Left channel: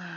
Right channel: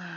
Well,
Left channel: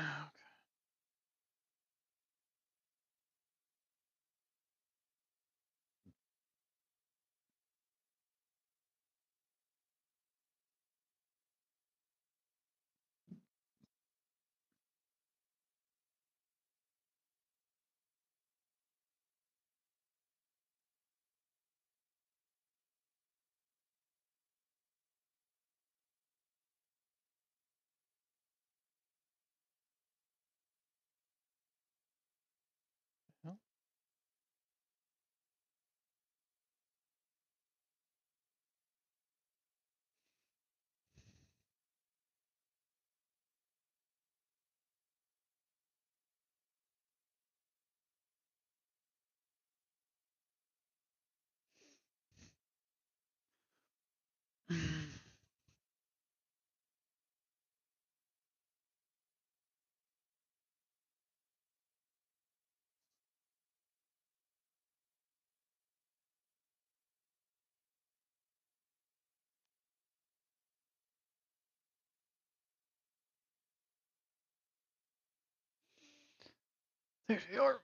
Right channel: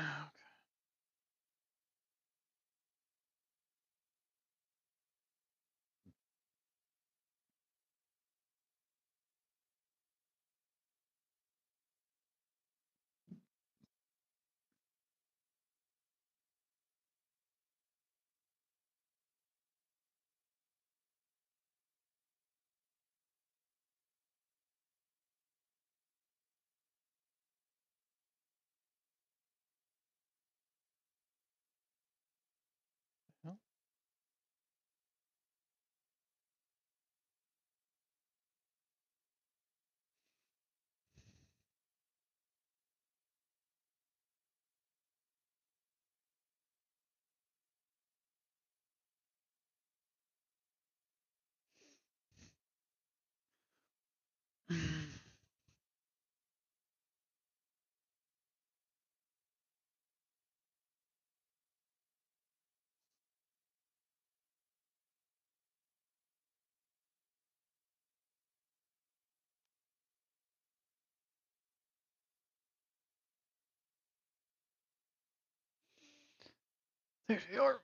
there they are.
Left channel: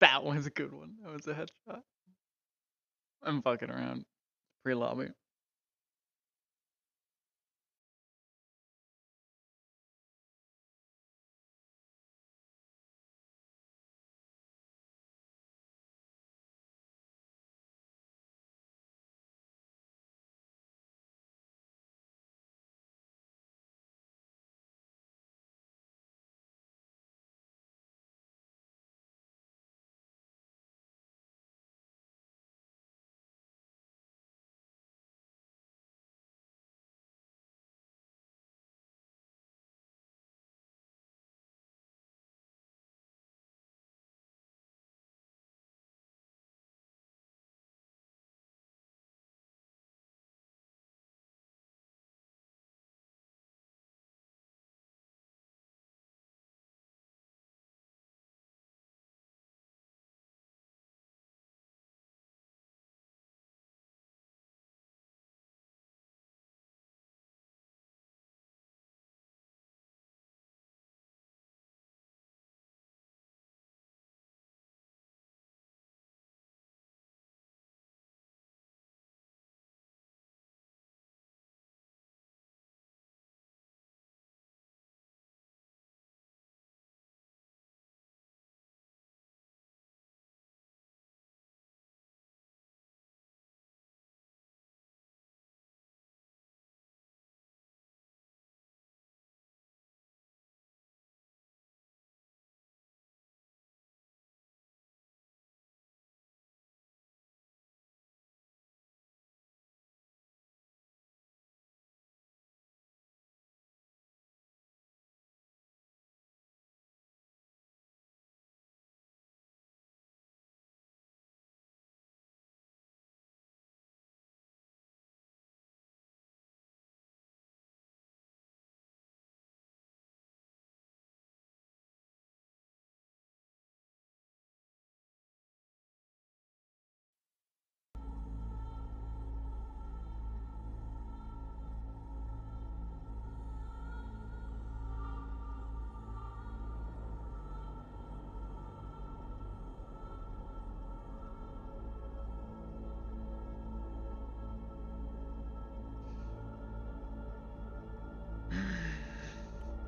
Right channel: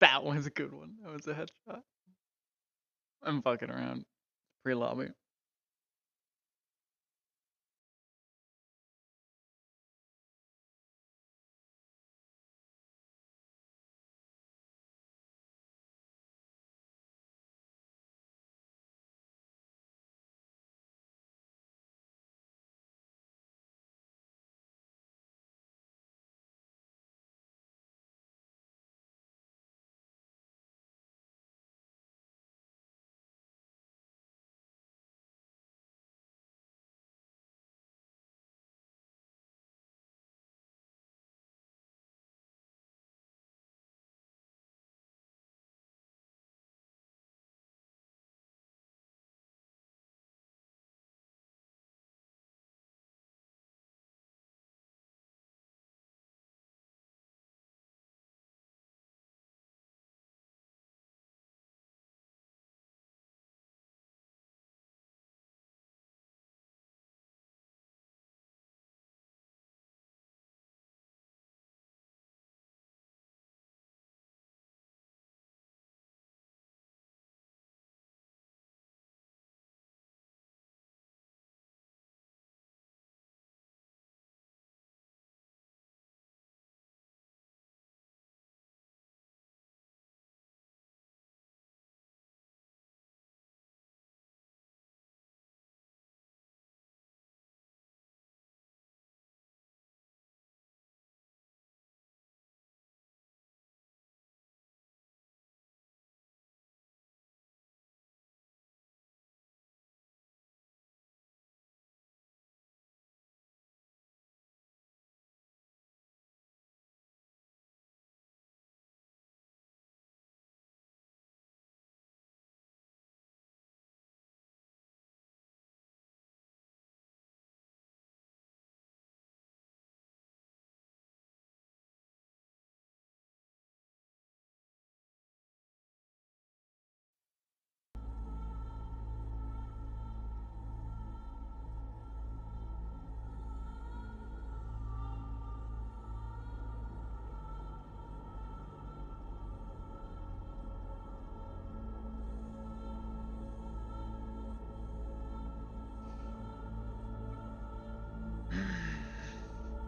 That was a good one. That was a headshot. I'm fucking around. Pre-lobby.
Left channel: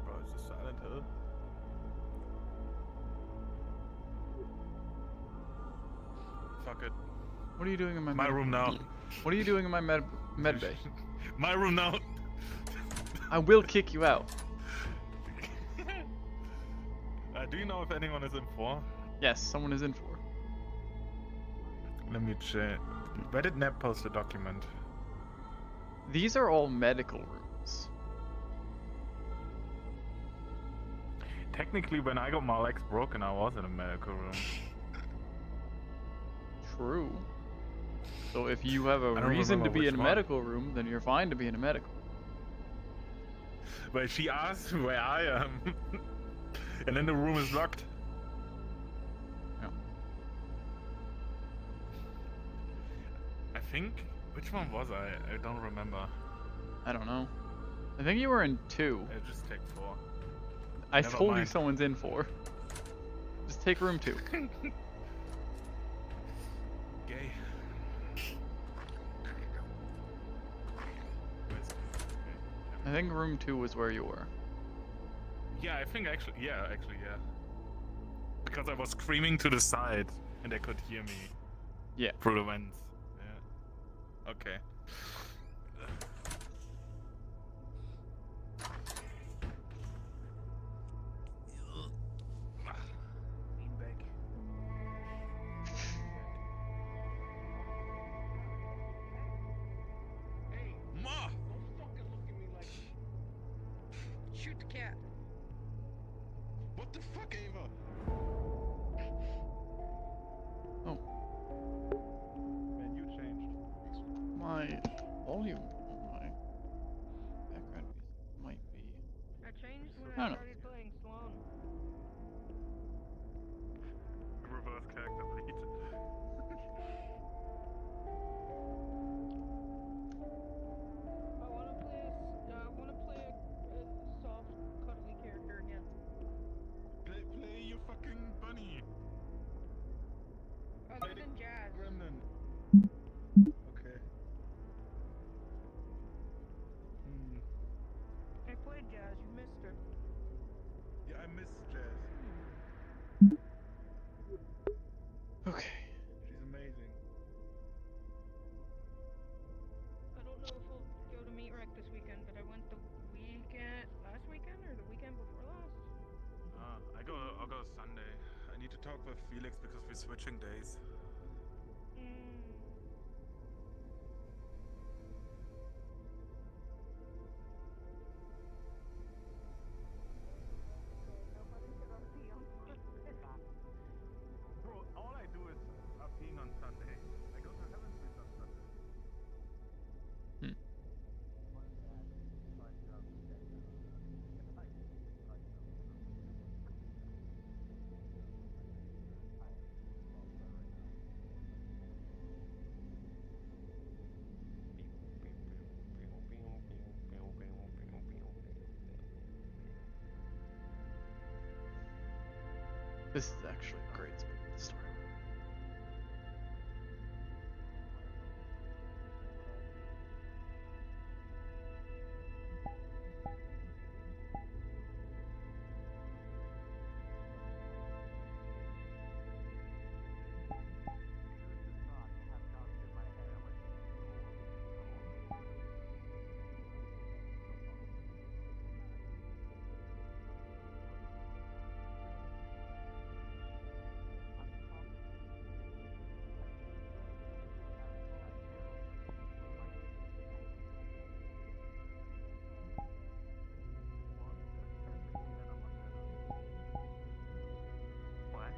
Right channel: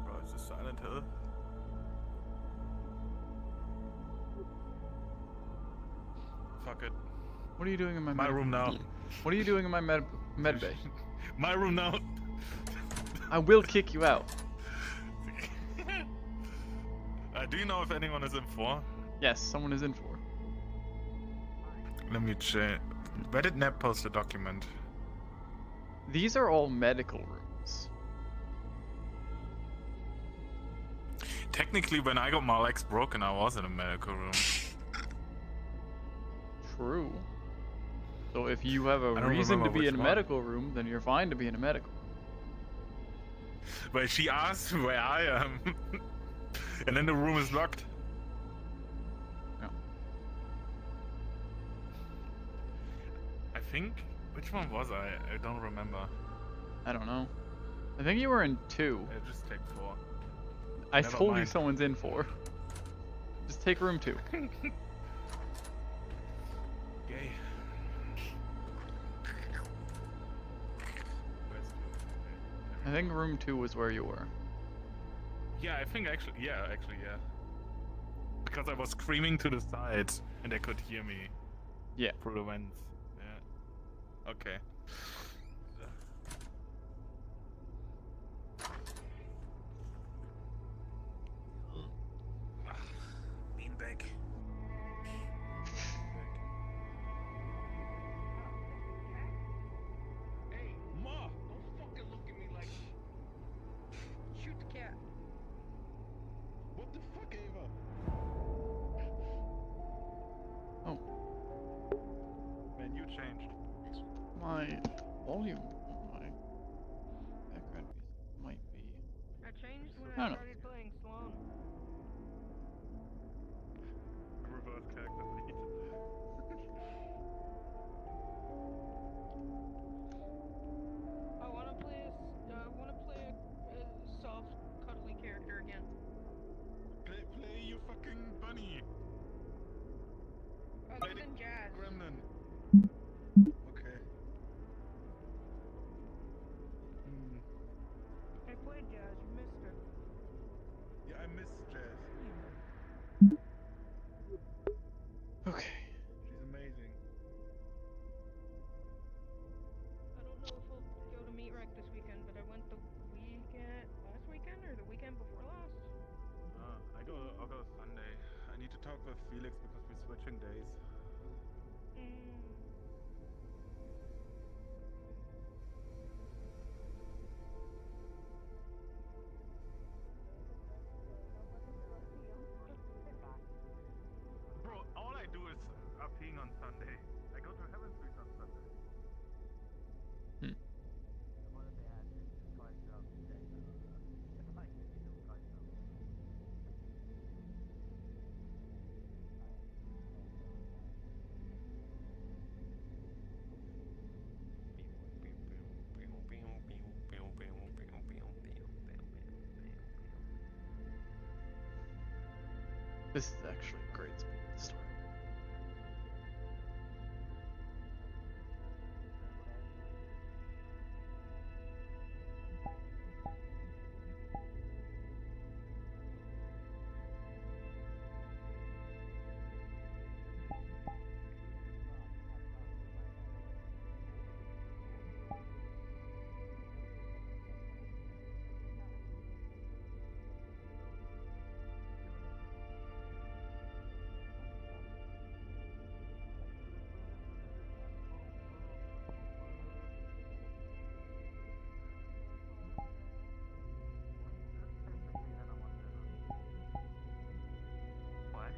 Bro, it's just Silent Hill. Fuck it. What are you doing in my My medical room now. What are you doing in my med bay? My room now. I will kick you out. Do you know if anyone is in 4? Yes, someone is in for. Let me check. Where did Neb post the document? These are all medical rooms. Technically, when I got my legs broken, I was in a medical room. True. So if you have a I don't reason to remember be in a which one. medical room, then you're fine to be in a medical. But she asked where I am. And then the room is locked. Yeah. think. Which one was I? I don't remember. I don't know. I think you were in 2. Just take 4. I Never told you mind. someone's in 4. Just take room 2. Yay. I think room 2 was where you were. Yeah, I think actually, yeah. Because I was screaming to the side and they could hear me Yeah. through the vents. Yeah. Okay. Beanbag. Hey, Ma! Don't fucking look at me like. Shoot the cat. What the fuck, Ava? Oh, Man, you changed. my volume on my background music might be. I changed when I I don't know. started playing Sloan. Reverse character bleed. I wanna play a soft, cuddly character again. Play your fucking bunny. Other than Jazz. Gremlin. Okay. I played Jazz, you missed her. Yeah, I miss Jazz. Okay. She's amazing. I don't know if I'll go to Meat Rec this weekend, but I went last weekend or the weekend before last. I'll go Sunday. I need to talk with Felix because we're switching days. Bro, all I do is peeing on Sunday. I go to Heaven Street on Sunday. Hmm. This is actually a great spot to start. What?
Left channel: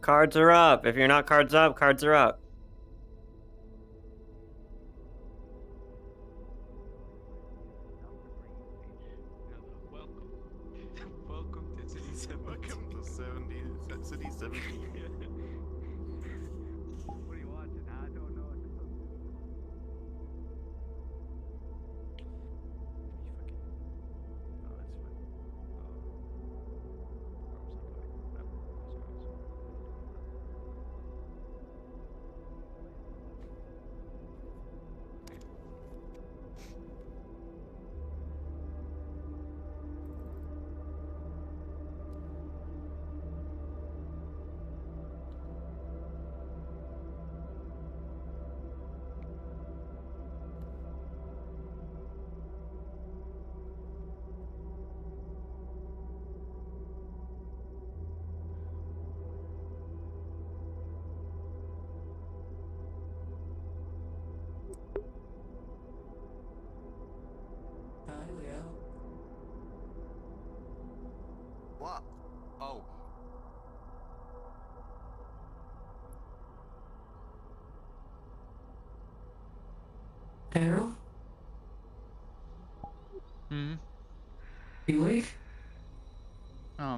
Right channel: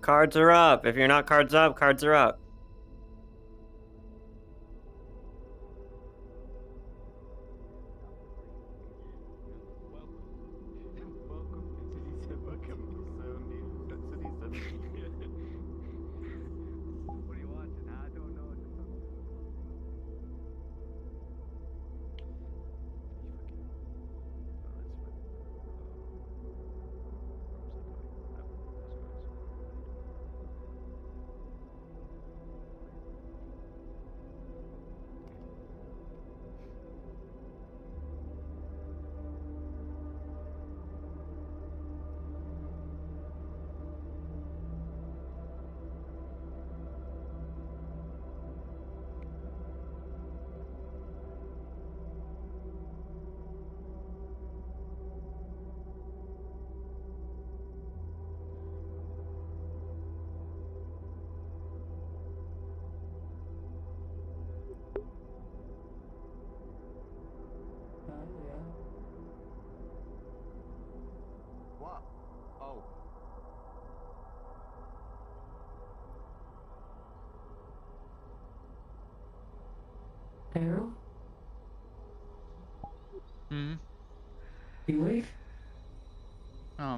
Cards are up. If you're not cards up, cards are up. Welcome to City 70. Welcome to City 70. What are you watching, huh? Cairo? Hmm. You awake? I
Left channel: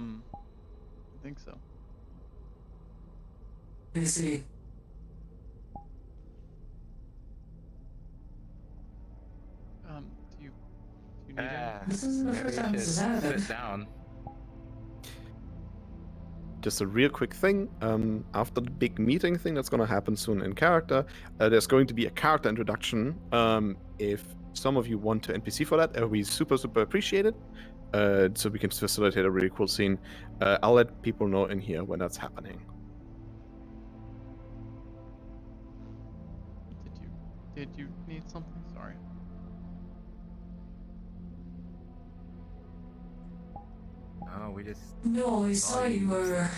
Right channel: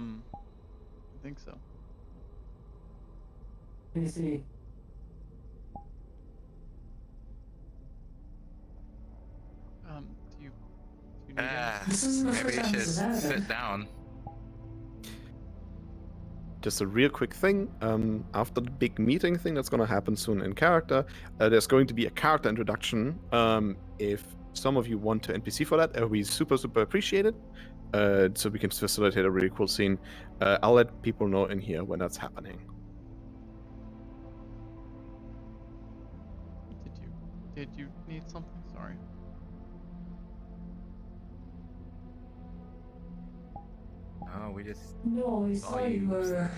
think so. Good to see. Do you need anything? This is the Maybe first you time should this has happened. sit down. Just a real quick thing. After the big meeting thing that's going to happen soon in character, there's going to be a character introduction. If some of you want to NPC for that, it would be super, super appreciated. So we can facilitate a really cool scene. I'll let people know in here when that's happening. Did you need something? Sorry. Oh, we just. No, we saw you were.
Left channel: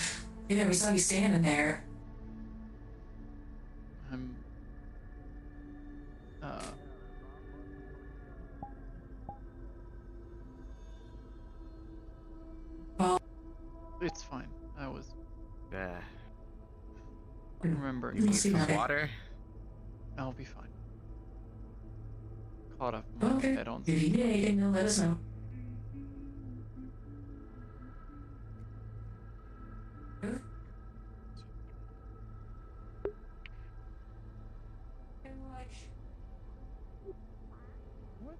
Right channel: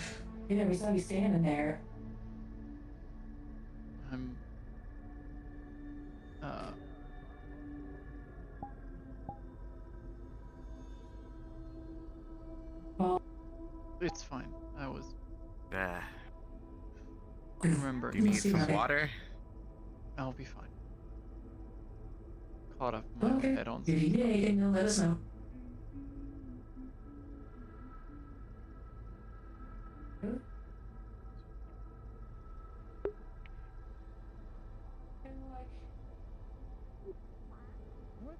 Yeah, we saw you standing there. I'm Well, it's fine. I was Uh, remembering. you need Let's see some about it. water? I'll be fine. Caught up in my Okay. head on If you need anything, then let us know. Good. What?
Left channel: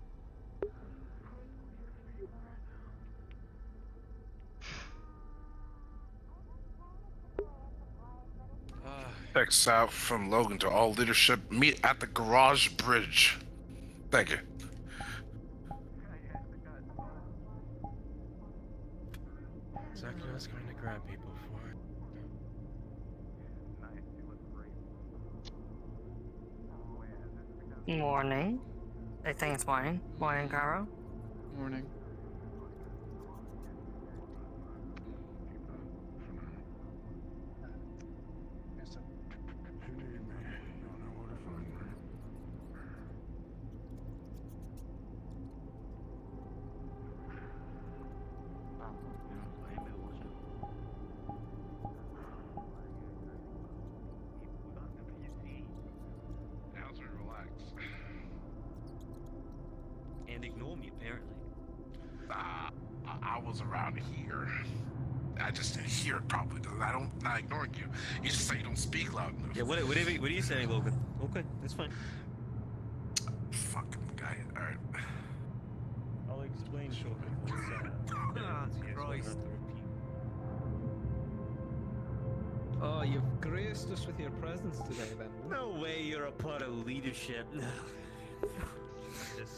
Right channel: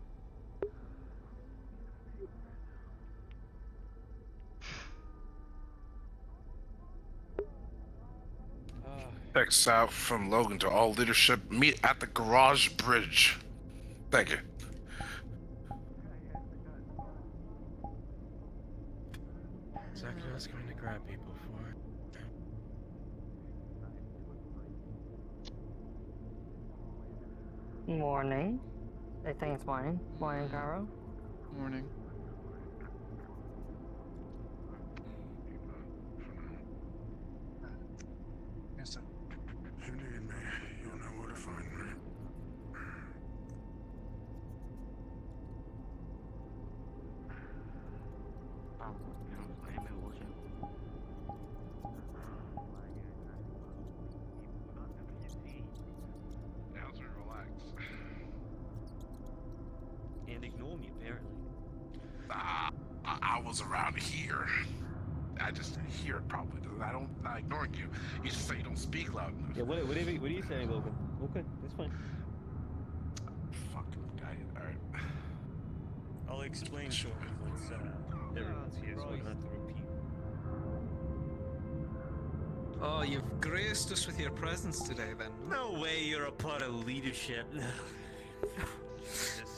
Text out from Logan to all leadership. Meet at the garage bridge. Thank you. Exactly what I was going to grab people for. Morning. I think it's morning. Morning, Cairo. Morning. You need me. You know where to find me. Answer, relax. And ignore me, apparently. I was around here. I just didn't hear it probably. I'm not ignoring you. You just say you don't speak loud enough. Yeah, what are you saying, Logan? Okay, that's fine. Fucking guy. Alright. I'll explain shortly once everyone's here, so I don't have to repeat. Oh, you've graced us with your presence today, then. No way you're a part of leadership. No.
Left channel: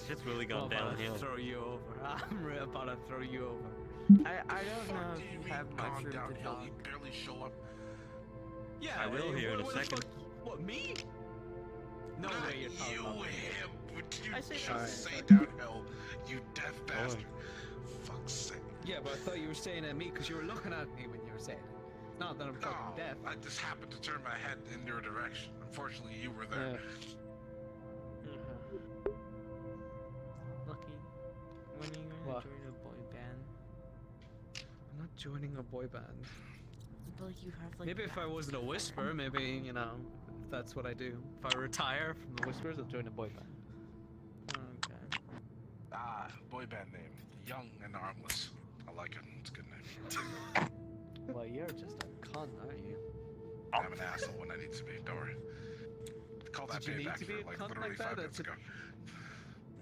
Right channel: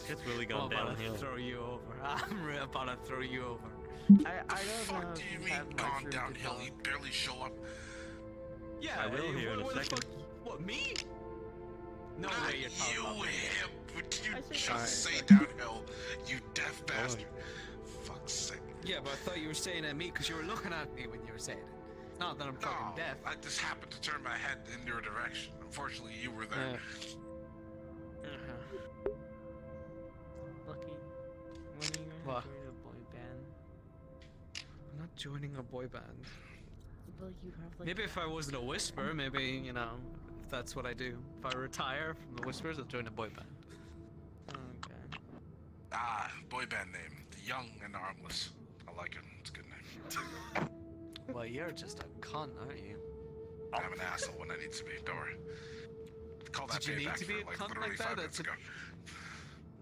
It's really gone downhill. Throw you over. I'm really about to throw you over. I don't know if you have much room to downhill? talk. You barely show up. Yeah, I will here in a second. What, me? No Not way you're talking about me. him. Would you I say just sorry. say downhill? You deaf bastard. Fuck's sake. Yeah, but I thought you were saying at me because you were looking at me when you were saying it. Not that I'm fucking No, deaf. I just happened to turn my head in your direction. Unfortunately, you were there. Lucky. When are you gonna What? join a boy band? I'm not joining a boy band. Well, you have like. Maybe if I wasn't a whisper, maybe, you know, that's what I do. If I retire from the whispers, I'll join a boy band. Okay. Boy band name. The Young and the Armless. I like it. It's a good name. Well, you're just a cunt, aren't you? I'm an asshole when I need to be. Don't worry. Call that Did you need payback to be for a like cunt literally like 5 that? minutes That's a- ago.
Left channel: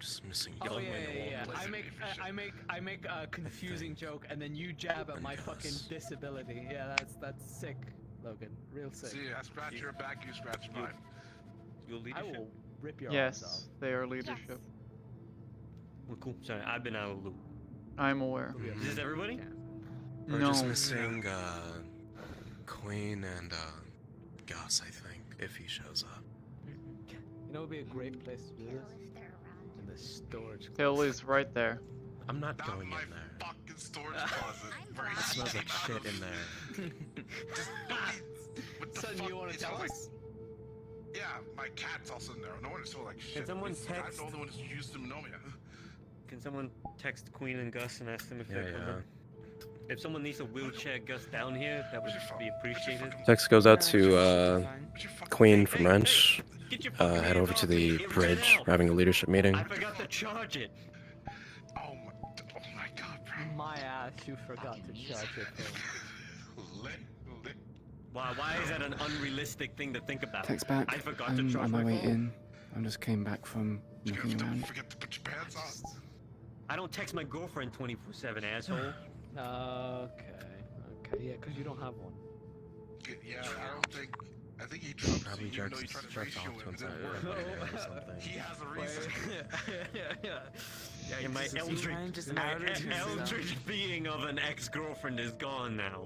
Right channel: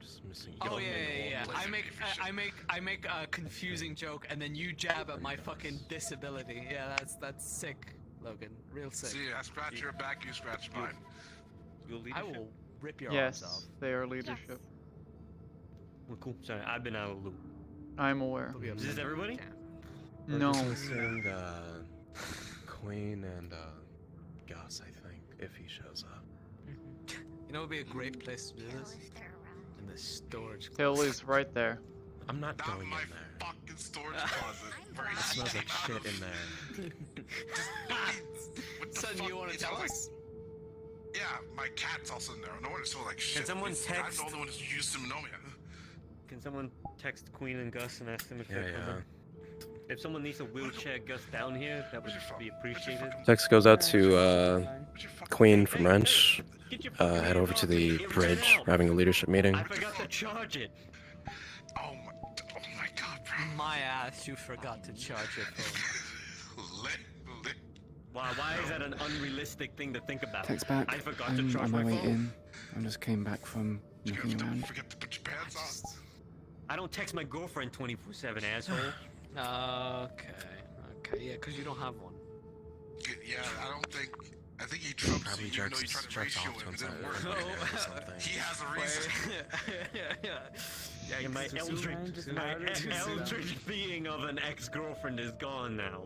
Just missing Oh young yeah, and yeah, old. yeah. I make a confusing joke, and then you jab at my fucking disability. Yeah, that's sick, Logan. Real sick. See, I scratch your back, you scratch mine. Your I leadership? will rip your arms off. Yes, they are leadership. Well, cool. Sorry, I've been out of the loop. I'm aware. Is this everybody? Yeah. We're No. just missing Queen and Gus, I think, if he shows up. You know, it would be a great place to do this. In the storage. Hill closet. is right there. I'm not Not going my in there. fucking storage closet. Where It he smells like came out shit of. in there. What the Son, fuck? you want to It tell smells us? Like, yeah, my cat's also in there. No wonder it smells like shit. someone It's- text- I'm the only one who used to know me. Can someone text Queen and Gus and ask them if Yeah, they're coming? If someone needs to wheelchair Gus down here, that would Where's your phone? be Where's your appreciated. fucking- Text goes out to where's your fucking Queen phone? from Hey, Wrench. head over to the bridge. We're having a leadership meeting. I forgot to charge it. Oh my god. My ass, you forgot to charge your phone. Lit. Why is that an unrealistic thing to think about? Text back. I forgot to I'm charge on my way phone. in. I just came back from looking Don't around. forget to put your pants on. I don't text my girlfriend 24/7, asshole. Okay, yeah, because you don't have one. Yeah, I think he trumps Probably you, even though he jerks tries to ratio off to it. inside It or didn't work. something. He has a reason. Yeah, my eldritch being of an ex-girlfriend is gone now.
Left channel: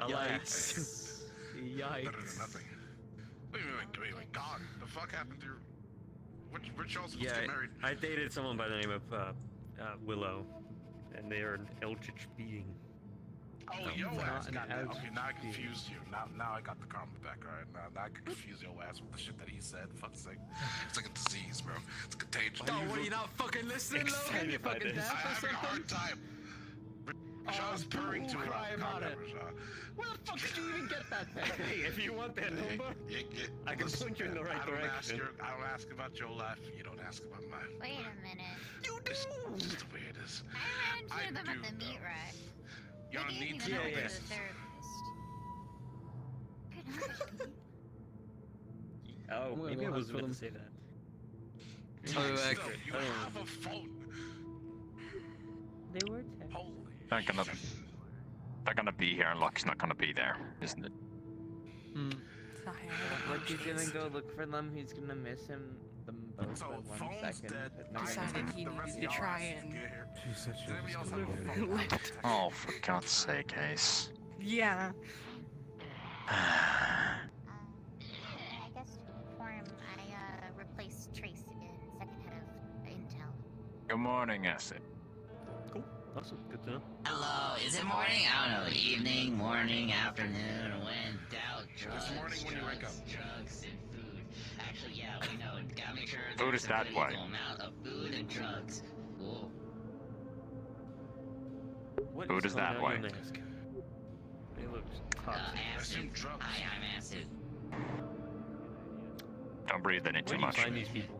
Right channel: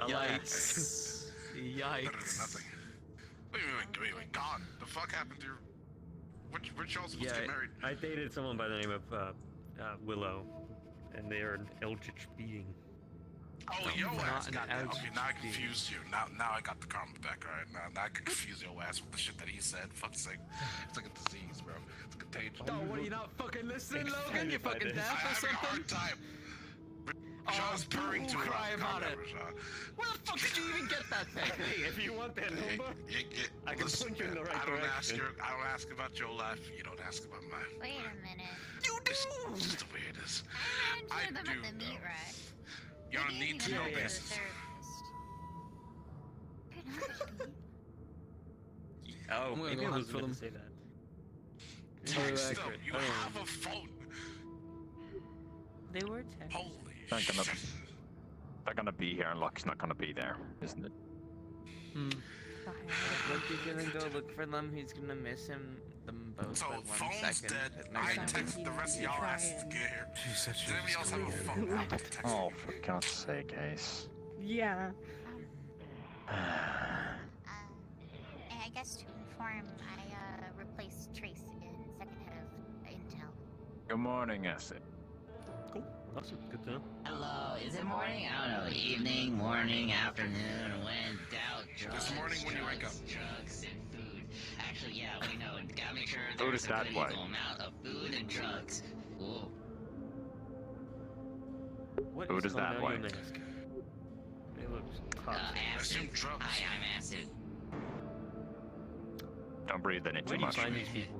Alas. Yikes. Better than nothing. Wait, God, the fuck happened to your... Which y'all supposed to Yeah, get married? I dated someone by the name of Willow, and they are an eldritch being. Oh, yo ass. an Goddamn. Okay, eldritch now I confused you. Now I got the comment back, alright? Now I can confuse your ass with the shit that he said. Fuck's sake. It's like a disease, bro. It's contagious. Oh, what, are you not fucking listening, Logan? You excited by fucking this. deaf I'm or having a hard something? time. John's purring too cry loud. Calm about down, it. Rashad. Where the fuck did you even get that thing? Hey, if you want that number, I can Listen, point you in the right I don't direction. I don't ask about your life. You don't ask about mine. Wait a minute. You do! It's just the way it is. I ran into them at the meat rack. They Y'all gave me need the to number know to this. the therapist. Good night, Pete. Oh, I'm gonna maybe go I hunt wasn't for meant them. to say that. Text them. You have a phone. They were texting. They're gonna be here and Locke's not gonna be there, isn't it? What did you even go look for them? He's gonna miss them both So for 1 phone's second. dead. But I maybe text not. the rest of y'all asses to get here. She said she Does anybody else was have a coming phone? in. Oh, for God's sake, Ace. Yeah. I guess to inform, I replaced Trace in second head of Intel. Good morning, Acid. Cool. Awesome. Good to know. Hello, is it morning? I don't know, evening, morning, afternoon, when doubt, drugs, This morning when you wake up. drugs and food. Actually, yeah, we know, gotta make sure Food there's is a that good way. equal amount of food and drugs. Ooh. What Food is coming that out way. your mask? It looks hot. Acid. drugs. Hi, I'm Acid. Don't breathe in it Where too do you much. find these people?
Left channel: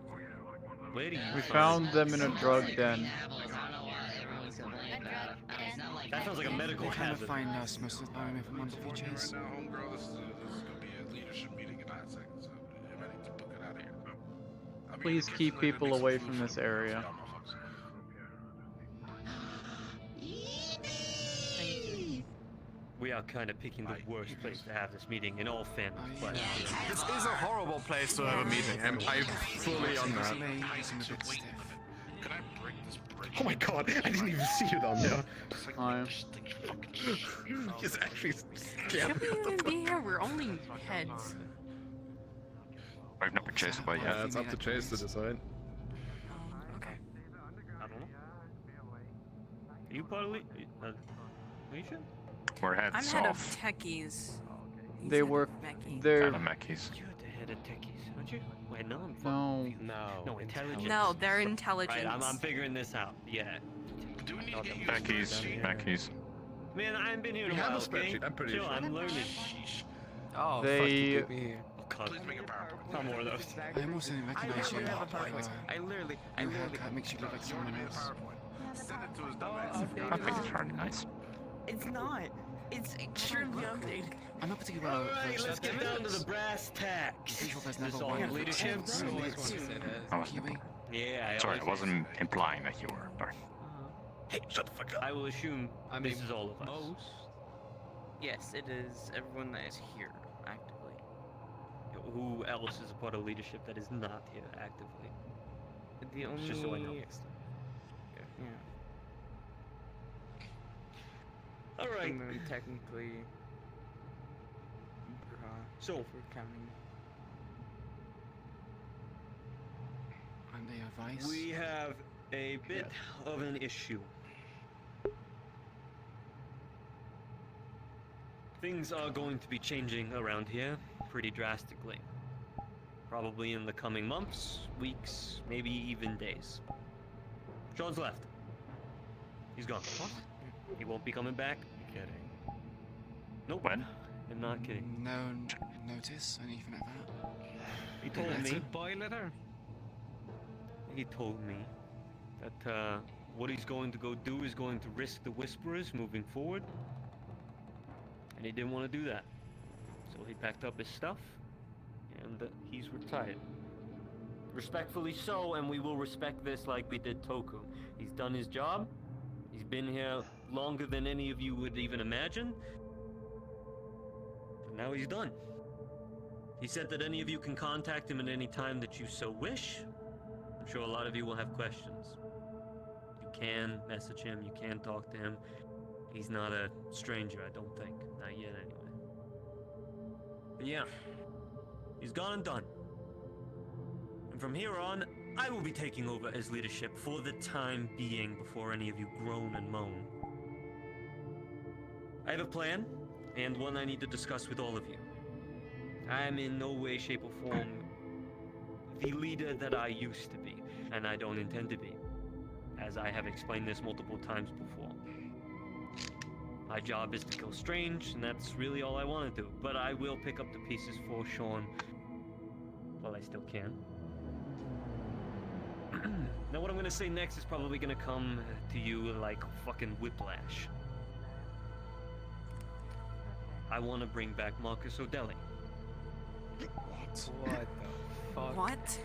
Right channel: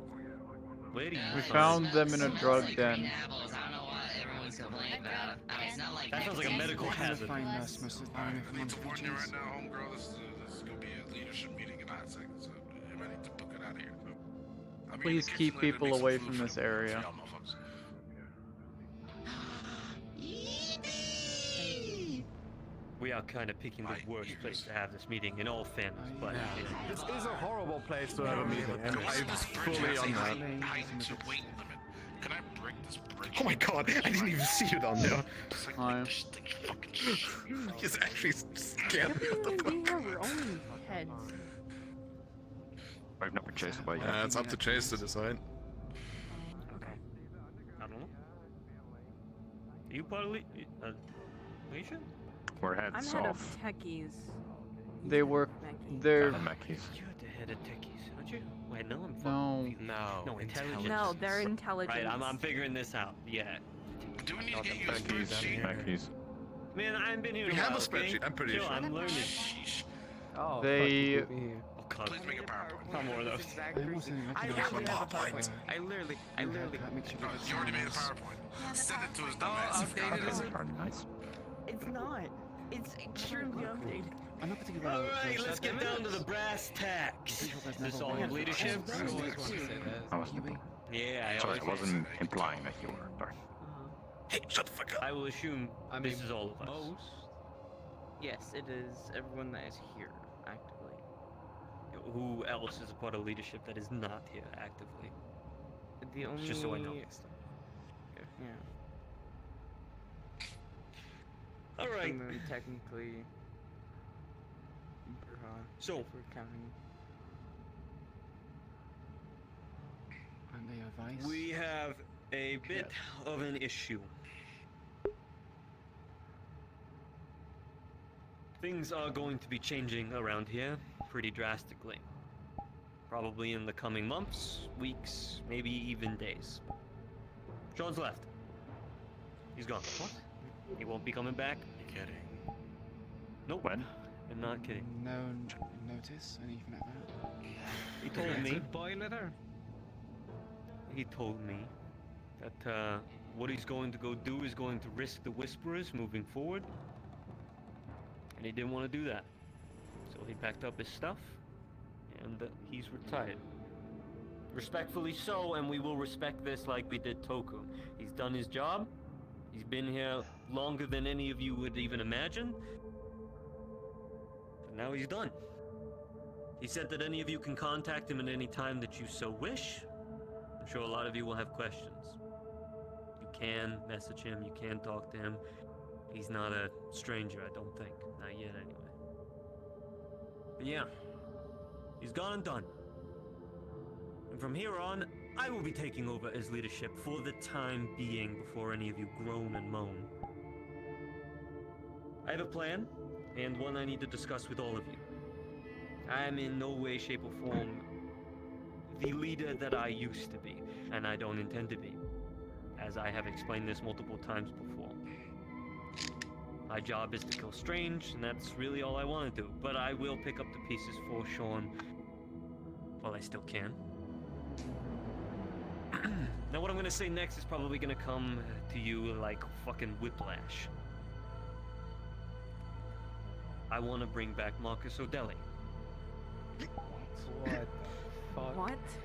Where do you We find found them in a drug den. Apples, I don't know what everyone's complaining A drug about. It's not like That sounds like a medical Trying to hazard. find us most of the time if I'm on Right features. now, homegirl, this is gonna be a leadership meeting in 9 seconds. So I'm ready to book it out of here. I mean, Please it's keep literally people make some away food from for this the- area. y'all motherfuckers. We are kind of picking the worst place to have this meeting in all fairness, but This is a horrible place to have a meeting, and I'm fully on that. Can I break this bridge? Oh my god, I didn't even see it on there. Hi. It's actually scared me. We're gonna be here. We're only heads. I've not been chased away yet. Yeah, it's up to Chase to decide. okay. I don't know. Are you part of are you sure? We're I'm heads head of off. techies. They were. They're. Mackies. You're the head of techies, aren't you? Wait, no, I'm No. confused. No, intelligence. No, they're intelligence. Right, I'm figuring this out. Yeah. Do we need I to thought get that you was this Mackies. Mackies. Man, I haven't been here in a We have while, a okay? spreadsheet, I'm pretty Chill, sure. I'm learning. Oh, They- fuck, you beat me here. Oh god. Please make a PowerPoint. Not more of those. I also recognize you. have a PowerPoint. I literally makes you look like You already someone made a else. PowerPoint. Send it to his dumb ass. That's very nice. It's not. It's extremely updated. I'm not particularly Alright, let's get down to the brass tacks. This all leadership? You always want to say that. I wasn't. Yeah, I Sorry, I always wasn't implying that you were. Sorry. Hey, shut the fuck up. I will assume this is all of us. Most. Yes, it is everyone that is here actively. Who else is a part of leadership that is not here actively? The only. Just so I know. Yeah. Alright. And then technically. So- if we're counting. Aren't they a vice? We have a bit of an issue. Things are going to be changing around here pretty drastically. Probably in the coming months, weeks, maybe even days. Sean's left. He's gone. What? He won't be coming back? You kidding? Nope. When? I'm not kidding. No notice, anything like that. He told me. Boy letter. He told me that what he's going to go do is going to risk the Whisperers moving forward, and he didn't want to do that. So he packed up his stuff, and he's retired. Respectfully so, and we will respect this like we did Toku. He's done his job. He's been here longer than any of you would even imagine. But now he's done. He said that any of you can contact him at any time that you so wish. I'm sure a lot of you will have questions. You can message him, you can talk to him. He's not a stranger, I don't think. Not yet, anyway. But yeah, he's gone and done. And from here on, I will be taking over as leadership for the time being before any of you groan and moan. I have a plan, and one I need to discuss with all of you. I am in no way, shape, or form the leader that I used to be, and I don't intend to be, as I have explained this multiple times before. My job is to kill Strange, and that's really all I want to do, but I will pick up the pieces for Sean while I still can. Now what I'm gonna say next is probably gonna come to you like fucking whiplash. I want to bring back Marcus O'Delly. What the fuck? What?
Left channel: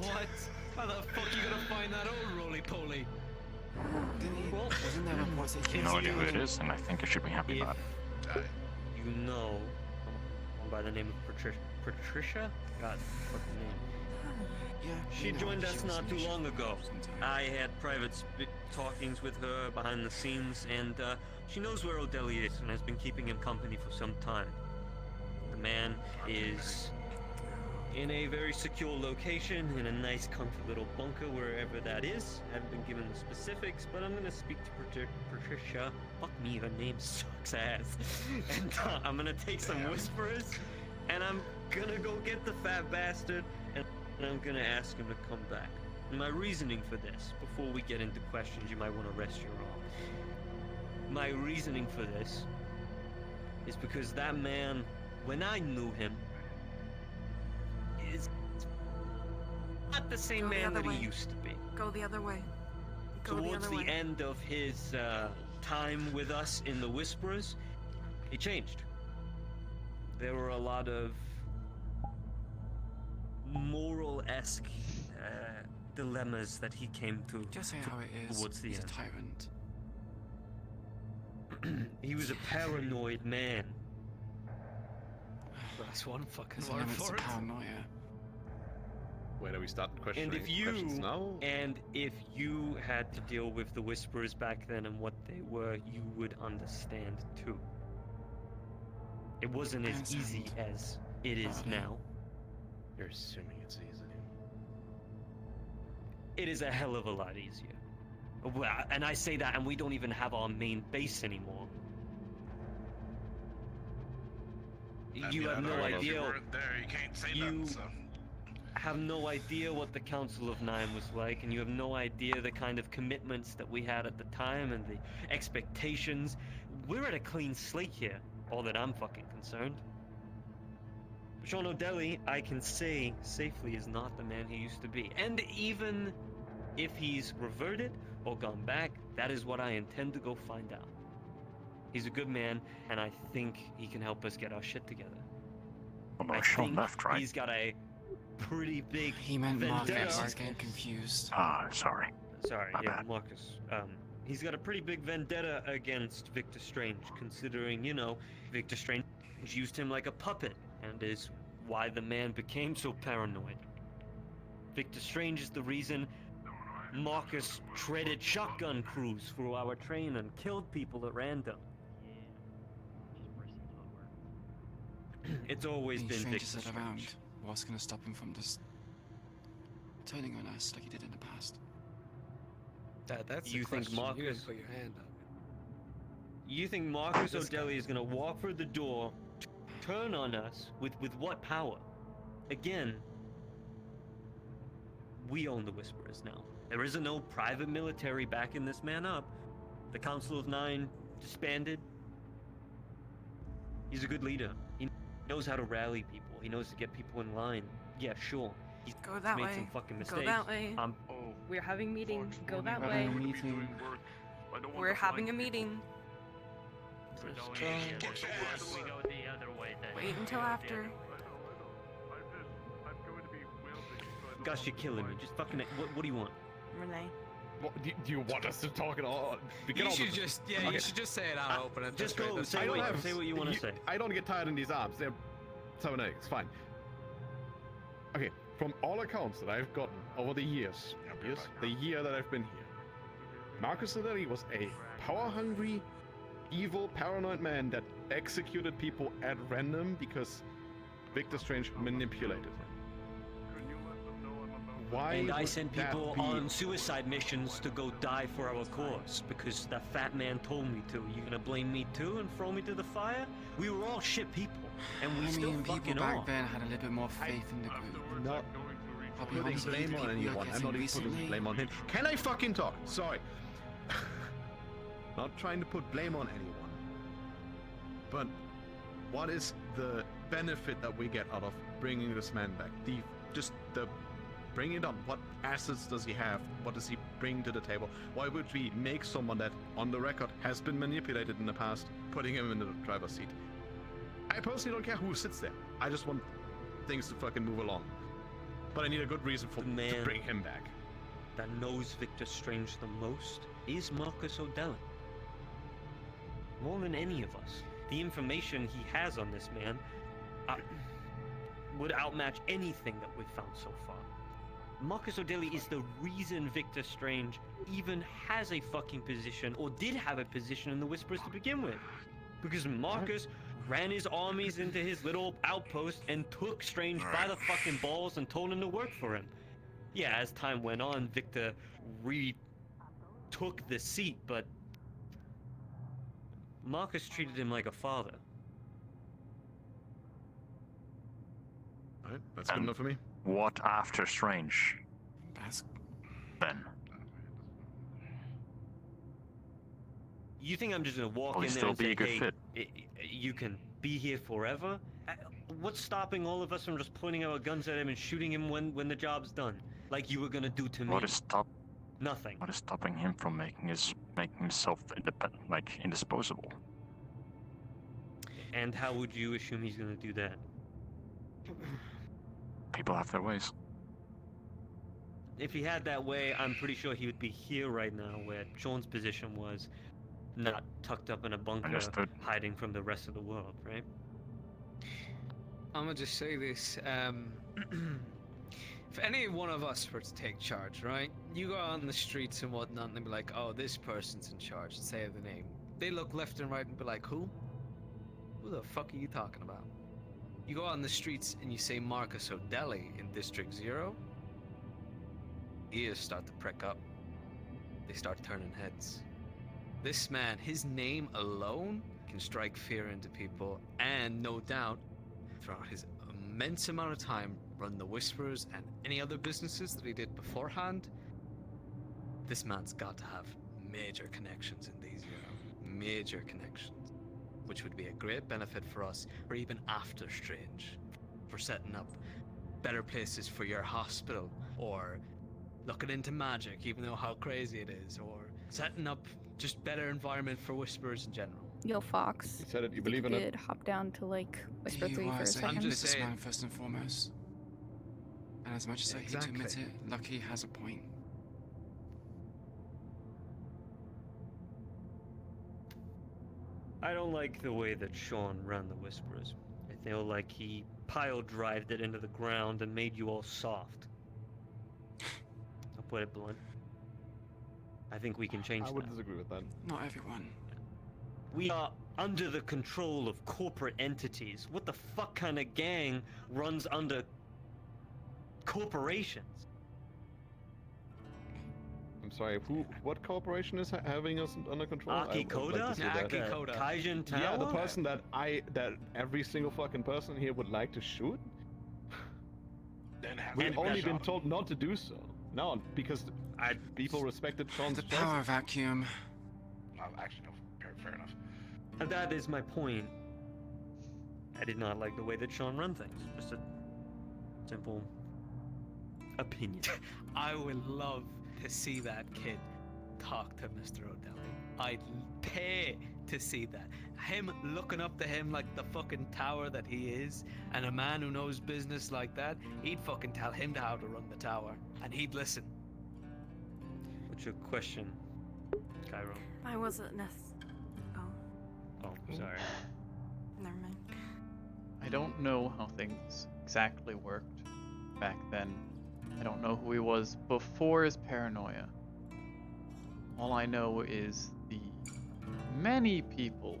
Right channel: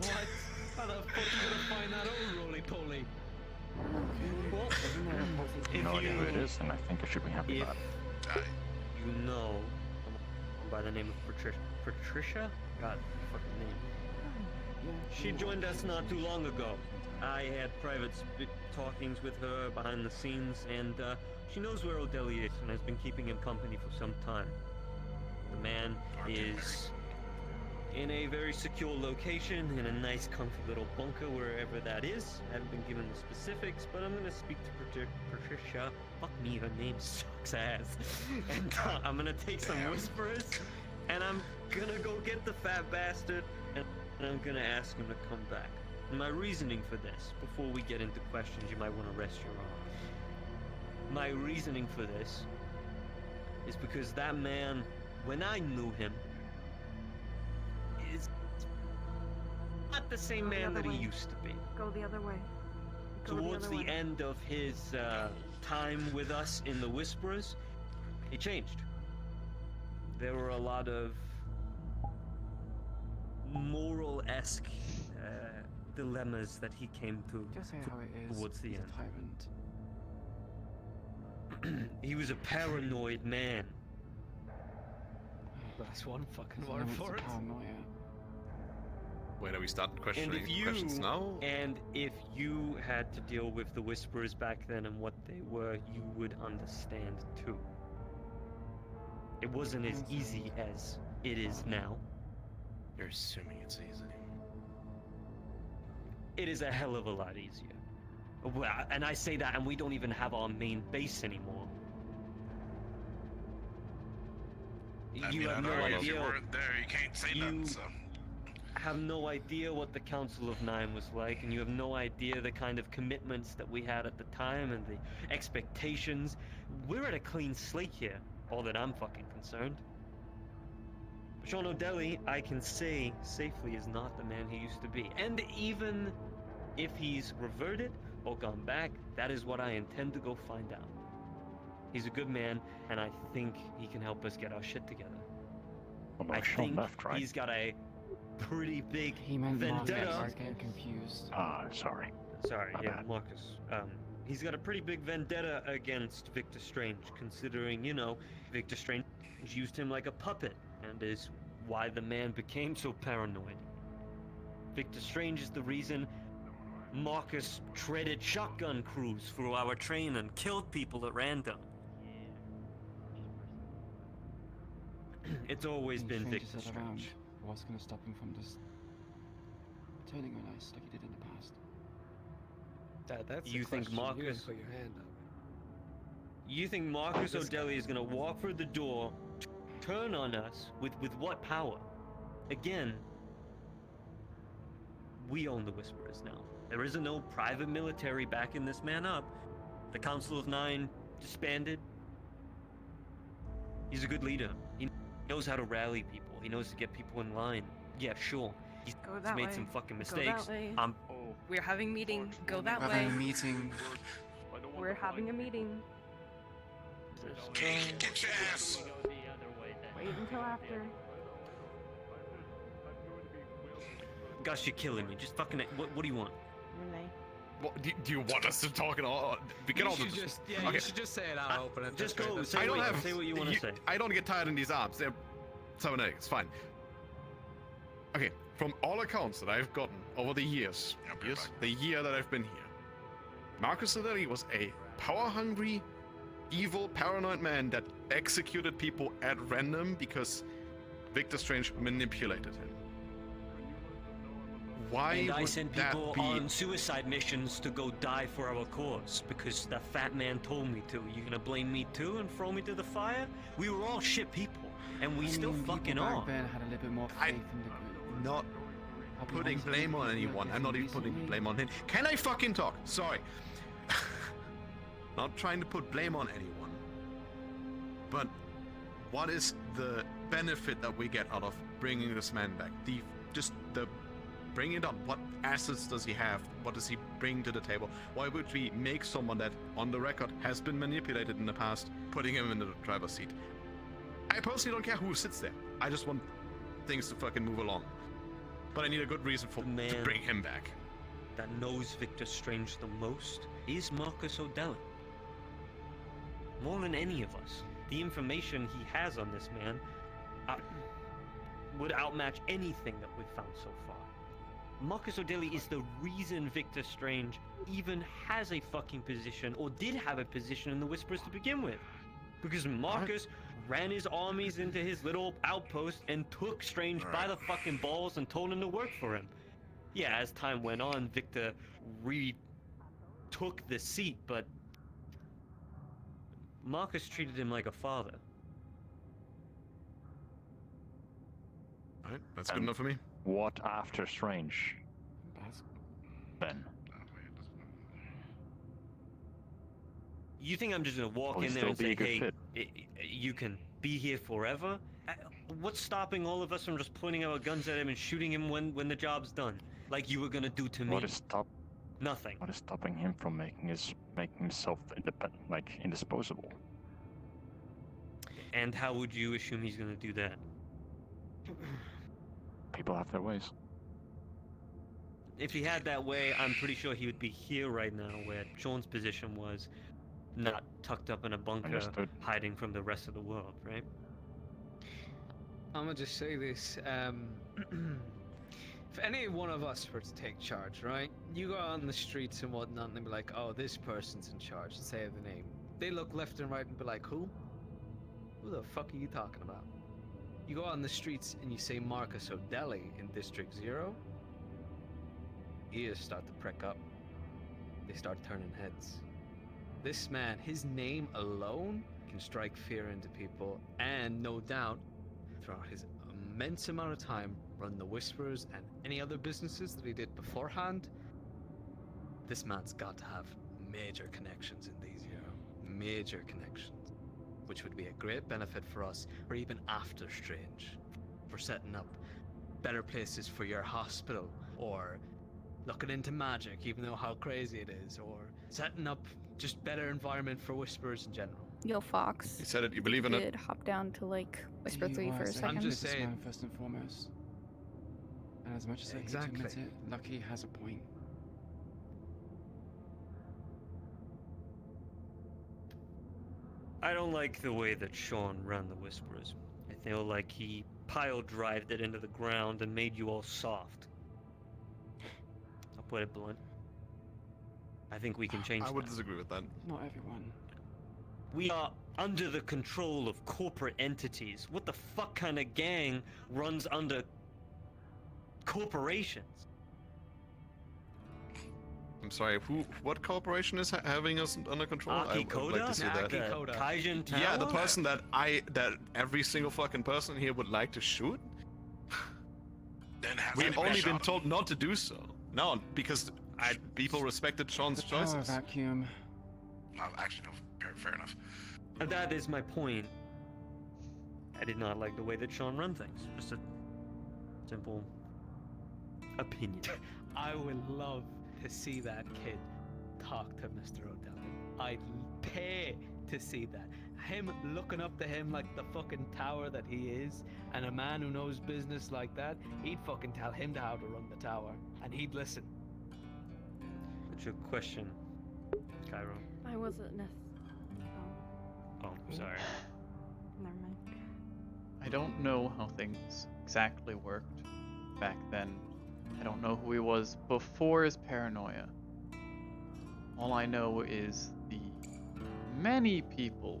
What? How the fuck are you gonna find that out, roly-poly? Well, I have no idea who it is, and I think I should be happy about it. You know someone by the name of Patricia? God, fucking name. She joined us not too long ago. I had private talkings with her behind the scenes, and she knows where O'Delly is and has been keeping him company for some time. The man is in a very secure location, in a nice comfy little bunker, wherever that is. I haven't been given the specifics, but I'm gonna speak to Patricia. Fuck me, her name sucks ass. And I'm gonna take some Whisperers, and I'm gonna go get the fat bastard, and I'm gonna ask him to come back. And my reasoning for this, before we get into questions you might want to rest your arm. My reasoning for this is because that man, when I knew him, is not the same man that he used to be. Go the other way. Go Towards the, the end of his time with us in the Whisperers, he changed. There were a lot of moral-esque dilemmas that he came to Just say how it is. towards the He's end. A tyrant. He was a paranoid man. That's one fucking There's word limits to for it. paranoia. Wait, are we starting questioning And questions now? if you had to deal with the Whisperers back then and what they were, you would understand too. It wasn't as easy as it is now. You're assuming it's easy. It is a hell of a lot easier. Well, and I say that, and we don't even have our main base anymore. You have no idea. There, you can't say You that. So. have no idea what the Council of Nine was like, and you have no idea the kind of commitments that we had at the time and the expectations. We're at a clean slate here, all that I'm fucking concerned. Sean O'Delly, I can say safely, is not the man he used to be. And even if he's reverted or gone back, that is what I intend to go find out. He's a good man, and I think he can help us get our shit together. Well, no, I Sean think left, right? he's got a pretty big He meant vendetta. Marcus. He's getting confused. Ah, sorry. Sorry, My yeah, bad. Marcus. He's got a pretty big vendetta against Victor Strange, considering, you know, Victor Strange used him like a puppet, and is why the man became so paranoid. Victor Strange is the reason Marcus treaded shotgun crews through our train and killed people at random. It's always been Victor Strangers that around. Strange. What's gonna stop him from just turning on us like he did in the past? That's You the think question. You Marcus- put your hand up. You think Marcus This O'Delly is gonna walk through the door, turn on us with what power? Again, we own the Whisperers now. There isn't no private military backing this man up. The Council of Nine disbanded. He's a good leader. He knows how to rally people. He knows to get people in line. Yeah, sure. He's Go that made way. some fucking Go mistakes. that way. Oh, We're having meeting. Go that We're way. having a meeting. We're having a meeting. Get your ass. Wait until after. Gosh, you're killing me. Just fucking. What do you want? Renee. What, do you want us to talk at all? We get You all should the- just, yeah, Okay. you should just say it out open. and Just that's go. great. Say I don't what, have- say what you want to say. I don't get tired in these arms. They're 7 eggs. Fine. Okay. From all accounts that I've gotten over the years, the year that I've been here, Marcus Aurelius was a power-hungry, evil, paranoid man that executed people at random because Victor Strange manipulated him. Why And I would sent that people be- on suicide missions to go die for our cause because that fat man told me to. You gonna blame me too and throw me to the fire? We were all shit people, and we I still mean, fucking people are. back then had a little bit more faith in the group. Not I'll be putting honest, blame the on people anyone. you're I'm not even getting putting recently- blame on him. Can I fucking talk? Sorry. Not trying to put blame on anyone. But what is the benefit that we get out of bringing this man back? The bring it on. What assets does he have? What does he bring to the table? Why would we make someone that, on the record, has been manipulated in the past, putting him in the driver's seat? I personally don't care who sits there. I just want things to fucking move along. But I need a good reason for to bring him back. That knows Victor Strange the most is Marcus O'Delley. More than any of us. The information he has on this man would outmatch anything that we've found so far. Marcus O'Delley is the reason Victor Strange even has a fucking position, or did have a position in the Whispers to begin with. Because Marcus ran his armies into his little outpost and took Strange by the fucking balls and told him to work for him. Yeah, as time went on, Victor retook the seat, but Marcus treated him like a father. Alright, that's good enough for me. What after Strange? Then. You think I'm just gonna walk Will he in there still and be a say, good hey, fit? you can be here forever? What's stopping all of us from just pointing our guns at him and shooting him when the job's done? Like you were gonna do to me? Nothing. What is stopping him from making himself independent, like indisposable? And how would you assume he's gonna do that? People have their ways. If he had that way, I'm pretty sure he would be here right now, where Sean's position was, not tucked up in a bunker, Understood. hiding from the rest of the world, right? I'm gonna just say this. If any one of us were to take charge, right? You go out on the streets and whatnot, and they'd be like, "Oh, this person's in charge." And say the name. They look left and right and be like, "Who? Who the fuck are you talking about?" You go out on the streets and you say Marcus O'Delley in District 0. Ears start to prick up. They start turning heads. This man, his name alone, can strike fear into people, and no doubt, throughout his immense amount of time, run the Whisperers and any other businesses that he did beforehand. This man's got to have major connections in these, major connections, which would be a great benefit for us, or even after Strange, for setting up better places for your hospital, or looking into magic, even though how crazy it is, or setting up just better environment for Whisperers in general. Yo, Fox. You said it, you believe in it? Could hop down to like Whisper He 3 for a was second. businessman first and foremost. And as much as I hate to admit Exactly. it, Lucky has a point. I don't like the way that Sean ran the Whisperers. I feel like he pile-drived it into the ground and made you all soft. I'll put it blunt. I think we can change I would that. disagree with that. Not everyone. We are under the control of corporate entities. What the fuck kind of gang runs under corporations? I'm sorry, what corporation is having us under control? Aki Koda? Aki Koda. Kaijin Tower? Yeah, the person that every single fucking person here would like to shoot. We've only been told not to do so. No, because people respected Sean's The power choices. vacuum. Actually, no, fair enough. And that is my point. I did not like the way that Sean run things. Just a simple opinion. I would love to see that kid talk to Mr. O'Delly. I'd pay to see that. Him looking up to him like the fucking tower that he is, and a man who knows business like that, he'd fucking tell him how to run the tower, and he'd listen. What's your question, Cairo? I wasn't Oh, sorry. Never mind. I don't know how things exactly worked back then. I don't know who he was before his paranoia. All I know is the many people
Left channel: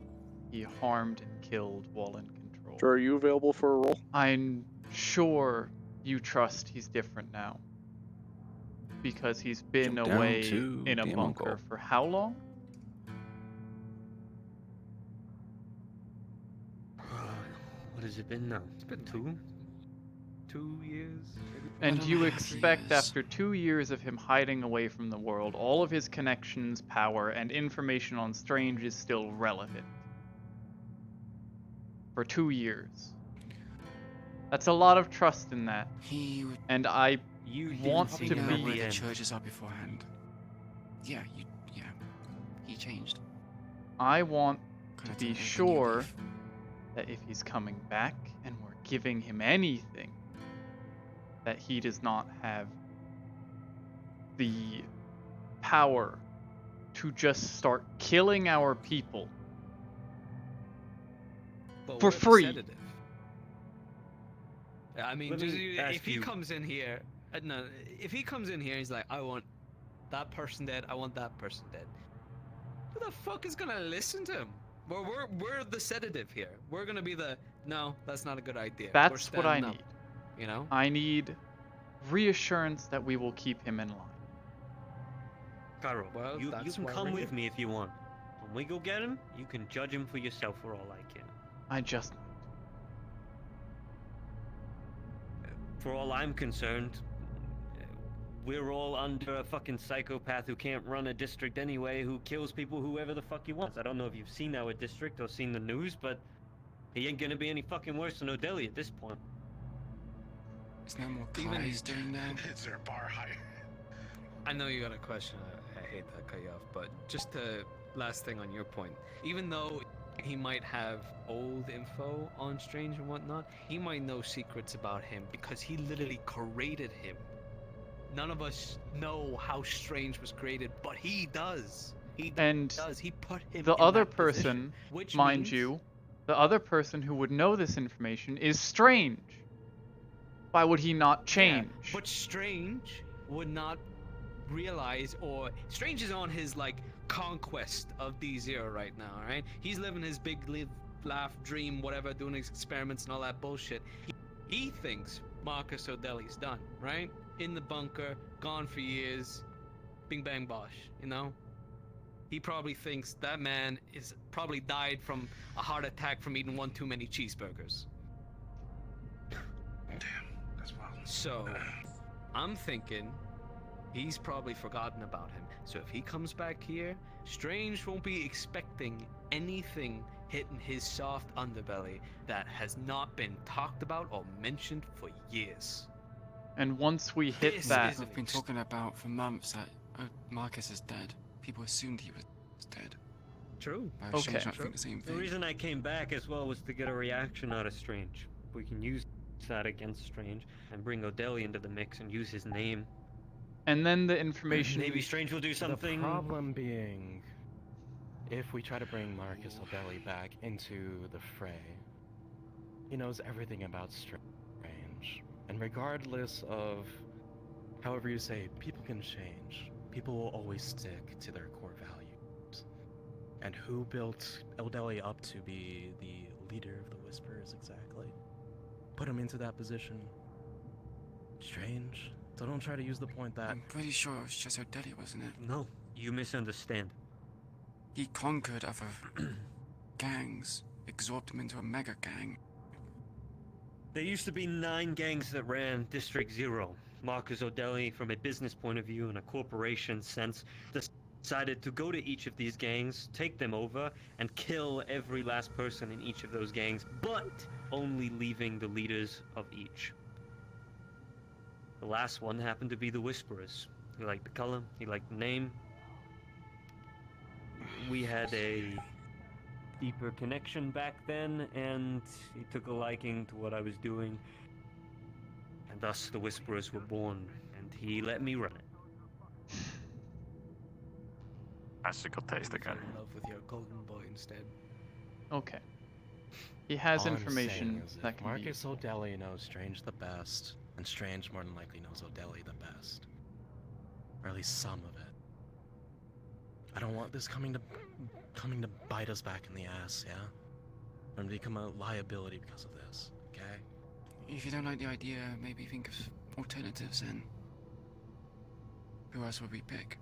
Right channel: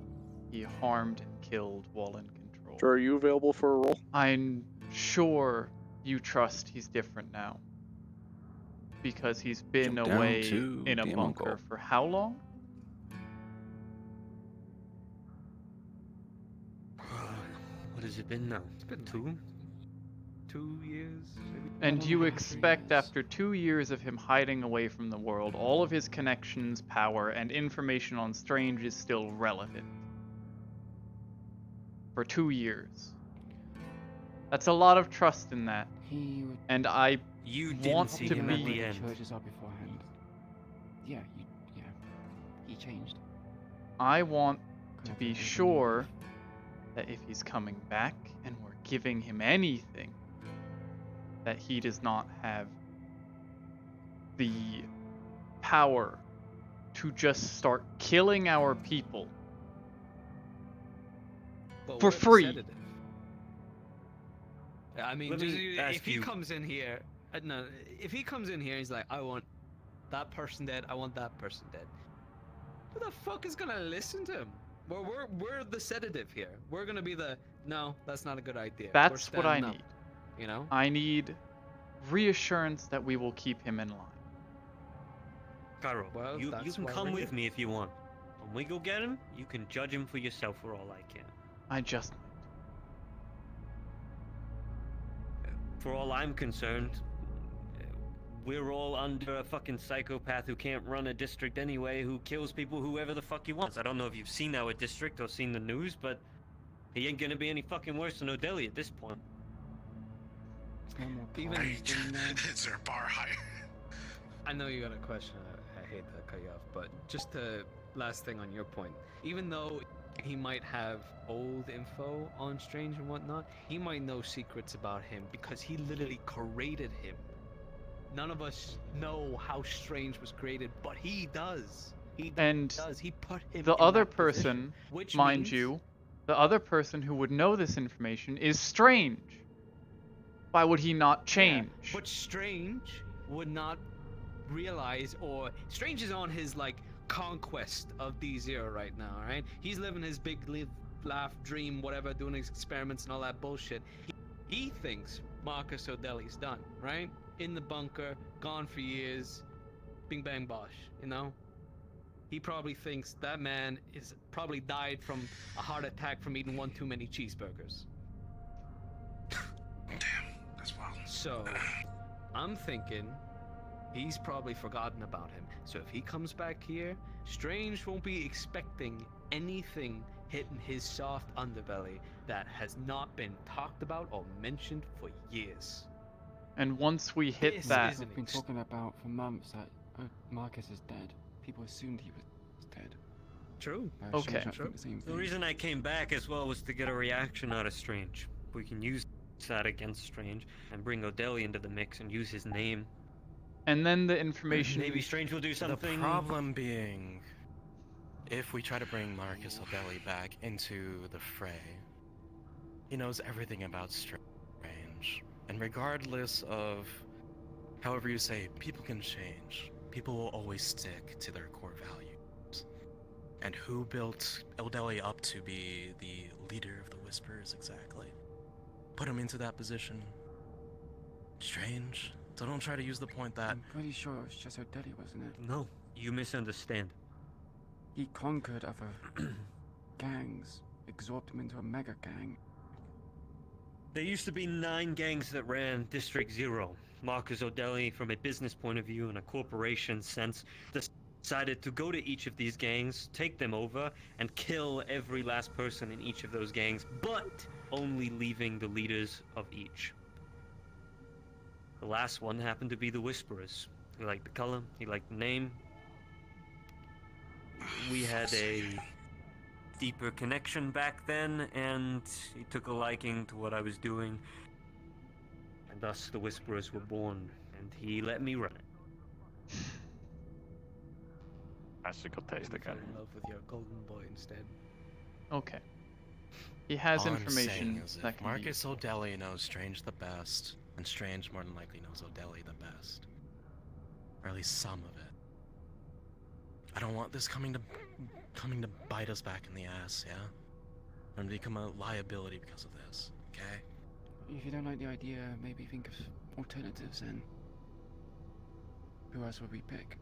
he harmed and killed while in control. Sure, are you available for a roll? I'm sure you trust he's different now. Because he's been Jump down away to in a the bunker Mongol. for how long? What has it been now? It's been two? 2 years, maybe. And you expect after 2 years of him hiding away from the world, all of his connections, power, and information on Strange is still relevant. For 2 years. That's a lot of trust in that. And I want to be... the churches up beforehand. Yeah, he changed. I want to be sure that if he's coming back and we're giving him anything, that he does not have the power to just start killing our people But for we're the free. sedative. I mean, Let just, me ask if he you- comes in here, no, if he comes in here, he's like, I want that person dead. I want that person dead. Who the fuck is gonna listen to him? We're the sedative here. We're gonna be the no. That's not a good idea. We're That's what I standing up, need. You know. I need reassurance that we will keep him in line. Cairo, Well, you that's can why come we're with here. me if you want. When we go get him, you can judge him for yourself for all I can. I just For all I'm concerned, we're all under a fucking psychopath who can't run a district anyway, who kills people whoever the fuck he wants. I don't know if you've seen our district or seen the news, but he ain't gonna be any fucking worse than O'Delly at this point. There's no more Even- cries doing that. Is there a bar higher? I know you got a question. I hate to cut you off, but just to last thing on your point, even though he might have old info on Strange and whatnot, he might know secrets about him because he literally created him. None of us know how Strange was created, but he does. He does. He put him. The in other that position, person, which mind means- you, the other person who would know this information is Strange. Why would he not change? But Strange would not realize, or Strange is on his like conquest of D0 right now, right? He's living his big live, laugh, dream, whatever, doing his experiments and all that bullshit. He thinks Marcus O'Delly's done, right? In the bunker, gone for years, bing bang bosh, you know? He probably thinks that man is probably died from a heart attack from eating one too many cheeseburgers. Damn, that's wild. So, I'm thinking he's probably forgotten about him. So if he comes back here, Strange won't be expecting anything hitting his soft underbelly that has not been talked about or mentioned for years. And once we hit This that, isn't We've been talking about for months that Marcus is dead. People assumed he was dead. True. Why would Strange Okay. not think the same The thing? reason I came back as well was to get a reaction out of Strange. We can use that against Strange and bring O'Delly into the mix and use his name. and then the information. Maybe Strange will do something. The problem being, if we try to bring Marcus O'Delly back into the fray, he knows everything about Strange. And regardless of however you say, people can change. People will always stick to their core values. And who built O'Delly up to be the leader of the Whispers exactly? Put him into that position. Strange. So don't try to use the point that I'm pretty sure it was just O'Delly, wasn't it? No, you misunderstand. He conquered other gangs, absorbed them into a mega gang. There used to be 9 gangs that ran District 0. Marcus O'Delly, from a business point of view and a corporation sense, decided to go to each of these gangs, take them over, and kill every last person in each of those gangs. But only leaving the leaders of each. The last one happened to be the Whisperers. He liked the color, he liked the name. We had a deeper connection back then, and he took a liking to what I was doing. And thus the Whisperers were born, and he let me run it. That's a good taste again. In love with your golden boy instead. Okay. He has All I'm information saying is that if can be Marcus useful. O'Delly knows Strange the best, and Strange more than likely knows O'Delly the best. Or at least some of it. I don't want this coming to bite us back in the ass, yeah? And become a liability because of this, okay? If you don't like the idea, maybe think of alternatives and who else would we pick?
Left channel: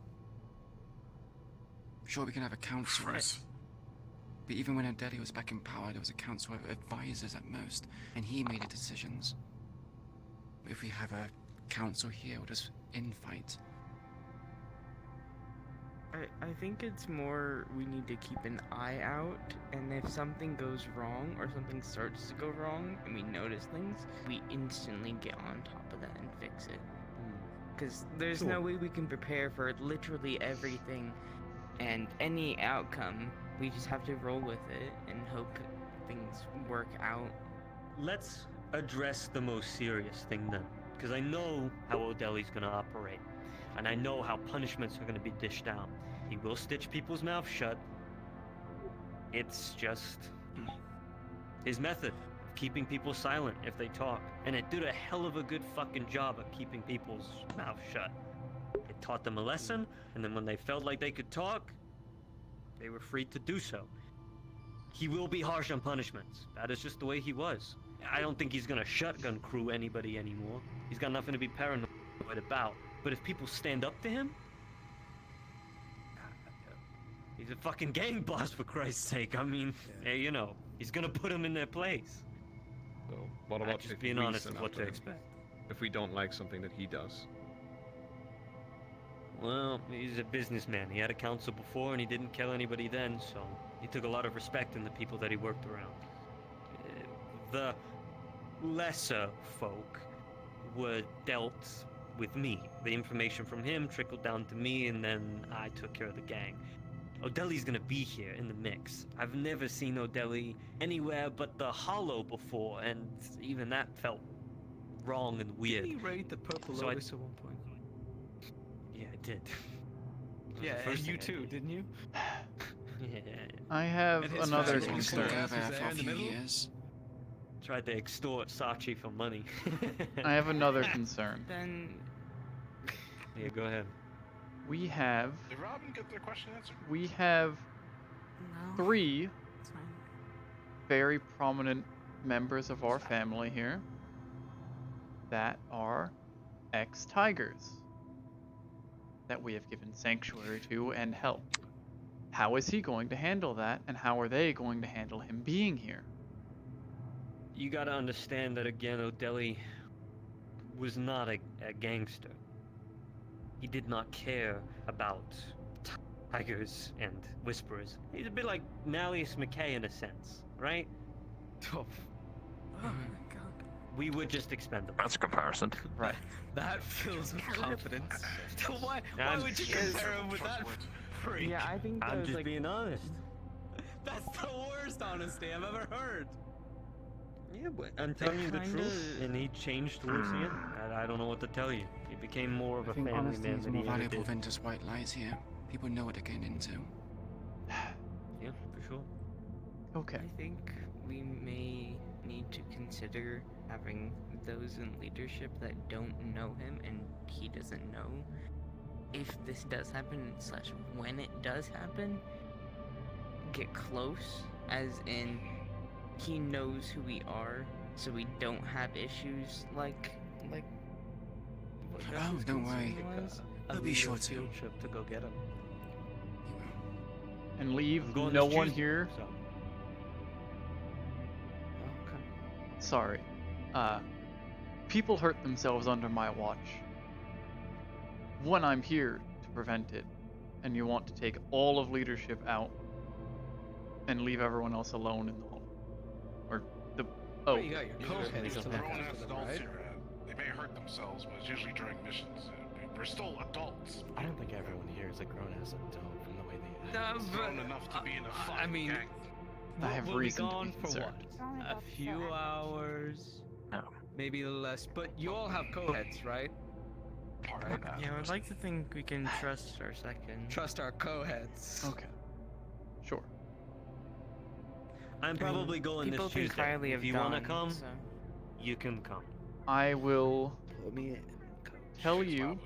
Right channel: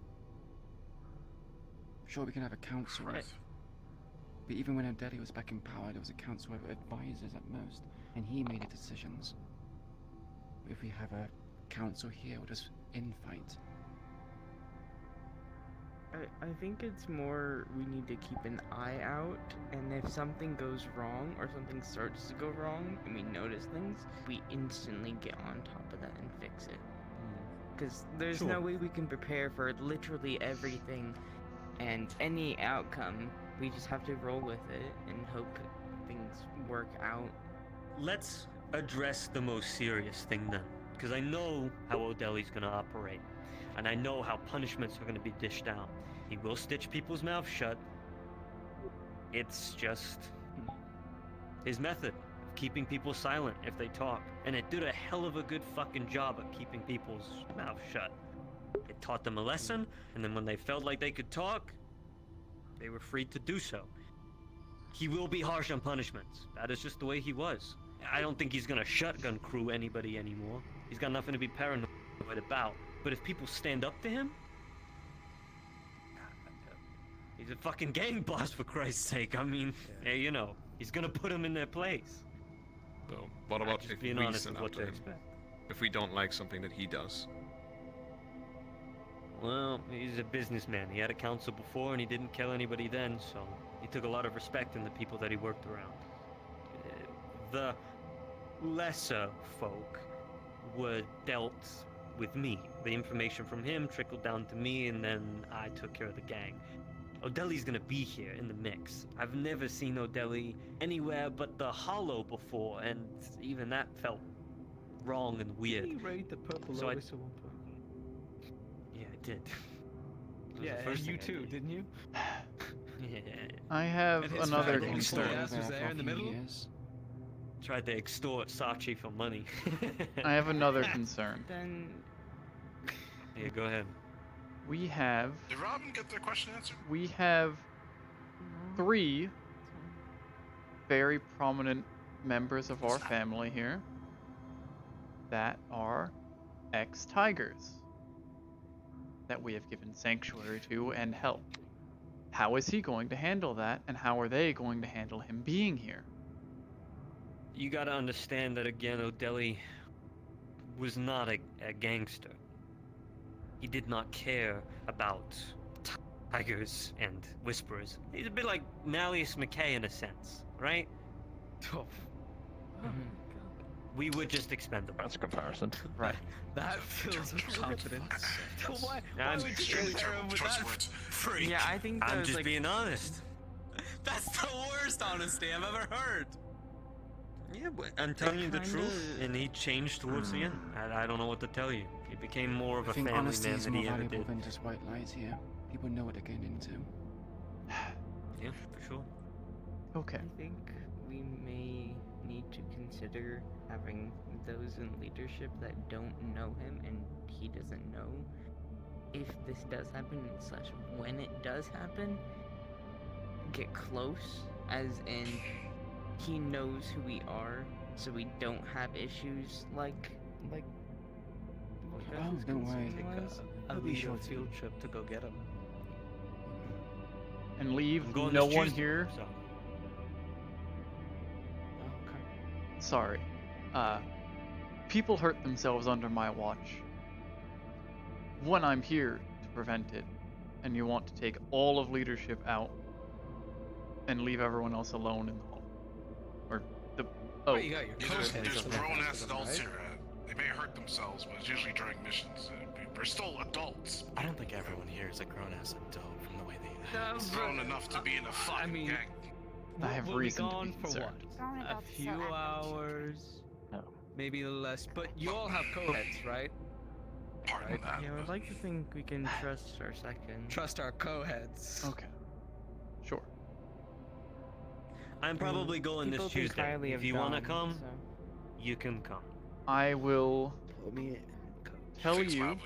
Sure, we can have a council. But even when O'Delly was back in power, there was a council of advisors at most, and he made the decisions. If we have a council here, we'll just infight. I think it's more we need to keep an eye out, and if something goes wrong or something starts to go wrong and we notice things, we instantly get on top of that and fix it. Because there's no way we can prepare for literally everything and any outcome. We just have to roll with it and hope things work out. Let's address the most serious thing then, because I know how O'Delly's gonna operate, and I know how punishments are gonna be dished out. He will stitch people's mouths shut. It's just his method of keeping people silent if they talk, and it did a hell of a good fucking job at keeping people's mouths shut. It taught them a lesson, and then when they felt like they could talk, they were free to do so. He will be harsh on punishments. That is just the way he was. I don't think he's gonna shotgun crew anybody anymore. He's got nothing to be paranoid about. But if people stand up to him, he's a fucking gang boss, for Christ's sake. I mean, hey, you know, he's gonna put them in their place. So what about Just if being we honest send with what after to him? expect. If we don't like something that he does? Well, he's a businessman. He had a council before and he didn't kill anybody then, so he took a lot of respect in the people that he worked around. The lesser folk were dealt with me. The information from him trickled down to me, and then I took care of the gang. O'Delly's gonna be here in the mix. I've never seen O'Delly anywhere but the Hollow before, and even that felt wrong and weird. Did he raid the Purple So Lotus at one point? Yeah, I did. That was Yeah, the first you thing I too, did. didn't you? Yeah. I have And his another family concern. gas was there in the middle? Tried to extort Sachi for money. I have another concern. Then Yeah, go ahead. We have Did Robin get their question answered? we have 3 very prominent members of our family here that are ex-tigers that we have given sanctuary to and help. How is he going to handle that, and how are they going to handle him being here? You gotta understand that again, O'Delly was not a gangster. He did not care about tigers and whisperers. He's a bit like Malleus McKay in a sense, right? Oh We would just expendable. That's a comparison. Right. That fills with confidence. Why I'm would you compare him with that? Yeah, I think I'm there's just like being honest. That's the worst honesty I've ever heard. Yeah, but I'm telling you the truth, and he changed towards the end. I don't know what to tell you. He became more of I a think family honesty man is than more he ever valuable did. than just white lies here. People know what they're getting into. Yeah, for sure. Okay. I think we may need to consider having those in leadership that don't know him and he doesn't know. If this does happen, / when it does happen, get close, as in he knows who we are, so we don't have issues like what Oh, Gus's don't worry. concern was. A I'll be sure to. field trip to go get him. And leave I'm going no this one Tuesday, here. so. Oh, okay. Sorry. People hurt themselves under my watch. When I'm here to prevent it, and you want to take all of leadership out and leave everyone else alone in the hall, or Oh. You got your co-heads There's to look grown-ass after them, adults right? here. They may hurt themselves, but it's usually during missions. We're still adults. I don't think everyone here is a grown-ass adult from the way they No, act. Grown enough to be in a fucking I mean, gang. I have we'll be reason to be gone for what? concerned. A few hours, maybe less. But you all have co-heads, right? Right. Yeah, I'd like to think we can trust our second. Trust our co-heads. Okay. Sure. I'm probably going people this think Tuesday. highly If of you want to Dom, come, so- you can come. I will Put me in. tell you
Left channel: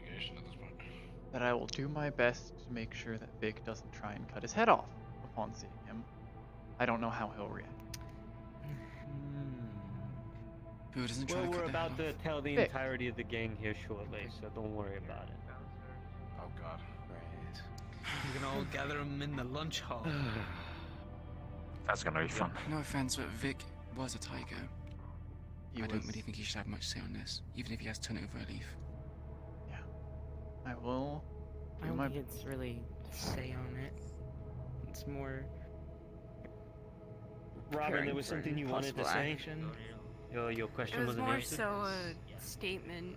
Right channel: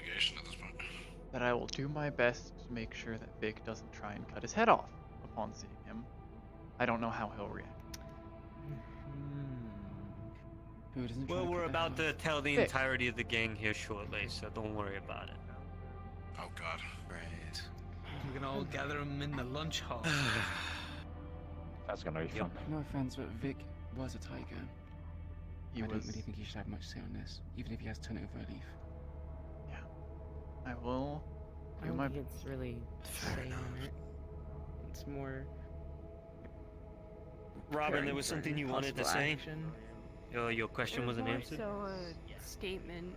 that I will do my best to make sure that Vic doesn't try and cut his head off upon seeing him. I don't know how he'll react. Who doesn't Well, try we're cut their about head to off? tell the Vic. entirety of the gang here shortly, so don't worry about it. Oh god. Right. We can all gather them in the lunch hall. That's gonna be fun. No offense, but Vic was a tiger. He I was. don't really think he should have much say on this, even if he has turned over a leaf. I will I do don't my think it's really say on it. It's more. Robin, preparing there was for something you wanted to possible say? action. Your question It was wasn't more answered? so a statement.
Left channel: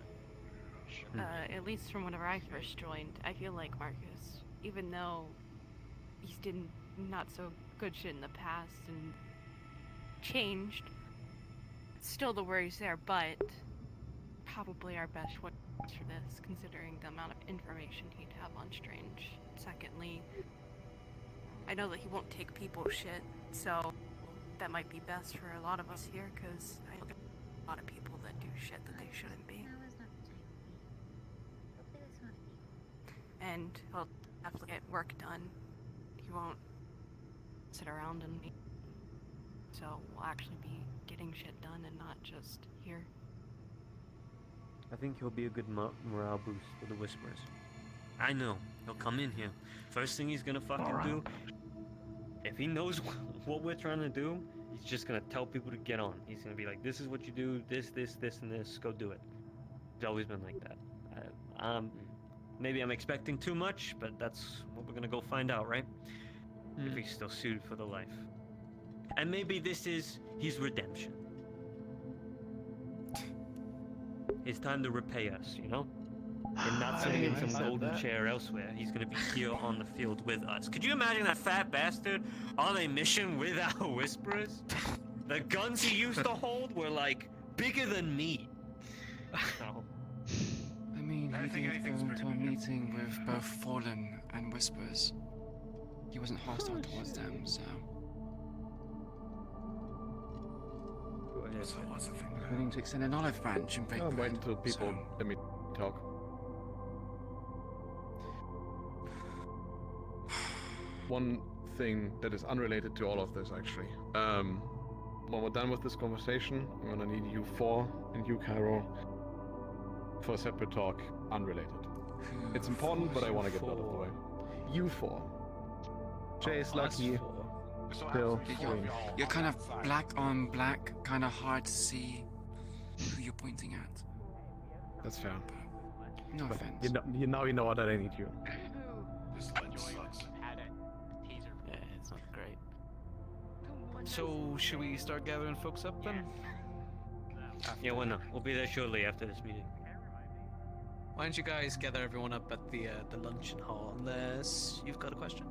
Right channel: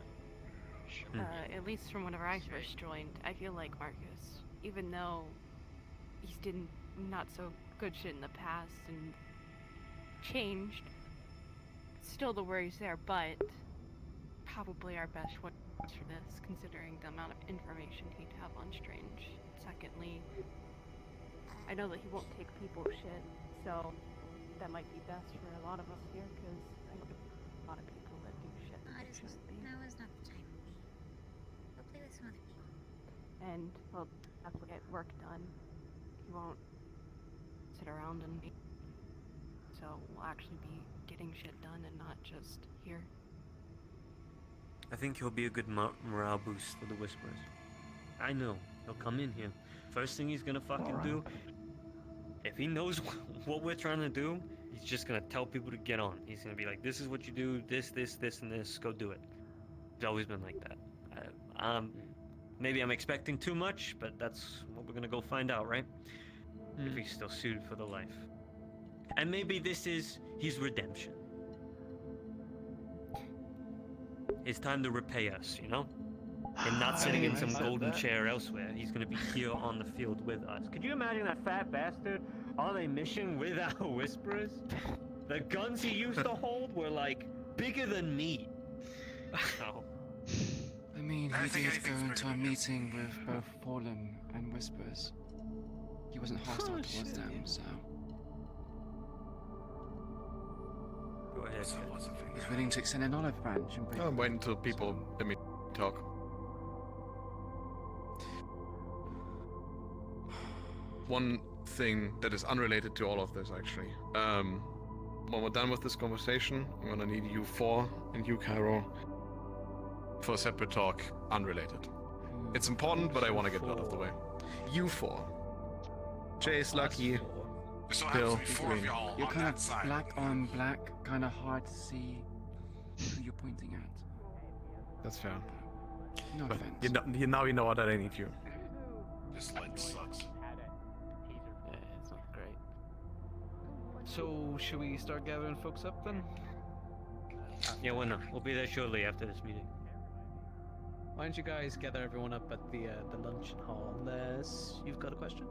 At least from whenever I first joined, I feel like Marcus, even though he's did not so good shit in the past and changed, still the worries there, but probably our best one for this, considering the amount of information he'd have on Strange. Secondly, I know that he won't take people's shit, so that might be best for a lot of us here, because I know a lot of people that do shit that they shouldn't be. And he'll definitely get work done. He won't sit around and be. So we'll actually be getting shit done and not just here. I think he'll be a good morale boost for the Whisperers. I know. He'll come in here. First thing he's gonna fucking do, if he knows what we're trying to do, he's just gonna tell people to get on. He's gonna be like, this is what you do, this, and this, go do it. He's always been like that. Maybe I'm expecting too much, but that's what we're gonna go find out, right? If he's still suited for the life. And maybe this is his redemption. It's time to repay us, you know? We're not sitting in some golden chair elsewhere. He's gonna be here on the field with us. Could you imagine that fat bastard on a mission with our Whisperers? The guns he used to hold were like bigger than me. Oh. I mean, he did go into a meeting with both Fallen and Whispers. He wasn't hostile towards them, so. Go ahead. He's willing to extend an olive branch and break I'm bread, waiting until people so- let me talk. One thing that is unrelated to all of this, actually. When we're done with this conversation, I'm gonna need you four and you, Cairo, for a separate talk, unrelated. It's important, but I want to get it out of the way. You four. Chase, Lucky, Bill, Green. You're kind of black on black, kind of hard to see who you're pointing at. That's fair. No offense. Now you know that I need you. This ledge sucks. Yeah, it's not great. So, should we start gathering folks up then? Yeah, why not? We'll be there shortly after this meeting. Why don't you guys gather everyone up at the luncheon hall, unless you've got a question?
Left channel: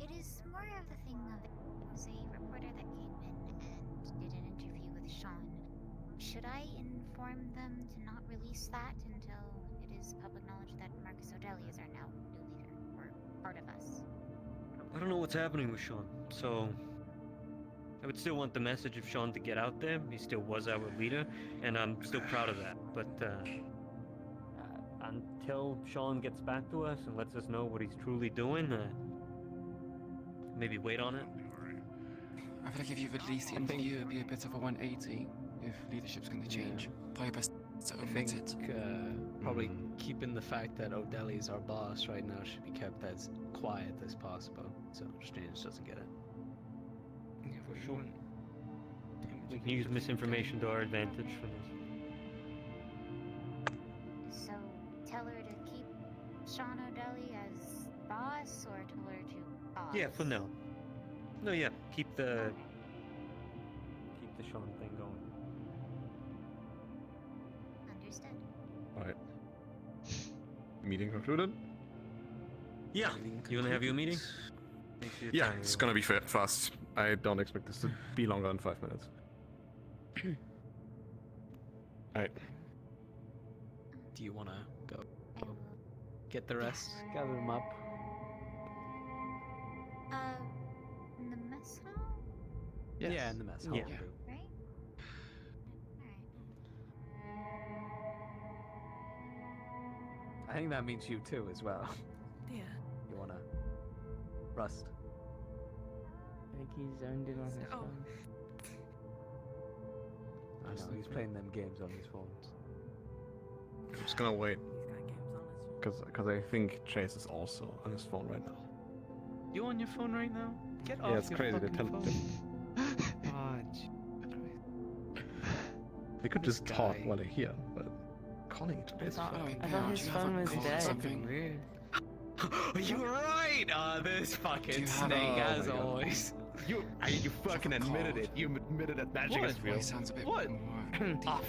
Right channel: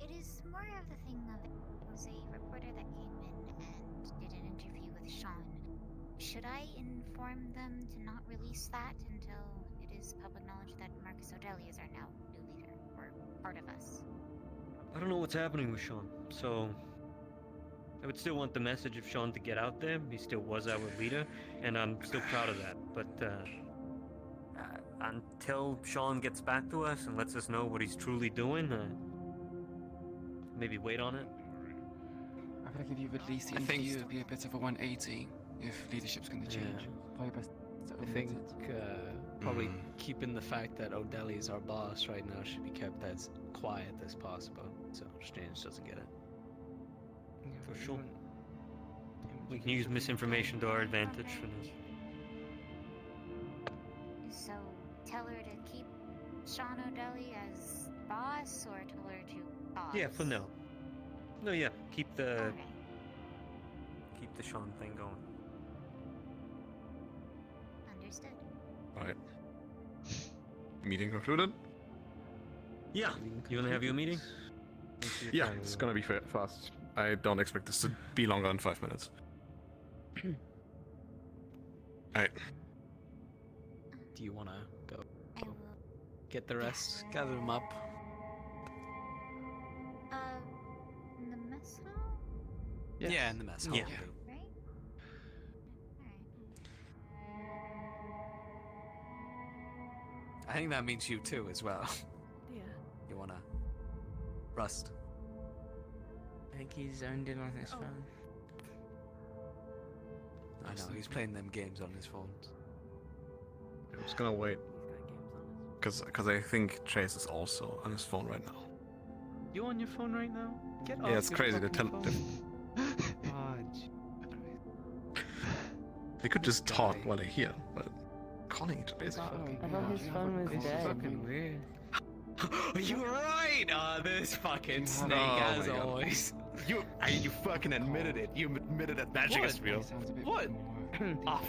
It is more of the thing of it was a reporter that came in and did an interview with Sean. Should I inform them to not release that until it is public knowledge that Marcus O'Delly is our now new leader, or part of us? I don't know what's happening with Sean, so I would still want the message of Sean to get out there. He still was our leader, and I'm still proud of that. But until Sean gets back to us and lets us know what he's truly doing, maybe wait on it. I feel like if you release the interview, it'd be a bit of a 180 if leadership's going to change. Probably best to I omit think it. probably keeping the fact that O'Delly is our boss right now should be kept as quiet as possible, so Strange doesn't get it. For sure. We can use misinformation to our advantage for this. So tell her to keep Sean O'Delly as boss, or tell her to boss? Yeah, for now. No, yeah. Keep the Sean thing going. Understood. Alright. Meeting concluded? Yeah. You wanna have your meeting? Yeah, it's gonna be fast. I don't expect this to be longer than 5 minutes. Alright. Do you wanna go get the rest? Gather them up. In the mess hall? Yes. Yeah, in the mess hall. Yeah. will do. Right? I think that means you too as well. Yeah. You wanna Rust? I think he's zoned in on his phone. I know he's playing them games on his phone. I'm just gonna wait. Because I think Chase is also on his phone right now. You on your phone right now? Get Yeah, off it's your crazy. fucking phone. They could just This talk guy. while they're here, but calling it I is thought fucking. his phone was dead. fucking weird. You're right! this fucking snake, as always. You fucking admitted it. You admitted that magic is real. What? Ah.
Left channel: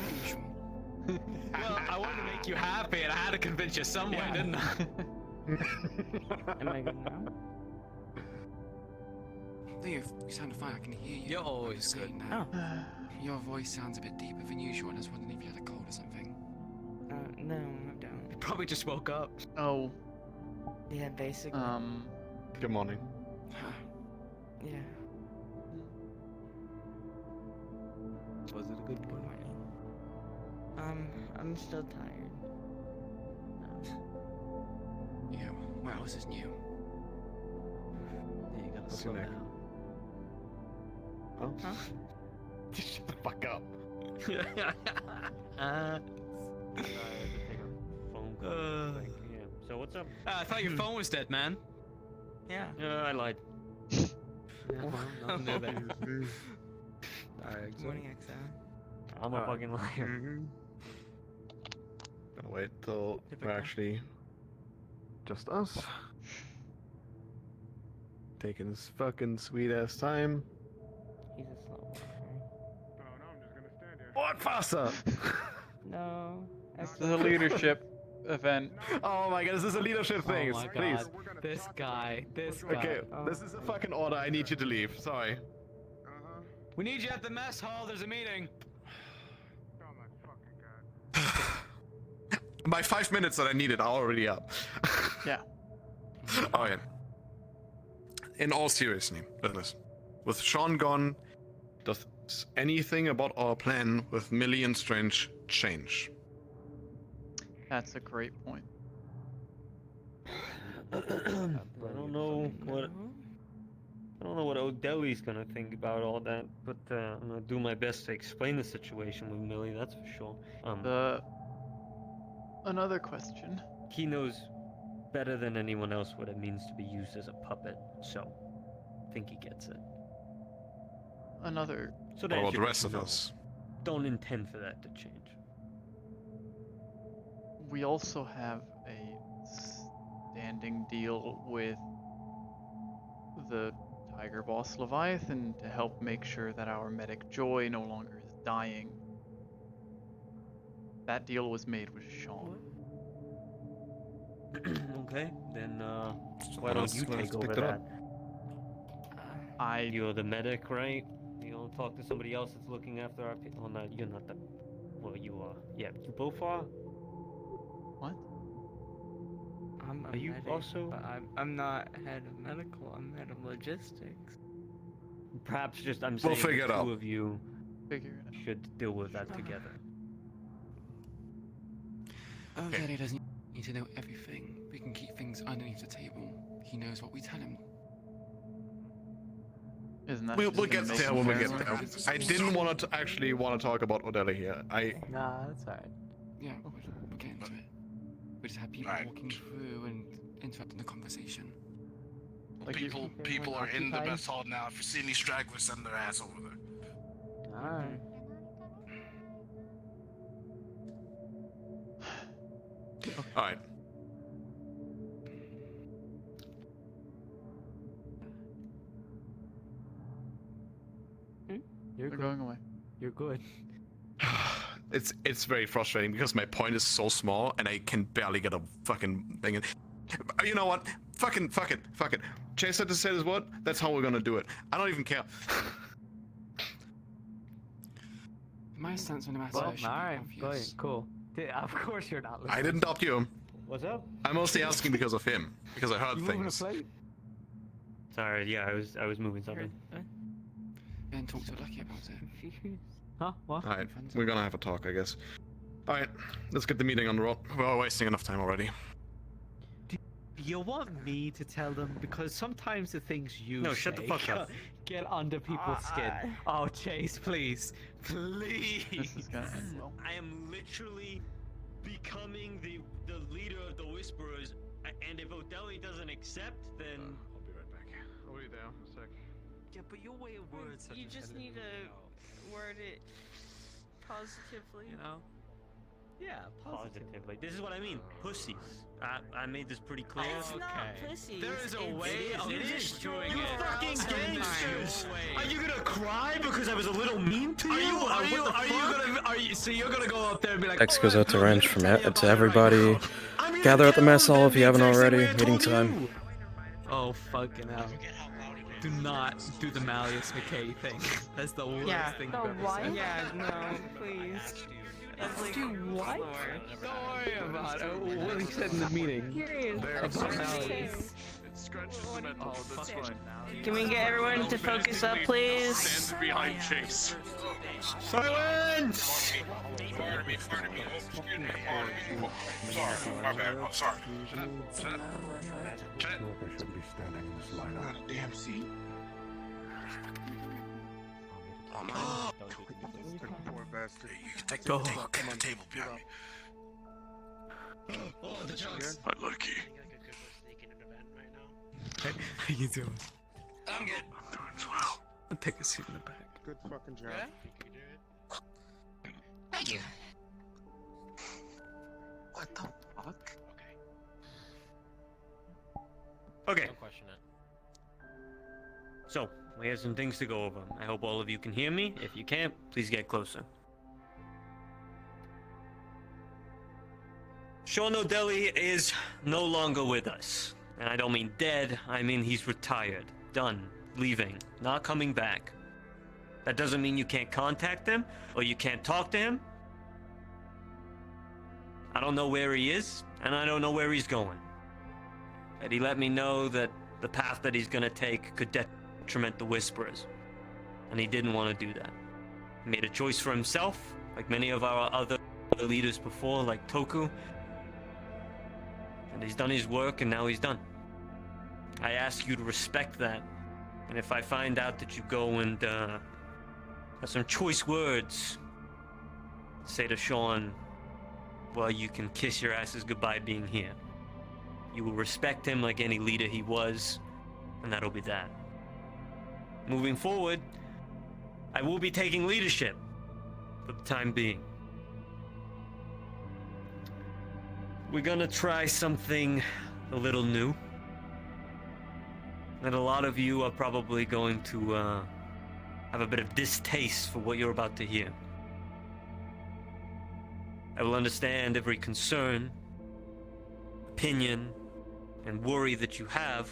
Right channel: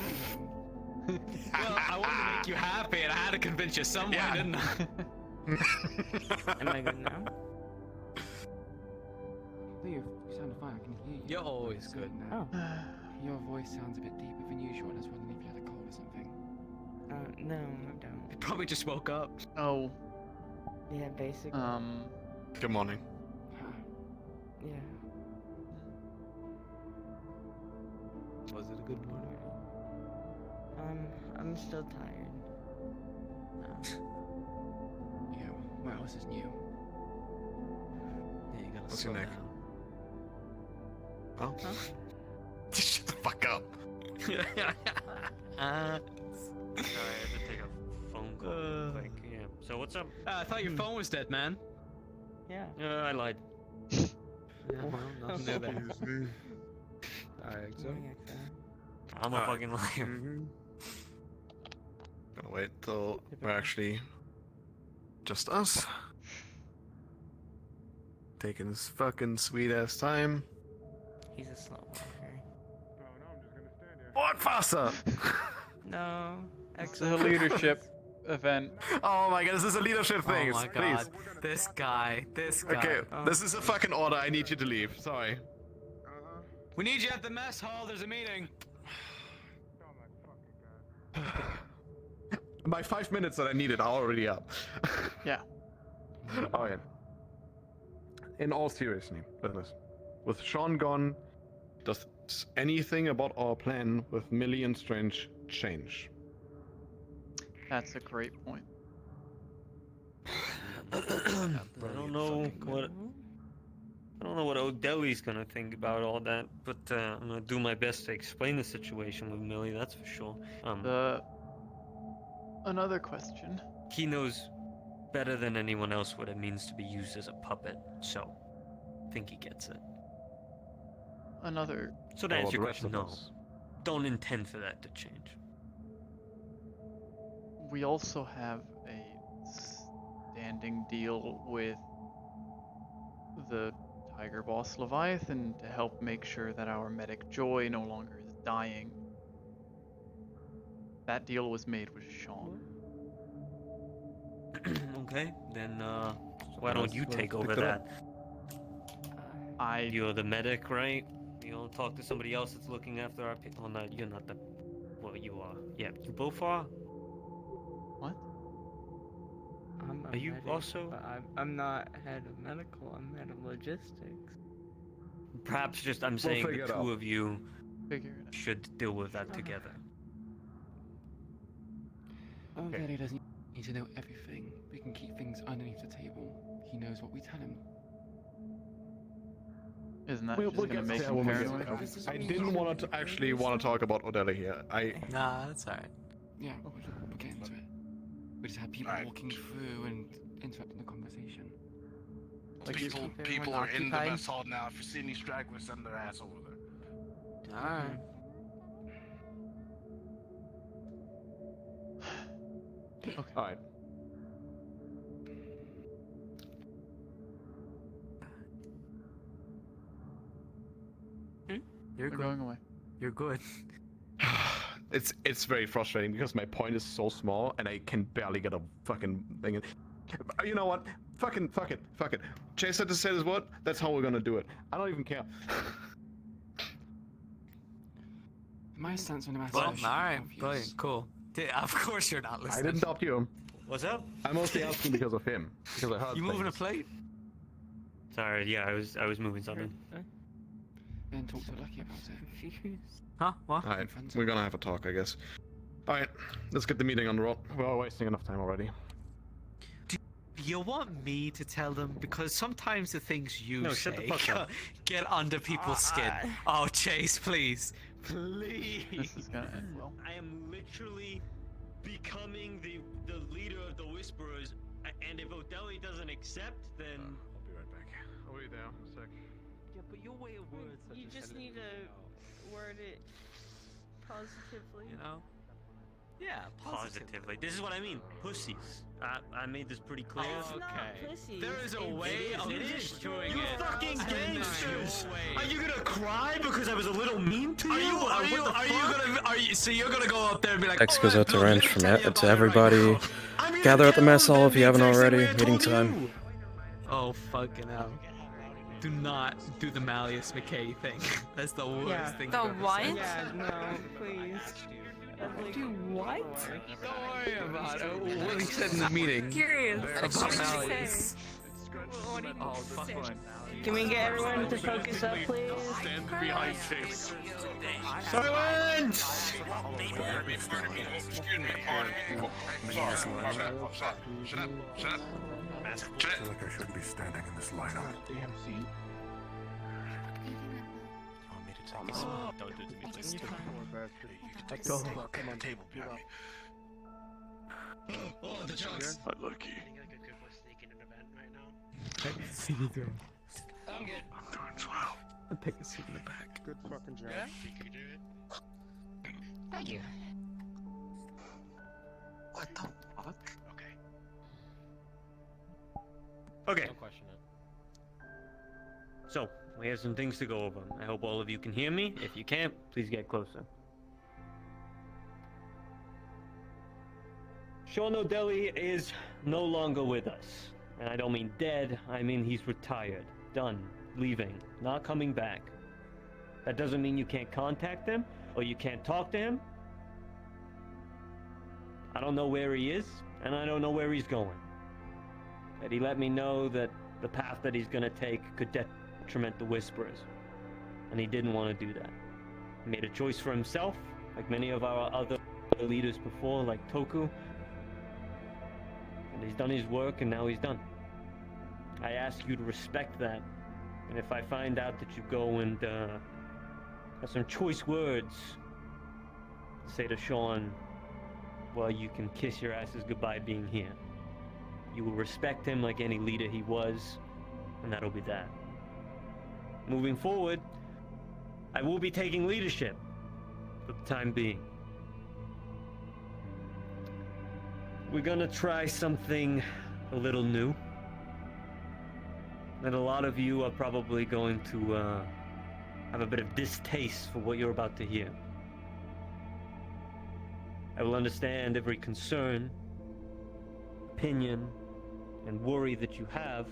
Well, I wanted to make you happy, and I had to convince you some way, didn't I? Am I good now? Leo, you sound fine. I can hear you. You're always good. Your voice sounds a bit deeper than usual, and I was wondering if you had a cold or something. No, I don't. You probably just woke up. Oh. Yeah, basically. Good morning. Yeah. Was it a good morning? I'm still tired. Yeah, what else is new? Yeah, you gotta What's slow your neck? down. Oh? Huh? Shut the fuck up. Sorry, I had to take a phone call. Yeah. So what's up? I thought your phone was dead, man. Yeah. I lied. Yeah, well, nothing new there. Alright, so. I'm a fucking liar. Gonna wait till we're actually just us. Taking this fucking sweet ass time. He's a slow walker. What faster? No. It's a leadership event. Oh my god, this is a leadership thing. Oh my god. Please. This guy. Okay, this is a fucking order. I need you to leave. Sorry. We need you at the mess hall. There's a meeting. My 5 minutes that I needed are already up. Yeah. Alright. In all seriousness, with Sean gone, does anything about our plan with Millie and Strange change? That's a great point. I don't know what O'Delly's gonna think about all that, but I'm gonna do my best to explain the situation with Millie. That's for sure. Another question. He knows better than anyone else what it means to be used as a puppet, so I think he gets it. Another. So to What answer about the your rest of question, us? don't intend for that to change. We also have a standing deal with the Tiger Boss Leviathan to help make sure that our medic Joy no longer is dying. That deal was made with Sean. Okay, then why don't you take over pick it that? up. You're the medic, right? You don't talk to somebody else that's looking after our. Well, no, you're not the. Well, you are. Yeah, you both are. What? I'm a Are you medic, also- but I'm not head of medical. I'm head of logistics. Perhaps just I'm saying figure the it out. two of you Figure it out. should deal with that together. O'Delly doesn't need to know everything. We can keep things underneath the table. He knows what we tell him. Isn't that We'll just gonna get make there him when we get paranoid? there. I didn't want to actually want to talk about O'Delly here. Nah, that's alright. Yeah, we'll get into it. We just have people Alright. walking through and interrupting the conversation. Like People are in the mess hall now. If you see any stragglers, send their ass over there. Alright. Alright. You're They're good. going away. You're good. It's very frustrating because my point is so small and I can barely get a fucking thing in. You know what? Fuck it. Chase had to say this word. That's how we're gonna do it. I don't even care. My stance on the matter Well, should be alright, obvious. cool. Of course you're not listening. I didn't doubt you. What's up? I'm mostly asking because of him. Because I heard You moving a things. plate? Sorry, yeah, I was moving something. Ben talked to Lucky about it. Huh? What? Alright, we're gonna have a talk, I guess. Alright, let's get the meeting on the roll. We're all wasting enough time already. You want me to tell them? Because sometimes the things you No, say shut the fuck up. get under people's skin. Oh, Chase, please. Please. This is gonna end well. I am literally becoming the leader of the Whisperers, and if Odeli doesn't accept, then I'll be right back. I'll be there in a sec. Yeah, but your way of words. You just need to word it positively. You know? Yeah, positively. This is what I mean. Pussies. I made this pretty clear. It's not pussy. There is a way of It is. doing You it. fucking And there's gangsters! no way. Are you gonna cry because I was a little mean to you? So you're gonna go up there and be like, Thanks goes out to Wrench from to everybody. Gather at the mess hall if you haven't already. Meeting time. oh fucking hell. Do not do the Malleus McKay thing. That's the worst thing I've ever said. Yeah, no, please. Do what? Don't worry about it. What he said in the meeting. Curious. About Malleus. Oh, fuck one. Can we get everyone to focus up, please? Stand behind Chase. Silence! Pardon me. Sorry, my bad. Oh, sorry. Shut up. I feel like I shouldn't be standing in this lineup. Damn seat. Take Go. the table behind me. Oh, the jokes. My lucky. How you doing? I'm good. I'm doing well. Take a seat in the back. Good fucking job. Yeah? Thank you. What the fuck? Okay. Don't question it. So, we have some things to go over. I hope all of you can hear me. If you can't, please get closer. Sean O'Delly is no longer with us. And I don't mean dead, I mean he's retired. Done. Leaving. Not coming back. That doesn't mean you can't contact him, or you can't talk to him. I don't know where he is, and I don't know where he's going. But he let me know that the path that he's gonna take could detriment the Whisperers. And he didn't want to do that. He made a choice for himself, like many of our other leaders before, like Toku. And he's done his work, and now he's done. I ask you to respect that. And if I find out that you go and have some choice words, say to Sean, well, you can kiss your asses goodbye being here. You will respect him like any leader he was, and that'll be that. Moving forward, I will be taking leadership for the time being. We're gonna try something a little new. And a lot of you are probably going to have a bit of distaste for what you're about to hear. I will understand every concern, opinion, and worry that you have,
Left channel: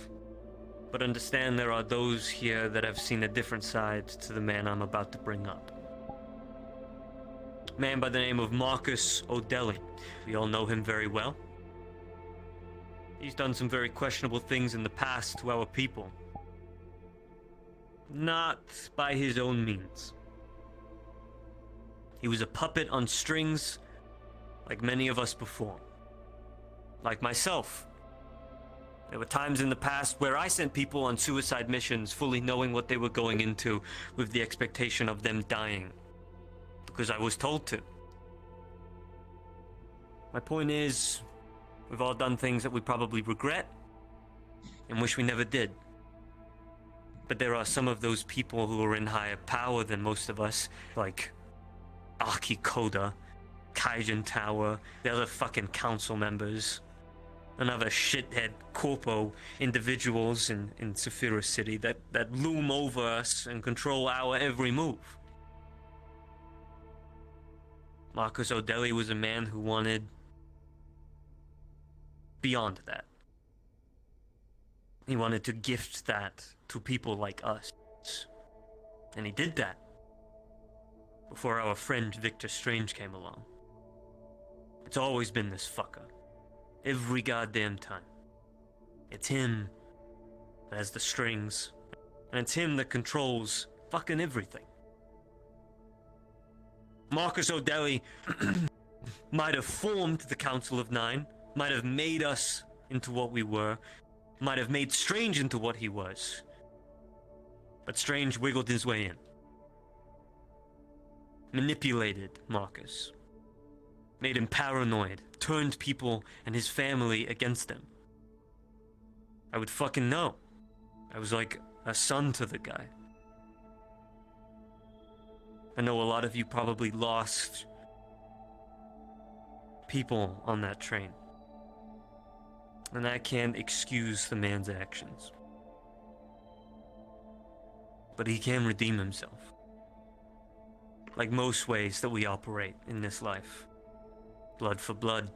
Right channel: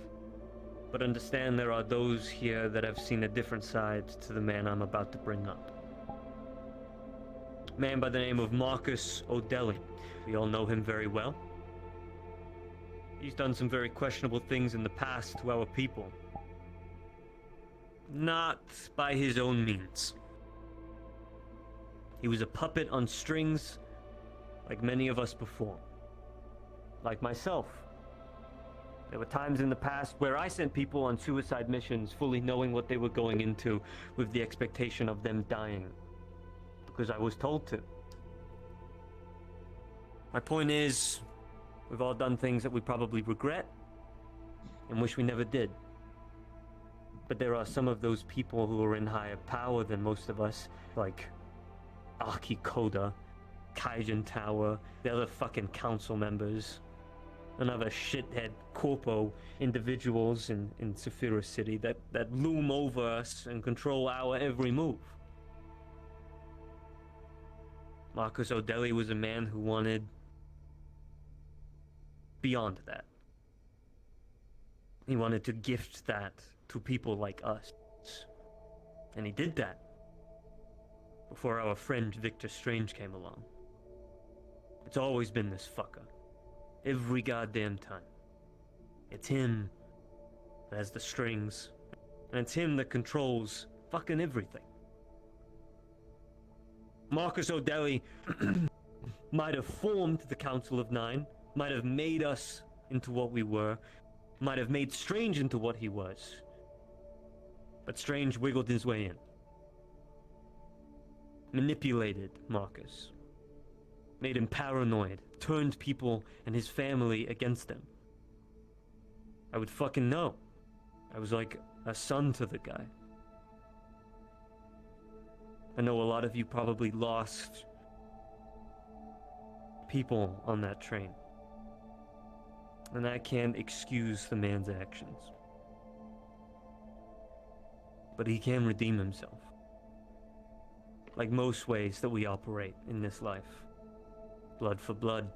but understand there are those here that have seen a different side to the man I'm about to bring up. A man by the name of Marcus O'Delly. We all know him very well. He's done some very questionable things in the past to our people. Not by his own means. He was a puppet on strings, like many of us before. Like myself. There were times in the past where I sent people on suicide missions fully knowing what they were going into, with the expectation of them dying. Because I was told to. My point is, we've all done things that we probably regret and wish we never did. But there are some of those people who are in higher power than most of us, like Aki Koda, Kaijin Tower, the other fucking council members, and other shithead corpo individuals in Saphira City that loom over us and control our every move. Marcus O'Delly was a man who wanted beyond that. He wanted to gift that to people like us. And he did that before our friend Victor Strange came along. It's always been this fucker. Every goddamn time. It's him that has the strings, and it's him that controls fucking everything. Marcus O'Delly might have formed the Council of Nine, might have made us into what we were, might have made Strange into what he was. But Strange wiggled his way in. Manipulated Marcus. Made him paranoid, turned people and his family against him. I would fucking know. I was like a son to the guy. I know a lot of you probably lost people on that train. And I can't excuse the man's actions. But he can redeem himself. Like most ways that we operate in this life. Blood for blood.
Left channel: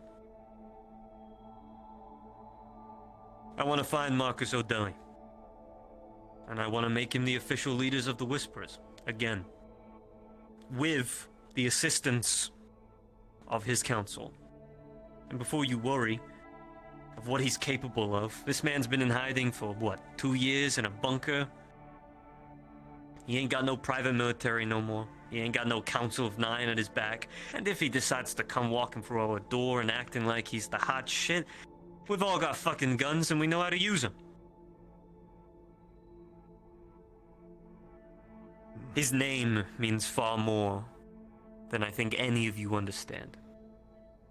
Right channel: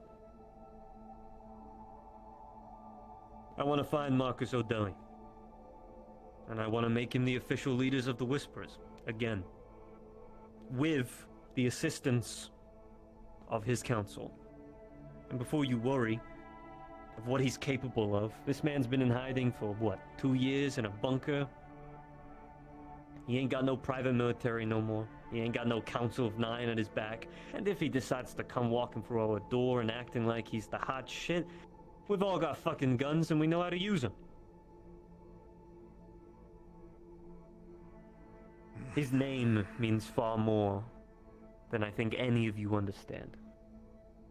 I want to find Marcus O'Delly. And I want to make him the official leaders of the Whisperers. Again. With the assistance of his council. And before you worry of what he's capable of, this man's been in hiding for, what, 2 years in a bunker? He ain't got no private military no more. He ain't got no Council of Nine at his back. And if he decides to come walking through our door and acting like he's the hot shit, we've all got fucking guns and we know how to use them. His name means far more than I think any of you understand.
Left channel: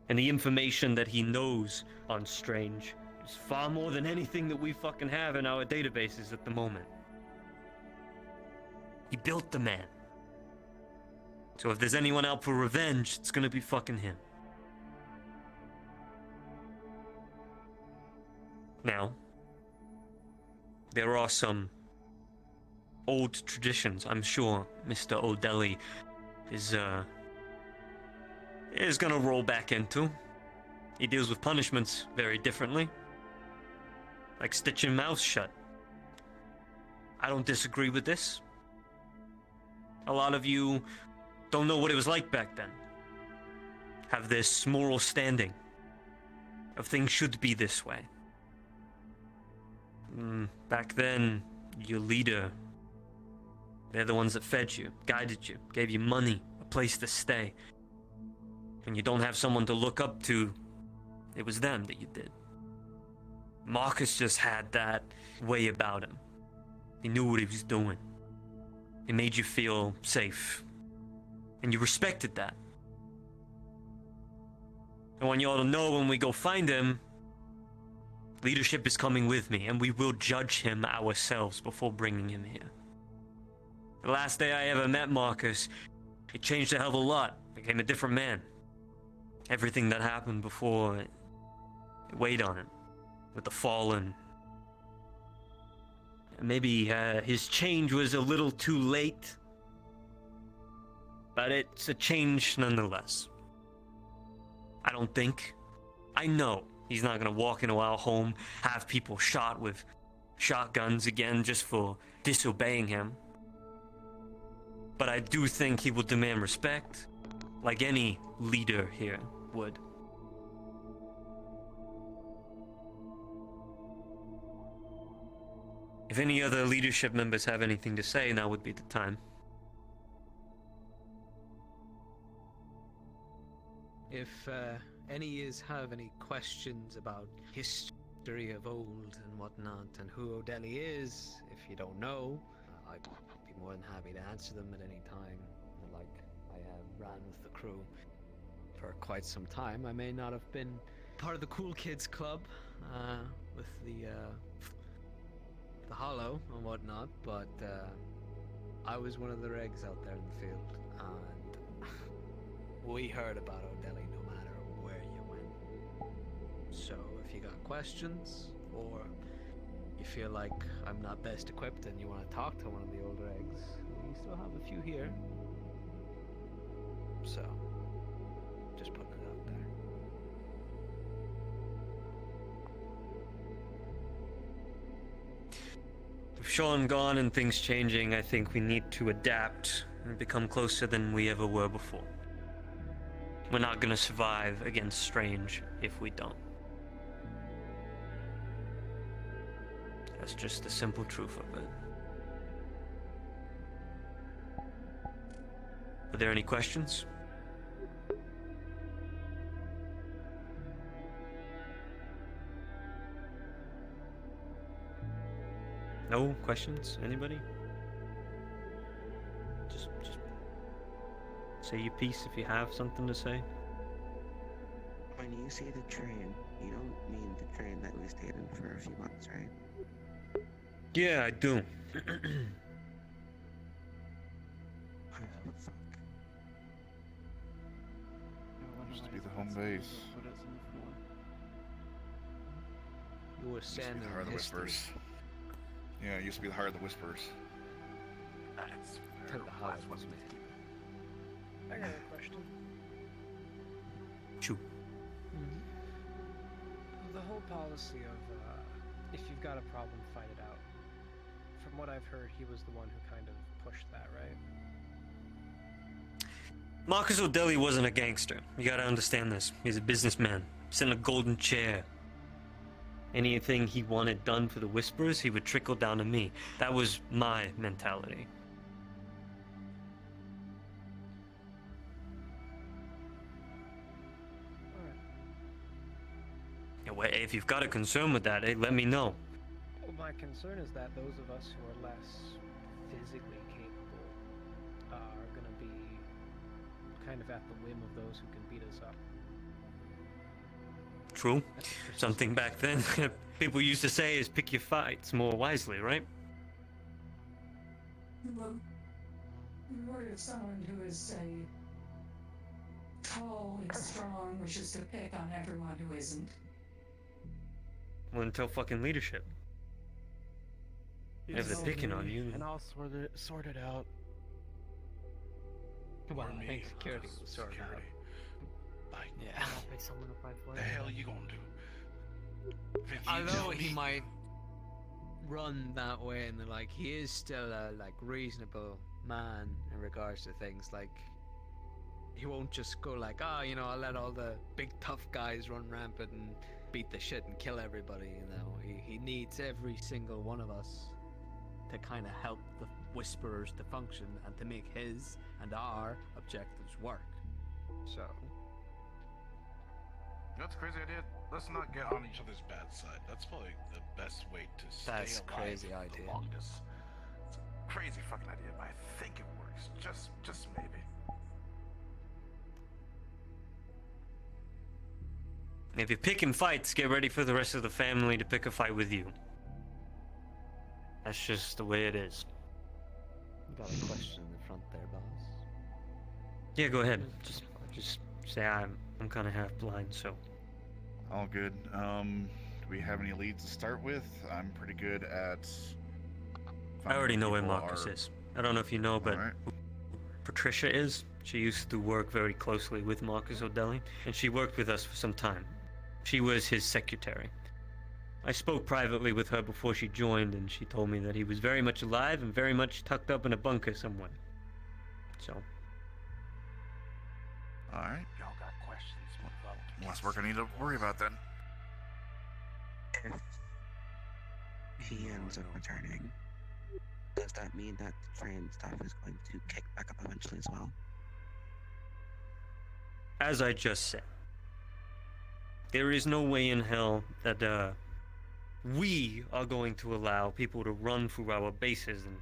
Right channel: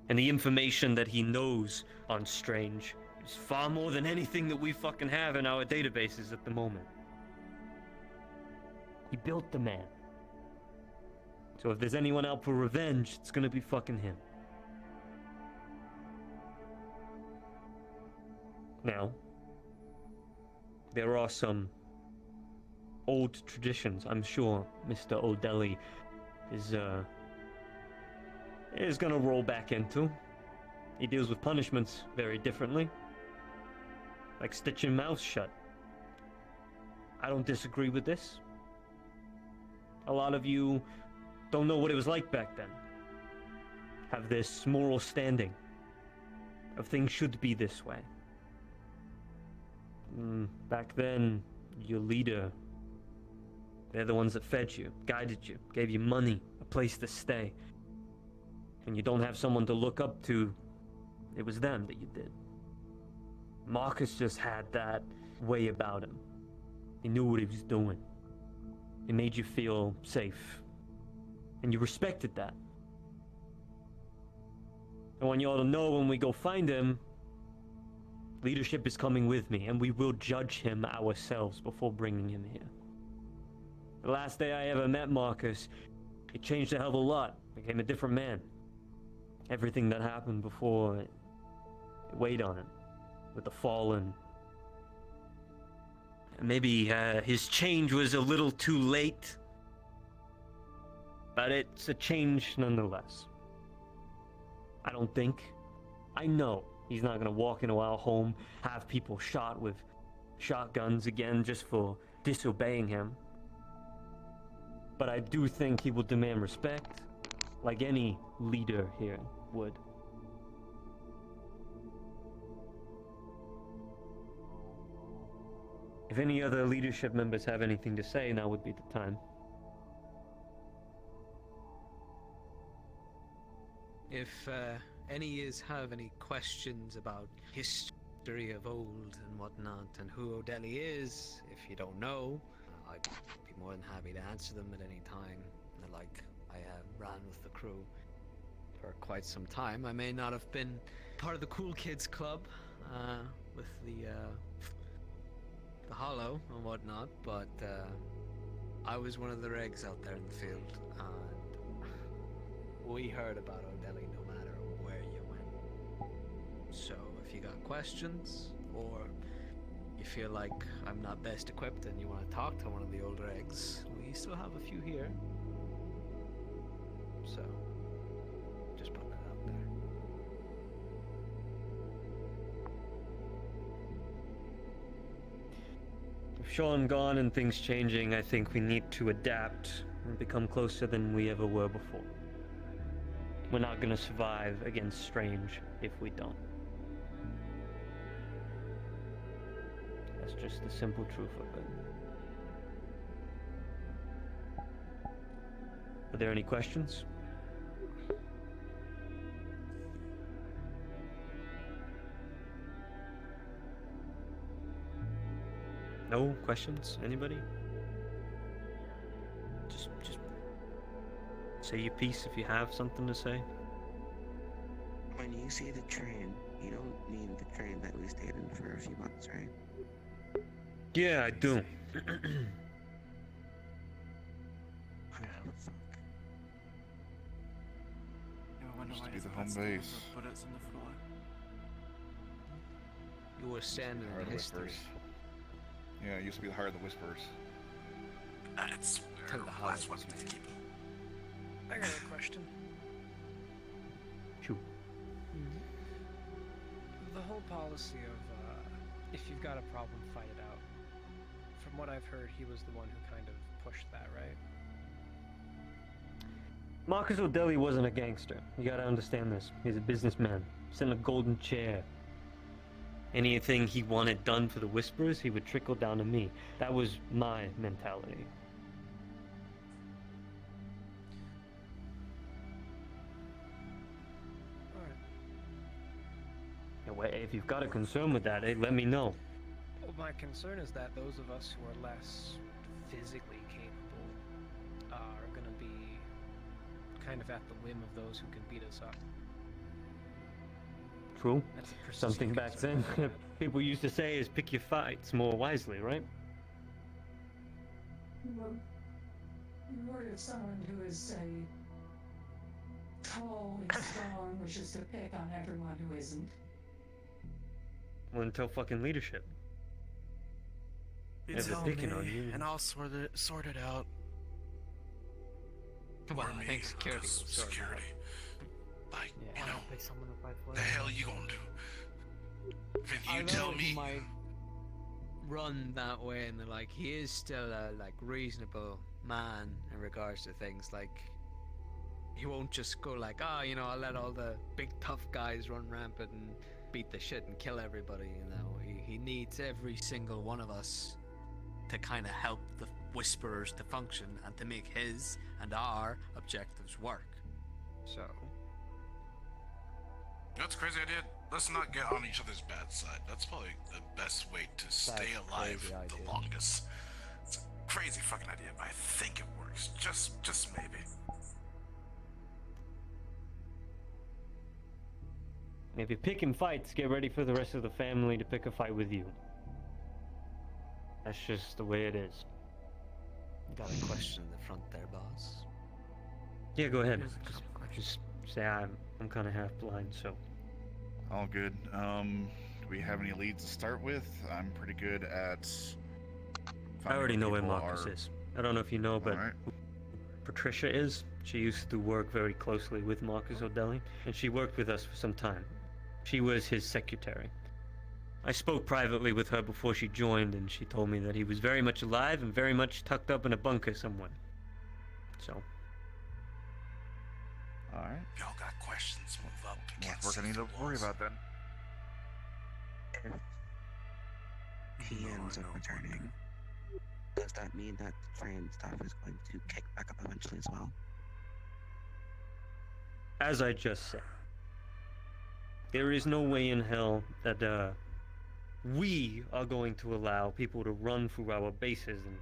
And the information that he knows on Strange is far more than anything that we fucking have in our databases at the moment. He built the man. So if there's anyone out for revenge, it's gonna be fucking him. Now, there are some old traditions I'm sure Mr. O'Delly is gonna roll back into. He deals with punishments very differently. Like stitching mouths shut. I don't disagree with this. A lot of you don't know what it was like back then. Have this moral standing of things should be this way. Back then, your leader, they're the ones that fed you, guided you, gave you money, a place to stay. When you don't have someone to look up to, it was them that you did. Marcus just had that way about him. He knew what he was doing. It made you feel safe. And you respected that. I want you all to know when we go find him, leadership is coming with me, and we will judge him ourselves before bringing him here. The last day I ever met Marcus, it changed a hell of a lot. Became a different man. Everything that happened before, it weighed on him. With the fallen. Maybe his change was a little too late. But it's a change nonetheless. I know he's not gonna walk into our home, have people shot with shotguns again just for disobeying him. But I do think he will demand respect, like any leader here would. If any other leadership members have anything to say, now would be the time. If any is have any questions about history of old and whatnot, and who O'Delly is, if you don't know, I'd be more than happy to answer them at any time. Like, I ran with the crew for quite some time. I may not have been part of the cool kids club with the Hollow and whatnot, but I was one of the regs out there in the field, and we heard about O'Delly no matter where you went. So if you got questions, or you feel like I'm not best equipped and you want to talk to one of the older eggs, we still have a few here. So Sean gone and things changing, I think we need to adapt and become closer than we ever were before. We're not gonna survive against Strange if we don't. That's just the simple truth of it. Are there any questions? No questions? Anybody? Just say your piece if you have something to say. When you say the train, you don't mean the train that we stayed in for a few months, right? Yeah, I do. Used to be the home base. You were standing Heart in of history. Whispers. Yeah, it used to be the Heart of the Whispers. That's Tell the how that's what we keep it. I got a question. Shoot. The whole policy of if you've got a problem, fight it out. From what I've heard, he was the one who kind of pushed that, right? Marcus O'Delly wasn't a gangster. You gotta understand this. He's a businessman. He's in a golden chair. Anything he wanted done for the Whisperers, he would trickle down to me. That was my mentality. If you've got a concern with that, let me know. Well, my concern is that those of us who are less physically capable are going to be kind of at the whim of those who can beat us up. True. Something back then people used to say is pick your fights more wisely, right? The word of someone who is, say, tall and strong, which is to pick on everyone who isn't. Well, until fucking leadership. If they're picking on you. And I'll sort it out. Well, I think security will sort it out. Like, Yeah. now, Pick someone to fight for the hell you gonna do? If I you know tell he me, might run that way, and like he is still a like reasonable man in regards to things. Like he won't just go like, oh, you know, I'll let all the big tough guys run rampant and beat the shit and kill everybody. You know, he needs every single one of us to kind of help the Whisperers to function and to make his and our objectives work. So. That's a crazy idea. Let's not get on each other's bad side. That's probably the best way to stay That's a alive crazy the idea. longest. It's a crazy fucking idea, but I think it works. Just maybe. If you're picking fights, get ready for the rest of the family to pick a fight with you. That's just the way it is. Got a question in the front there, boss. Yeah, go ahead. Just say I'm kind of half blind, so. All good. Do we have any leads to start with? I'm pretty good at. I already know where people Marcus are- is. I don't know if you know, but Alright. who Patricia is. She used to work very closely with Marcus O'Delly, and she worked with us for some time. She was his secretary. I spoke privately with her before she joined, and she told me that he was very much alive and very much tucked up in a bunker somewhere. So. Alright. Y'all got questions, move up. Less work I need to worry about then. If he ends up returning, does that mean that the train stuff is going to kick back up eventually as well? As I just said, there is no way in hell that we are going to allow people to run through our bases and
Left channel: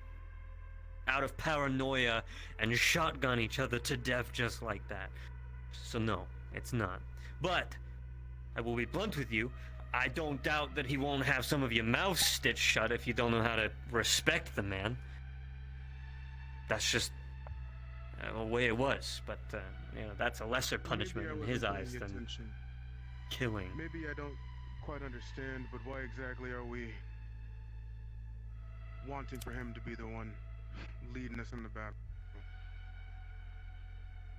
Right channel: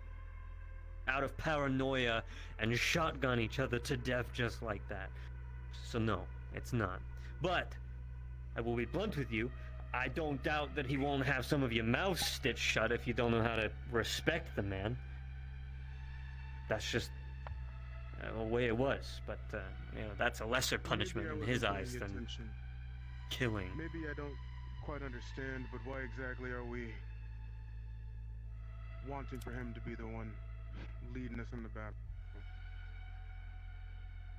out of paranoia and shotgun each other to death just like that. So no, it's not. But I will be blunt with you. I don't doubt that he won't have some of your mouths stitched shut if you don't know how to respect the man. That's just the way it was. But you know, that's a lesser punishment in his eyes than killing. Maybe I don't quite understand, but why exactly are we wanting for him to be the one leading us in the battle?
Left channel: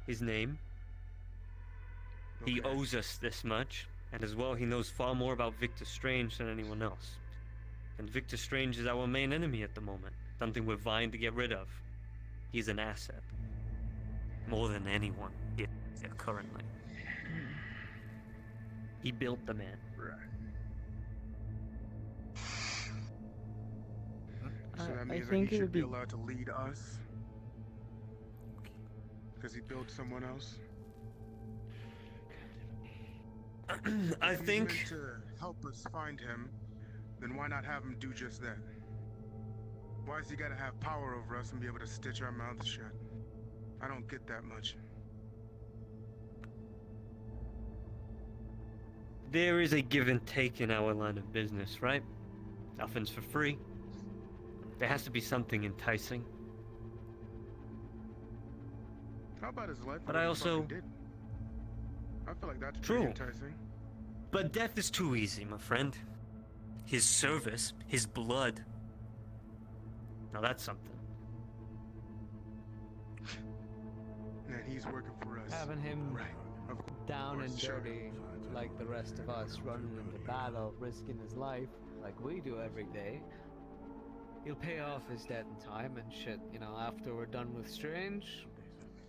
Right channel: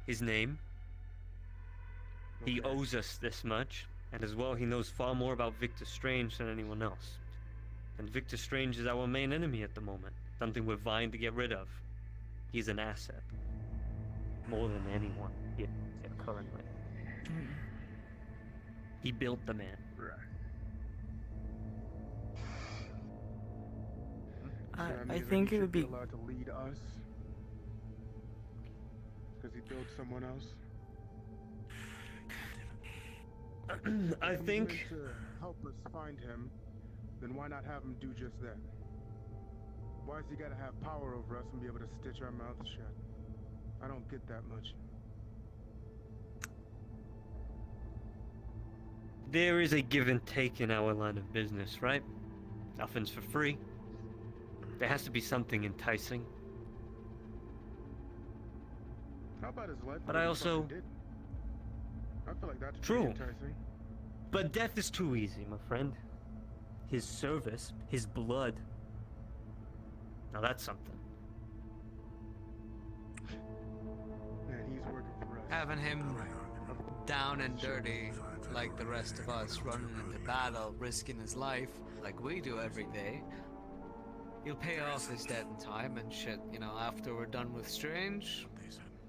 His name. He owes us this much, and as well he knows far more about Victor Strange than anyone else. And Victor Strange is our main enemy at the moment. Something we're vying to get rid of. He's an asset. More than anyone here currently. He built the man. So that I means think that he it would should be be allowed to lead us? Because he built someone else? I If he's think... meant to help us find him, then why not have him do just that? Why has he gotta have power over us and be able to stitch our mouths shut? I don't get that much. There is a give and take in our line of business, right? Nothing's for free. There has to be something enticing. How about his life? But I also... Did? I feel like that's True. pretty enticing. But death is too easy, my friend. His service, his blood. Now that's something. And he's working for us. Having him down and dirty like the rest of us, running into battle, risking his life like we do every day. He'll pay off his debt in time and shit, you know, after we're done with Strange.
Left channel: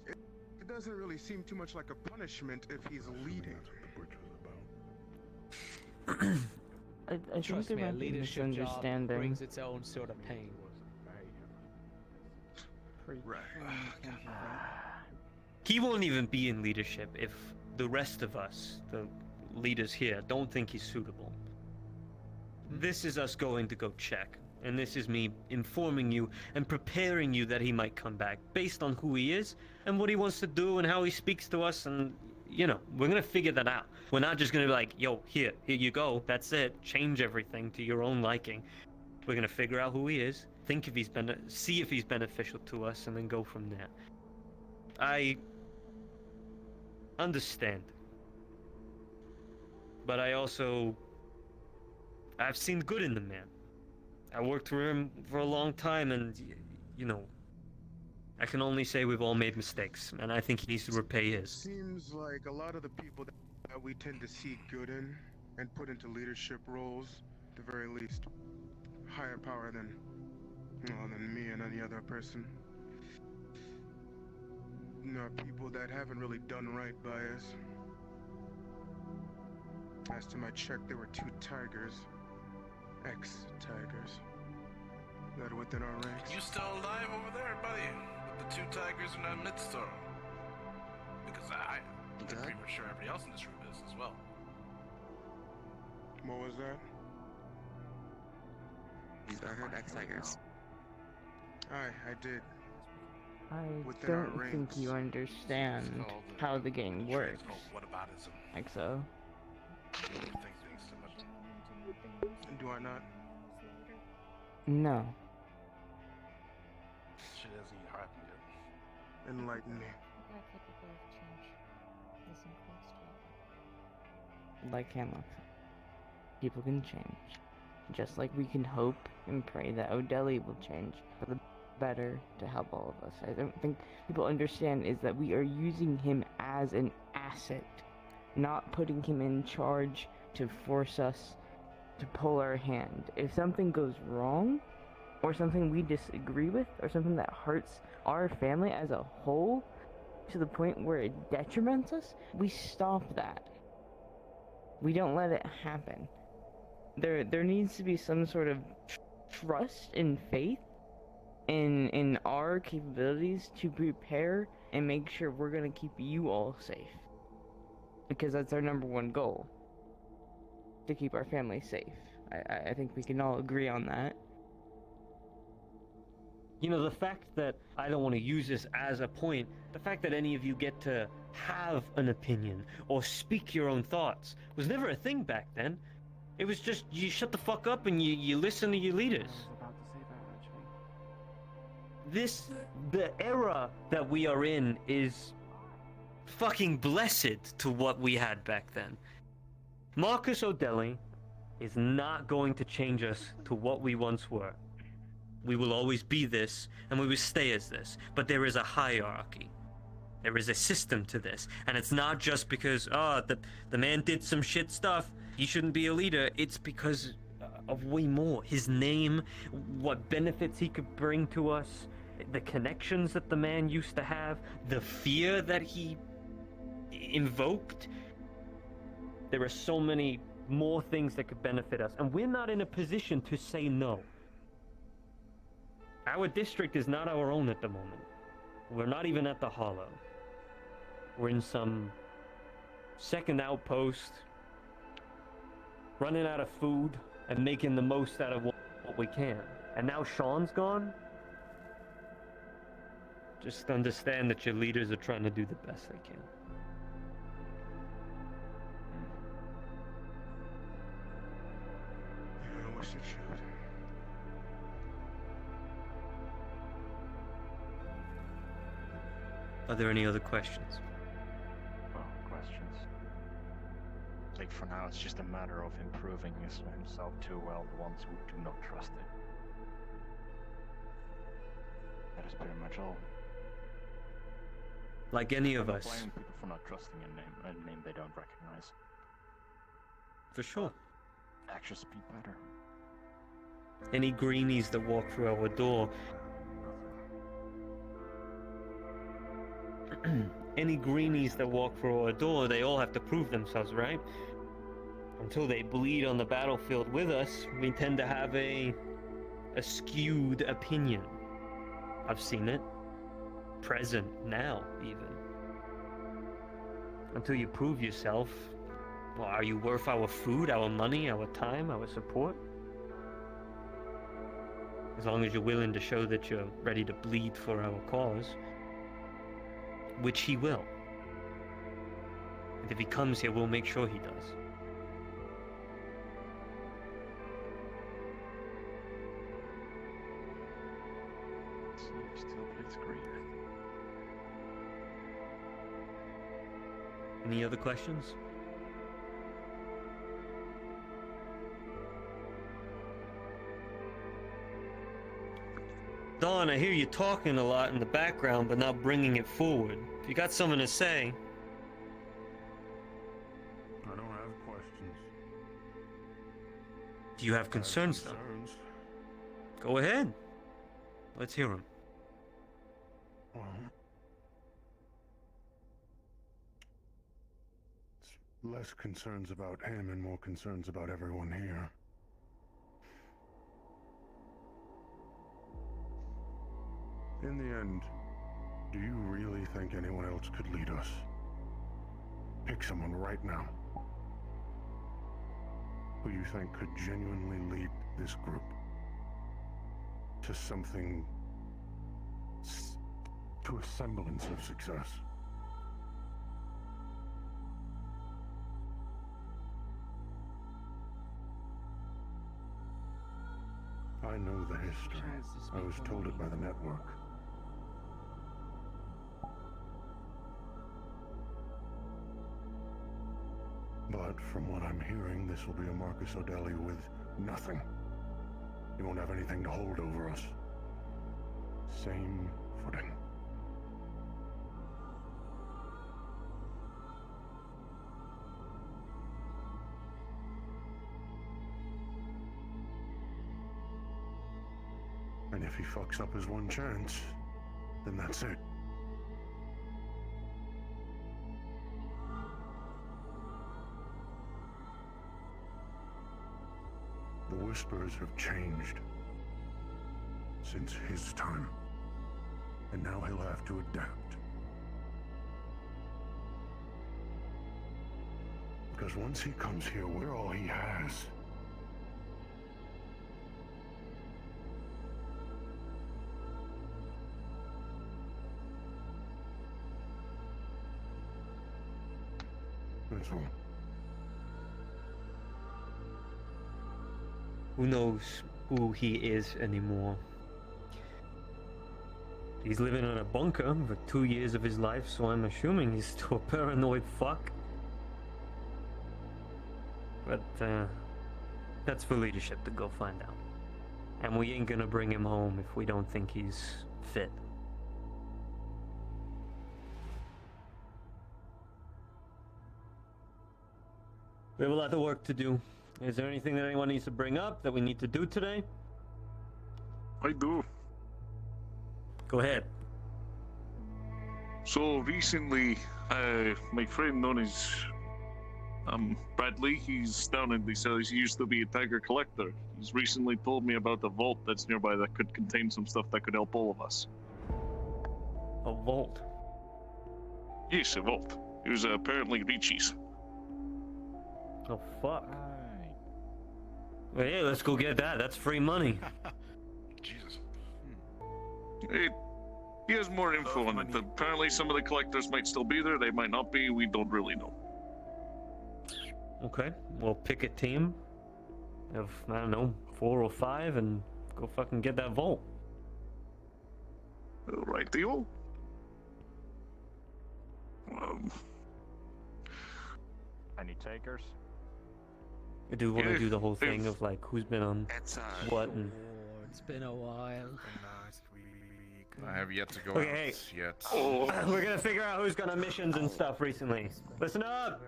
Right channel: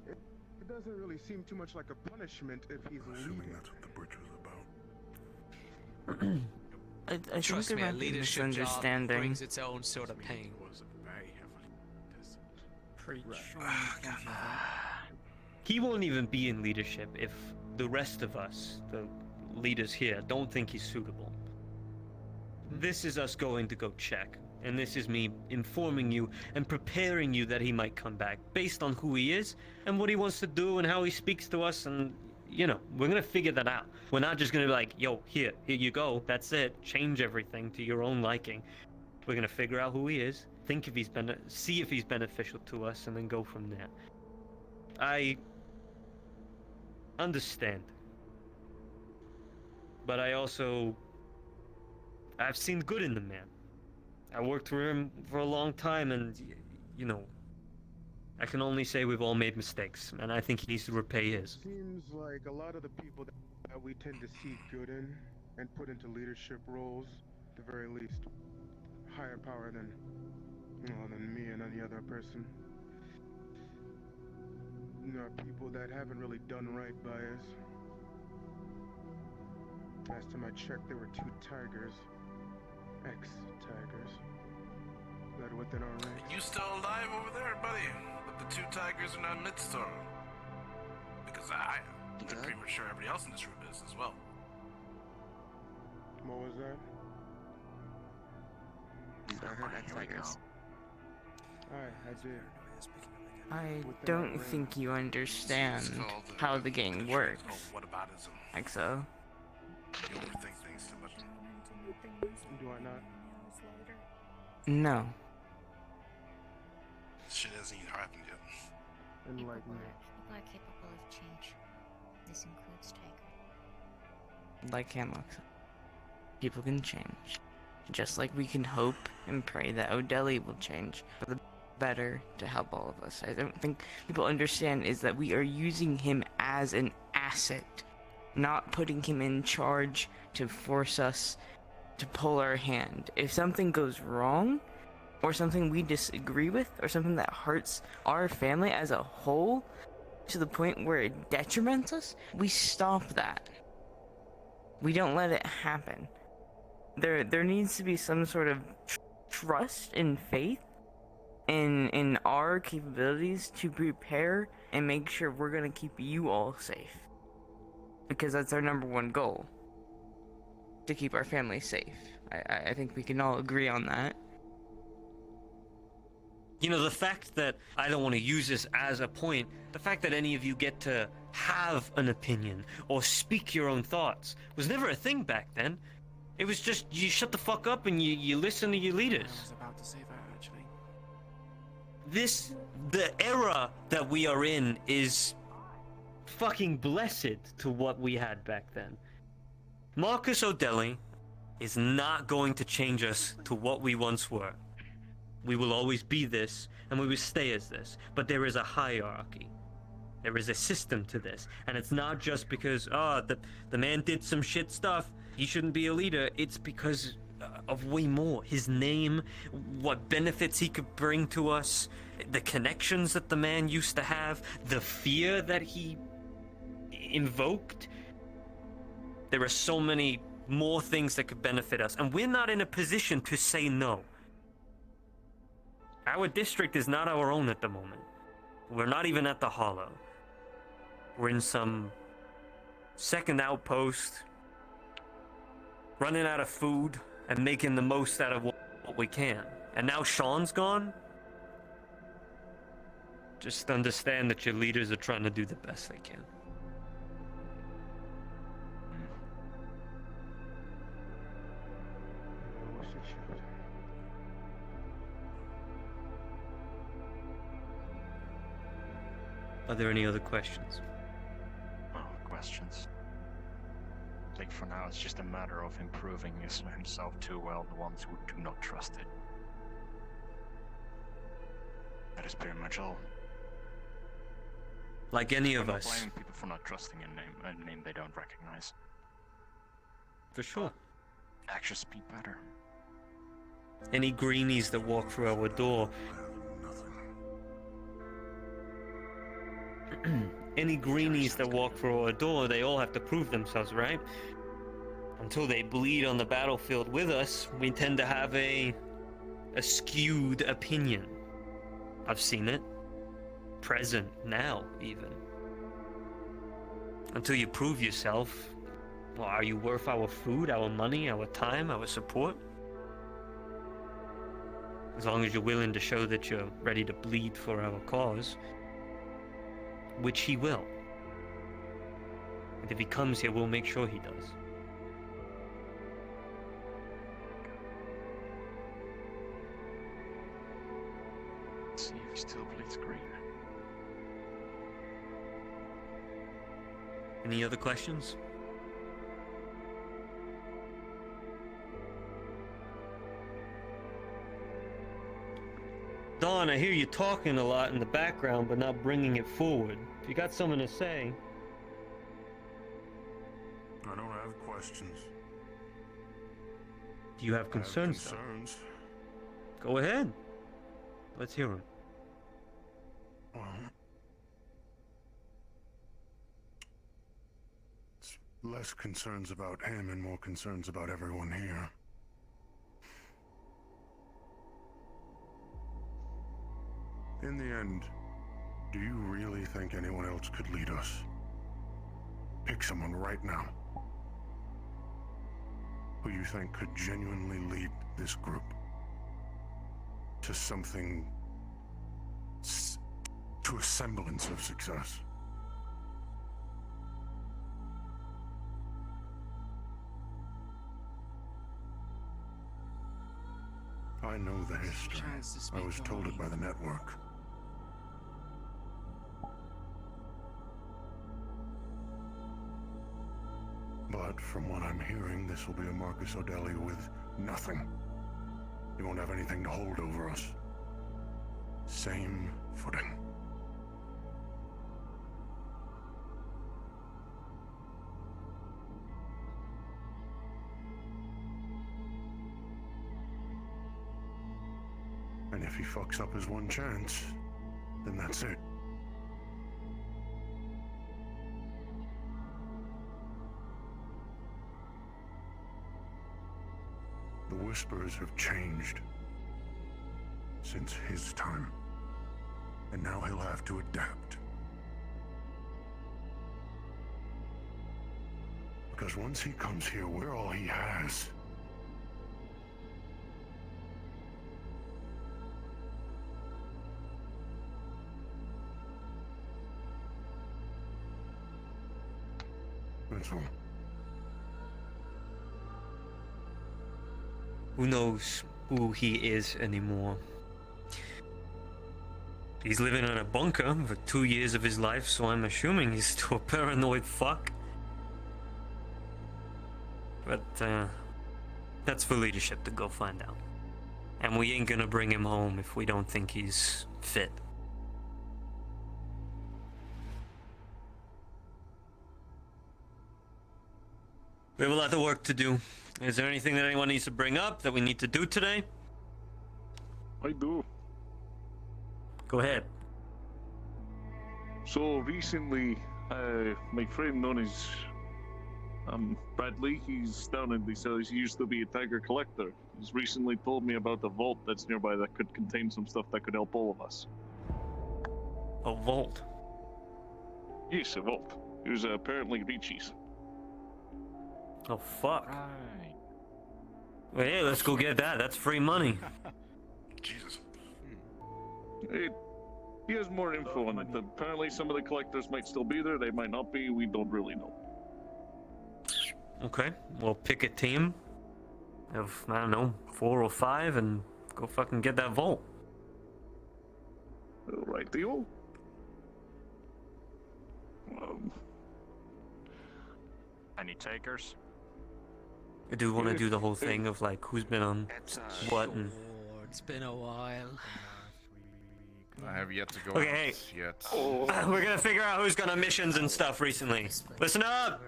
It doesn't really seem too much like a punishment if he's leading. I think Trust there me, a might be a leadership job misunderstanding. brings its own sort of pain. He won't even be in leadership if the rest of us, the leaders here, don't think he's suitable. This is us going to go check, and this is me informing you and preparing you that he might come back based on who he is and what he wants to do and how he speaks to us, and you know, we're gonna figure that out. We're not just gonna be like, yo, here you go, that's it, change everything to your own liking. We're gonna figure out who he is, think if see if he's beneficial to us, and then go from there. I understand, but I've seen good in the man. I worked for him for a long time, and you know, I can only say we've all made mistakes, and I think he needs to repay his. Seems like a lot of the people that we tend to see good in and put into leadership roles, at the very least, higher power than me and any other person. You know, people that haven't really done right by us. Last time I checked, there were 2 tigers, ex-tigers, led within our ranks. You still alive over there, buddy? With the 2 tigers in our midst, or? Because I'm pretty much sure everybody else in this room is as well. What was that? These are her ex-tigers. I did. I Within don't our think you understand how the game works. Oh, what about his? EXO. Think things too much. Do I not? No. Shit hasn't even happened yet. Enlighten me. People are capable of change. This includes Tiger. Like Hanlock said, people can change. Just like we can hope and pray that O'Delly will change for the better to help all of us. I don't think people understand is that we are using him as an asset, not putting him in charge to force us to pull our hand. If something goes wrong, or something we disagree with, or something that hurts our family as a whole, to the point where it detriments us, we stop that. We don't let it happen. There needs to be some sort of trust and faith in our capabilities to prepare and make sure we're gonna keep you all safe. Because that's our number one goal. To keep our family safe. I think we can all agree on that. You know, the fact that I don't want to use this as a point, the fact that any of you get to have an opinion or speak your own thoughts was never a thing back then. It was just you shut the fuck up and you listen to your leaders. I was about to say that, actually. The era that we are in is fucking blessed to what we had back then. Marcus O'Delly is not going to change us to what we once were. We will always be this, and we will stay as this. But there is a hierarchy. There is a system to this. And it's not just because, the man did some shit stuff, he shouldn't be a leader. It's because of way more. His name, what benefits he could bring to us, the connections that the man used to have, the fear that he invoked. There are so many more things that could benefit us, and we're not in a position to say no. Our district is not our own at the moment. We're not even at the Hollow. We're in some second outpost, running out of food and making the most out of what we can. And now Sean's gone? Just understand that your leaders are trying to do the best they can. Yeah, I wish it should. Are there any other questions? No questions. Like for now, it's just a matter of improving himself to, well, the ones who do not trust it. That is pretty much all. Like any of I'm not us. blaming people for not trusting a name they don't recognize. For sure. Actions speak better. Any greenies that walk through our door. Any greenies that walk through our door, they all have to prove themselves, right? Until they bleed on the battlefield with us, we tend to have a skewed opinion. I've seen it. Present now, even. Until you prove yourself. Well, are you worth our food, our money, our time, our support? As long as you're willing to show that you're ready to bleed for our cause. Which he will. And if he comes here, we'll make sure he does. See if he still bleeds green. Any other questions? Don, I hear you talking a lot in the background, but not bringing it forward. If you got something to say... I don't have questions. Do you have concerns, though? Go ahead. Let's hear them. Well, it's less concerns about him and more concerns about everyone here. In the end, do you really think anyone else could lead us? Pick someone right now who you think could genuinely lead this group to something, to a semblance of success. I know the history. I was told it by the network. But from what I'm hearing, this will be a Marcus O'Delly with nothing. He won't have anything to hold over us. Same footing. And if he fucks up his one chance, then that's it. The Whisperers have changed since his time, and now he'll have to adapt. Because once he comes here, we're all he has. That's all. Who knows who he is anymore? He's living in a bunker for 2 years of his life, so I'm assuming he's still a paranoid fuck. But, that's for leadership to go find out. And we ain't gonna bring him home if we don't think he's fit. We have a lot of work to do. Is there anything that anyone needs to bring up that we need to do today? I do. Go ahead. So recently, my friend known as Bradley, he's down in the cells. He used to be a tiger collector. He's recently told me about a vault that's nearby that could contain some stuff that could help all of us. A vault? Yes, a vault. It was apparently Ricci's. Oh, fuck. Well, hey, let's go get that. That's free money. Jesus. He has more info on it. Apparently some of the collectors might still be there. They might not be. We don't really know. Okay, we'll pick a team of, I don't know, 4 or 5 and go fucking get that vault. Right, deal. Any takers? Do you want to do the whole thing of like who's been on what and... It's been a while. I have yet to go Okay, out yet. we're gonna figure out who's gone on missions and stuff recently. Listen up!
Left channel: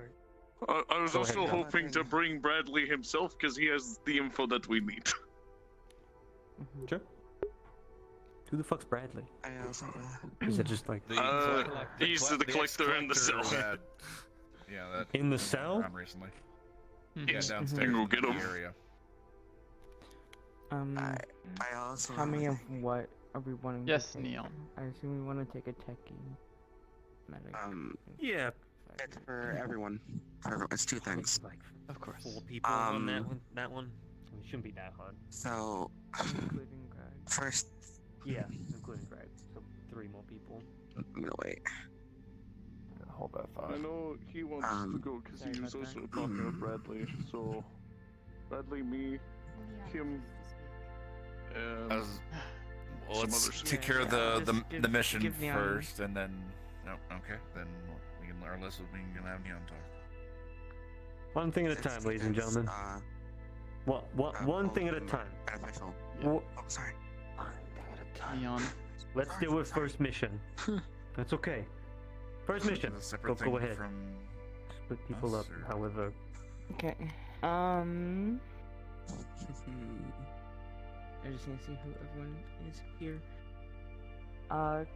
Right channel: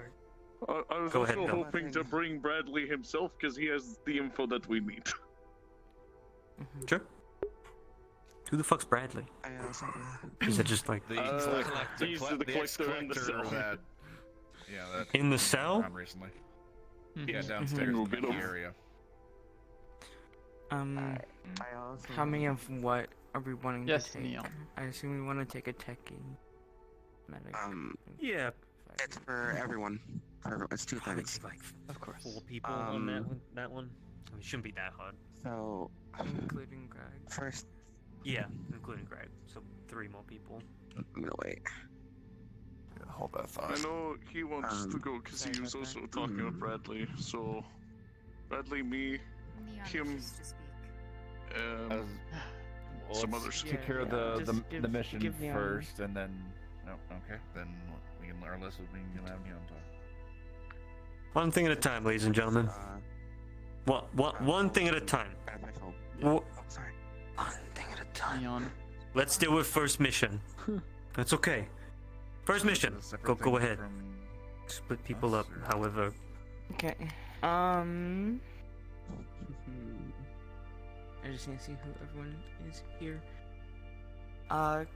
I was Go also ahead, hoping to bring Bradley himself because he has the info that we need. Sure. Who the fuck's Bradley? I also. Is it just like He's the collector in the cell. That, yeah, that in the cell? around recently. Yeah, downstairs in the area. Tommy, of what are we wanting Yes, to take? Neon. I assume we want to take a techie. Yeah. It's for everyone. It's 2 things. Of course. 4 people on that one. It shouldn't be that hard. So, including Greg. First. Yeah, including Greg. So 3 more people. I'm gonna wait. Hold that thought. I know he wants to go because he was also talking with Bradley. So, Bradley, me, him, some Let's others. take care of the mission give Neon. first, and then okay, then we can learn less. We can have Neon talk. One thing at a time, ladies and gentlemen. One thing at a time. Sorry. One thing at a time. Neon. Let's deal with first mission. That's okay. First mission. Go ahead. Split people up, however. Okay. I just need to see who everyone is here.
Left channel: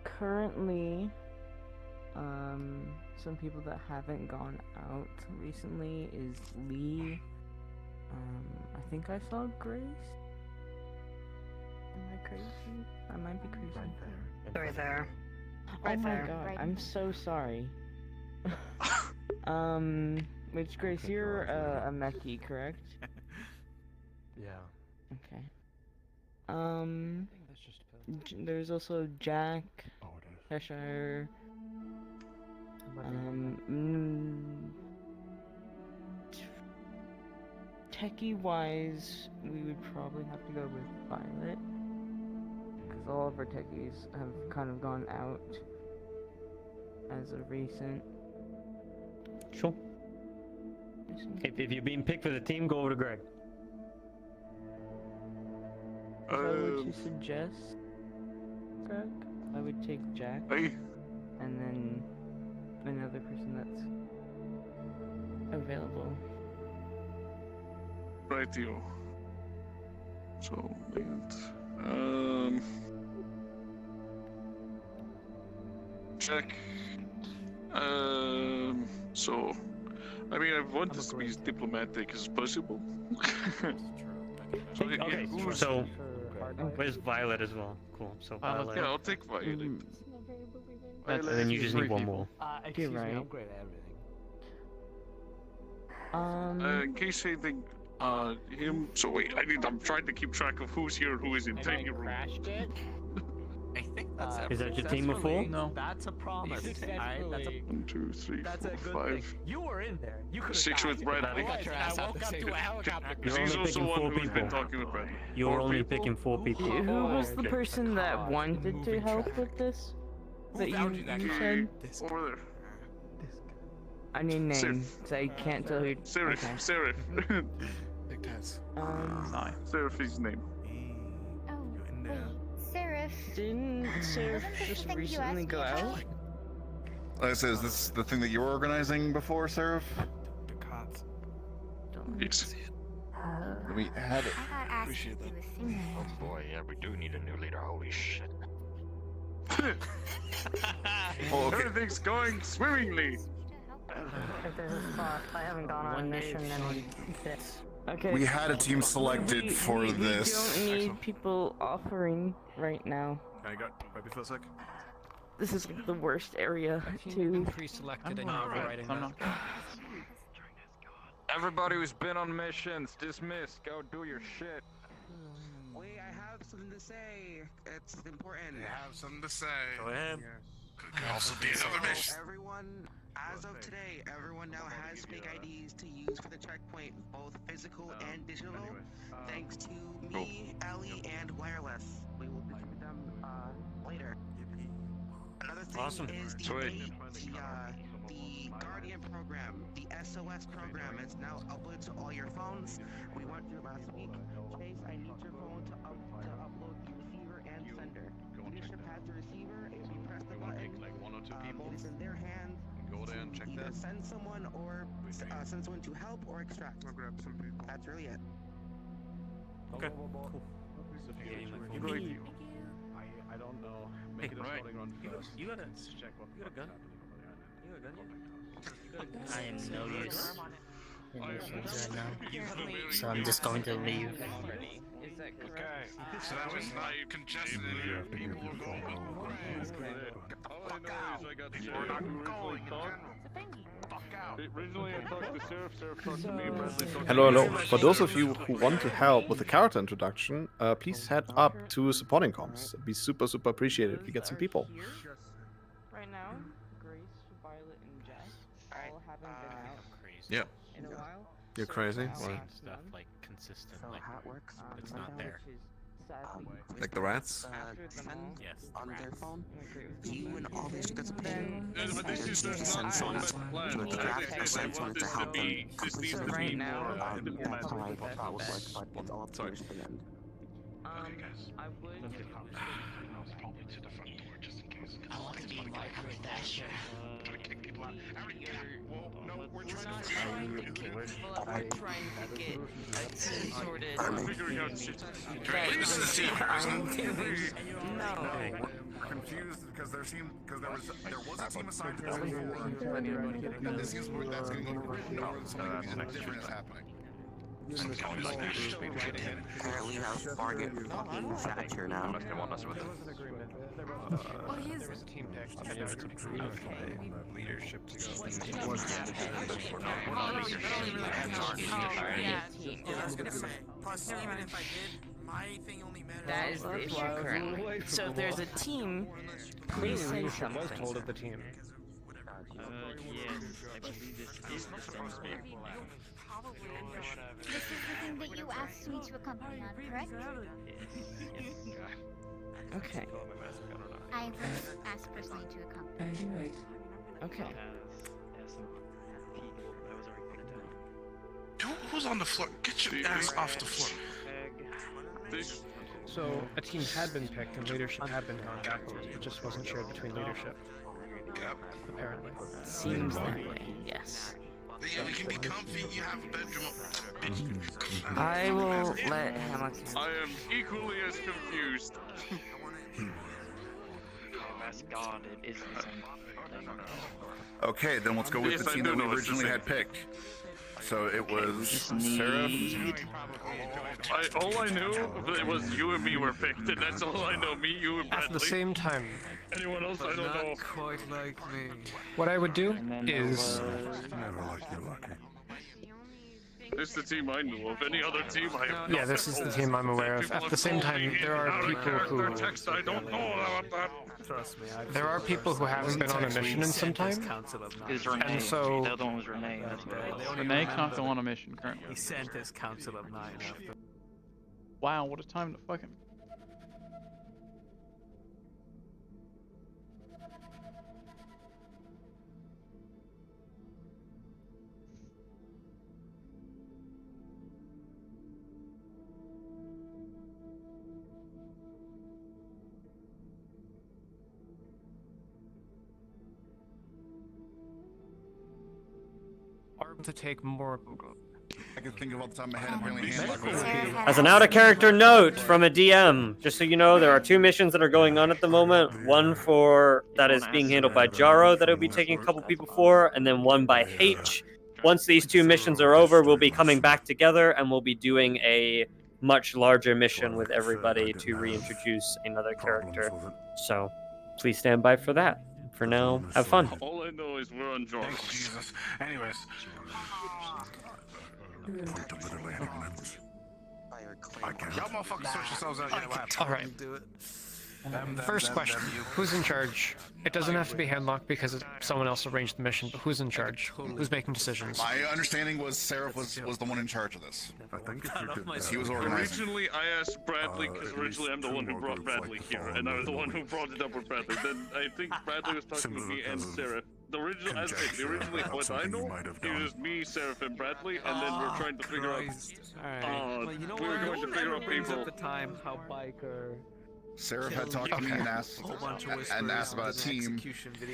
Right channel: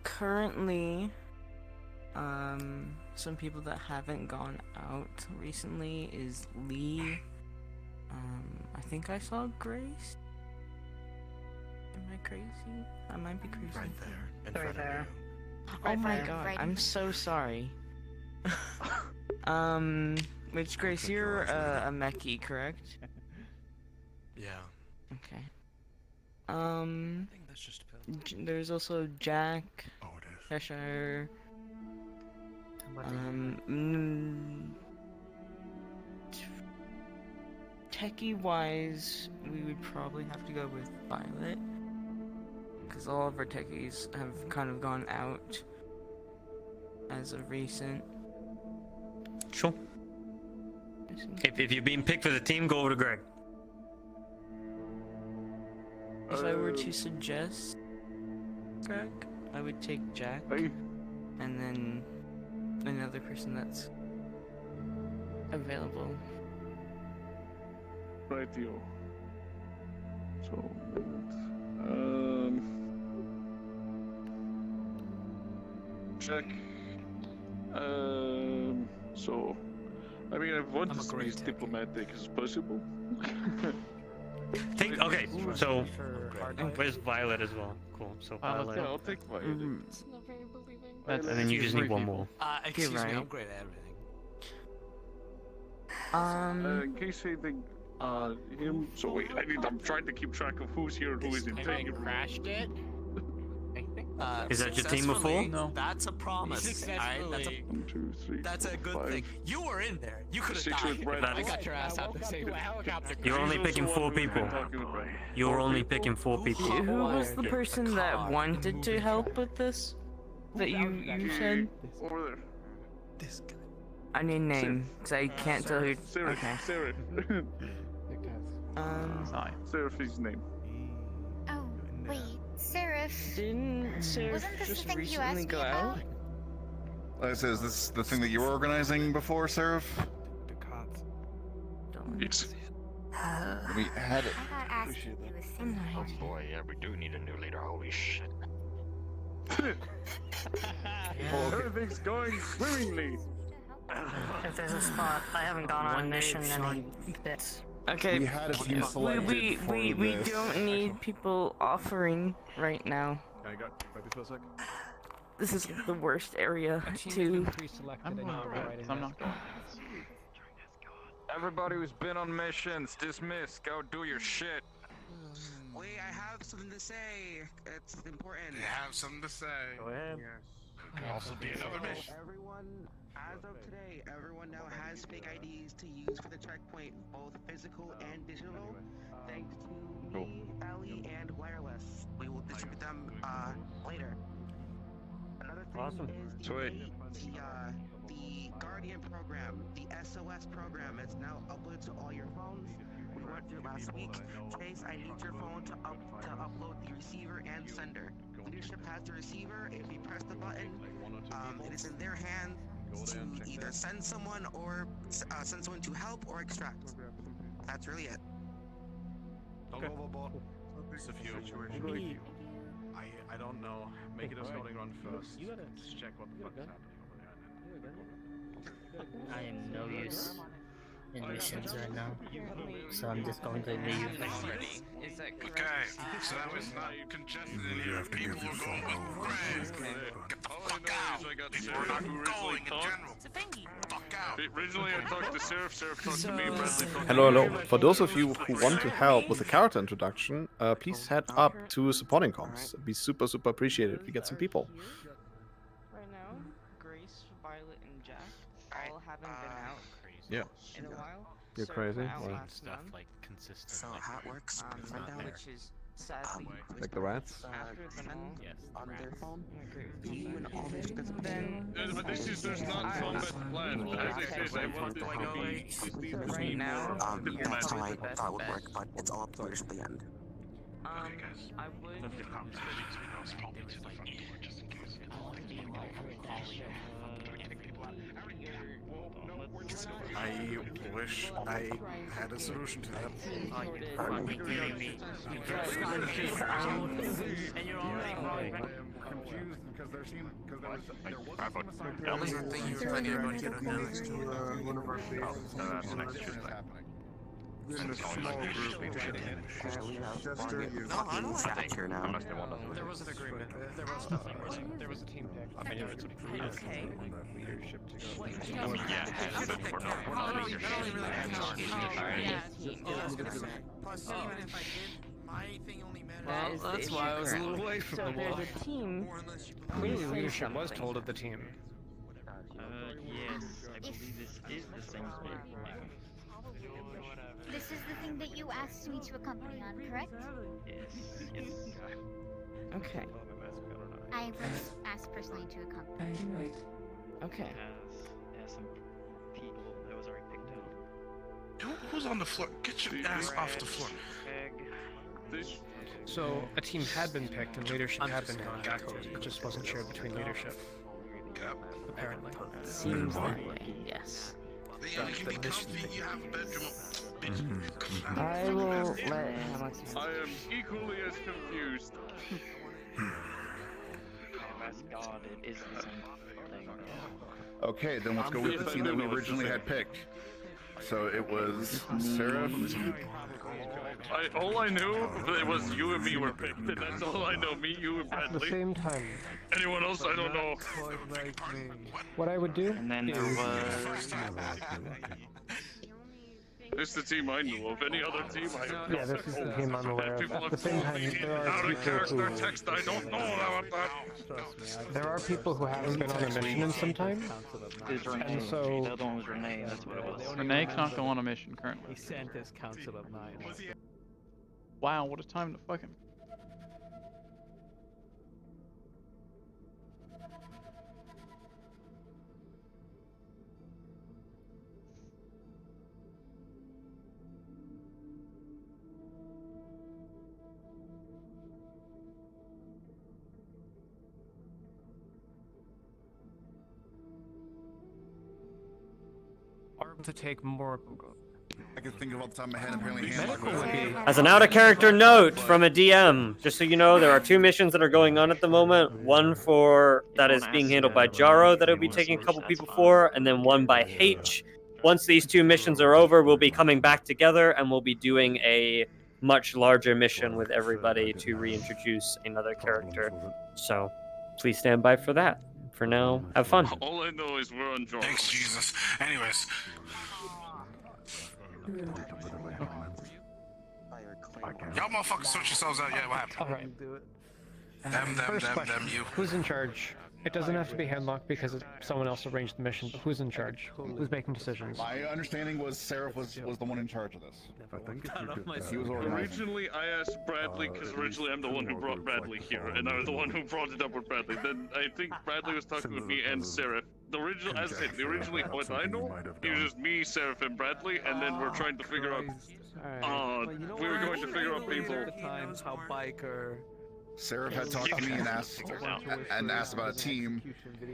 Currently, some people that haven't gone out recently is Lee. I think I saw Grace. Am I crazy? I might be crazy. Right there. Oh my god, I'm so sorry. Which Grace, you're a Meki, correct? Yeah. Okay. I think that's just a pill. There's also Jack, Cheshire. Techie wise, we would probably have to go with Violet, because all of our techies have kind of gone out as of recent. Sure. If you're being picked for the team, go over to Greg. If I were to suggest Greg, I would take Jack, and then another person that's available. Right, you. So, Jack. So, I mean, I want to be as diplomatic as possible. Okay, so where's Violet as well? Cool. So Violet. Yeah, I'll take Violet. And then you just need one more. Excuse me, right. I'm great at everything. In case anything, him. So wait, I'm trying to keep track of who's here and who isn't. Crashed it? I think that's Is that your team of 4? No. That's a promise. Alright, that's a 1, 2, 3, that's 4, a good 5, thing. You were in there. You could have 6 with Bradley. got your ass out the helicopter. You're only picking 4 people. You're only picking 4 people. Who was the person that wanted to help with this? That you said? Over there. I need a name, because I can't tell who. Seraph. Okay. Seraph. Seraph is his name. Oh, wait, Seraph. Didn't Seraph Wasn't this just the thing you recently asked go me out? about? Like I said, is this the thing that you were organizing before, Seraph? Yes. we had it. I got asked to do a similar. Oh boy, yeah, we do need a new leader. Holy shit. Everything's going swimmingly. If there's a spot, I haven't gone on a mission in Okay. We had a team selected for we this. don't need people offering right now. Can I go for a sec? This is the worst area to. I'm not going. Everybody who's been on missions, dismiss. Go do your shit. Wait, I have something to say. It's important. You have something to say. Go ahead. Could also be another mission. Everyone, as of today, everyone now has fake IDs to use for the checkpoint, both physical and digital. Thanks to me, Ali, and Wireless. We will distribute them later. Another thing is the Guardian program, the SOS program, is now uploaded to all your phones. We went through it last week. Chase, I need your phone to upload the receiver and sender. Leadership has the receiver. If you press the button, it is in their hands to either send someone or send someone to help or extract. That's really it. Okay. I don't know. Make it a floating run first. You gotta check what the fuck is happening over there. I am no use in missions right now, so I'm just going to leave. Okay, so that was not congested in here. People will go with Greg. Get the fuck out. People are not going in general. Fuck out. Originally I talked to Seraph, Seraph talked to me, Bradley talked to Hello, me. hello. For those of you who want to help with the character introduction, please head up to supporting comms. It'd be super, super appreciated if we get some people. Right now, Grace, Violet, and Jack all haven't been out Yeah. in a while. You're crazy. Well, stuff like consistent, like it's not there. Like the rats? Yes. On their phone. This is there's not combat plan. As I said, I want this to be Right now, That's how I thought that would work, but it's all up to your stand. I would. I wish I had a solution to that. I'm confused because there was a team assigned to That's next Tuesday. And it's only like leadership. Apparently not part of the fucking Shatter now. Unless they want us with There was an agreement. There was a team pick. I mean, if it's approved, Leadership to go. We're not leadership. Plus, even if I did, my thing only matters. That is the issue currently. So if there's a team, please say Leadership was something. told of the team. Yes, I believe this is the same thing. This is the thing that you asked me to accompany on, correct? Yes. Okay. I was asked personally to accompany. Okay. Has some people that was already picked out. Who's on the floor? Get your ass off the floor. So a team had been picked and leadership had been gone back to. It just wasn't shared between leadership. Yep. Apparently. Seems that way, yes. Yeah, we can be comfy. You have a bedroom. I will let him. I am equally as confused. God, it is the same thing. Okay, then let's go with the team that we originally had picked. So it was Seraph. All I knew was you and me were picked, and that's all I know. Me, you, and Bradley. At the same time, anyone else, I don't know. what I would do is This is the team I knew of. Any other team I know. yeah, this is the team I'm aware of. At the same time, there are Out of people character who text, I don't know about that. there are people who haven't been on a mission in some time, Who's Renee? and so The other one was Renee, that's what it was. Renee cannot go on a mission currently. He sent his Council of Nine after. Wow, what a time to fucking. to take more I can think of off the top of my head. Apparently, Handlock. As an out-of-character note from a DM, just so you know, there are 2 missions that are going on at the moment. One that is being handled by Jaro that will be taking a couple people for, and then one by H. Once these 2 missions are over, we'll be coming back together and we'll be doing a much larger mission with everybody to reintroduce another character. So please stand by for that. For now, have fun. All I know is we're on Jaro. Thanks, Jesus. Anyways. Y'all motherfuckers sort yourselves out. Yeah, what happened? All right. First question: who's in charge? It doesn't have to be Handlock because someone else arranged the mission, but who's in charge? Who's making decisions? My understanding was Seraph was the one in charge of this. He was organizing. Originally, I asked Bradley because originally I'm the one who brought Bradley here, and I was the one who brought it up with Bradley. Then I think Bradley was talking with me and Seraph. Originally, what I know, it was me, Seraph, and Bradley, and then we're trying to figure out. We were going to figure out people. At the time, how biker. Seraph had talked to me and asked about a team,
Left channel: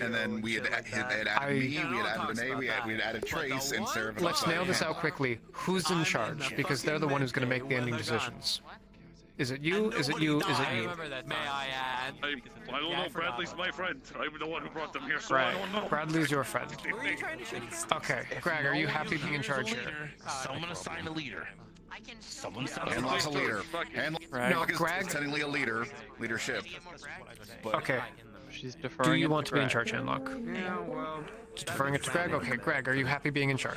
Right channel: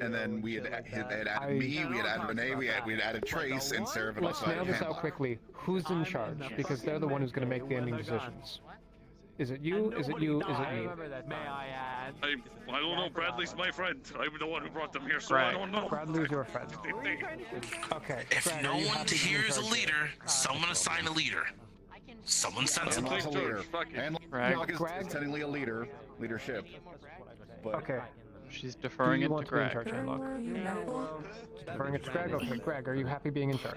and then we had added me, we had added Renee, we had added Trace, and Seraph had Let's nail this out quickly. Who's in charge? Because they're the one who's going to make the ending decisions. Is it you? Is it you? Is it you? I don't know. Bradley's my friend. I'm the one who brought them here, so I don't know. Bradley's your friend. Okay, Greg, are you happy to be in charge? Leader, someone assign a leader. Someone send a leader. Handlock is Greg? technically a leadership. But Okay. She's deferring Do you it want to to be in Greg. charge, Handlock? Just deferring it to Greg? Okay, Greg, are you happy being in charge?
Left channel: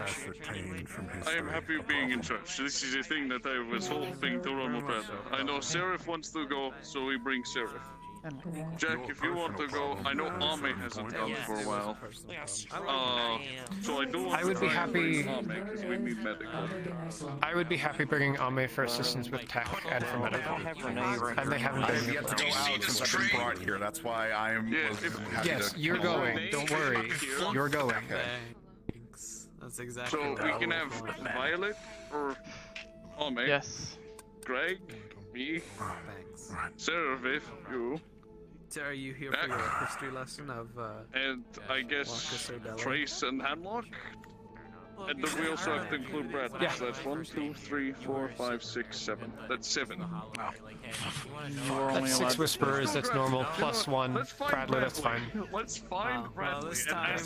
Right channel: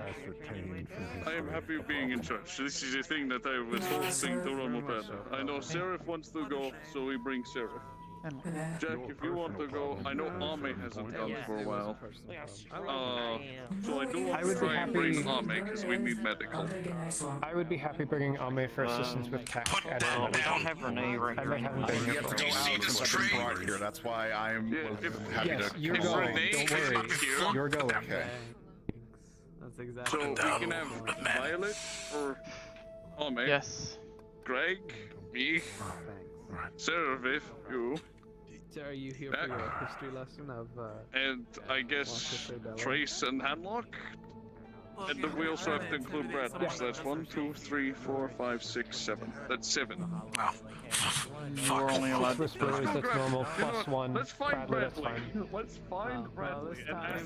I am happy being in charge. This is the thing that I was hoping to run with Bradley. I know Seraph wants to go, so we bring Seraph. Jack, if you want to go, I know Ame hasn't gone for a while. So I do want to try and bring Ame because we need medical. I would be happy bringing Ame for assistance with tech and for medical. I have Renee right here. I haven't He had to go out since I've been brought here. That's why I'm happy Yes, to you're come along. going. Don't worry. You're going. Okay. That's exactly. So we can have Violet or Ame. Yes. Greg, me, Seraph, you. Are you here for your history lesson of? And I guess Trace and Handlock. And then we also have to include Bradley. So that's 1, 2, 3, 4, 5, 6, 7. That's 7. You were only That's allowed 6 Whispers, that's normal, plus 1. Let's find Bradley, that's Bradley. fine. Let's find Bradley. This time,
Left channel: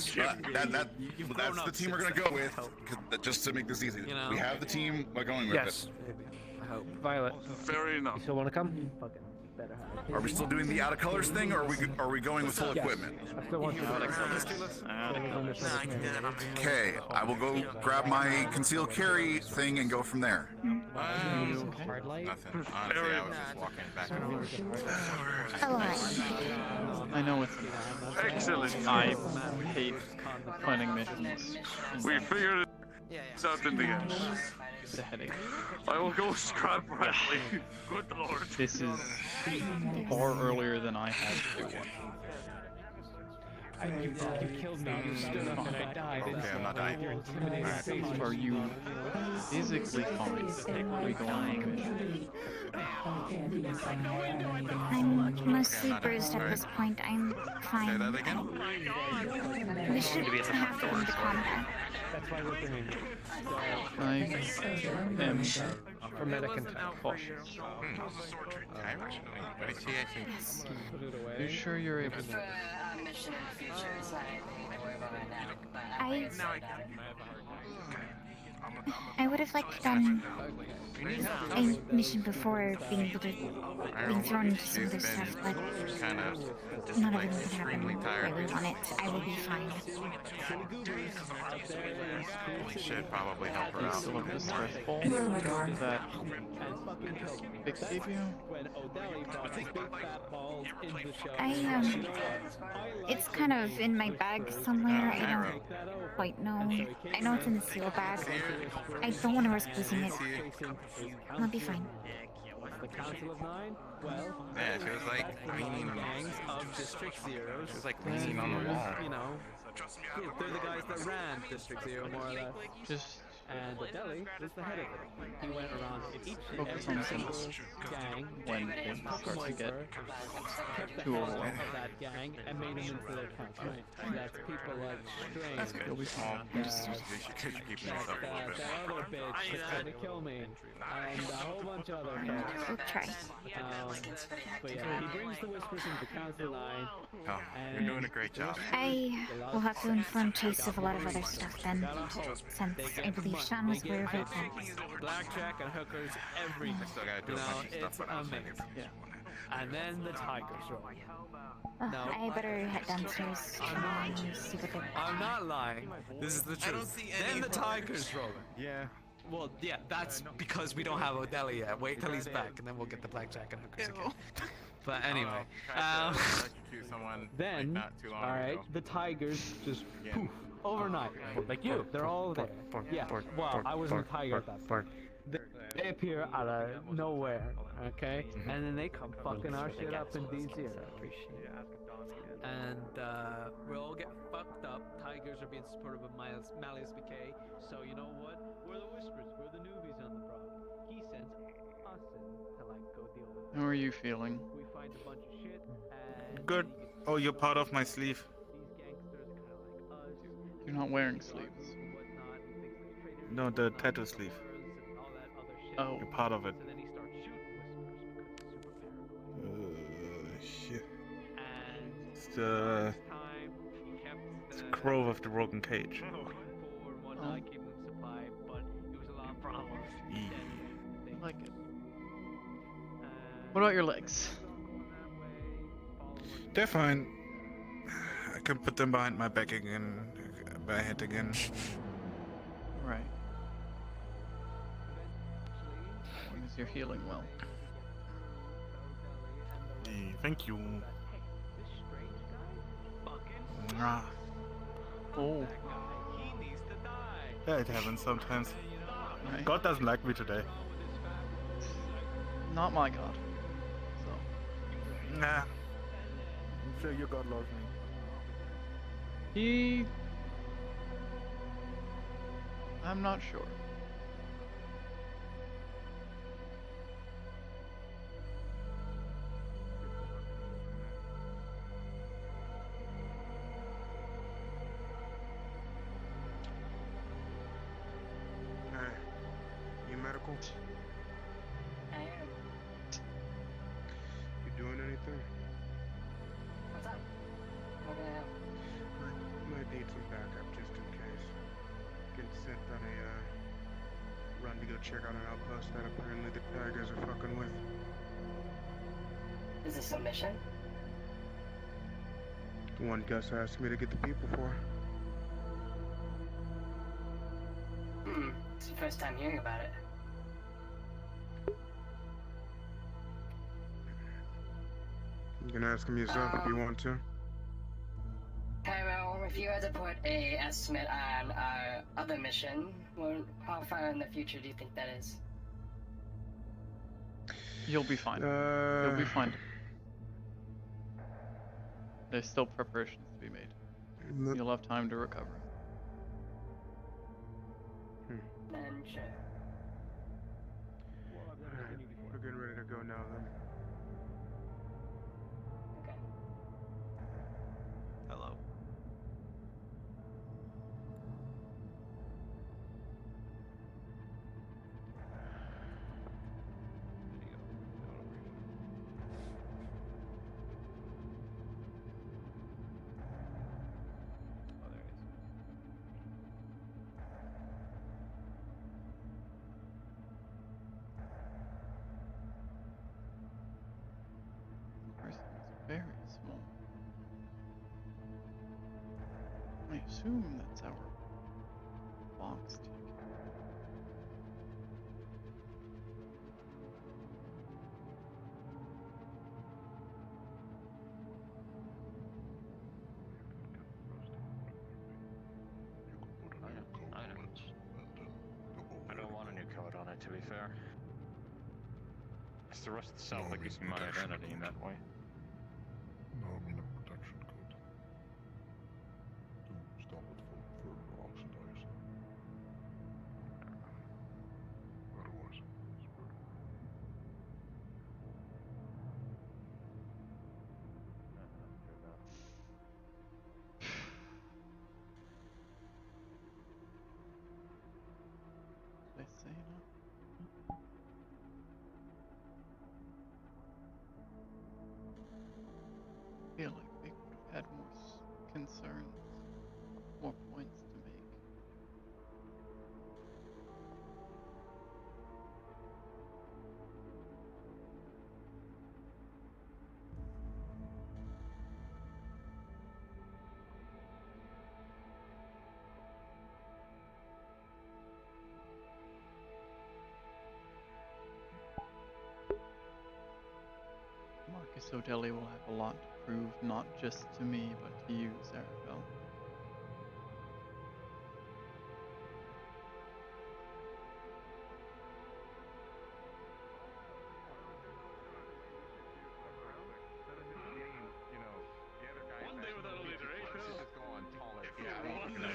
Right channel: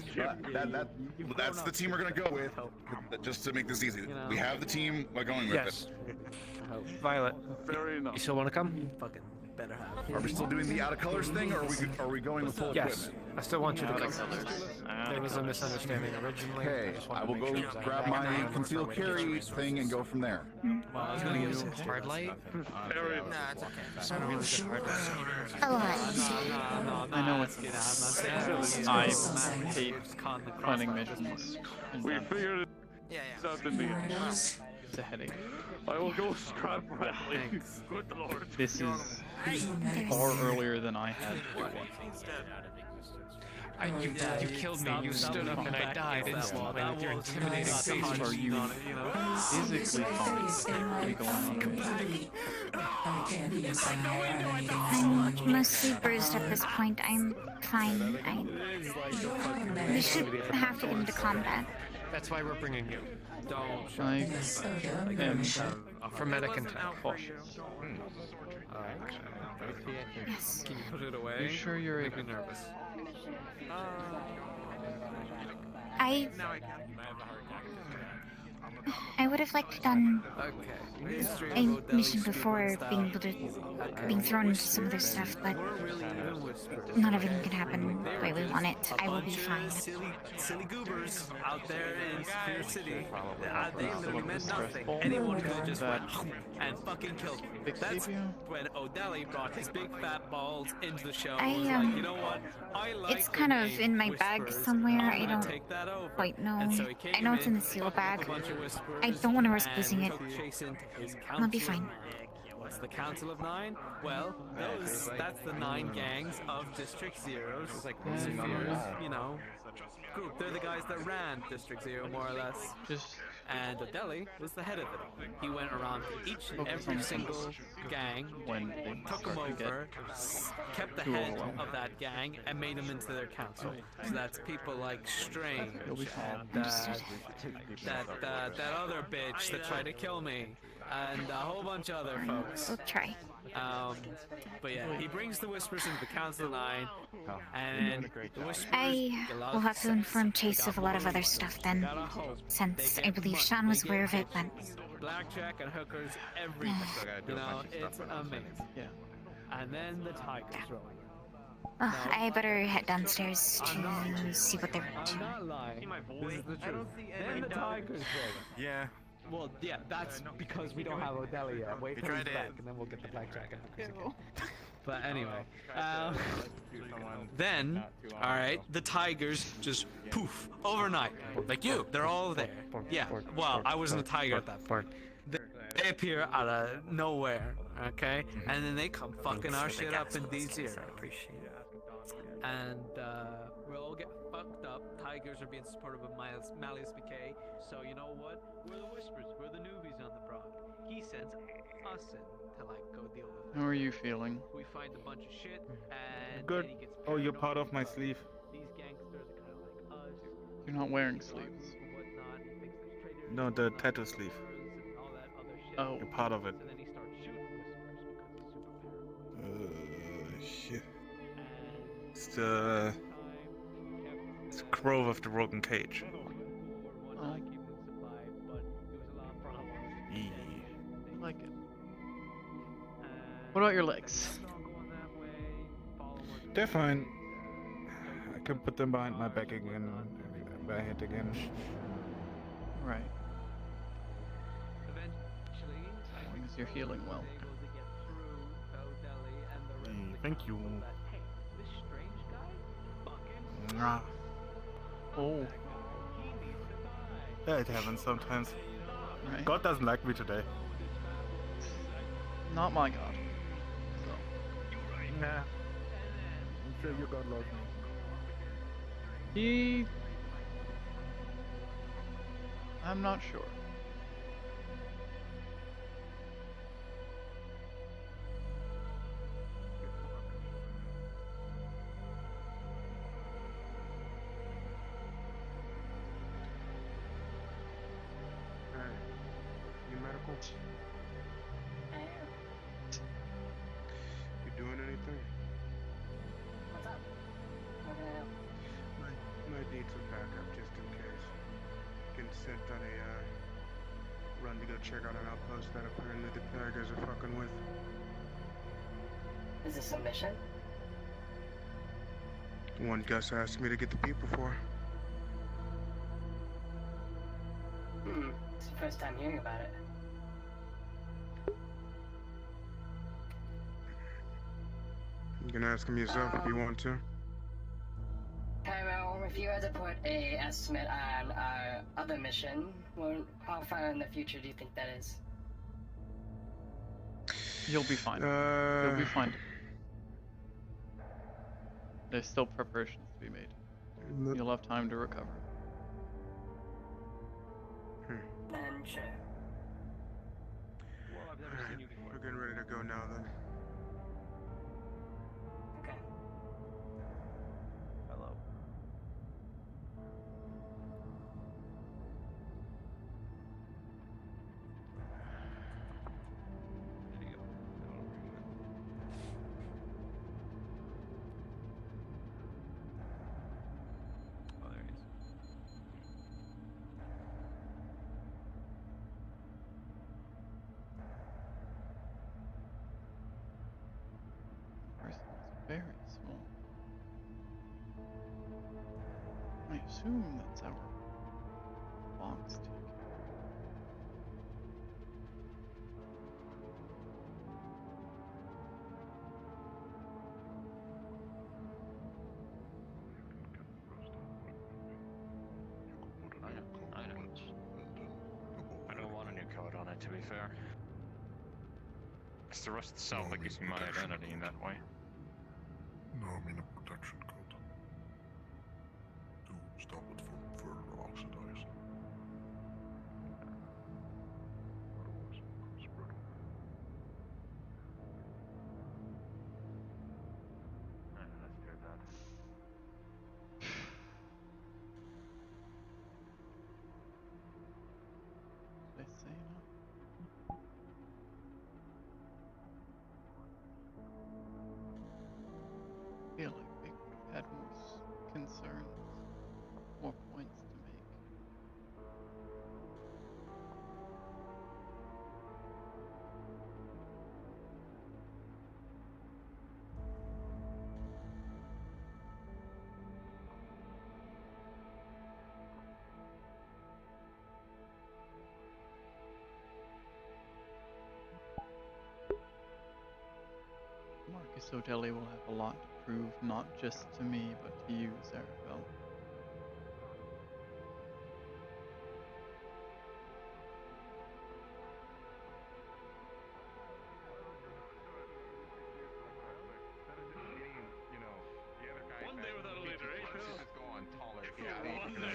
That's the team we're gonna go with, just to make this easy. We have the team. We're going with Yes. Violet. Fair enough. You still want to come? it. Are we still doing the out of colors thing, or are we going with full Yes. equipment? I still want you Out to of colors. Out of colors. Okay, I will go grab my concealed carry thing and go from there. Hard light? I know it's I hate planning missions. We figured it out in the end. It's a headache. I will go scrap Bradley. Good lord. This is far earlier than I had to do one. You killed me, you stood up and I died instantly with your intimidating face. Are you physically fine? We go on a mission. I'm mostly bruised at this point. I'm fine. We should have to get into combat. That's why we're bringing you. I am For medic and cautious. Yes. You sure you're able to? I would have liked to done a mission before being thrown into some other stuff, but not everything can happen the way we want it. I will be fine. Silly goobers out there in Superior City. Do you still have the stress ball that Vic gave you? When O'Delly brought his big fat balls into the show. You know what? It's kind of in my bag somewhere. I don't quite know. I know it's in the seal bag. I don't want to risk losing it. I'll be fine. What's the Council of Nine? Well, Yeah, she was, like, that's the 9 gangs of District Zero. She was, like, Zero's, leaning on her lap. you know, group. They're the guys that ran District Zero, more or less. And Adeli was the head of it all. He went around each and Focus every on single gang, when things took them start to get over, kept the too head overwhelming. of that gang, and made them into their council. So that's people like Strain, You'll be fine. and that other bitch that tried to kill me, and a whole bunch of other folks. We'll try. But yeah, he brings the Whispers into the Council of Nine, You're doing a great job. I will have to inform Chase of a lot of other stuff then, since I believe Sean was aware of it, but... Blackjack and hookers, everything. You know, it's amazing. Yeah. And then the Tigers roll. Oh, I better head downstairs to see what they're up to. I'm not lying. This is the truth. Then the Tigers roll. Yeah. Well, yeah, that's because we don't have Odell yet. Wait till he's back, and then we'll get the blackjack and hookers again. But anyway, then, all right, the Tigers just poof overnight, like you. They're all there. Yeah. Well, I wasn't a tiger at that point. They appear out of nowhere, okay, and then they come fucking our shit up in D0. And we all get fucked up. Tigers are being supported by Malleus BK. So you know what? We're the Whispers. We're the newbies on the block. He sends us in to like go deal with. How are you feeling? We find a bunch of shit and Good. Oh, you're part of my sleeve. these gangsters are kind of like us. You're not wearing sleeves. Whatnot. He thinks they're traitors. No, the tattoo sleeve. And all that other shit. Oh. You're part of it. So then he starts shooting Whispers because he's super paranoid. Shit. It's the Crow of the Broken Cage. Oh. Yeah. I like it. What about your legs? They're fine. I can put them behind my back again, my head again. Right. As long as you're healing well. Thank you. Mwah. Oh. Yeah, it happens sometimes. Right. God doesn't like me today. Not my god. So. Nah. I'm sure your God loves me. I'm not sure. You medical? I am. You doing anything? What's up? What can I help? Might need some backup just in case. Getting sent on a run to go check out an outpost that apparently the Tigers are fucking with. Is this a mission? One guest asked me to get the people for. It's the first time hearing about it. You can ask him yourself if you want to. Cairo, if you had to put a estimate on our other mission, how far in the future do you think that is? You'll be fine. You'll be fine. There's still preparations to be made. You'll have time to recover. And sure. We're getting ready to go now then. Okay. Hello. Person is very small. I assume that's our box ticket. I don't want a new code on it, to be fair. Because the rest sound like it's my identity in that way. No, I mean a protection code. To stop it from further oxidizing. Otherwise, it's brittle. They say no. I feel like they could have had more concerns, more points to make. Marcus O'Delly will have a lot to prove, not just to me, but to you, Zarabel. One day without a leader, eh, Phil? One day.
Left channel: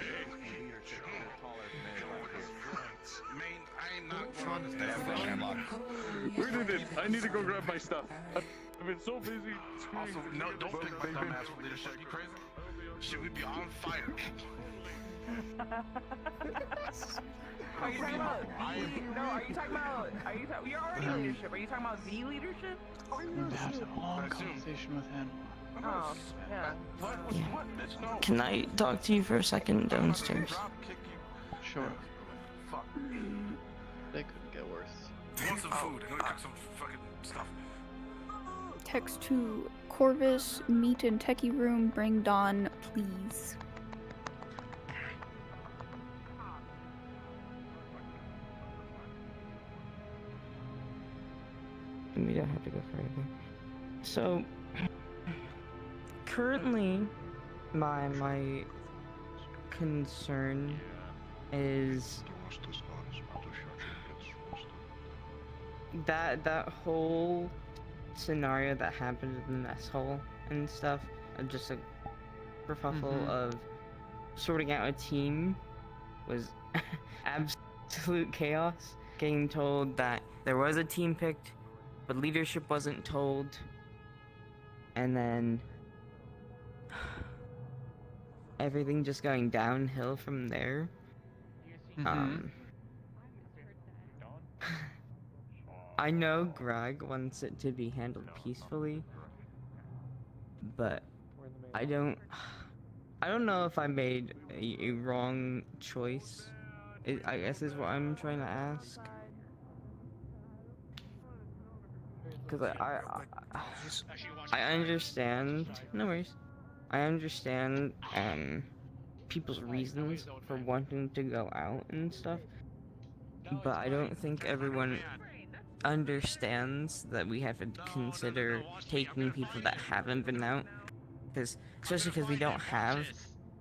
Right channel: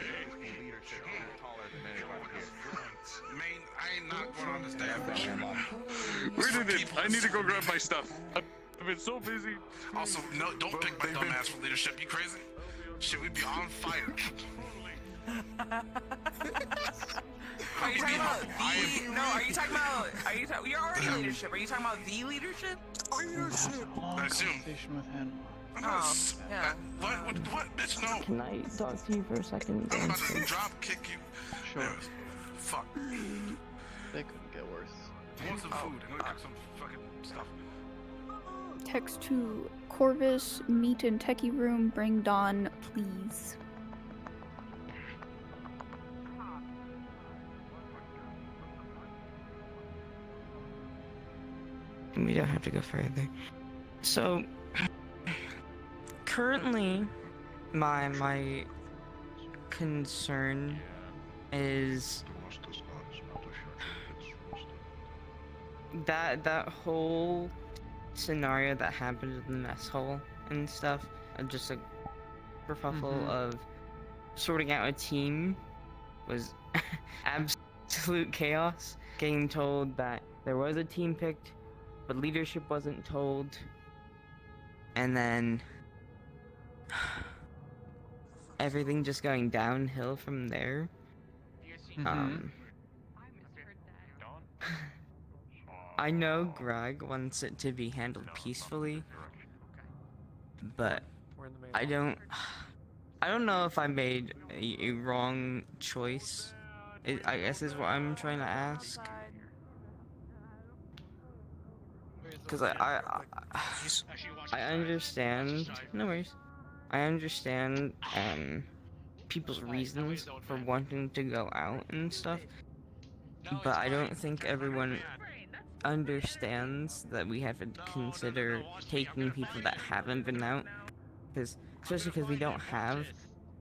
Man, I ain't not gonna understand. Where did it? I need to go grab my stuff. I've been so busy. Also, no, don't pick my dumbass for leadership. You crazy? Shit, we be on fire. Are you talking about you're already in leadership. Are you talking about the leadership? We've had a long conversation with Henlock. Oh, yeah. What, bitch, no. Can I talk to you for a second downstairs? Sure. They couldn't get worse. Want some food? I'm gonna cook some fucking stuff. Text to Corvus, meet in techie room, bring Dawn, please. We don't have to go further. So, currently, my concern is that whole scenario that happened in the mess hall and stuff, and just a kerfuffle of sorting out a team was absolute chaos. Getting told that there was a team picked, but leadership wasn't told, and then everything just going downhill from there. I know Greg wants it to be handled peacefully, but I don't know if I made a wrong choice. I guess is what I'm trying to ask. Because I understand. No worries. I understand people's reasons for wanting to go out and stuff, but I don't think everyone understands that we have to consider taking people that haven't been out, because especially because we don't have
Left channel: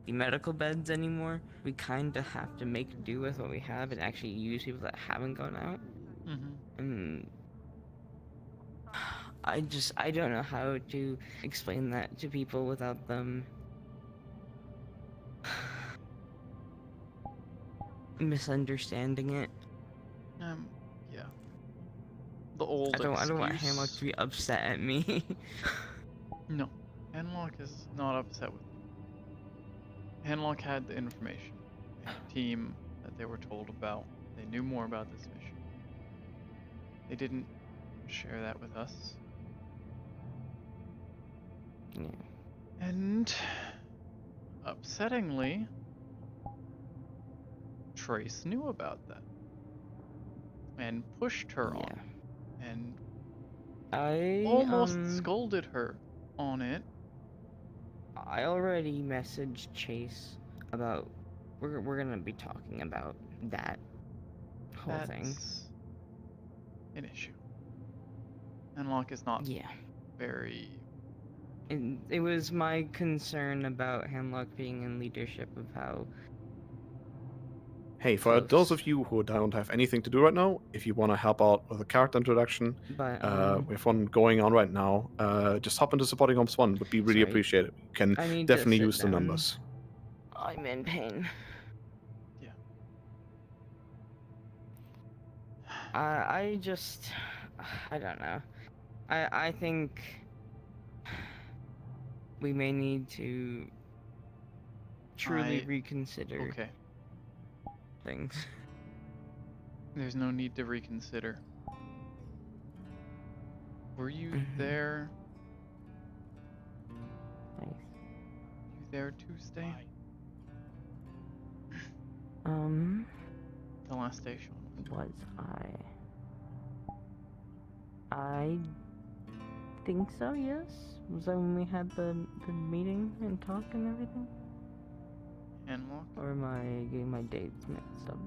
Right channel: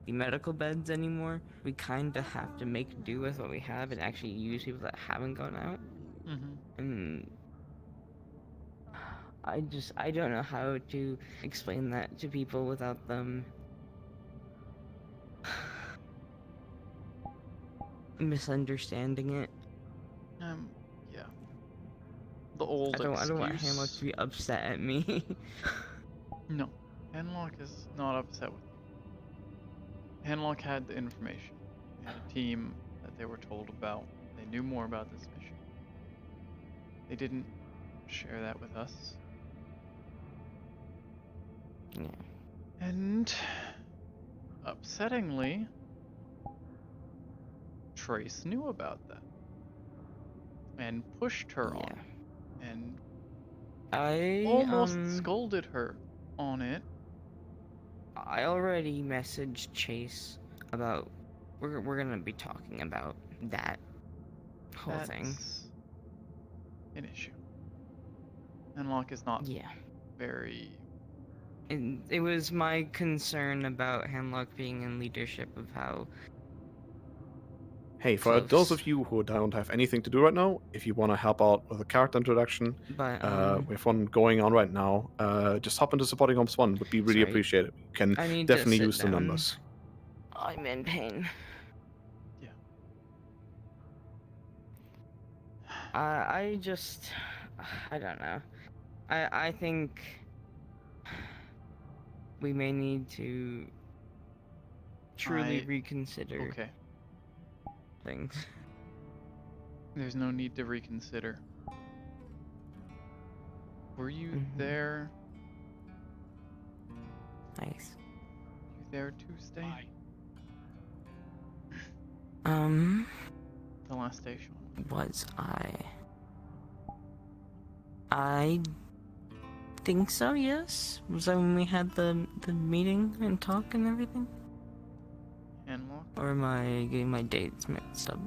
the medical beds anymore, we kind of have to make do with what we have and actually use people that haven't gone out. And I don't know how to explain that to people without them misunderstanding it. Yeah. The old excuse. I don't want Hanlock to be upset at me. No, Hanlock is not upset with you. Hanlock had the information. They had a team that they were told about. They knew more about this mission. They didn't share that with us. Yeah. And upsettingly, Trace knew about that and pushed her on, and I almost scolded her on it. I already messaged Chase about we're gonna be talking about that whole thing. That's an issue. Hanlock is not very. It was my concern about Hanlock being in leadership of how Hey, for those close. of you who don't have anything to do right now, if you want to help out with a character introduction, But, we have one going on right now. Just hop into supporting Homes 1, would be really sorry. appreciated. You can I need to definitely sit use the down. numbers. I'm in pain. Yeah. I just, I don't know. I think we may need to truly reconsider Okay. things. There's no need to reconsider. Were you there? Nice. You there Tuesday? The last day Sean Was I? I think so, yes. Was that when we had the meeting and talk and everything? Handlock? Or am I getting my dates mixed up?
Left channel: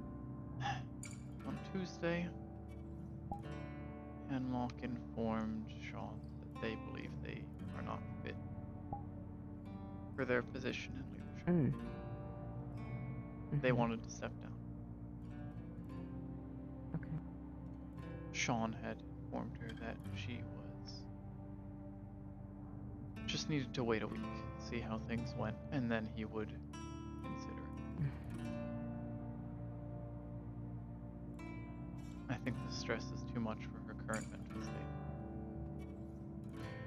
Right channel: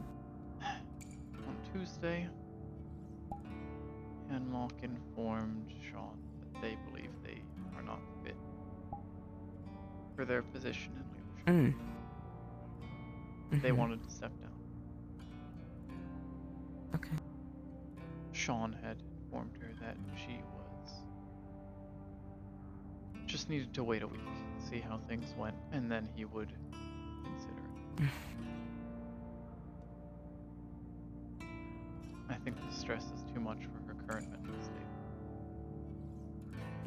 On Tuesday, Handlock informed Sean that they believe they are not fit for their position in leadership. They wanted to step down. Okay. Sean had informed her that she just needed to wait a week, see how things went, and then he would consider it. I think the stress is too much for her current mental state.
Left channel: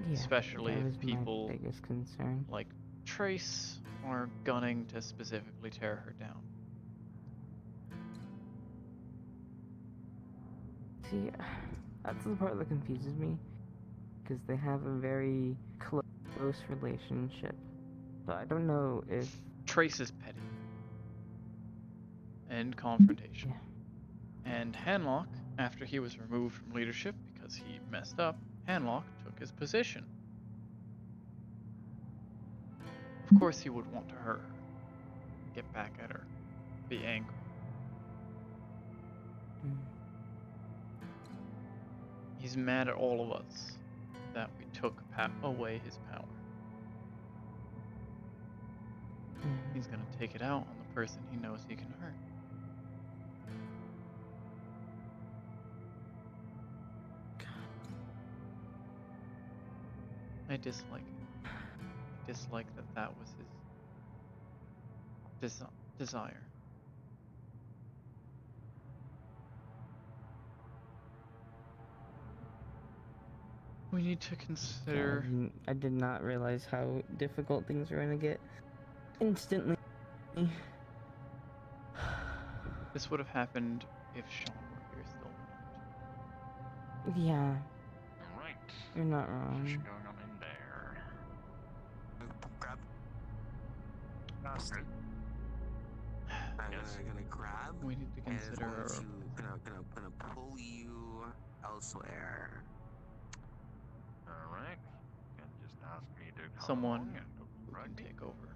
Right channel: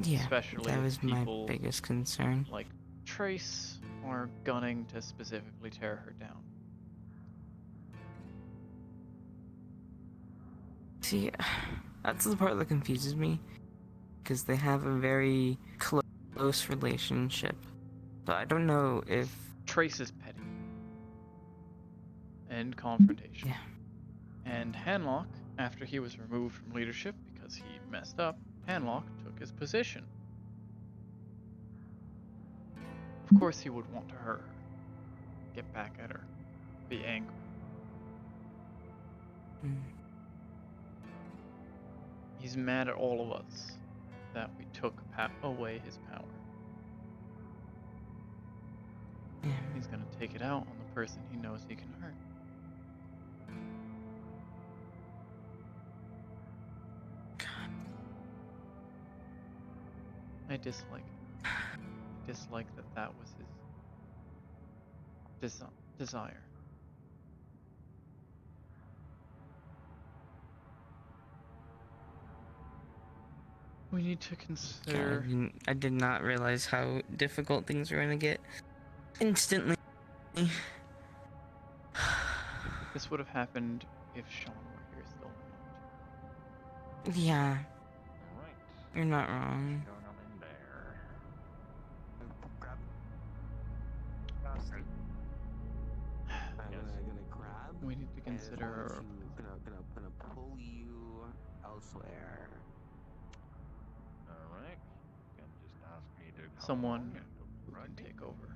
Yeah, Especially that if was people my biggest concern. like Trace are gunning to specifically tear her down. See, that's the part that confuses me, because they have a very close relationship. So I don't know if Trace is petty and confrontational. Yeah. And Hanlock, after he was removed from leadership because he messed up, Hanlock took his position. Of course he would want to hurt her, get back at her, be angry. He's mad at all of us that we took away his power. He's gonna take it out on the person he knows he can hurt. I dislike it. I dislike that was his desire. We need to consider... I did not realize how difficult things were gonna get instantly. This would have happened if Sean were here still or not. Yeah. You're not wrong. We need to consider our gonna pull you elsewhere. Alright. You can just ask me to come someone along who can take over.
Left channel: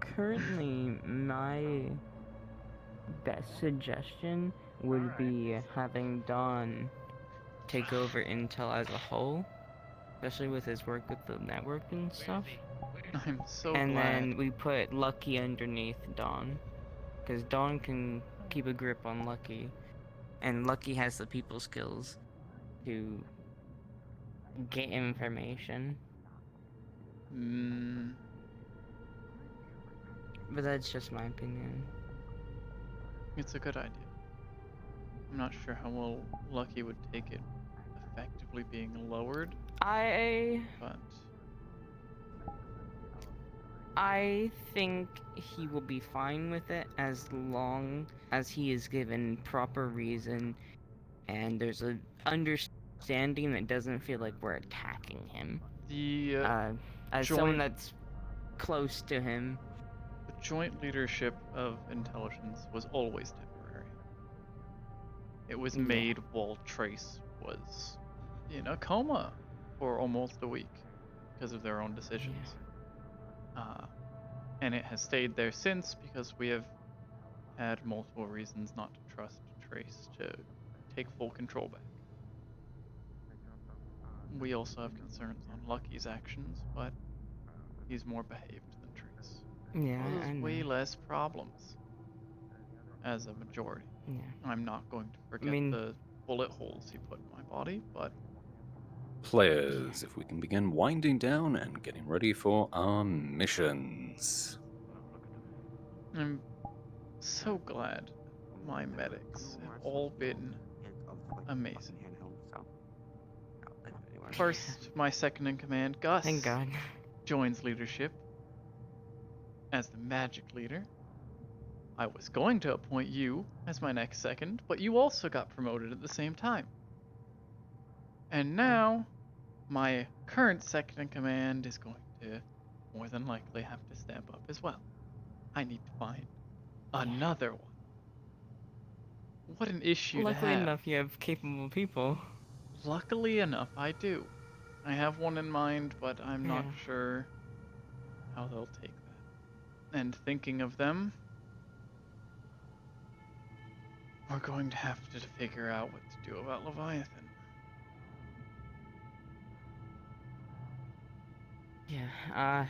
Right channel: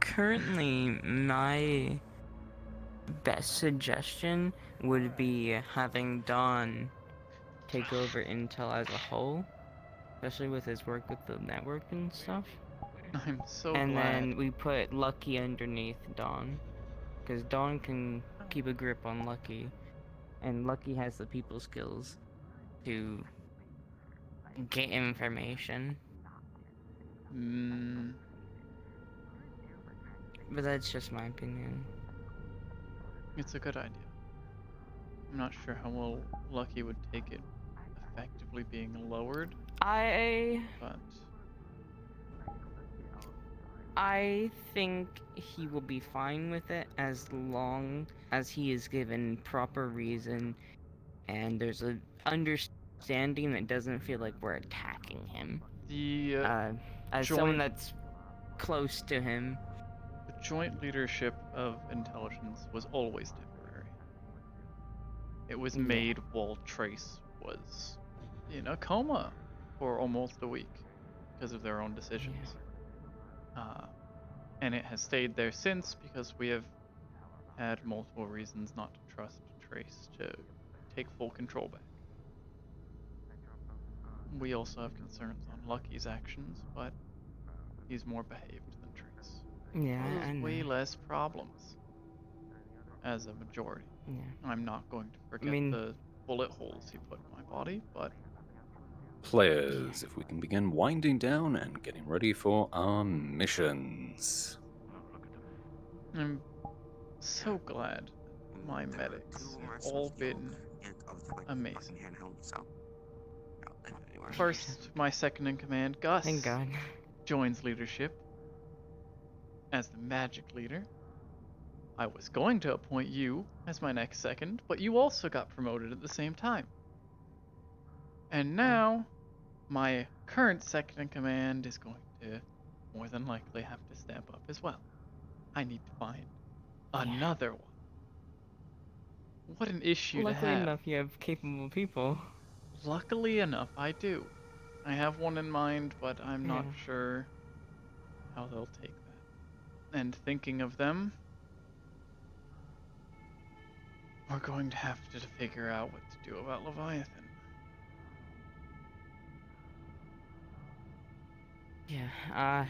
Currently, my best suggestion would be having Don take over Intel as a whole, especially with his work with the network and stuff. I'm so and glad. then we put Lucky underneath Don, because Don can keep a grip on Lucky, and Lucky has the people skills to get information. But that's just my opinion. It's a good idea. I'm not sure how well Lucky would take it effectively being lowered. But I think he will be fine with it as long as he is given proper reason and there's an understanding that doesn't feel like we're attacking him. As someone that's close to him. The joint leadership of intelligence was always temporary. It was made while Trace was in a coma for almost a week because of their own decisions. And it has stayed there since because we have had multiple reasons not to trust Trace to take full control back. We also have concerns on Lucky's actions, but he's more behaved than Trace. Yeah, causes I way know. less problems as a majority. Yeah. I'm not going to forget mean- the bullet holes he put in my body, but Players, if we can begin winding down and getting ready for our missions. I'm so glad my medics have all been amazing. First, my second in command, Gus, Thank God. joins leadership as the magic leader. I was going to appoint you as my next second, but you also got promoted at the same time. And now, my current second in command is going to more than likely have to step up as well. I need to find another one. What an issue Luckily to have. enough, you have capable people. Luckily enough, I do. I have one in mind, but I'm not Yeah. sure how they'll take that. And thinking of them, we're going to have to figure out what to do about Leviathan. Yeah,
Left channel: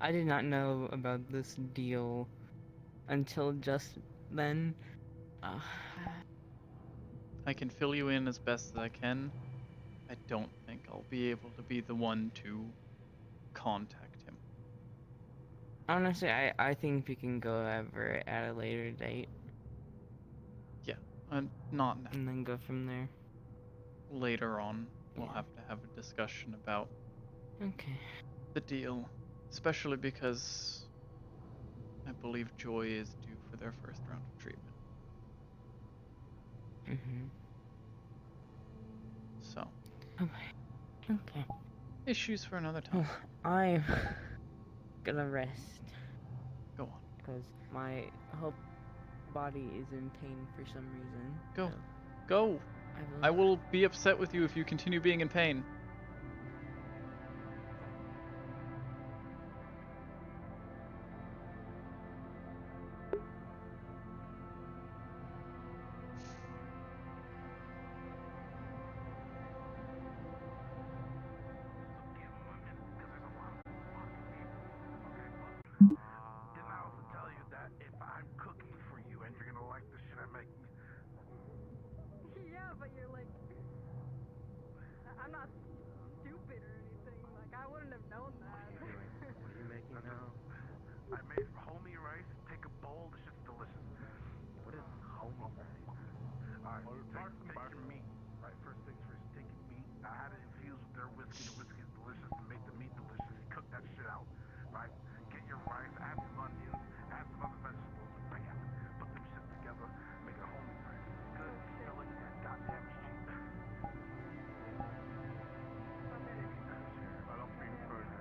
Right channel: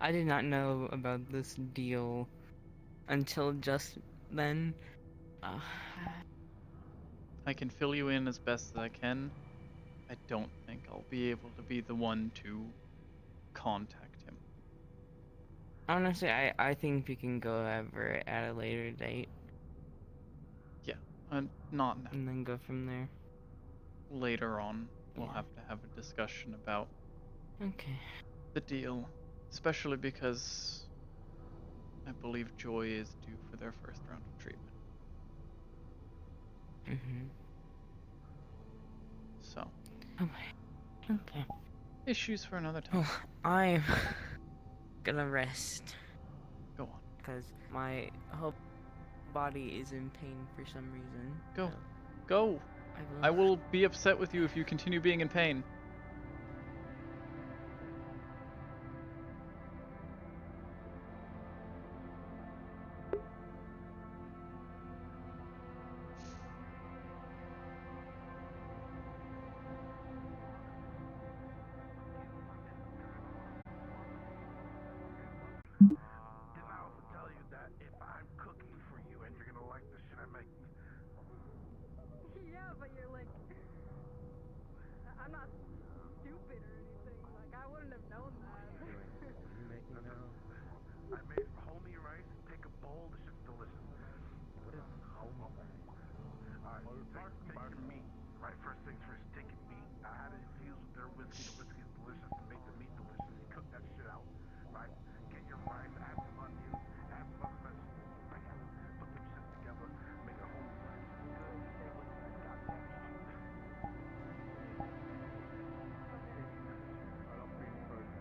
I did not know about this deal until just then. I can fill you in as best as I can. I don't think I'll be able to be the one to contact him. Honestly, I think we can go over it at a later date. Yeah, not now. And then go from there. Later on, we'll have to have a discussion about the deal, especially because I believe Joy is due for their first round of treatment. So. Okay. Issues for another time. I'm gonna rest. Go on. Because my whole body is in pain for some reason. Go. So Go. I will be upset with you if you continue being in pain. Yeah, but you're like, I'm not stupid or anything. Like, I wouldn't have known that. What are you making now? I made some homie rice. Take a bowl. This shit's delicious. What is homie? Alright, apart from me. Right, first things first. Take a beef. I had it infused with their whiskey. The whiskey's delicious to make the meat delicious. Cook that shit out. Right? Get your rice. Add some onions. Add some other vegetables. Right? Put them shit together. Make a homie rice. Good. Delicious. Goddamn shit. I don't feel further.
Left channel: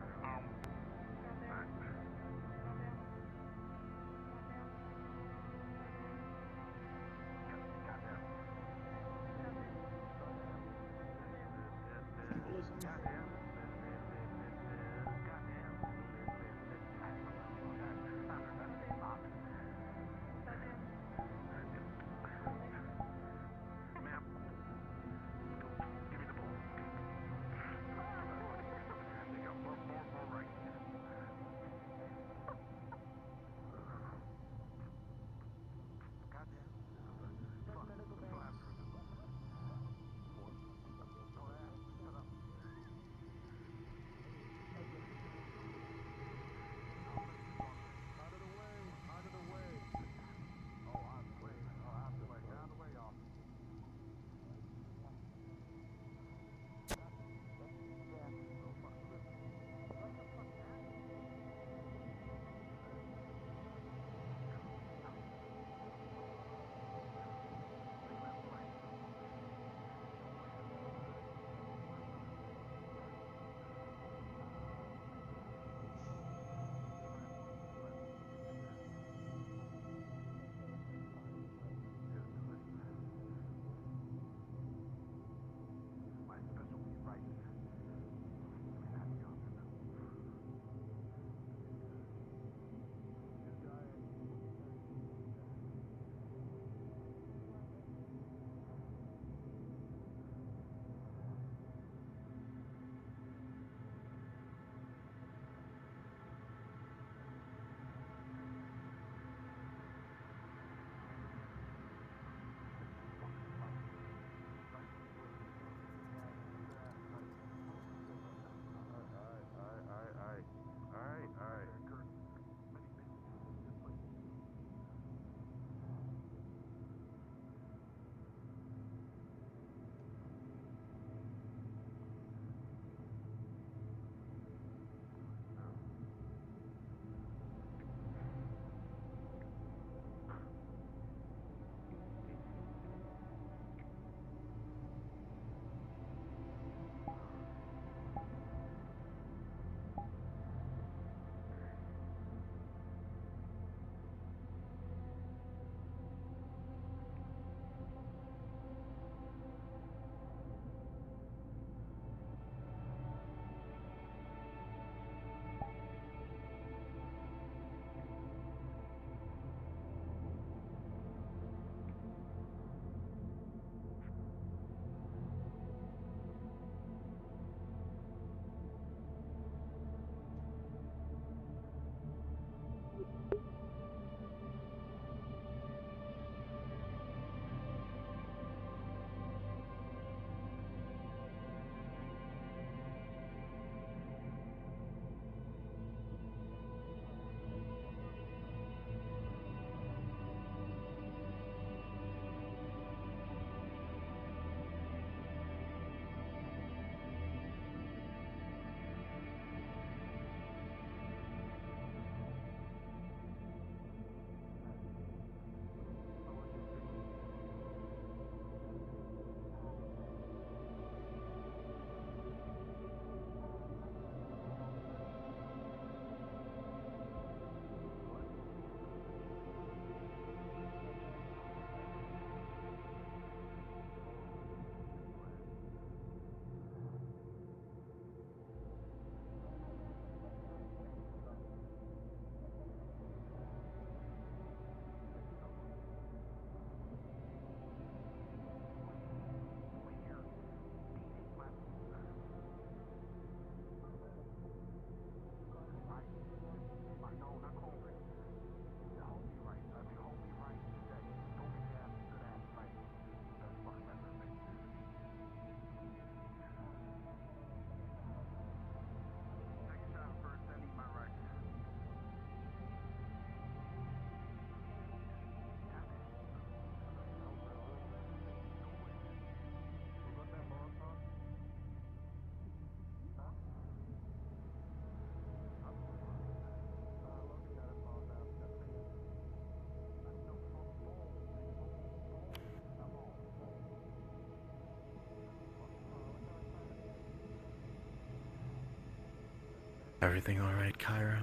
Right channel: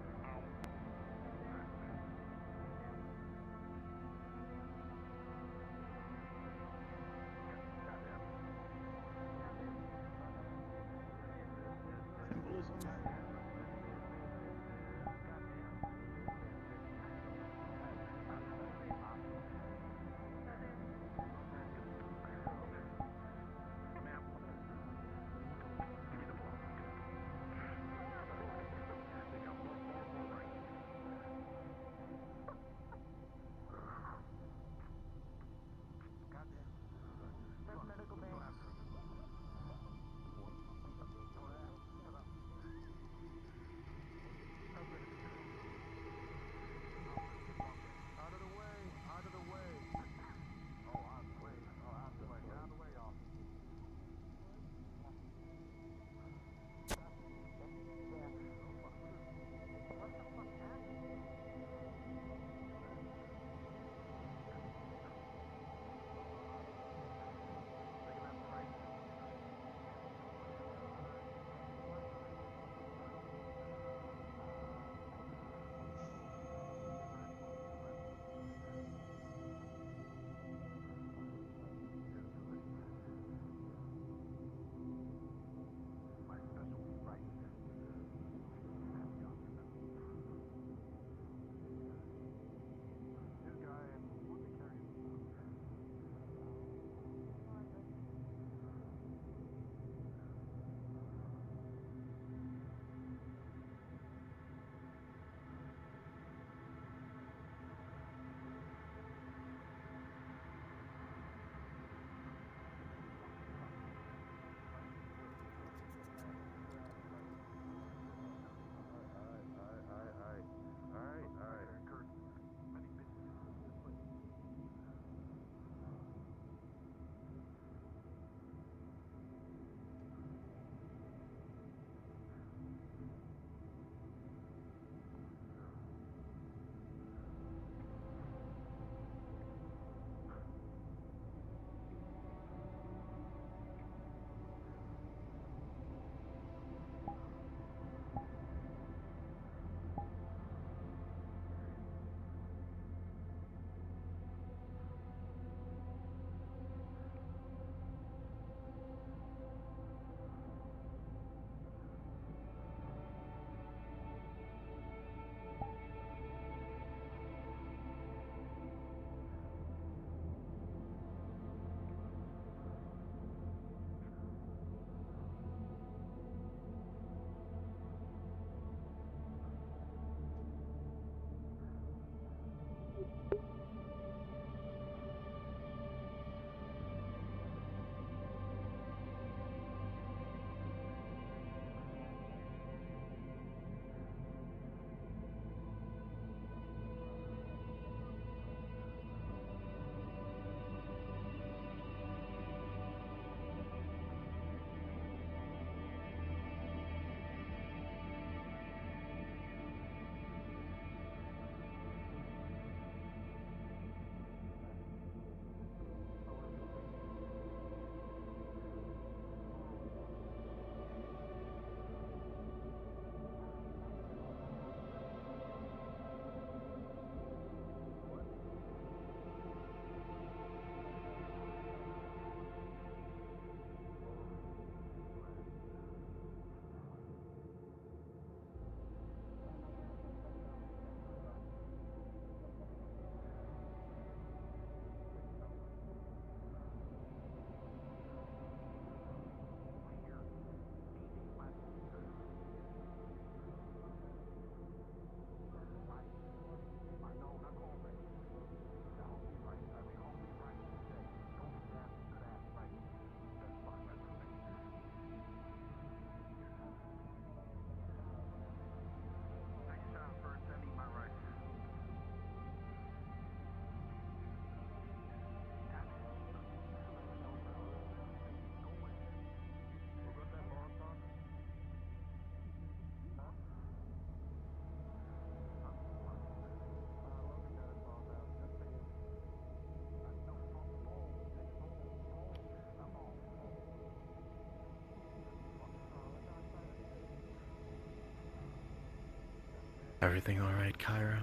Everything alright, Cairo?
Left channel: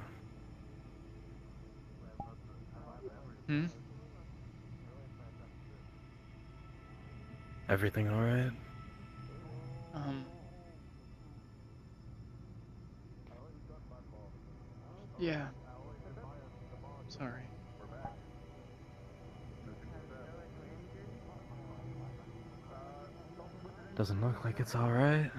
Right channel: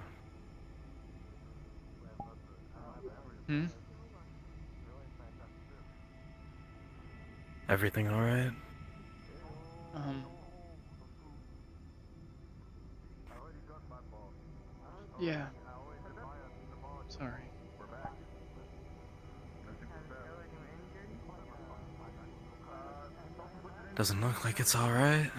Hmm? Everything alright? Yeah. Sorry. Doesn't look like it's alright.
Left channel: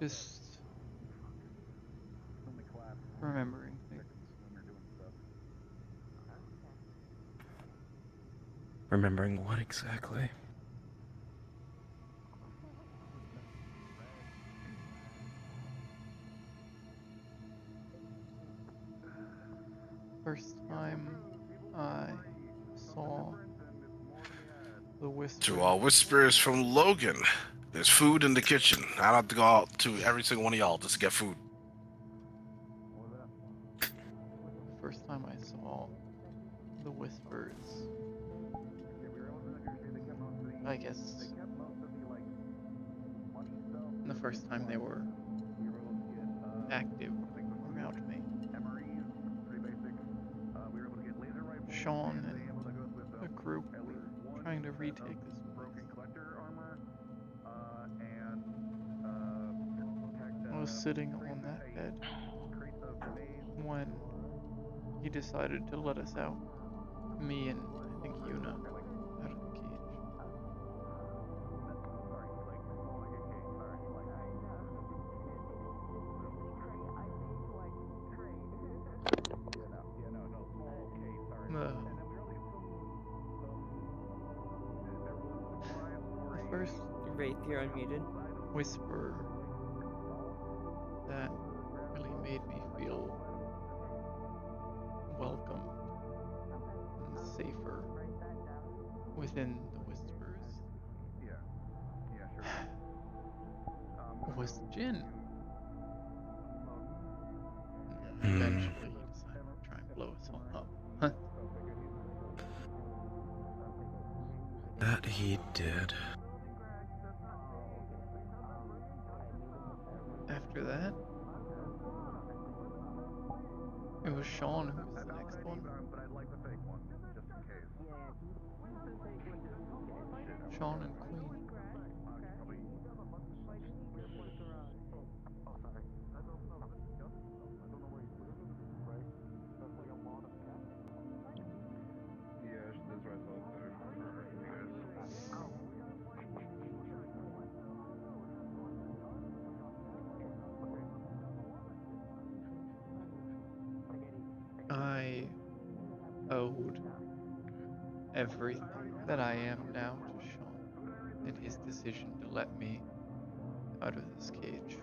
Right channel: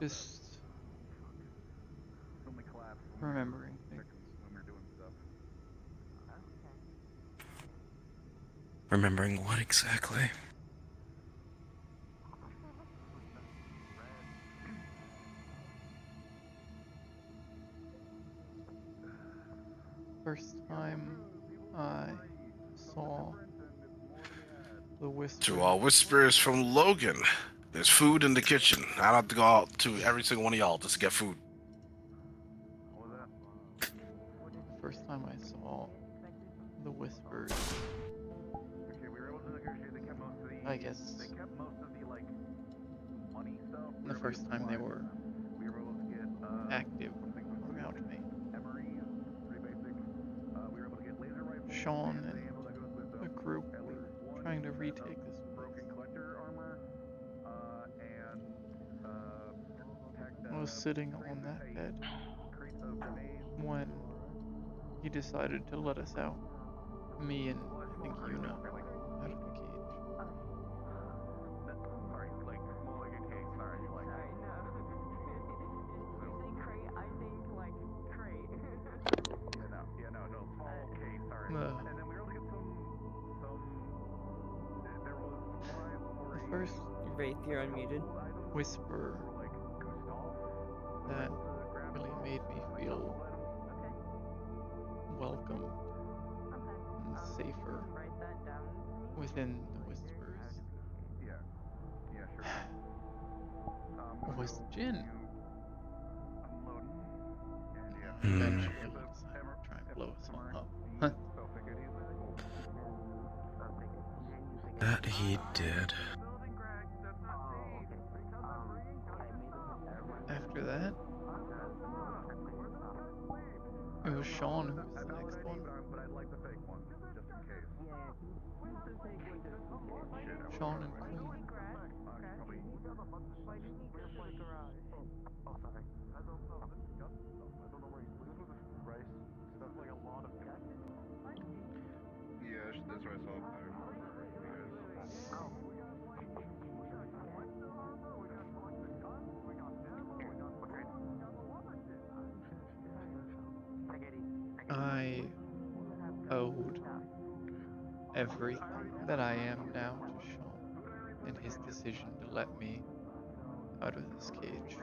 Just remembering things. Remembering what exactly? First time I saw the whisper. To all whispers from Logan, there's food in the kitchen. I don't have to go out to every single one of y'all just to get food. The first time I saw the whispers, I guess the first time they were active around me. Sean and a group were trying to retake this place. I was sitting on that bed when he decided to let us out. Me and I think Yuna out of the cage. The first Wraith, you're unmuted. whisper that really made me feel welcome and safer within the whispers was Jin. Eventually he decided to try and blow us all up. That he did. After that, it was Sean who was the next one. Sean and Queen. I owed everything that I am now to Sean and his decision to let me out of this cage.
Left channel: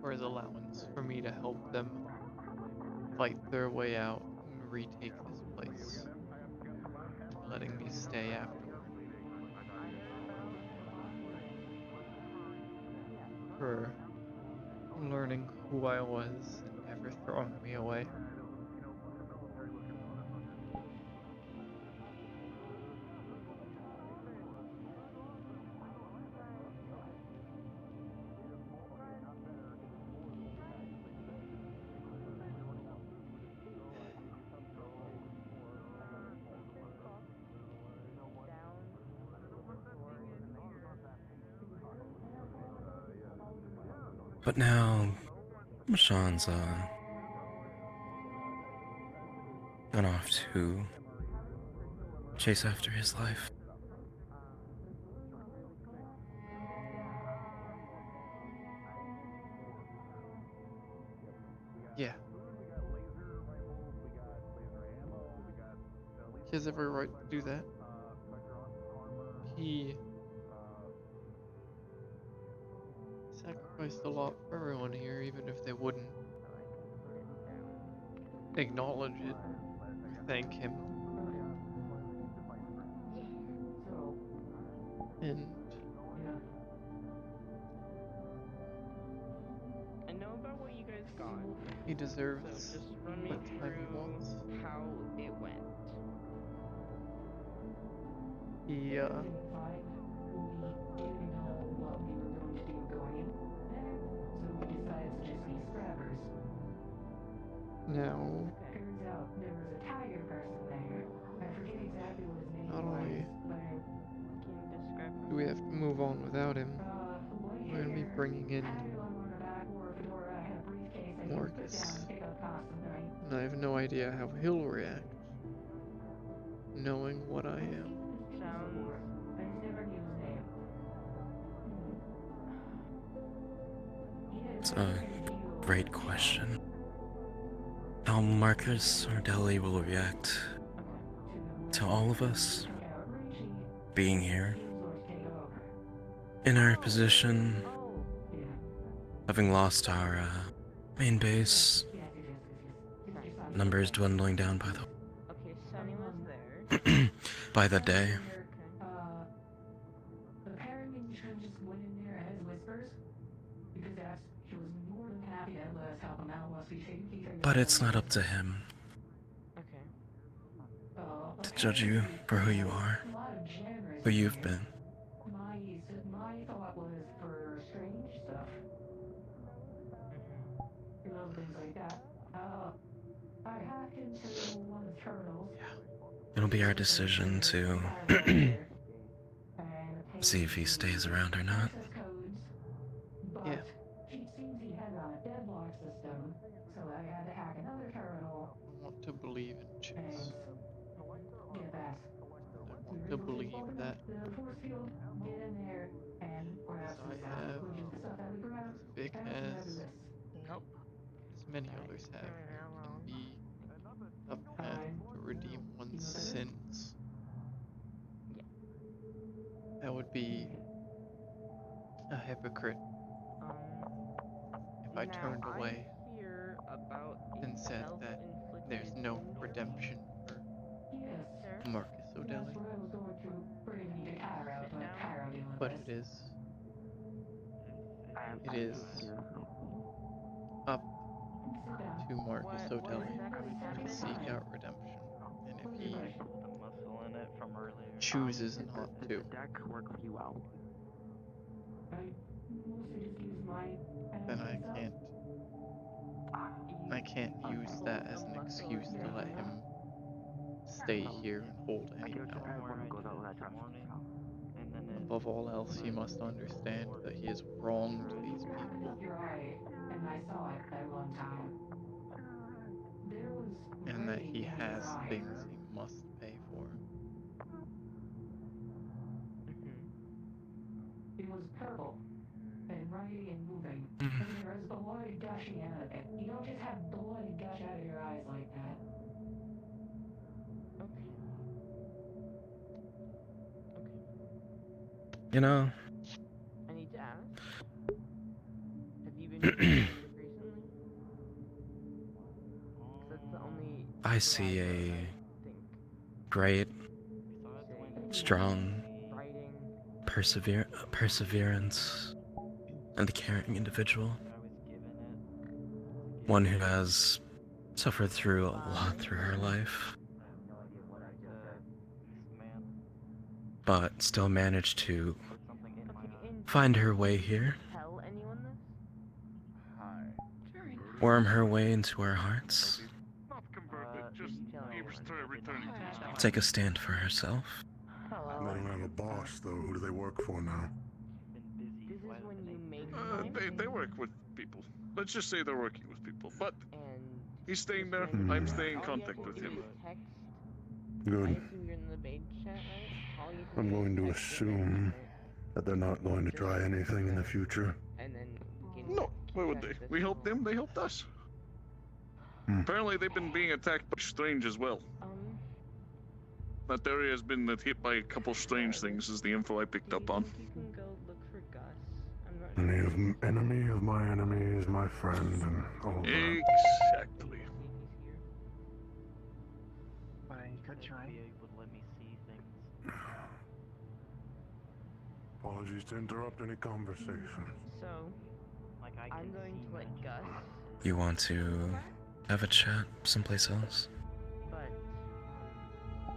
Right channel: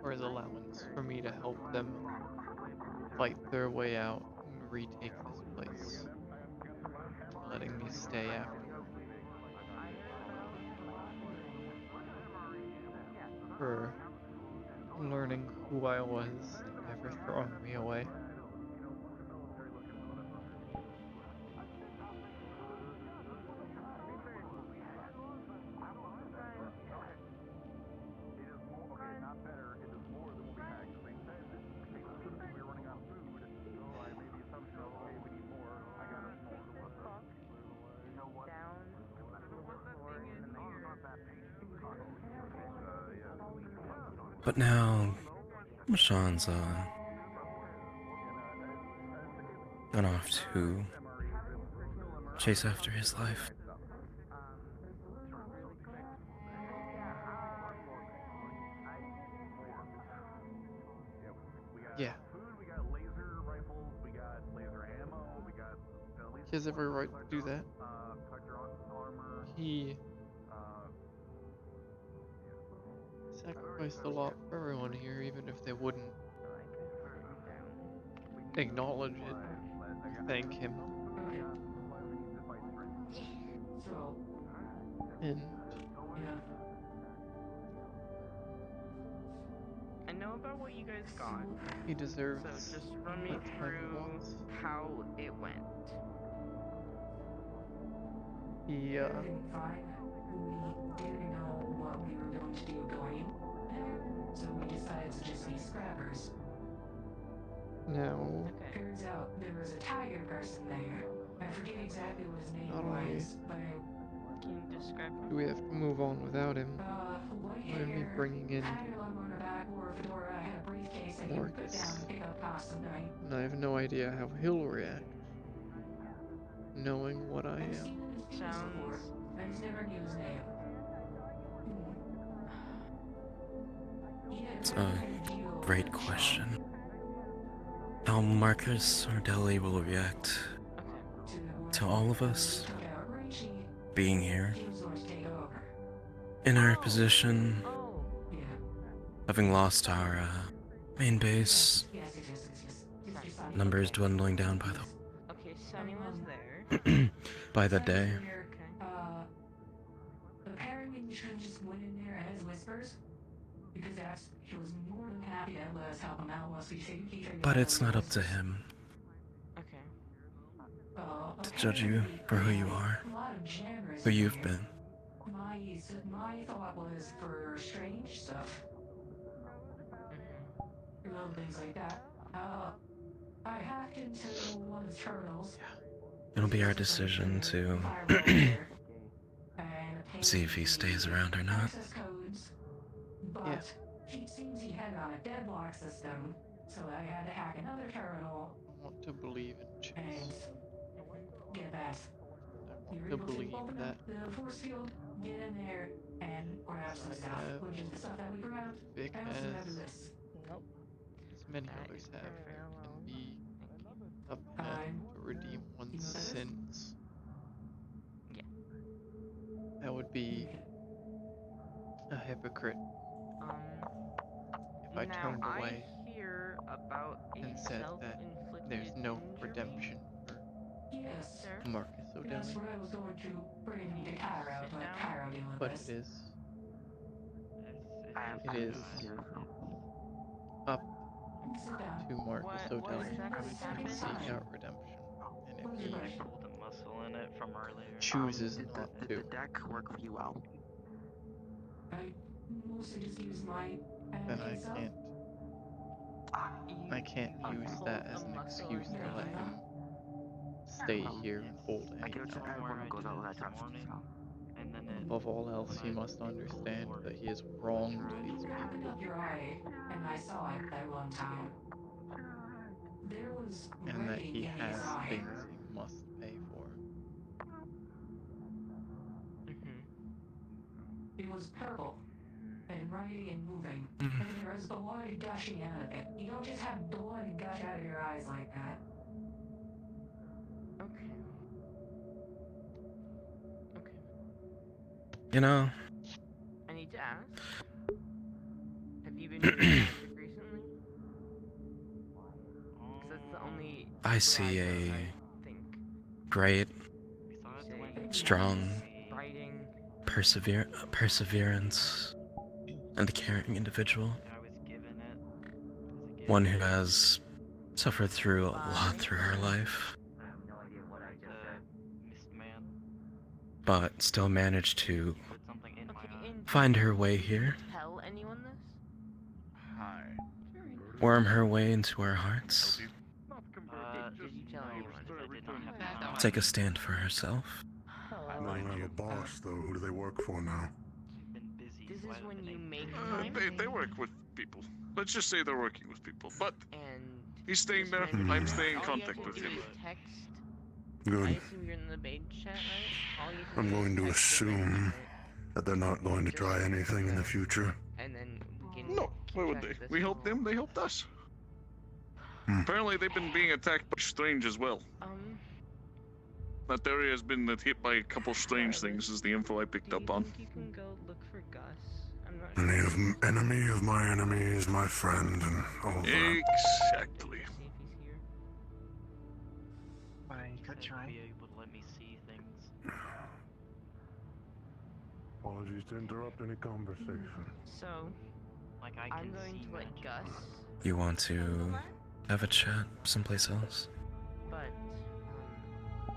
For his allowance for me to help them fight their way out and retake this place. And letting me stay afterward. For learning who I was and never throwing me away. But now, Sean's gone off to chase after his life. Yeah. He has every right to do that. He sacrificed a lot for everyone here, even if they wouldn't acknowledge it or thank him. And I know about what you guys got. he deserves So just run me what time he through wants. how it went. He, Now, not only do we have to move on without him, we're gonna be bringing in Marcus. And I have no idea how he'll react, knowing what I am. It's a great question. How Marcus or Deli will react to all of us being here in our position, having lost our main base, numbers dwindling down by the by the day. But it's not up to him to judge you for who you are, who you've been. It'll be our decision to see if he stays around or not. yeah. I want to believe in chess. I want to believe that as I have, as Vic has, as many others have, there can be a path to redeem one's sins. That would be a hypocrite if I turned away and said that there's no redemption for Marcus O'Delly. But it is up to Marcus O'Delly to seek out redemption. And if he chooses not to, then I can't use that as an excuse to let him stay here and hold any power. Above all else, he must understand that he has wronged these people. And that he has things he must pay for. You know, I need to ask. Have you been using music recently? Because that's the only. I see a great, strong, perseverance, and a caring individual. One who has suffered through a lot through her life, but still managed to find her way here, worm her way into our hearts, take a stand for herself. They don't have a boss, though. Who do they work for now? This is when you make They work with people. Let's just say they're working with people. But he's staying there. Hmm. I'm staying in contact with him. Good. I assume you're in the main chat, right? All you have to I'm do is going to text the assume main that they're not going to try anything in the future. chat, and then we can. No, why would they? We helped them, they helped us. Apparently they've been being attacked by strange as well. That area has been hit by a couple strange things, is the info I picked up on. You can go look for Gus. I'm not Enemy of my enemy is my friend, and all that. Exactly. Apologies to interrupt any conversation. So, I'm going to let Gus. You want to have a chat someplace else? But, yeah.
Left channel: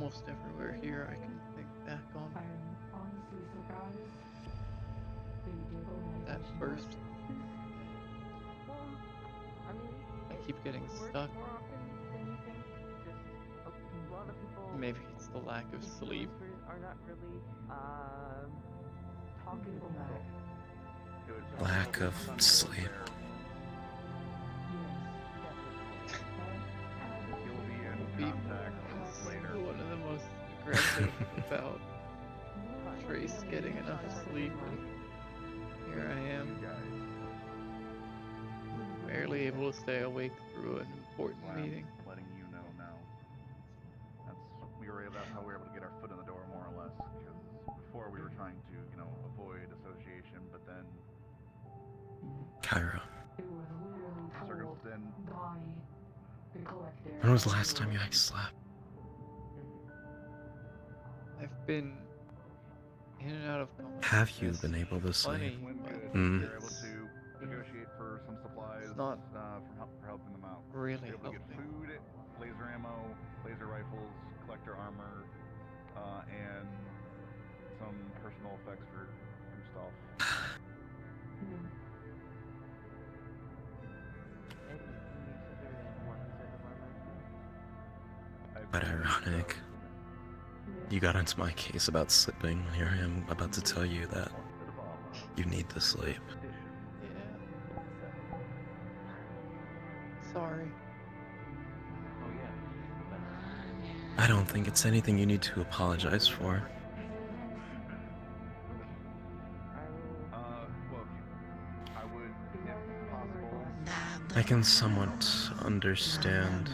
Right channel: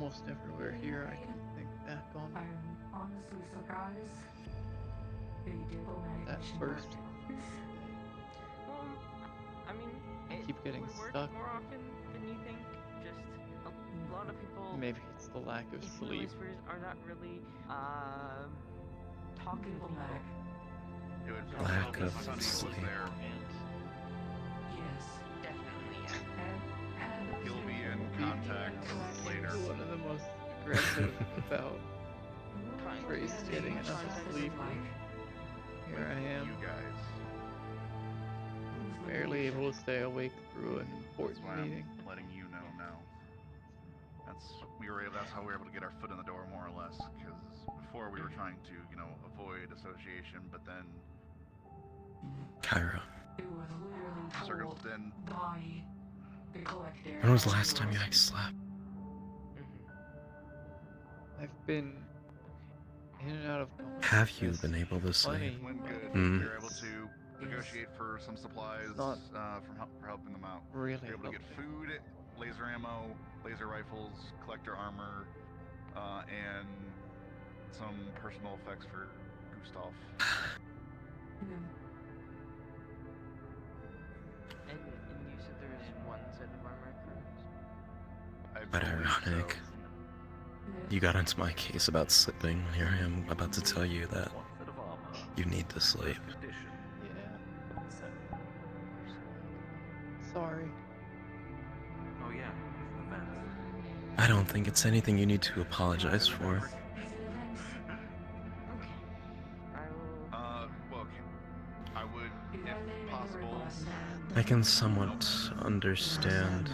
almost everywhere here I can think back on. Honestly surprised that you did manage That first day. I mean, I keep getting stuck. more often than you think. Just a lot of people. Maybe it's the lack of Even the sleep. whispers are not really talking to you. Lack of sleep. He'll be in Beef contact later. was one of the most aggressive about Trace getting enough sleep, and here I am, barely able to stay awake through an important meeting. Letting you know now. That's how we were able to get our foot in the door, more or less. Because before we were trying to, avoid association, but then Cairo. then When was the last time you guys slept? I've been in and out of Have you been able to plenty, sleep? but we were able to negotiate for some supplies not for helping them out. really We were able to get helping. food, laser ammo, laser rifles, collector armor, and some personal effects for Gustav. But ironic. You got into my case about sleeping. Here I am about to tell you that you need to sleep. Yeah. Sorry. I don't think it's anything you need to apologize for. I can somewhat understand.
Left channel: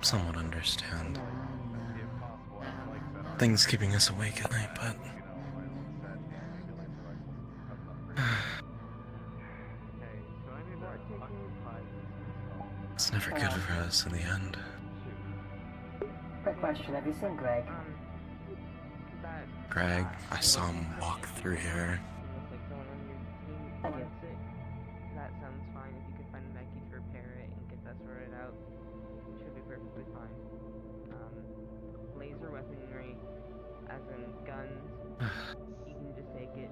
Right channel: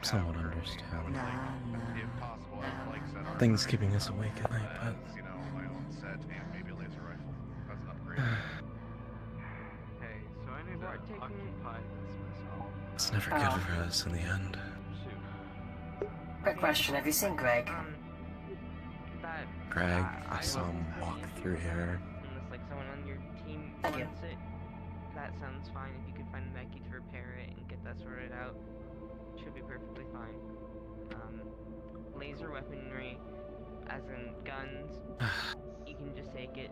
Somewhat understand. Things keeping us awake at night, but it's never good for us in the end. Quick question, have you seen Greg? Greg, I saw him walk through here. Unless like someone on your team wants it, that sounds fine. If you can find a medkit to repair it and get that sorted out, it should be perfectly fine. Laser weaponry, as in guns, you can just take it.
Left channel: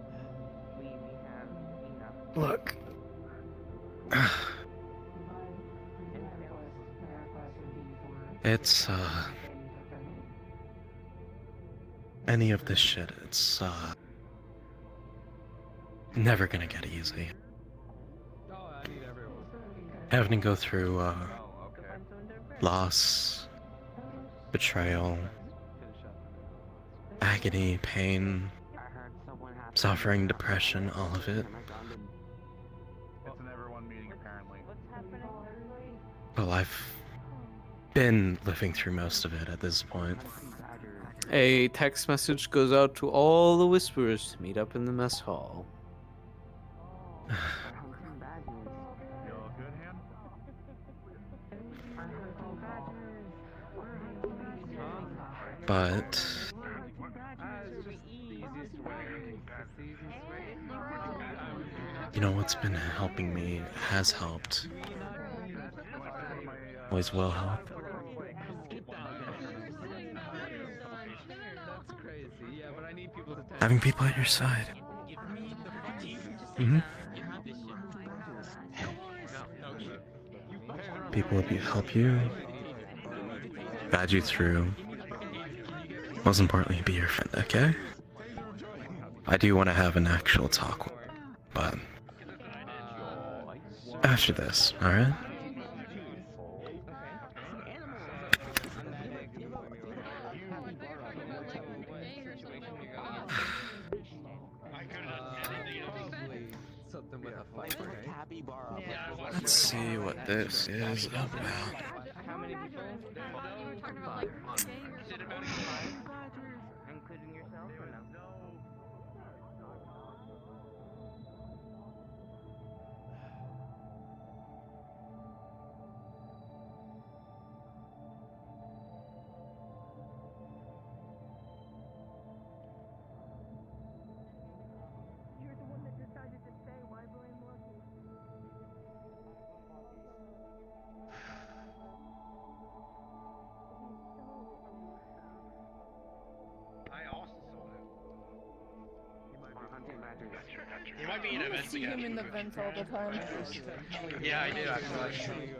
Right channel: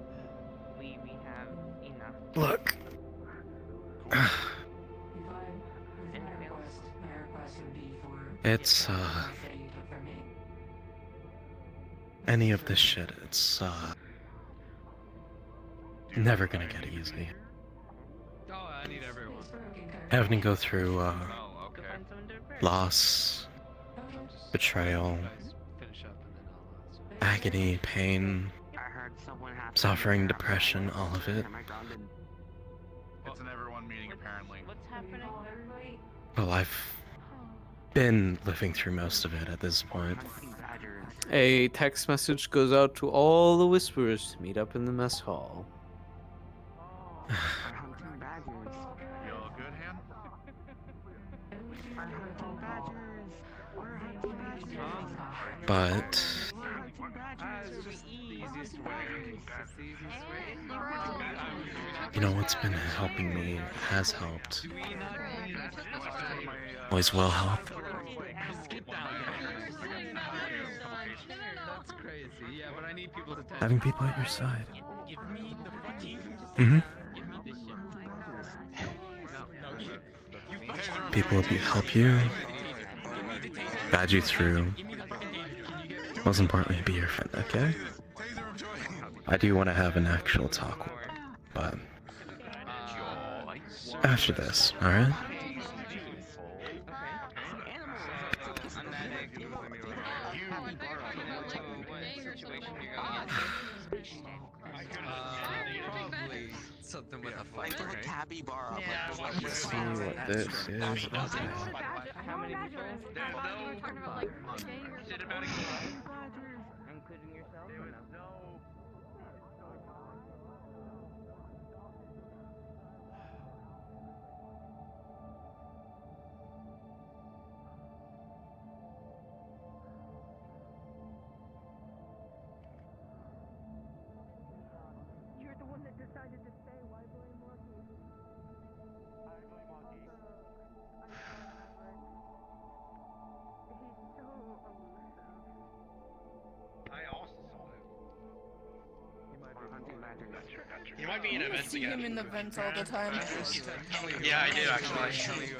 We have enough. Look. It's, any of this shit, it's, never gonna get easy. Having to go through, loss, betrayal, agony, pain, suffering, depression, all of it. It's an everyone meeting, apparently. Well, I've been living through most of it at this point. A text message goes out to all the Whisperers to meet up in the mess hall. But you know what's been helping me, has helped, always will help. Having people at your side. People will help you, guide you through. Most importantly, be your friend, okay? I do want to have an actual talk, but after this, alright? Something with a fighter, Let's see what this is about. How many people? Including yourself or no? You're the one that decided to stay. Why blame Lucky? You might be an I see him in the vents all the time. Yeah, I do actually.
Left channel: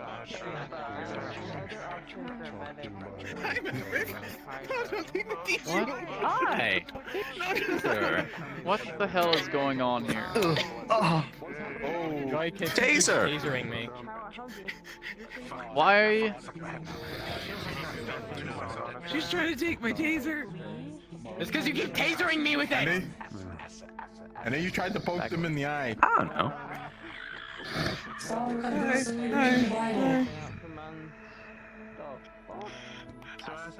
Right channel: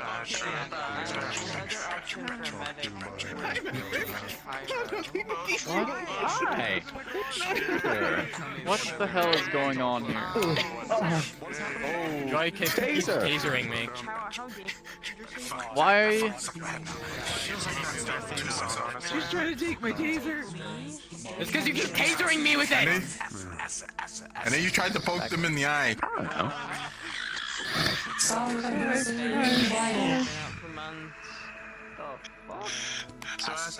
What? Hi. What the hell is going on here? Joy keeps Taser. tasering me. Why? She's trying to take my taser. It's because you keep tasering me with it. And then you tried to poke them in the eye. I don't know. So acid,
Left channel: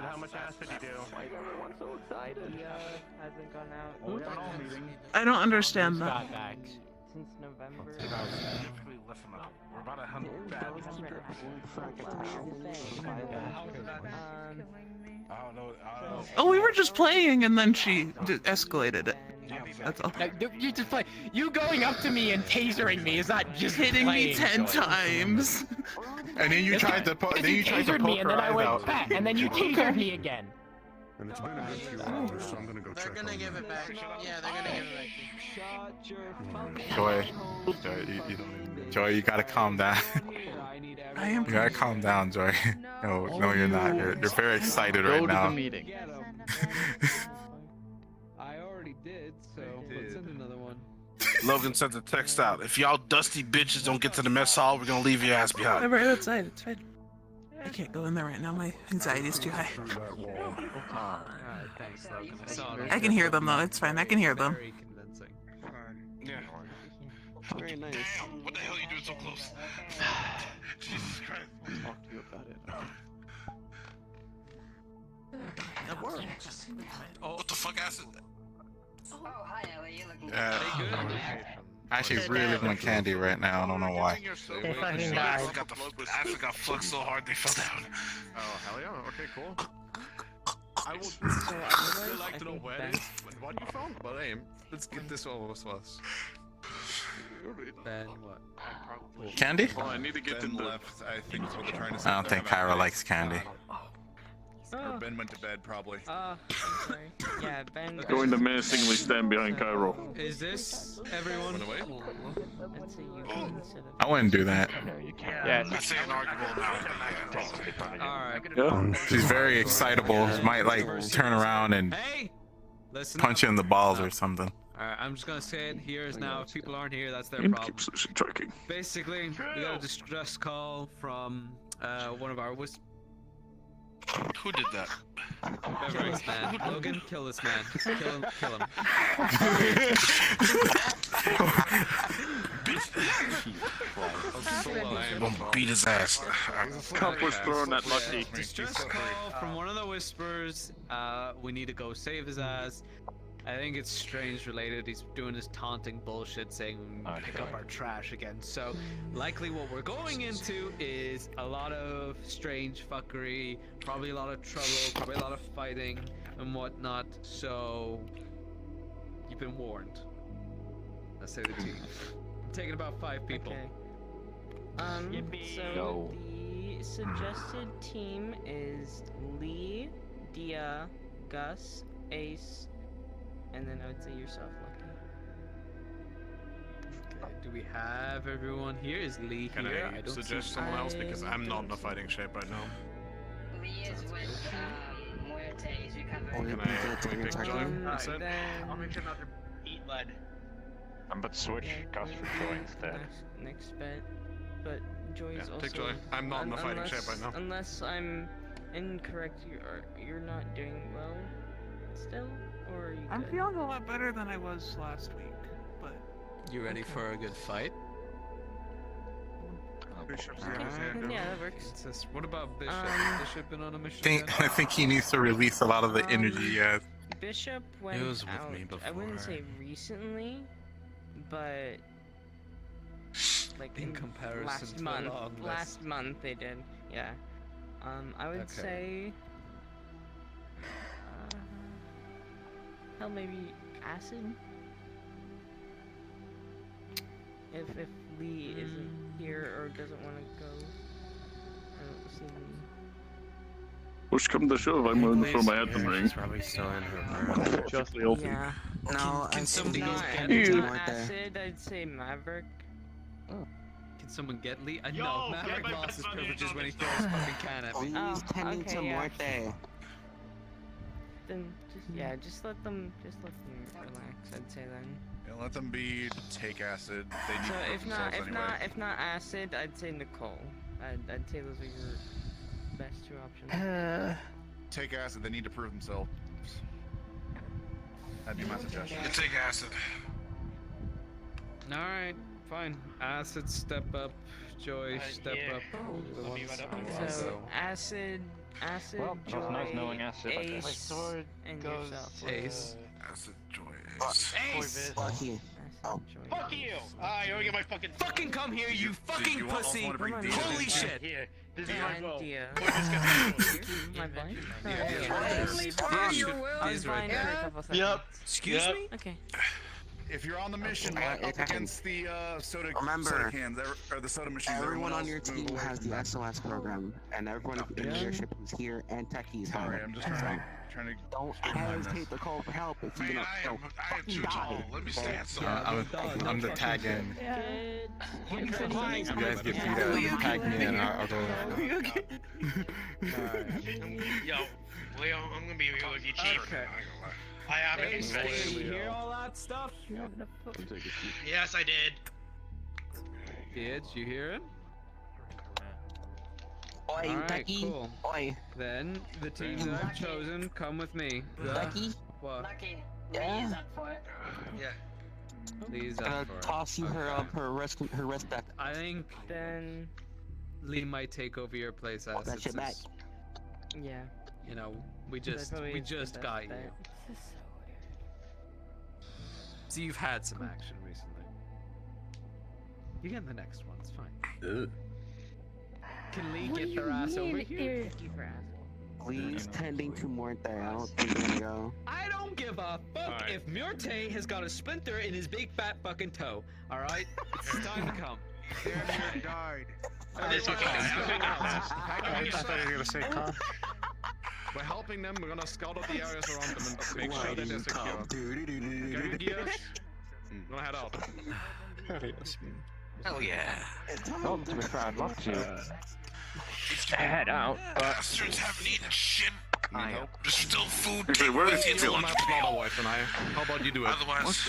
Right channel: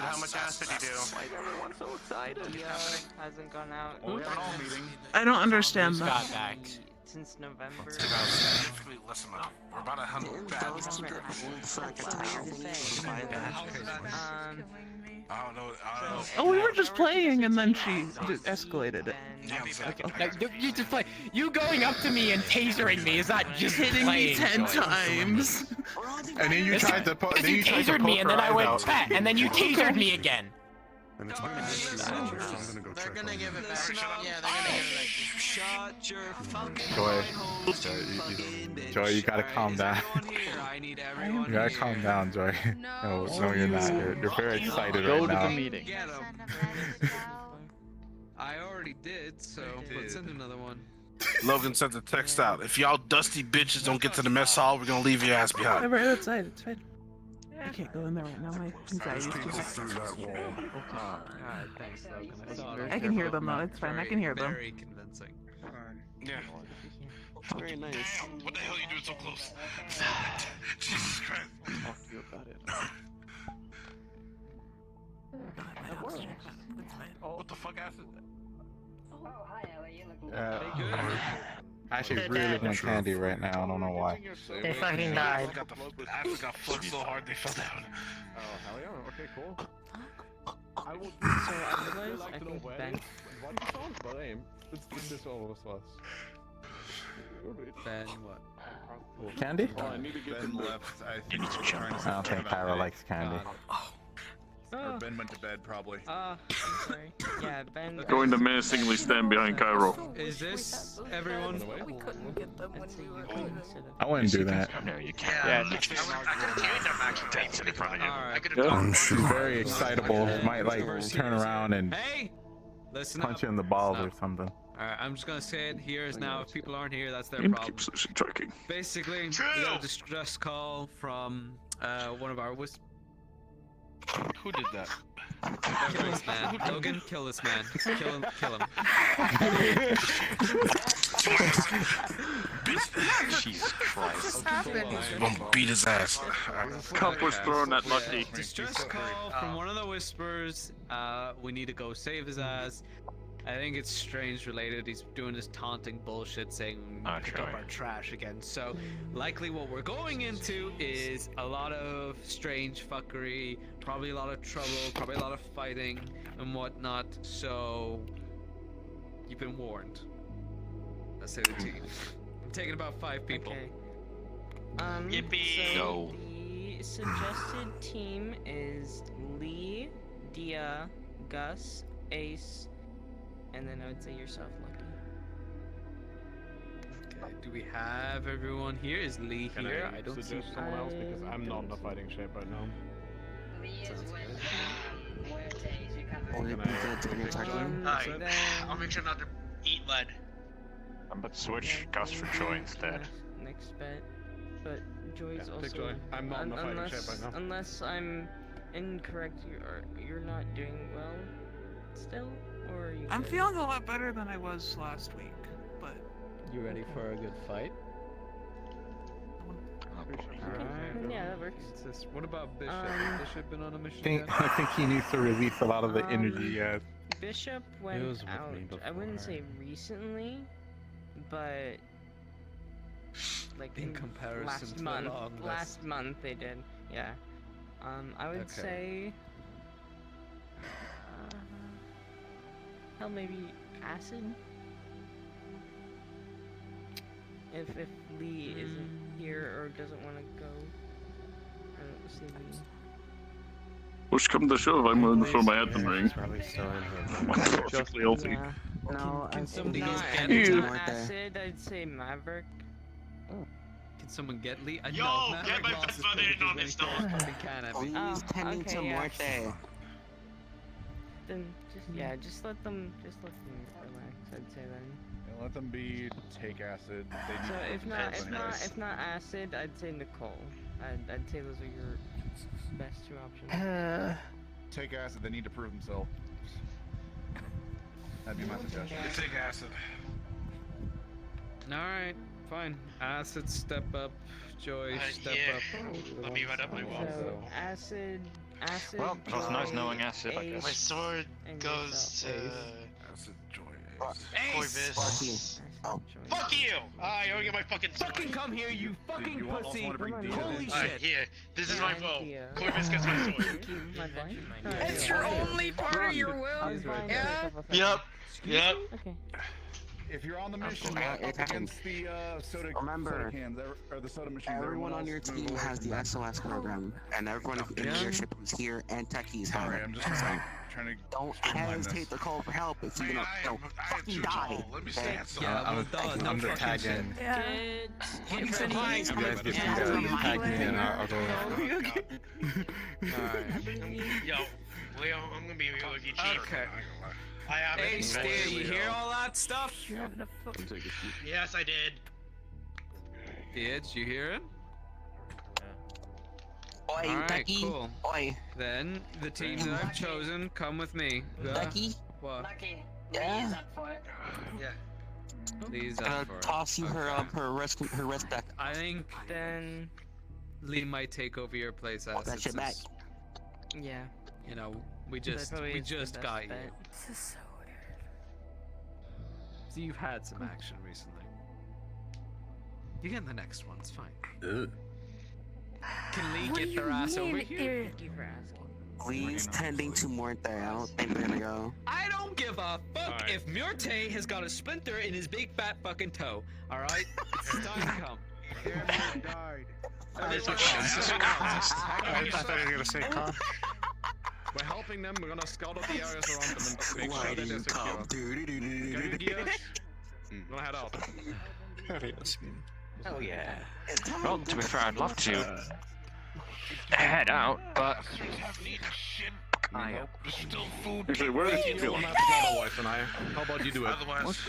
how much acid you do? Why is everyone so excited? Yeah, hasn't gone out. I don't understand that. Got back. Since November. Listen up. We're about 100 bad. Oh, we were just playing, and then she just escalated it. That's all. Like, you just play. You going up to me and tasering me is not just Hitting me playing, 10 Joy. times. And then you tried to poke. Then you tried to tasered me, poke and her then I eyes went out. back, and then you tasered me again. And it's been a few hours, so I'm gonna go check on give them. it back. Yeah, they're gonna give it back. Joy, Joy, you gotta calm down. You gotta calm down, Joy. No, you're not. You're very excited Go right to now. the meeting. I already did, so let's send another one. Logan sent a text out. If y'all dusty bitches don't get to the mess hall, we're gonna leave your ass behind. I'm right outside. It's fine. I can't go in there right now. My anxiety's too high. Alright, thanks, Logan. I can hear them though. It's fine. I can hear them. Very convincing. Yeah. Very nice. What the hell are you doing so close? Jesus Christ. I'll talk to you about it. What the fuck, acid? I actually really want candy right now. I don't know why. They fucking died. Acid got fucked so hard they fell down. Oh, hell yeah. Okay, cool. So I realized I think Ben. Why do you phone? Well, aim. Let's get this over with us. Ben, what? Candy? Oh, I need to get Ben to left. I think I don't think Cairo likes candy. Oh. Ben went to bed probably. I'm sorry. Yeah, Ben. Going to menacingly stand behind Cairo. Is this everyone? I'd say you can instead of. I wouldn't do that. No, you can't. Yeah. Alright. Yeah. She's very excitable. Might like turn around and Hey! Listen punch you up. in the balls or something. Alright, I'm just gonna say it here is now. If people aren't here, that's their Game problem. keeps tracking. Basically, we got a distress call from one of our Who did that? Kill this man. Logan, kill this man. Kill him. Kill him. Jesus Christ. I'm gonna beat his ass. Cup was thrown at Lucky. Distress call from one of the Whispers. We need to go save his ass. I think it's strange related. He's doing this taunting bullshit saying pick up our trash again. So likely what we're going into is a lot of strange fuckery, probably a lot of trouble, probably a lot of fighting and whatnot. So you've been warned. Let's say the team. I'm taking about 5 people. Okay. So the suggested team is Lee, Dia, Gus, Ace, and then I would say yourself, Lucky. Okay, do we have everyone here? Is Lee Can here? I don't suggest see. someone else because I'm not in a fighting shape right now. Lee is Sounds with good. Muertes, who covers. I'll make sure not to eat lead. But switch Gus for Joy instead. Next bet. But Joy's Yeah, take also. Joy. I'm not in a fighting shape right now. Unless I'm incorrect, you're not doing well still? Or are you I'm good? feeling a lot better than I was last week, but You ready for a good fight? Yeah, that works. What about Bishop? Bishop been on a mission? I think he needs to release a lot of the energy. Yeah. Bishop went was with out. me I wouldn't say recently, but like In comparison last to a month. long list. Last month they did. Yeah. I would Okay. say. Hell, maybe acid. If Lee isn't here or doesn't want to go, I don't see Lee. Push come to shove, I'm going to throw my hat in the ring. Probably still in her. Just the old. Yeah. No, can if someone not, get if Lee? not acid, I'd say Maverick. Can someone get Lee? Yo, No, get Maverick my lost his best buddy privileges on when he this threw his fucking can at me. Lee's tending to okay, yeah. Muerte. Then just let them relax. I'd say then. Yeah, let them be. Take acid. They need So to if not acid, I'd say Nicole. I'd say those are your best two options. Take acid. They need to prove themselves. That'd be my suggestion. Take acid. Alright, fine. Acid, step up. Joy, step up. Let me right up my So acid, Well, Joy, it's nice knowing acid, I Ace, guess. My sword and goes yourself. to Acid, Joy, Ace. Fuck you. Fuck you! I already got my fucking. Fucking come here, you fucking you also pussy! wanna bring Dina Holy in? shit! Here, this is my And vote. Dia. Corvus gets my sword. Only part of your will. Yeah. Yep. Excuse Yep. me? Okay. If you're on the mission, it against the soda cans, or the soda machines, Everyone on your team has the SOS program, and everyone in leadership who's here and techies have Sorry, it. I'm just trying to Don't streamline this. hesitate to call for help if you Man, don't I am too tall. Let me stand so. I'm the tag in. You guys get beat up, tag me in, I'll go. Yo, Leo, I'm gonna be real with you, Chief. Okay. I haven't Hey, Steve, invested. you hear all that stuff? Yes, I did. Bitch, you hear it? Oi, Alright, Becky. cool. Oi. Then, the team that I've chosen, come with me. Becky? What? Lucky. Yeah. Lee's up for it. Yeah. Lee's Gonna up for it. toss you her wrist deck. I think Then Lee might take over your place, Want that Acid, shit back. since, yeah. you know, we That just probably is the best got you. bet. So you've had some action recently. You get the next one, it's fine. Ugh. Can Lee get their ass over here? Thank you for asking. Lee's tending to Muerte. I don't think they're gonna go. I don't give a fuck Alright. if Murte has got a splinter in his big fat fucking toe. Alright? It's time to come. Everyone died. We're helping them. We're gonna scout out the areas around them and make sure that they're secure. Got your gears? We're gonna head out. Oh yeah. Well, to be fair, I'd love to head out, but Bastards haven't eaten shit. There's still food. Okay, where is It's Jill? like- Not a wife and I. How about you do it? Otherwise,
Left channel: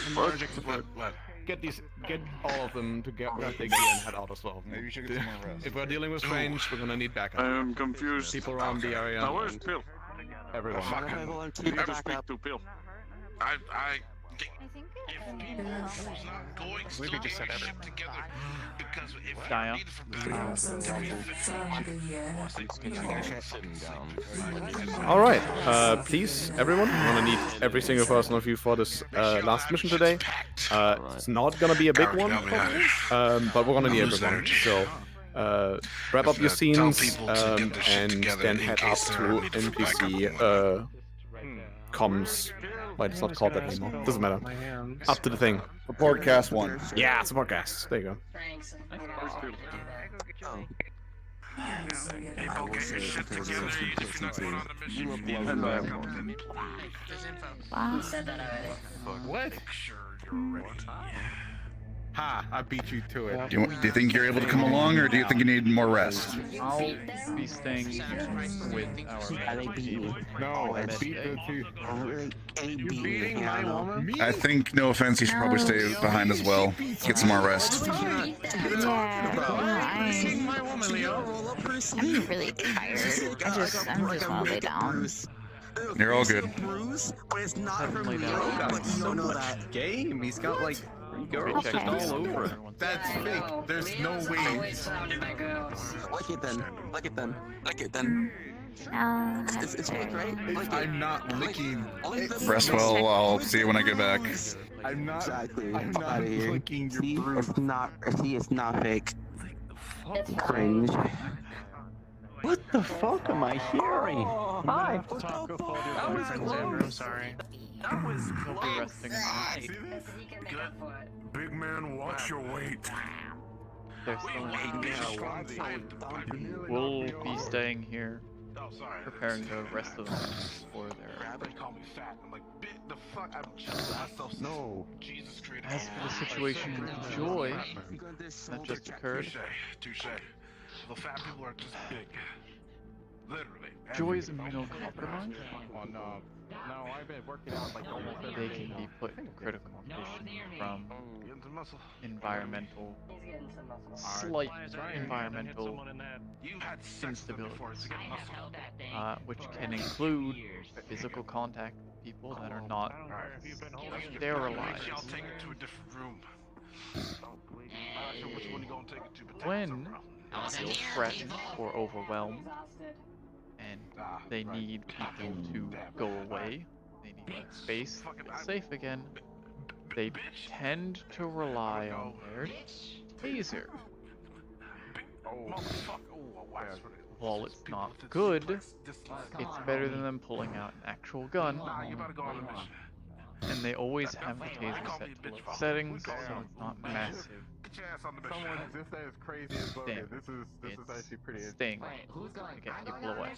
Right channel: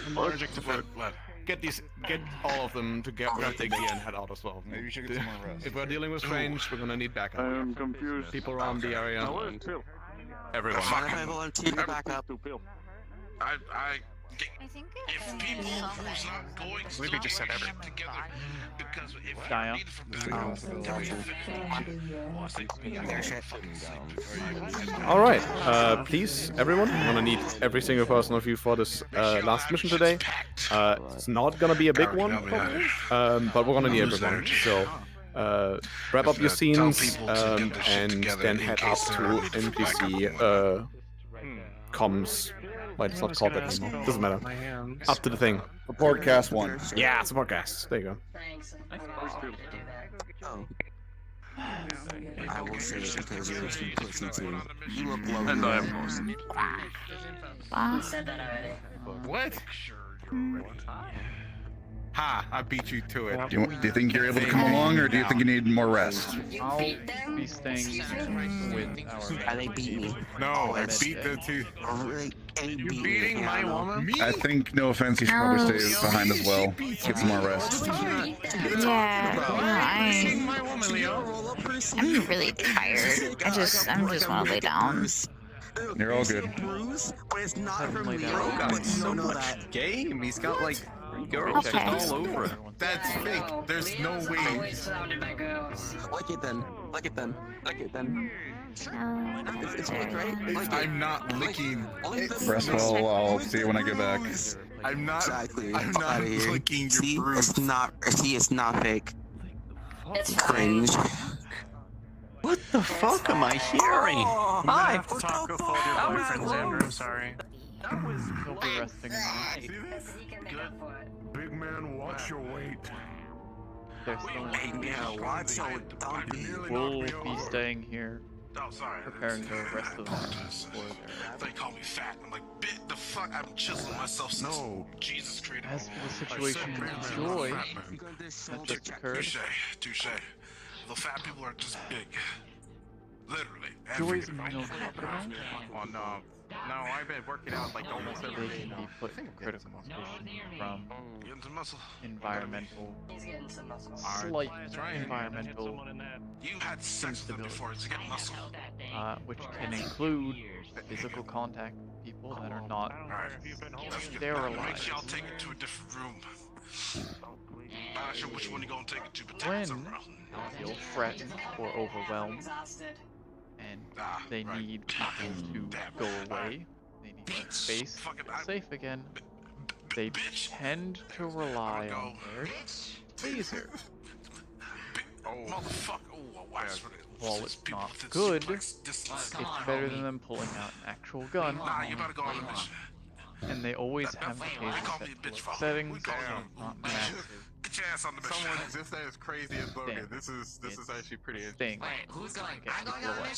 Get all of them to get where they can and head out as well. Maybe you should get some more rest. If we're dealing with strange, we're gonna need backup. I am confused. People around the area. Now, where's Pill? Everyone. Everyone keep your back up. To Pill. I think if people who's not going still get your shit together, because if Gaia. you're needed for backup, then we All right, please, everyone. I'm gonna need every single person of you for this last mission today. It's not gonna be a big one, probably, but we're gonna need everyone. So wrap up your scenes and then head up to NPC comms. Wait, it's not called that anymore. Doesn't matter. Up to the thing. Broadcast 1. Yeah, it's a podcast. There you go. Thanks. I'm happy to do that. Oh. I will say it because you're too pussy too. You look low. You said that already. What? Ha! I beat you to it. Do you think you're able to come along, or do you think you need more rest? I'll be staying here with our They beat me. No, I beat the two. They beat me. Yeah, I know. I think, no offense, you should probably stay behind as well. Get some more rest. I'm really tired. I'm just wanna lay down. You're all good. Bruise, but it's not from Lay me. down. But you don't know that Game. He's got like girls Okay. all over. That's I fake. know. There's no Leo's way. always surrounded by girls. Like it then. Like it then. Like it then. It's fake, right? Like it. I'm not licking. Rest well, I'll see you when I get back. I'm not. Exactly. I'm Fuck not outta here. licking your See, bruise. it's not. See, it's not fake. It's Cringe. what the fuck am I hearing? Hi. Talk with all your boyfriends, Andrew. I'm sorry. He'll be resting now. He can make up for it. Big man, watch your weight. They're still Yeah, We'll be staying here, preparing the rest of them for their. They call me fat. I'm like, bit the fuck? I'm just myself. No. Jesus Christ. As for the situation with Joy that just occurred, Touche. The fat people are just big. Literally. Joy's immunocompromised. Oh no. No, I've been working out like almost every They can be put into critical condition from environmental, slight environmental instability, which can include physical contact with people that are not sterilized. I'll take it to a different room. I'm not sure which one you're gonna take it to, but When they feel threatened or overwhelmed, and they need people to go away, they need their space to feel safe again, they tend to rely on their taser. While it's not good, it's better than them pulling out an actual gun. And they always have the taser set to low settings, so it's not massive. Someone just said it's crazy as Logan. This is actually pretty Sting to get people away.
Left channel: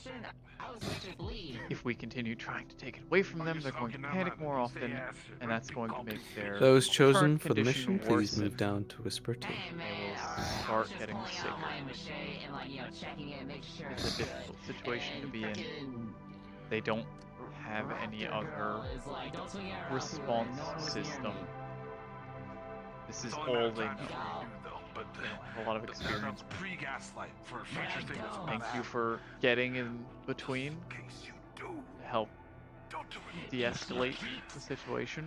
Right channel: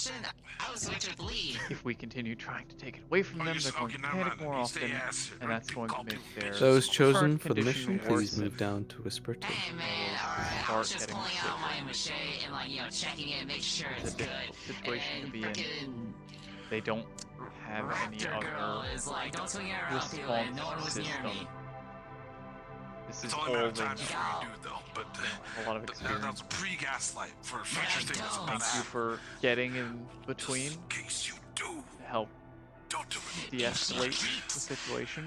If we continue trying to take it away from them, they're going to panic more often, and that's going to make their Those chosen current for the condition mission, please worsen. move down to Whisper 2. They will start getting sicker. It's a difficult situation to be in. They don't have any other response system. This is all they know. They don't have a lot of experience. Thank you for getting in between to help de-escalate the situation.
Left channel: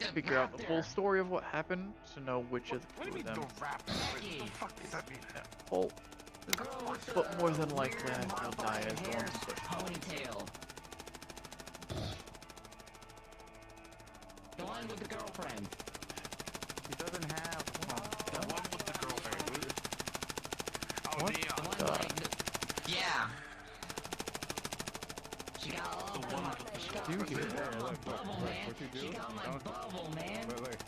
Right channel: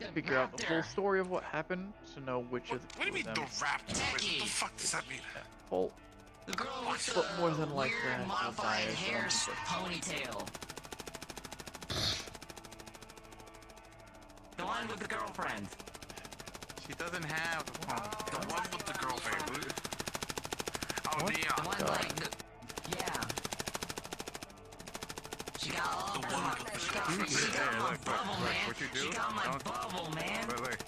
To figure out the full story of what happened, to know which of the two of them is at fault. But more than likely, I feel Daya is the one who pushed it. The one with the girlfriend. She doesn't have the one with the girlfriend. Oh, What? yeah. She got all the You do. What you do? She got my bubble, man. Look.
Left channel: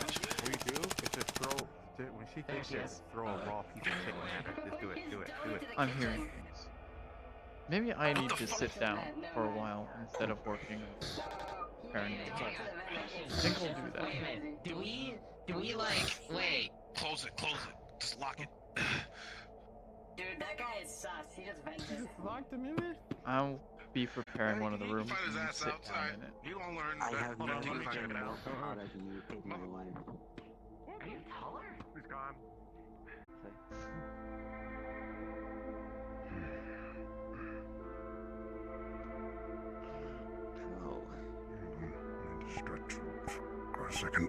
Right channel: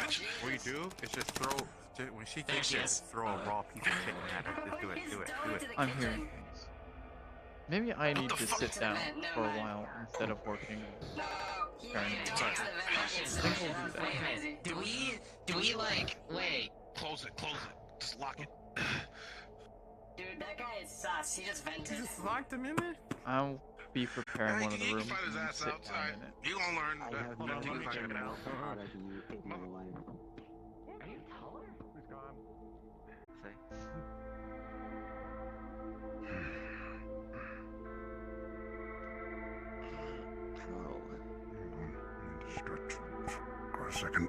What you do is just throw. When she thinks just throw a raw piece of shit at her. Just do it. I'm hearing things. Maybe I need to sit down for a while instead of working with paranoia. I think I'll do that. Do we like, wait. Close it. Just lock it. Dude, that guy is sus. He just vented. You just locked him in there? I'll be preparing one of the rooms and sit down in it. You gonna learn that. Hold on, let me check it out. He's gone. Need to stretch for a second.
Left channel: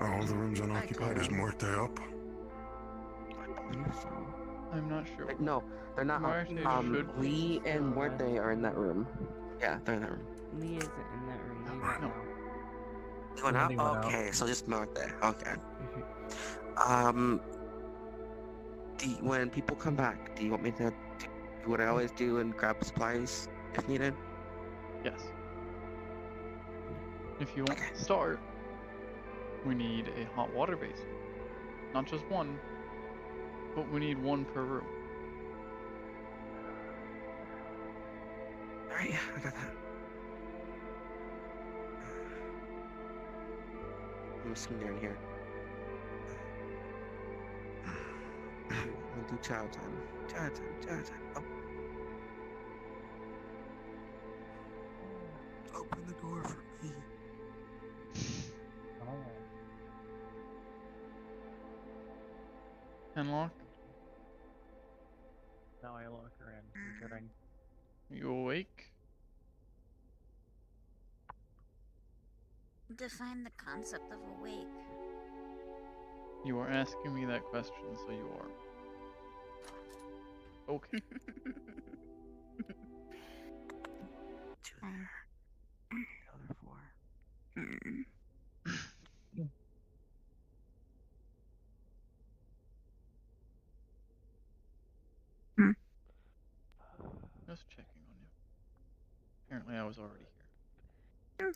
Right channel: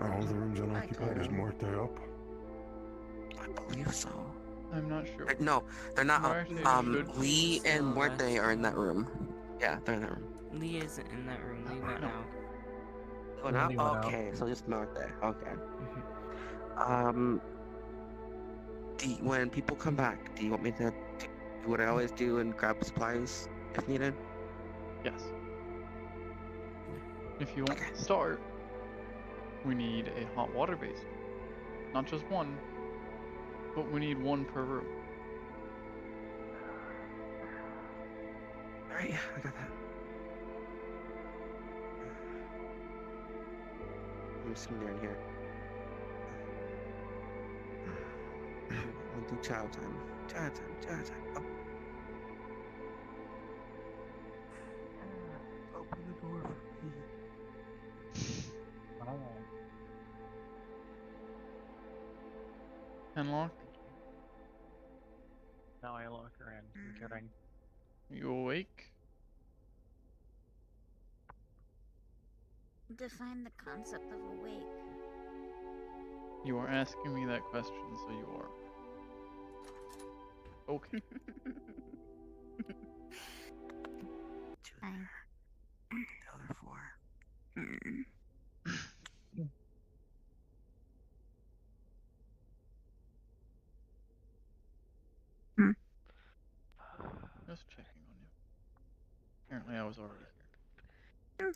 All the rooms unoccupied is Muerte up? I believe so. I'm not sure. No, they're not. Should Lee and Muerte are in that room. Yeah, they're in that room. Lee isn't in that room. Lee went No. out. They went out? Okay, so just Muerte. Okay. When people come back, do you want me to do what I always do and grab supplies if needed? Yes. If you want to start, we need a hot water basin. Not just one, but we need one per room. Alright, yeah, I got that. I'm just gonna get here. We'll do chow time. Chow time. Oh. Open the door for me. Unlock. Now I lock her in. I'm kidding. You awake? Define the concept of awake. You are asking me that question, so you are. Okay. The other four. Just checking on you. Apparently I was already here.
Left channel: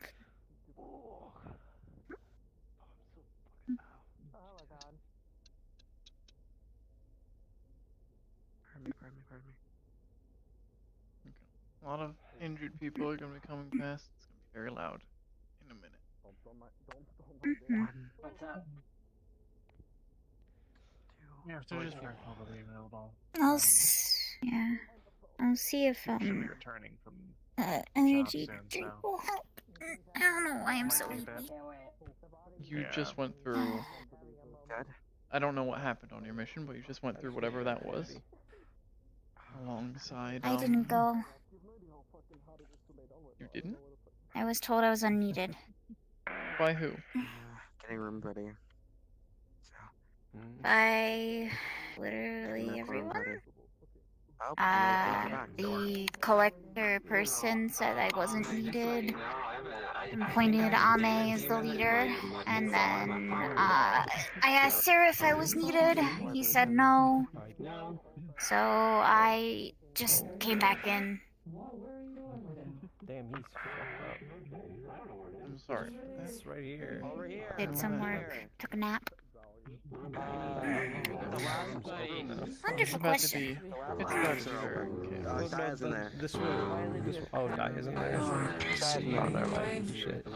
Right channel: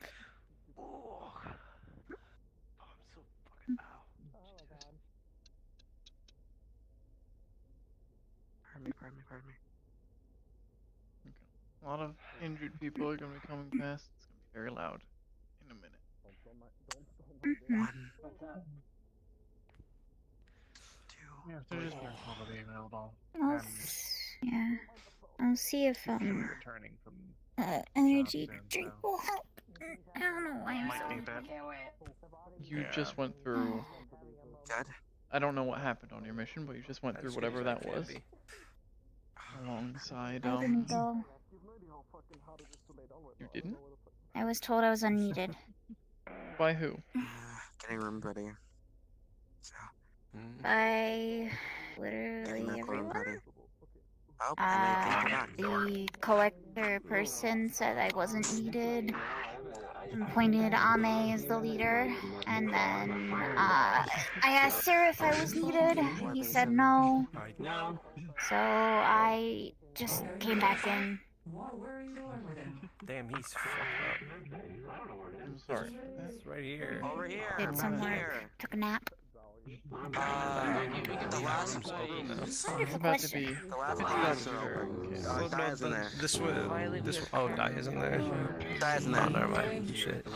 lot of injured people are gonna be coming past. It's gonna be very loud in a minute. What's up? Yeah, if there's just nobody available. Yeah. I'll see if returning from energy soon, drink so. will help. I don't know why I'm so sleepy. You just went through. I don't know what happened on your mission, but you just went through whatever that was. Alongside, I didn't go. You didn't? I was told I was unneeded. By who? Getting room ready. By literally everyone. Oh, The collector person said I wasn't needed and pointed Ame as the leader. And then I asked Sarah if I was needed. He said no. So I just came back in. Damn, he's fucked up. I'm sorry for that. It's right here. Did some work. Took a nap. It's about to be. It's about to be very chaotic. This way. Oh, Dai isn't there. Dai's in there. Shit.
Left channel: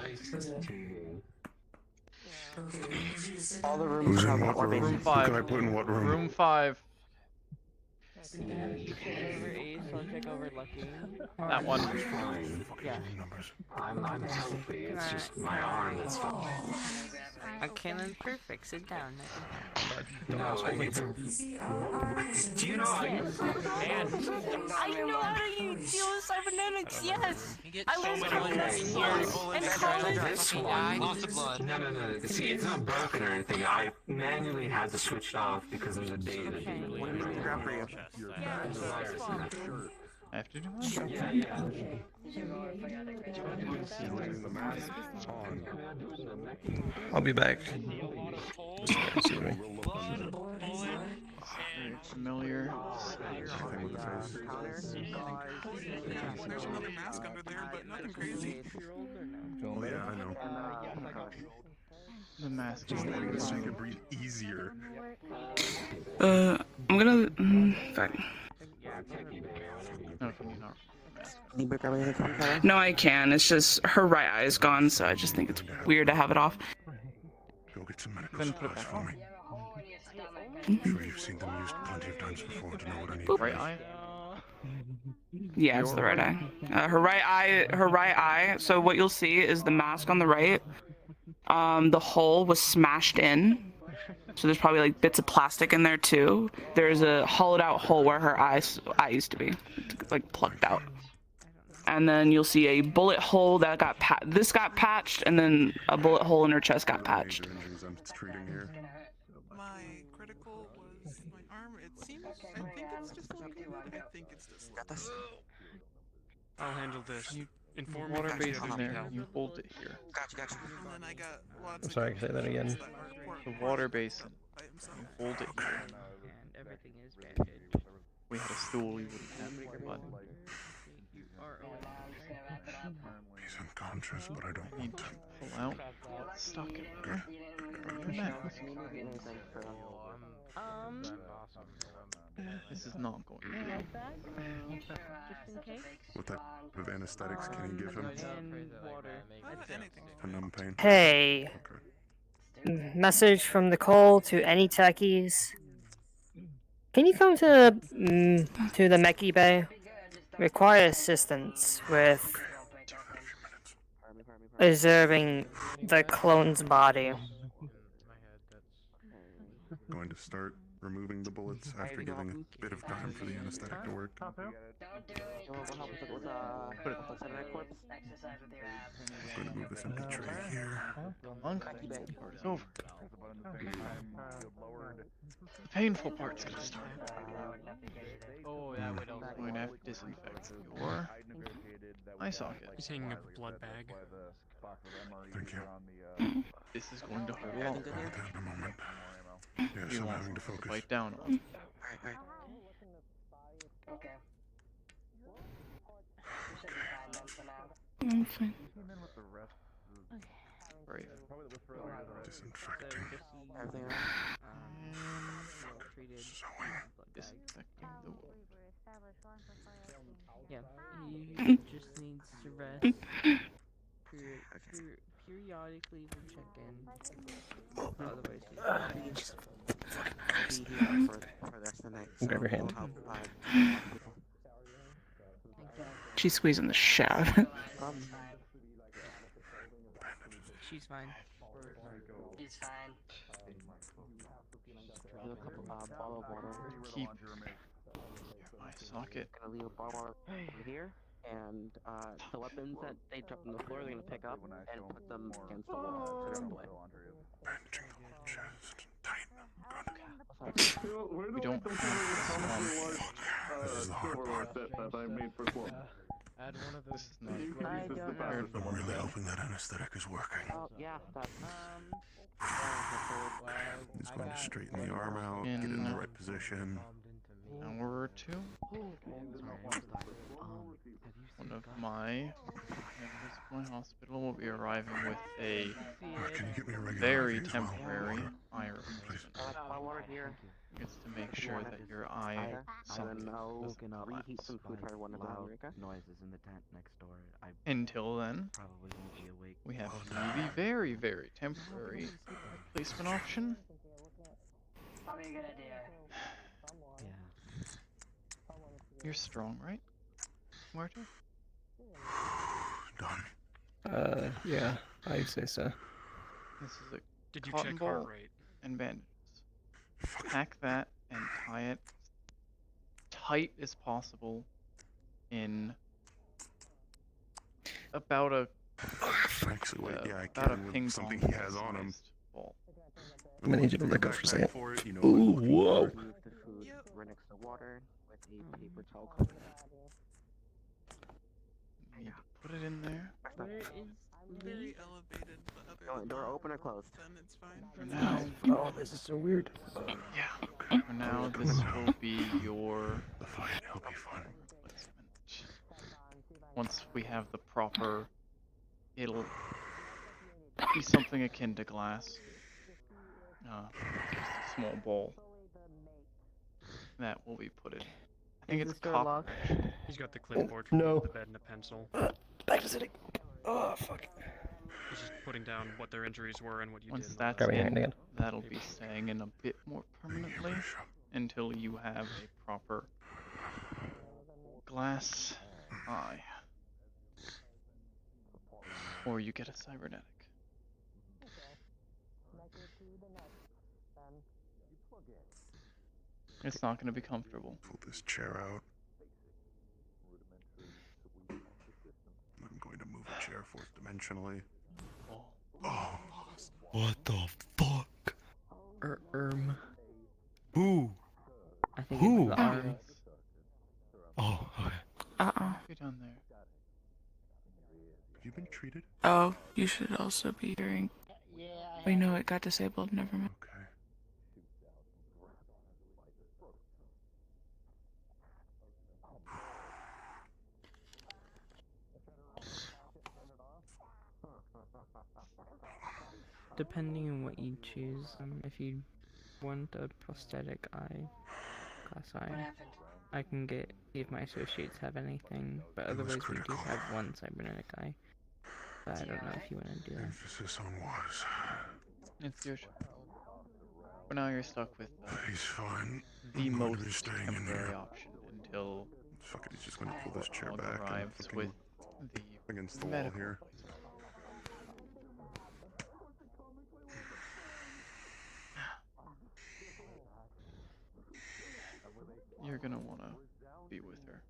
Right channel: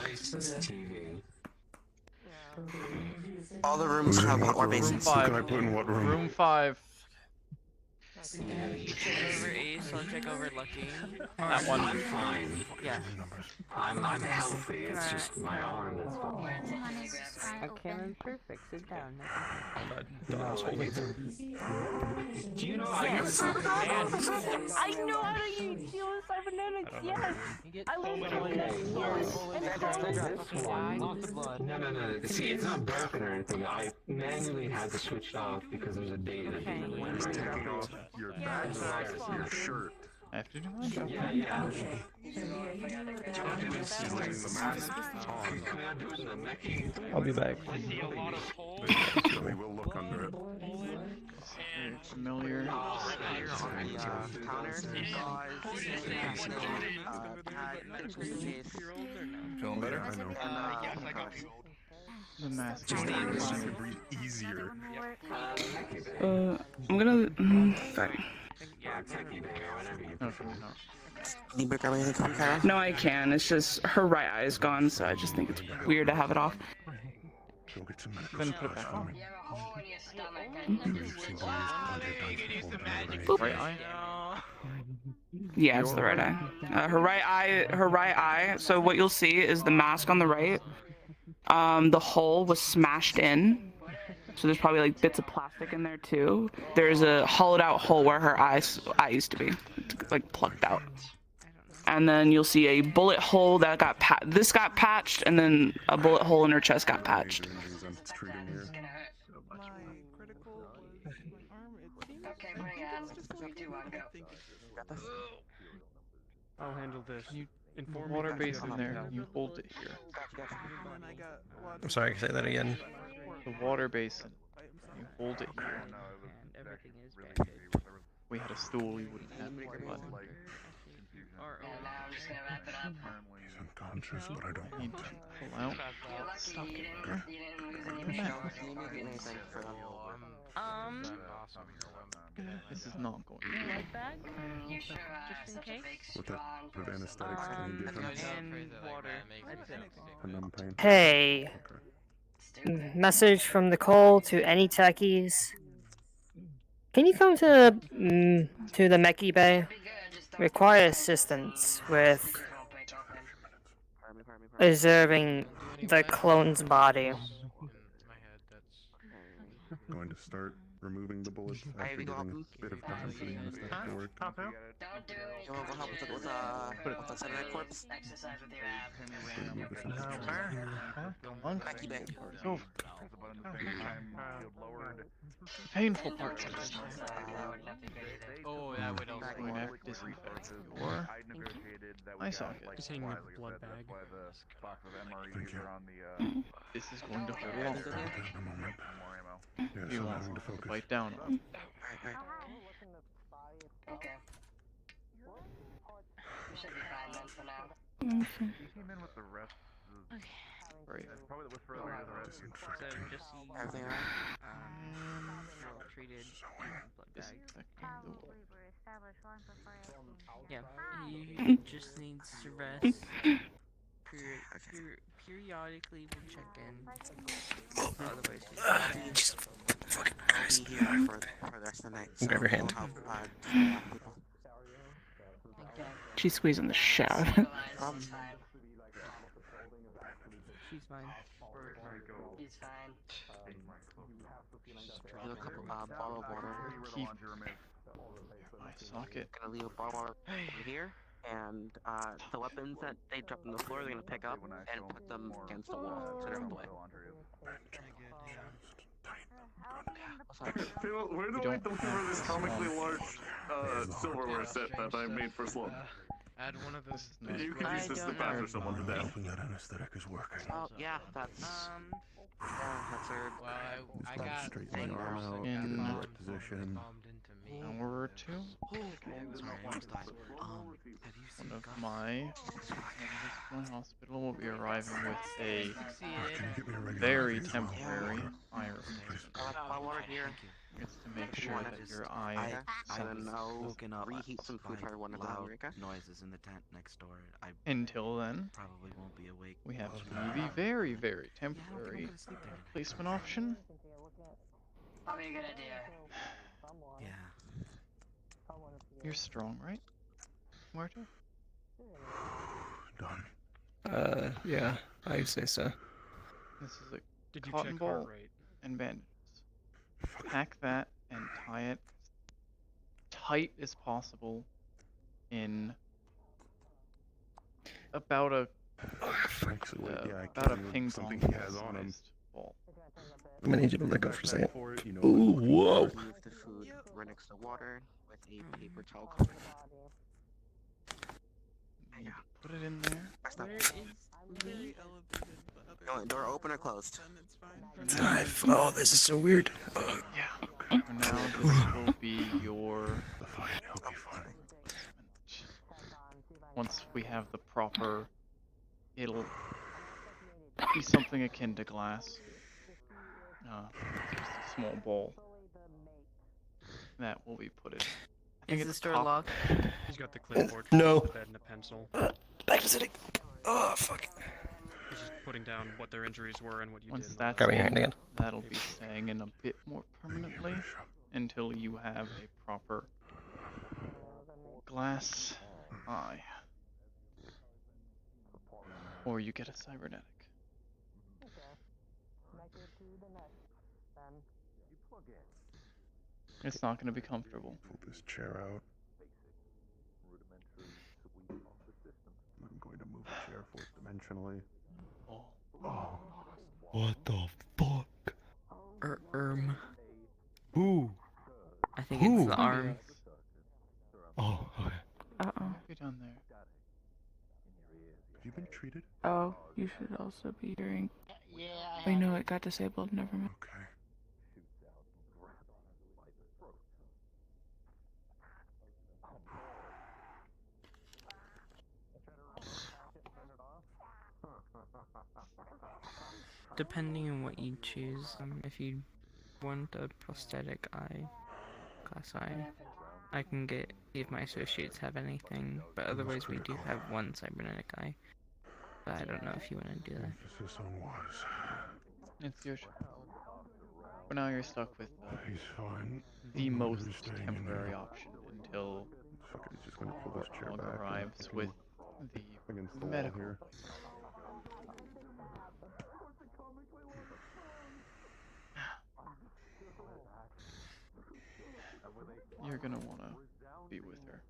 All the rooms have what room? Room Who 5. can I put in what room? Room 5. Check over Ace, I'll check over Lucky. That one. Yeah. I'm healthy, it's just my arm is fucked. Okay, then perfect. Sit down. Don's holding it. Do you know how to use I know how to use cybernetics, yes! I was doing it in here. this one? No. See, it's not broken or anything. I manually had to switch it off because there's a data that went wrong. I have to do my job. I'll be back. Very familiar. Oh yeah, I know. The mask. Just make you breathe easier. I'm gonna. Fine. No, can you not? No, I can. It's just her right eye is gone, so I just think it's weird to have it off. Go get some medical Then put it supplies back for on. me. You've seen them used plenty of times before. Do you know what I mean? Right eye? Yeah, it's the right eye. Her right eye. So what you'll see is the mask on the right. The hole was smashed in. So there's probably like bits of plastic in there too. There's a hollowed out hole where her eye used to be, like plucked out. And then you'll see a bullet hole that got this got patched, and then a bullet hole in her chest got patched. I'll handle this. The water basin there. You hold it here. I'm sorry, say that again. The water basin. You hold it here. And everything is bandaged. If we had a stool, you wouldn't have it, but He's unconscious, but I don't I need to pull out what's stuck in there. Your mask. This is not going to be good. Just in case. What type of anesthetics can you give him? And water. That's it. For numb pain? Hey. Message from the call to any techies. Can you come to the Meki Bay? Require assistance with observing the clone's body. Going to start removing the bullets after giving a bit of time for the anesthetic to work. Move this into tray here. The uncomfortable part is over. The painful part's gonna start. I'm going to have to disinfect your eye socket. He's hanging up a blood bag. Thank you. This is going to hurt a lot. In a moment. Yes, You I'm want having to something to focus. bite down on. Right. Treated. Disinfecting the wound. Yeah, he just needs to rest. Periodically, we'll check in. Otherwise, he's He's back for the rest of the night. So Grab your hand. we'll help, She's squeezing the shit out of it. She's fine. He's fine. do a couple bottle of water. Keep my socket. Gonna leave a bottle of water here, and the weapons that they drop on the floor, they're gonna pick up and put them against the wall, so they're out of the way. Where do I don't deliver have this this comically on. large silverware set that I made for Slum? Add one of This is not. You could use this to batter someone to death. Hoping that anesthetic is working. Oh, yeah, that's Just gotta straighten the arm out, get it in the right position. An hour or two. One of my hospital will be arriving with a very temporary eye replacement. It's to make sure that your eye socket doesn't collapse. noises in the tent next door. Until then, Probably won't be awake. we have to do the very, very temporary replacement option. Probably a good idea. You're strong, right, Marta? Yeah, I say so. This is a Did you cotton check ball heart rate? and bandages. Pack that and tie it as tight as possible in about a ping pong sized ball. I'm gonna need you to let go for a second. Ooh, whoa. Move the food right next to water with a paper towel covering it. Need to put it in there. Very elevated. Door open or closed? Oh, this is so weird. Yeah. For now, this will be your replacement. Once we have the proper, it'll be something akin to glass. It's just a small ball that will be put in. I think it's copper. He's got the clipboard, No. the bed, and a pencil. Back to sitting. Oh, fuck. He's just putting down what their injuries were and what you Once did. that's Grab your hand in, again. that'll be staying in a bit more permanently until you have a proper glass eye. Or you get a cybernetic. It's not going to be comfortable. Pull this chair out. I'm going to move the chair forth dimensionally. What the fuck? Who? I think Who? it's the arm. Oh, okay. Be down there. Have you been treated? Oh, you should also be hearing. Wait, no, it got disabled. Never mind. Okay. Depending on what you choose, if you want a prosthetic eye, glass eye, I can get if my associates have anything, but otherwise we do have one cybernetic eye. But I don't know if you want to do that. Emphasis on was. It's your choice. For now, you're stuck with He's fine. the I'm going to be most staying in temporary there. option until Fuck it, he's just going to pull this chair Warthog back. arrives and with against the the medical wall here. replacement. You're gonna wanna be with her.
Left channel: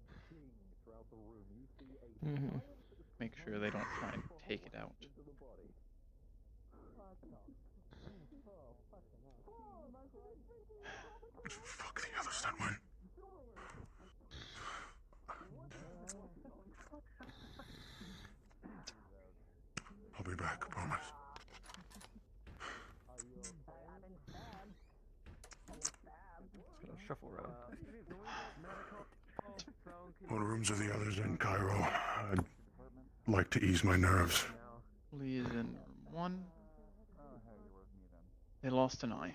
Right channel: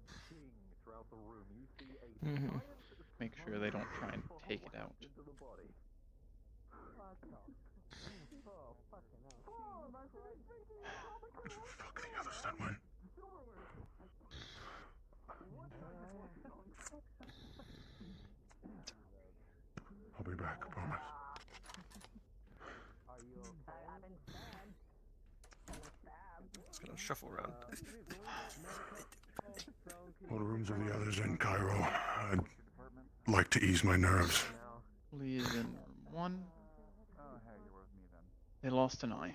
Make sure they don't try and take it out. Fuck, the other side went. I'll be back, promise. It's gonna shuffle around. What rooms are the others in, Cairo? I'd like to ease my nerves. Lee is in room 1. They lost an eye.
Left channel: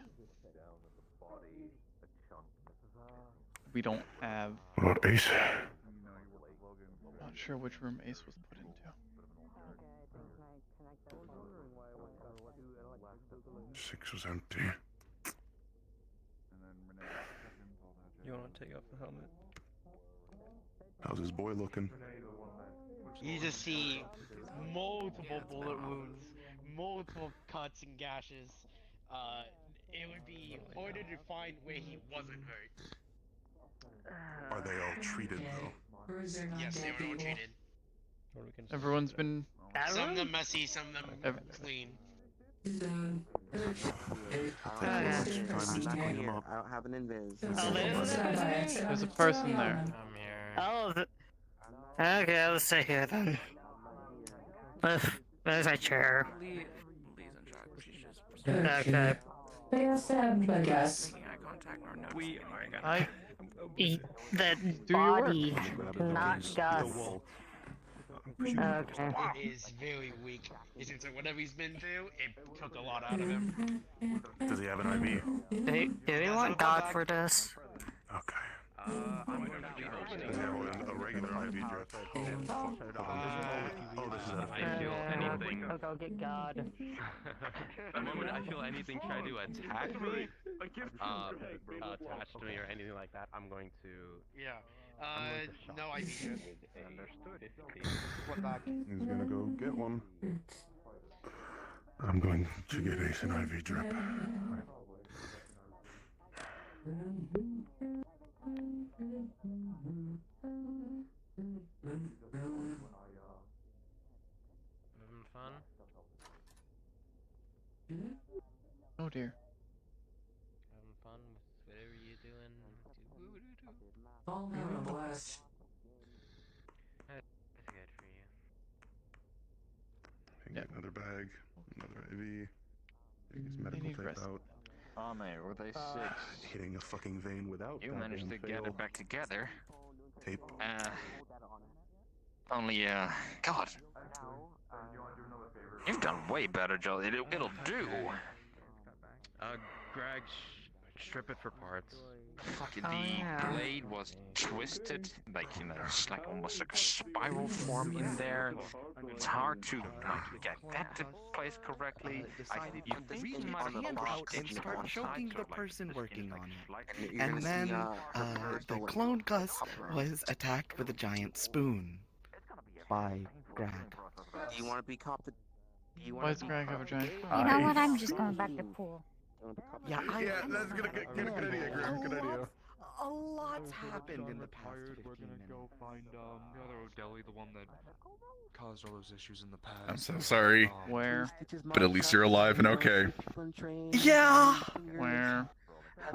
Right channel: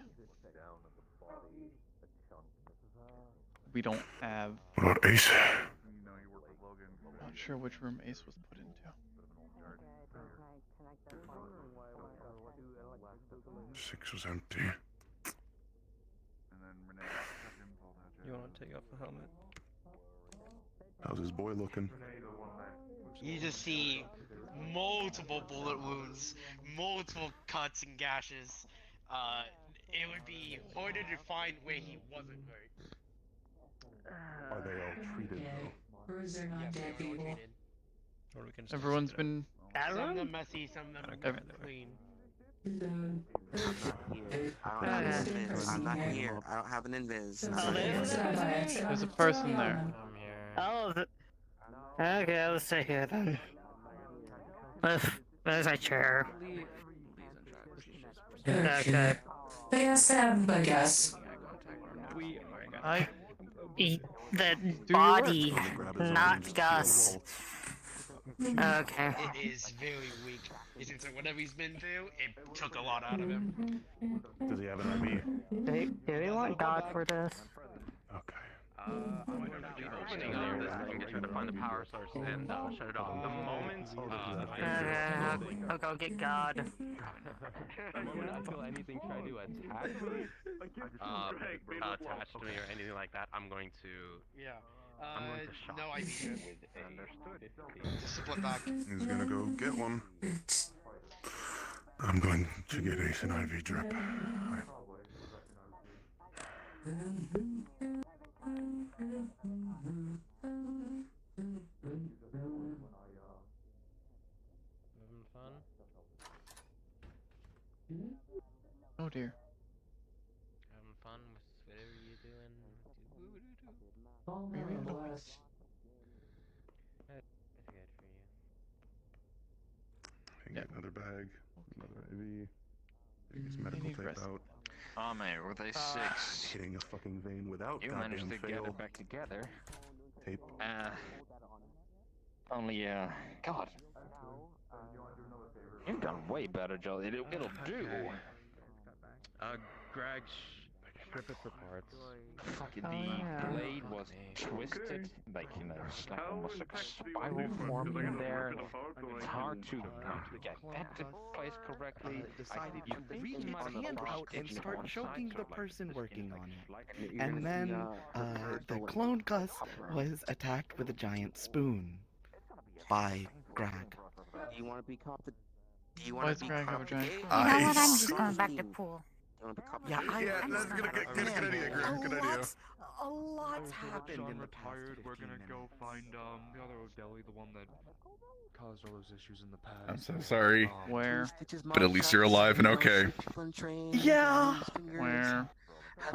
we don't have. What about Ace? Not sure which room Ace was put into. 6 was empty. You want to take off the helmet? How's his boy looking? You just see multiple bullet wounds, multiple cuts and gashes. It would be harder to find where he wasn't hurt. Are they all treated though? Yes, they were all treated. Everyone's been. Some of them messy, some of them clean. I'm not here. I don't have an invis. There's a person there. Oh, okay, let's stay here then. There's a chair. Okay. I guess. The body, not Gus. Okay. It is very weak. It's like whatever he's been through, it took a lot out of him. Does he have an IV? Do we want God for this? I'll go get God. I feel anything try to attack me, attach to me or anything like that, I'm going to. Yeah. No IV. Split back. He's gonna go get one. I'm going to get Ace an IV drip. Oh dear. Having fun with whatever you're doing. Bless. That's good for you. And get another bag, another IV. Take his medical tape out. Oh man, were they 6? Hitting a fucking vein without. You managed to fail. get it back together. Tape. Only God. You've done way better, Joel. It'll do. Greg, strip it for parts. Fucking the blade was twisted, like it's like almost like a spiral form in there. It's hard to get that to place correctly. You reach his hand out and start choking the person working on it. And then the clone Gus was attacked with a giant spoon by Greg. Do you want to be competent? Why does Greg have a giant spoon? You know what? I'm just going back to pool. Yeah, that's gonna get good idea, Greg. Good idea. A lot's happened in the past. We're gonna go find the other O'Delly, the one that caused all those issues in the past. I'm so sorry. Where? But at least you're alive and okay. Yeah. Where?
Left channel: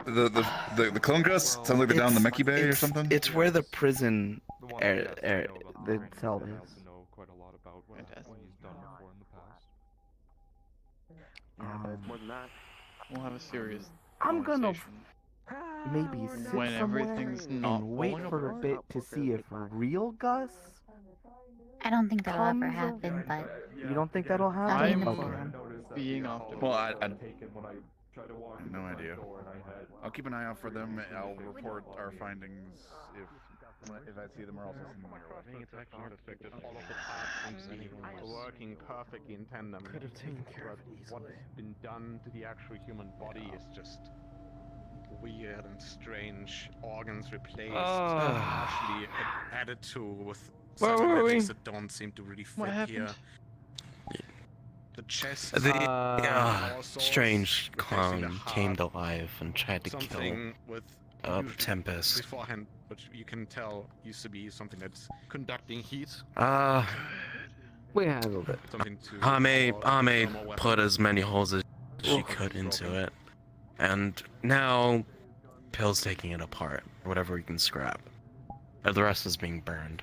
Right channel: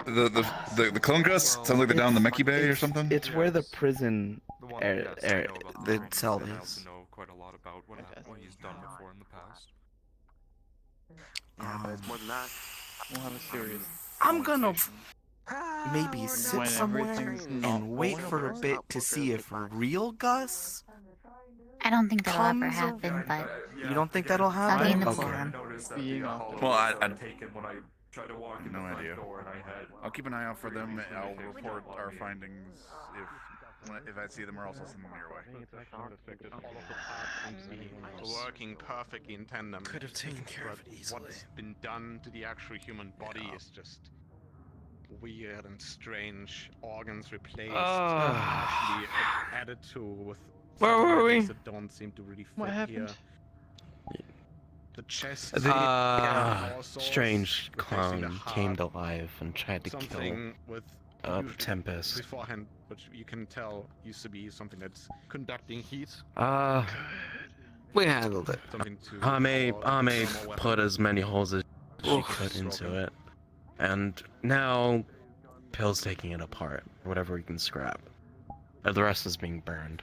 The clone Gus sounds like they're down in the Mechie Bay or something. It's where the prison the cell is. Know quite a lot about what he's done before in the past. Yeah, but it's more than that. We'll have a serious. I'm gonna maybe sit when somewhere everything's not and wait falling for a apart? bit to see if real Gus. I don't think that'll ever comes happen, but You don't think that'll I'll be in happen? the Okay. pool. Being optimistic. Well, I no idea. I'll keep an eye out for them. I'll report our findings if I see them, or else I'll send them your way. Working perfectly in tandem. Could have taken care of it easily. What's been done to the actual human body is just weird and strange. Organs replaced, partially added to with Where were we? something that don't seem to really fit What happened? here. The chest. Strange replacing the clone heart, came to life and tried to kill something with Tempest. beforehand, which you can tell used to be something that's conducting heat. We handled it. Something to Ame thermal put weapon. as many holes as she could into it, and now Pill's taking it apart. Whatever we can scrap, the rest is being burned.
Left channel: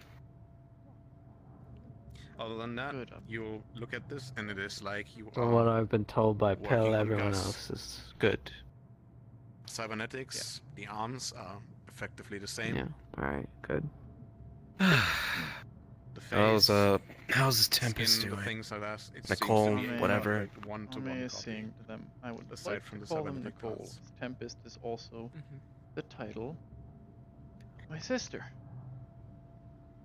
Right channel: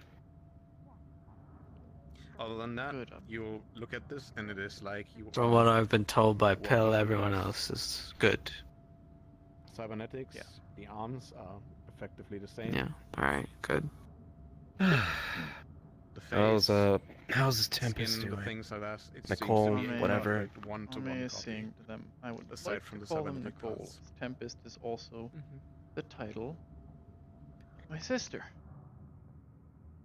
Other than that, you look at this and it is like you From are what I've been told by Pill, working everyone Gus. else is good. Cybernetics, the arms are effectively the same. Yeah. All right. Good. The How's his Tempest skin, the doing? things like that. It Nicole, seems to be whatever. perfect one-to-one Ame is copy. seeing to them. I would Aside like from to the call them cybernetic Nicole. parts. Tempest is also the title My sister.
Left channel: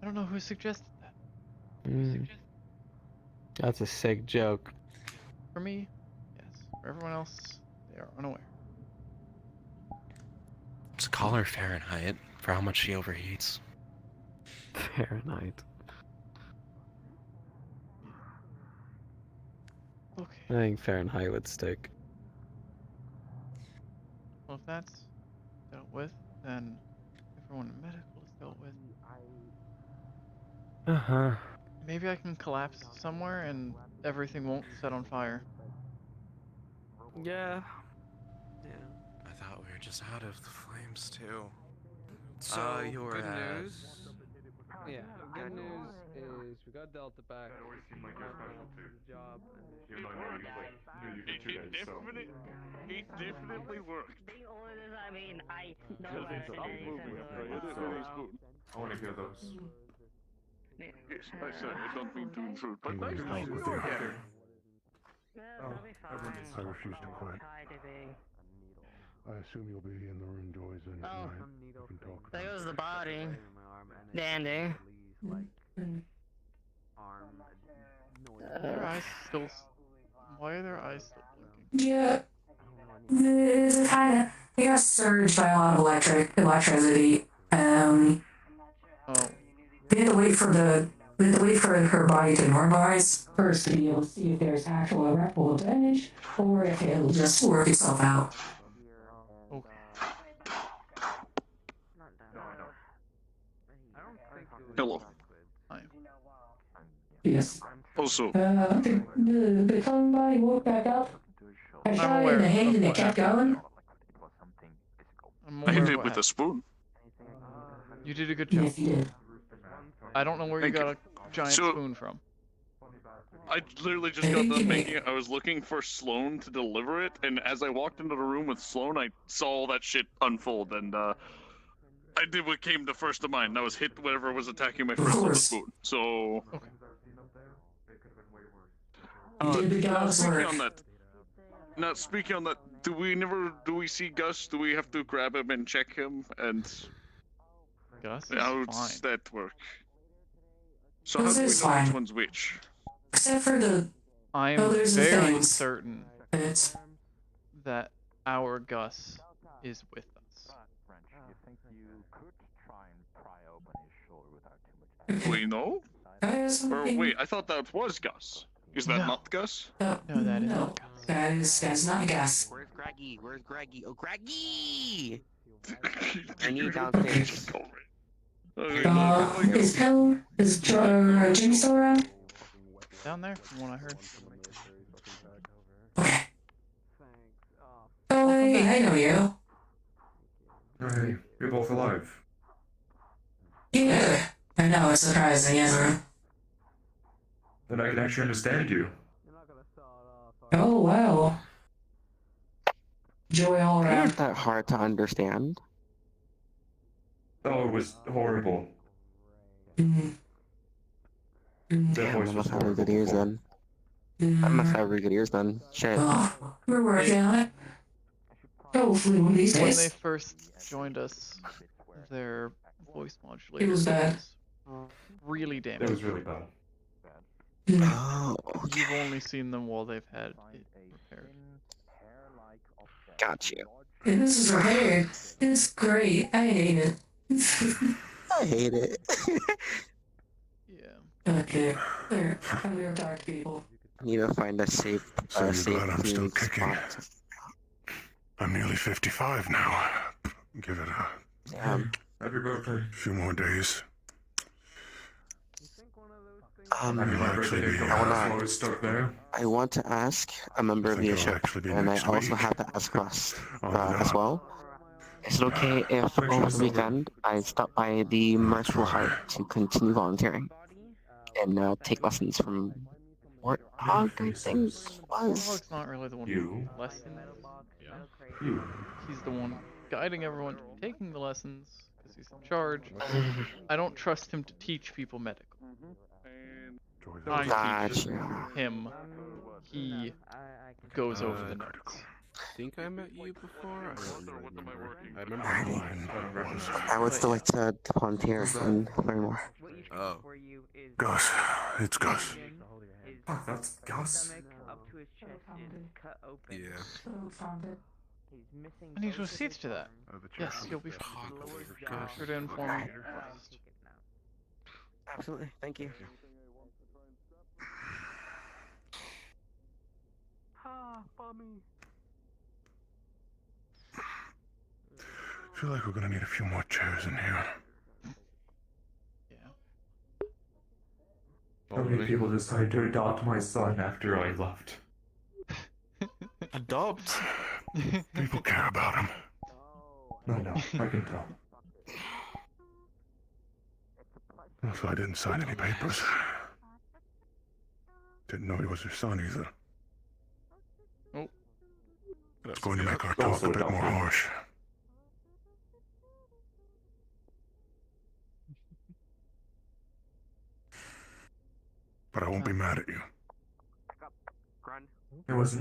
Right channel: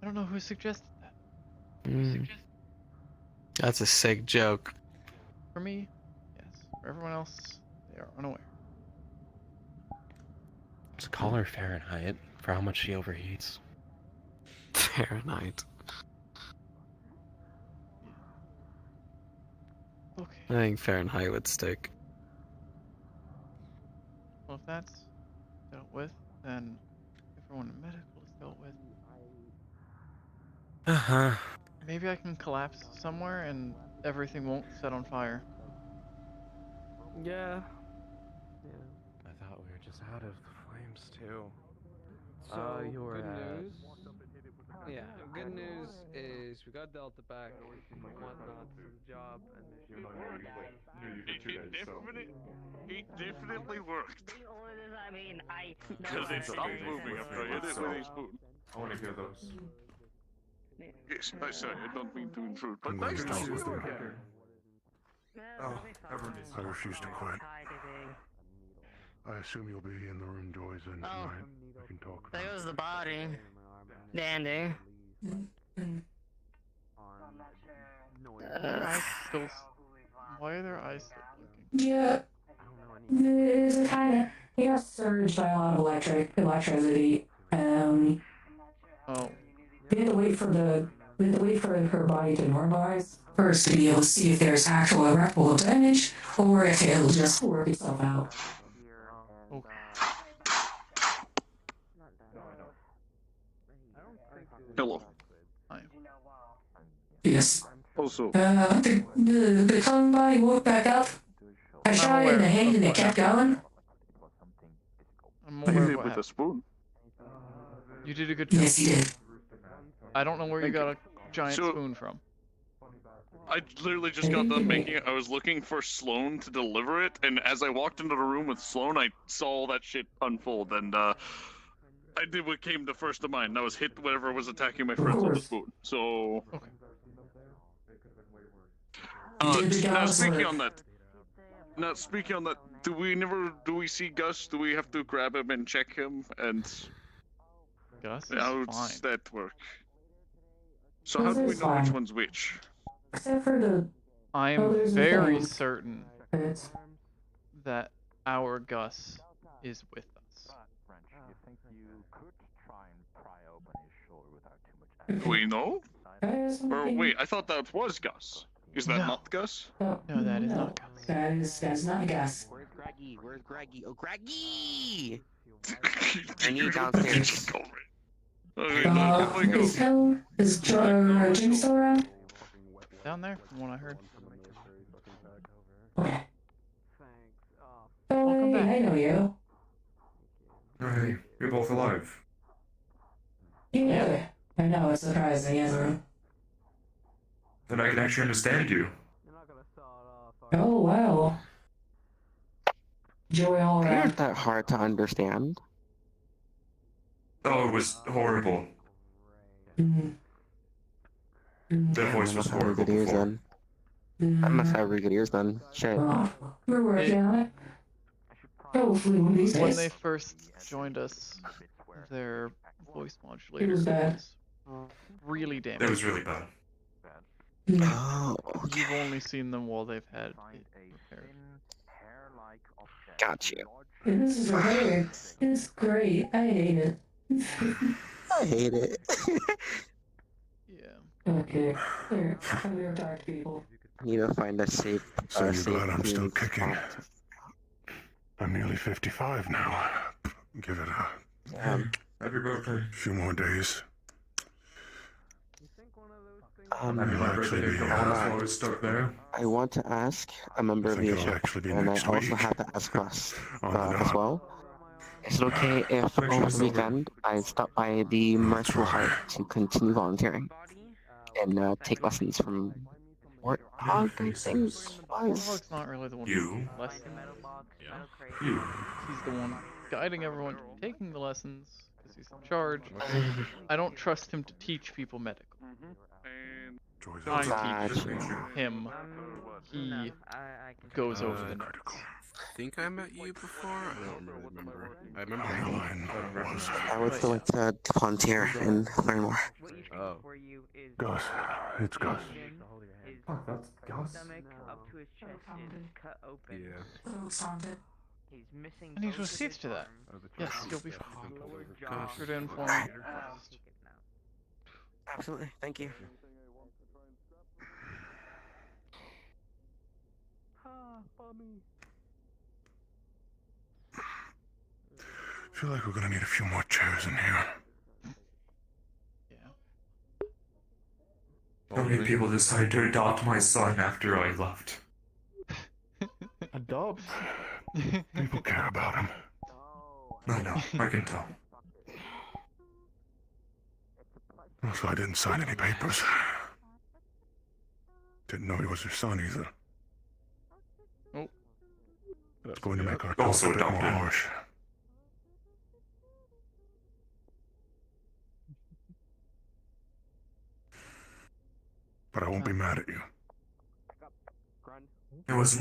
I don't know who suggested that. That's a sick joke. For me, yes. For everyone else, they are unaware. Just call her Fahrenheit for how much she overheats. Fahrenheit. Okay. I think Fahrenheit would stick. Well, if that's dealt with, then everyone in medical is dealt with. Maybe I can collapse somewhere and everything won't set on fire. Yeah. I thought we were just out of the flames too. So, you were good at- news. Yeah, good news is we got Delta back and whatnot for the job and It definitely worked. I mean, I Because it stopped moving after I hit it with his spoon. I want to hear those. Yes, I sorry, I don't mean to intrude, but I'm going nice to to see talk with you her. again. I refuse to quit. I assume you'll be in the room Joy's in tonight. We can talk about There goes it. the body. Dandy. Their eyes still. Why are their eyes still blinking? Yeah. We got surged by a lot of electricity. Oh. We had to wait for her body to normalize first to be able to see if there's actual irreparable damage or if it'll just work itself out. Okay. Hello. Hi. Yes. Also, The clone body woke back up. I shot it in the head and it kept going. I'm I aware hit of it what with a happened. spoon. You did a good job. Yes, you did. I don't know where you Thank got you. a giant So- spoon from. I literally just got done making it. I was looking for Sloan to deliver it, and as I walked into the room with Sloan, I saw all that shit unfold, and I did what came to first of mind. And I was hit whatever was attacking my first with the spoon. So. Okay. Now speaking on that, do we see Gus? Do we have to grab him and check him? And Gus how is does fine. that work? So how do we know which one's which? Except for the. I am there's the very things. certain that our Gus is with us. Do we know? Or wait, I thought that was Gus. Is that No. not Gus? No, that is not Gus. That's not Gus. Where's Greggy? Where's Greggy? Oh, Greggy! I need downstairs. Is Jim still around? Down there, from what I heard. Oh, hey, I know you. Hey, you're both alive. Yeah. I know, it's surprising, isn't it? Then I can actually understand you. Oh, wow. Joey all They around. aren't that hard to understand. Oh, it was horrible. Mm. Their Damn, voice I was must have really horrible good ears before. then. I must have really good ears then. Shit. We're working on it. Hopefully one of these When days. they first joined us, their voice modulator was bad. was really damaged. It was really bad. Oh, You've only seen them while they've had it repaired. got you. And this is repaired. It's great. I hate it. I hate it. Yeah. Okay. Here, I'm gonna talk to people. Need to find a safe. So you're safe glad I'm still community kicking. spot. I'm nearly 55 now. Give it Happy a few more days. Um, Happy birthday, flowers stuck there. I want to ask a member of think it'll leadership, actually be and I next also week. have to ask Russ On the as dot. well. Is it okay if Make sure over it's the over. weekend I stop by the Merciful Heart to continue volunteering and take lessons from Warthog, I think was. Warthog's not really the one You. taking lessons. You. He's the one guiding everyone to taking the lessons because he's in charge. I don't trust him to teach people medical. I teach Gotcha. him. He goes over the notes. think I met you before. I don't remember. I remember. I would still like to volunteer and learn more. Oh. Gus. It's Gus. Oh, that's Gus. Stomach up to his chest is cut open. Yeah. He's missing. I need to accede to that. Yes, you'll be fine. Be sure to inform me first. Absolutely. Thank you. I feel like we're gonna need a few more chairs in here. How many people decided to adopt my son after I left? Adopt? People care about him. I know, I can tell. Also, I didn't sign any papers. Didn't know he was your son either. Oh. It's going to make our talk a bit more harsh. But I won't be mad at you. It was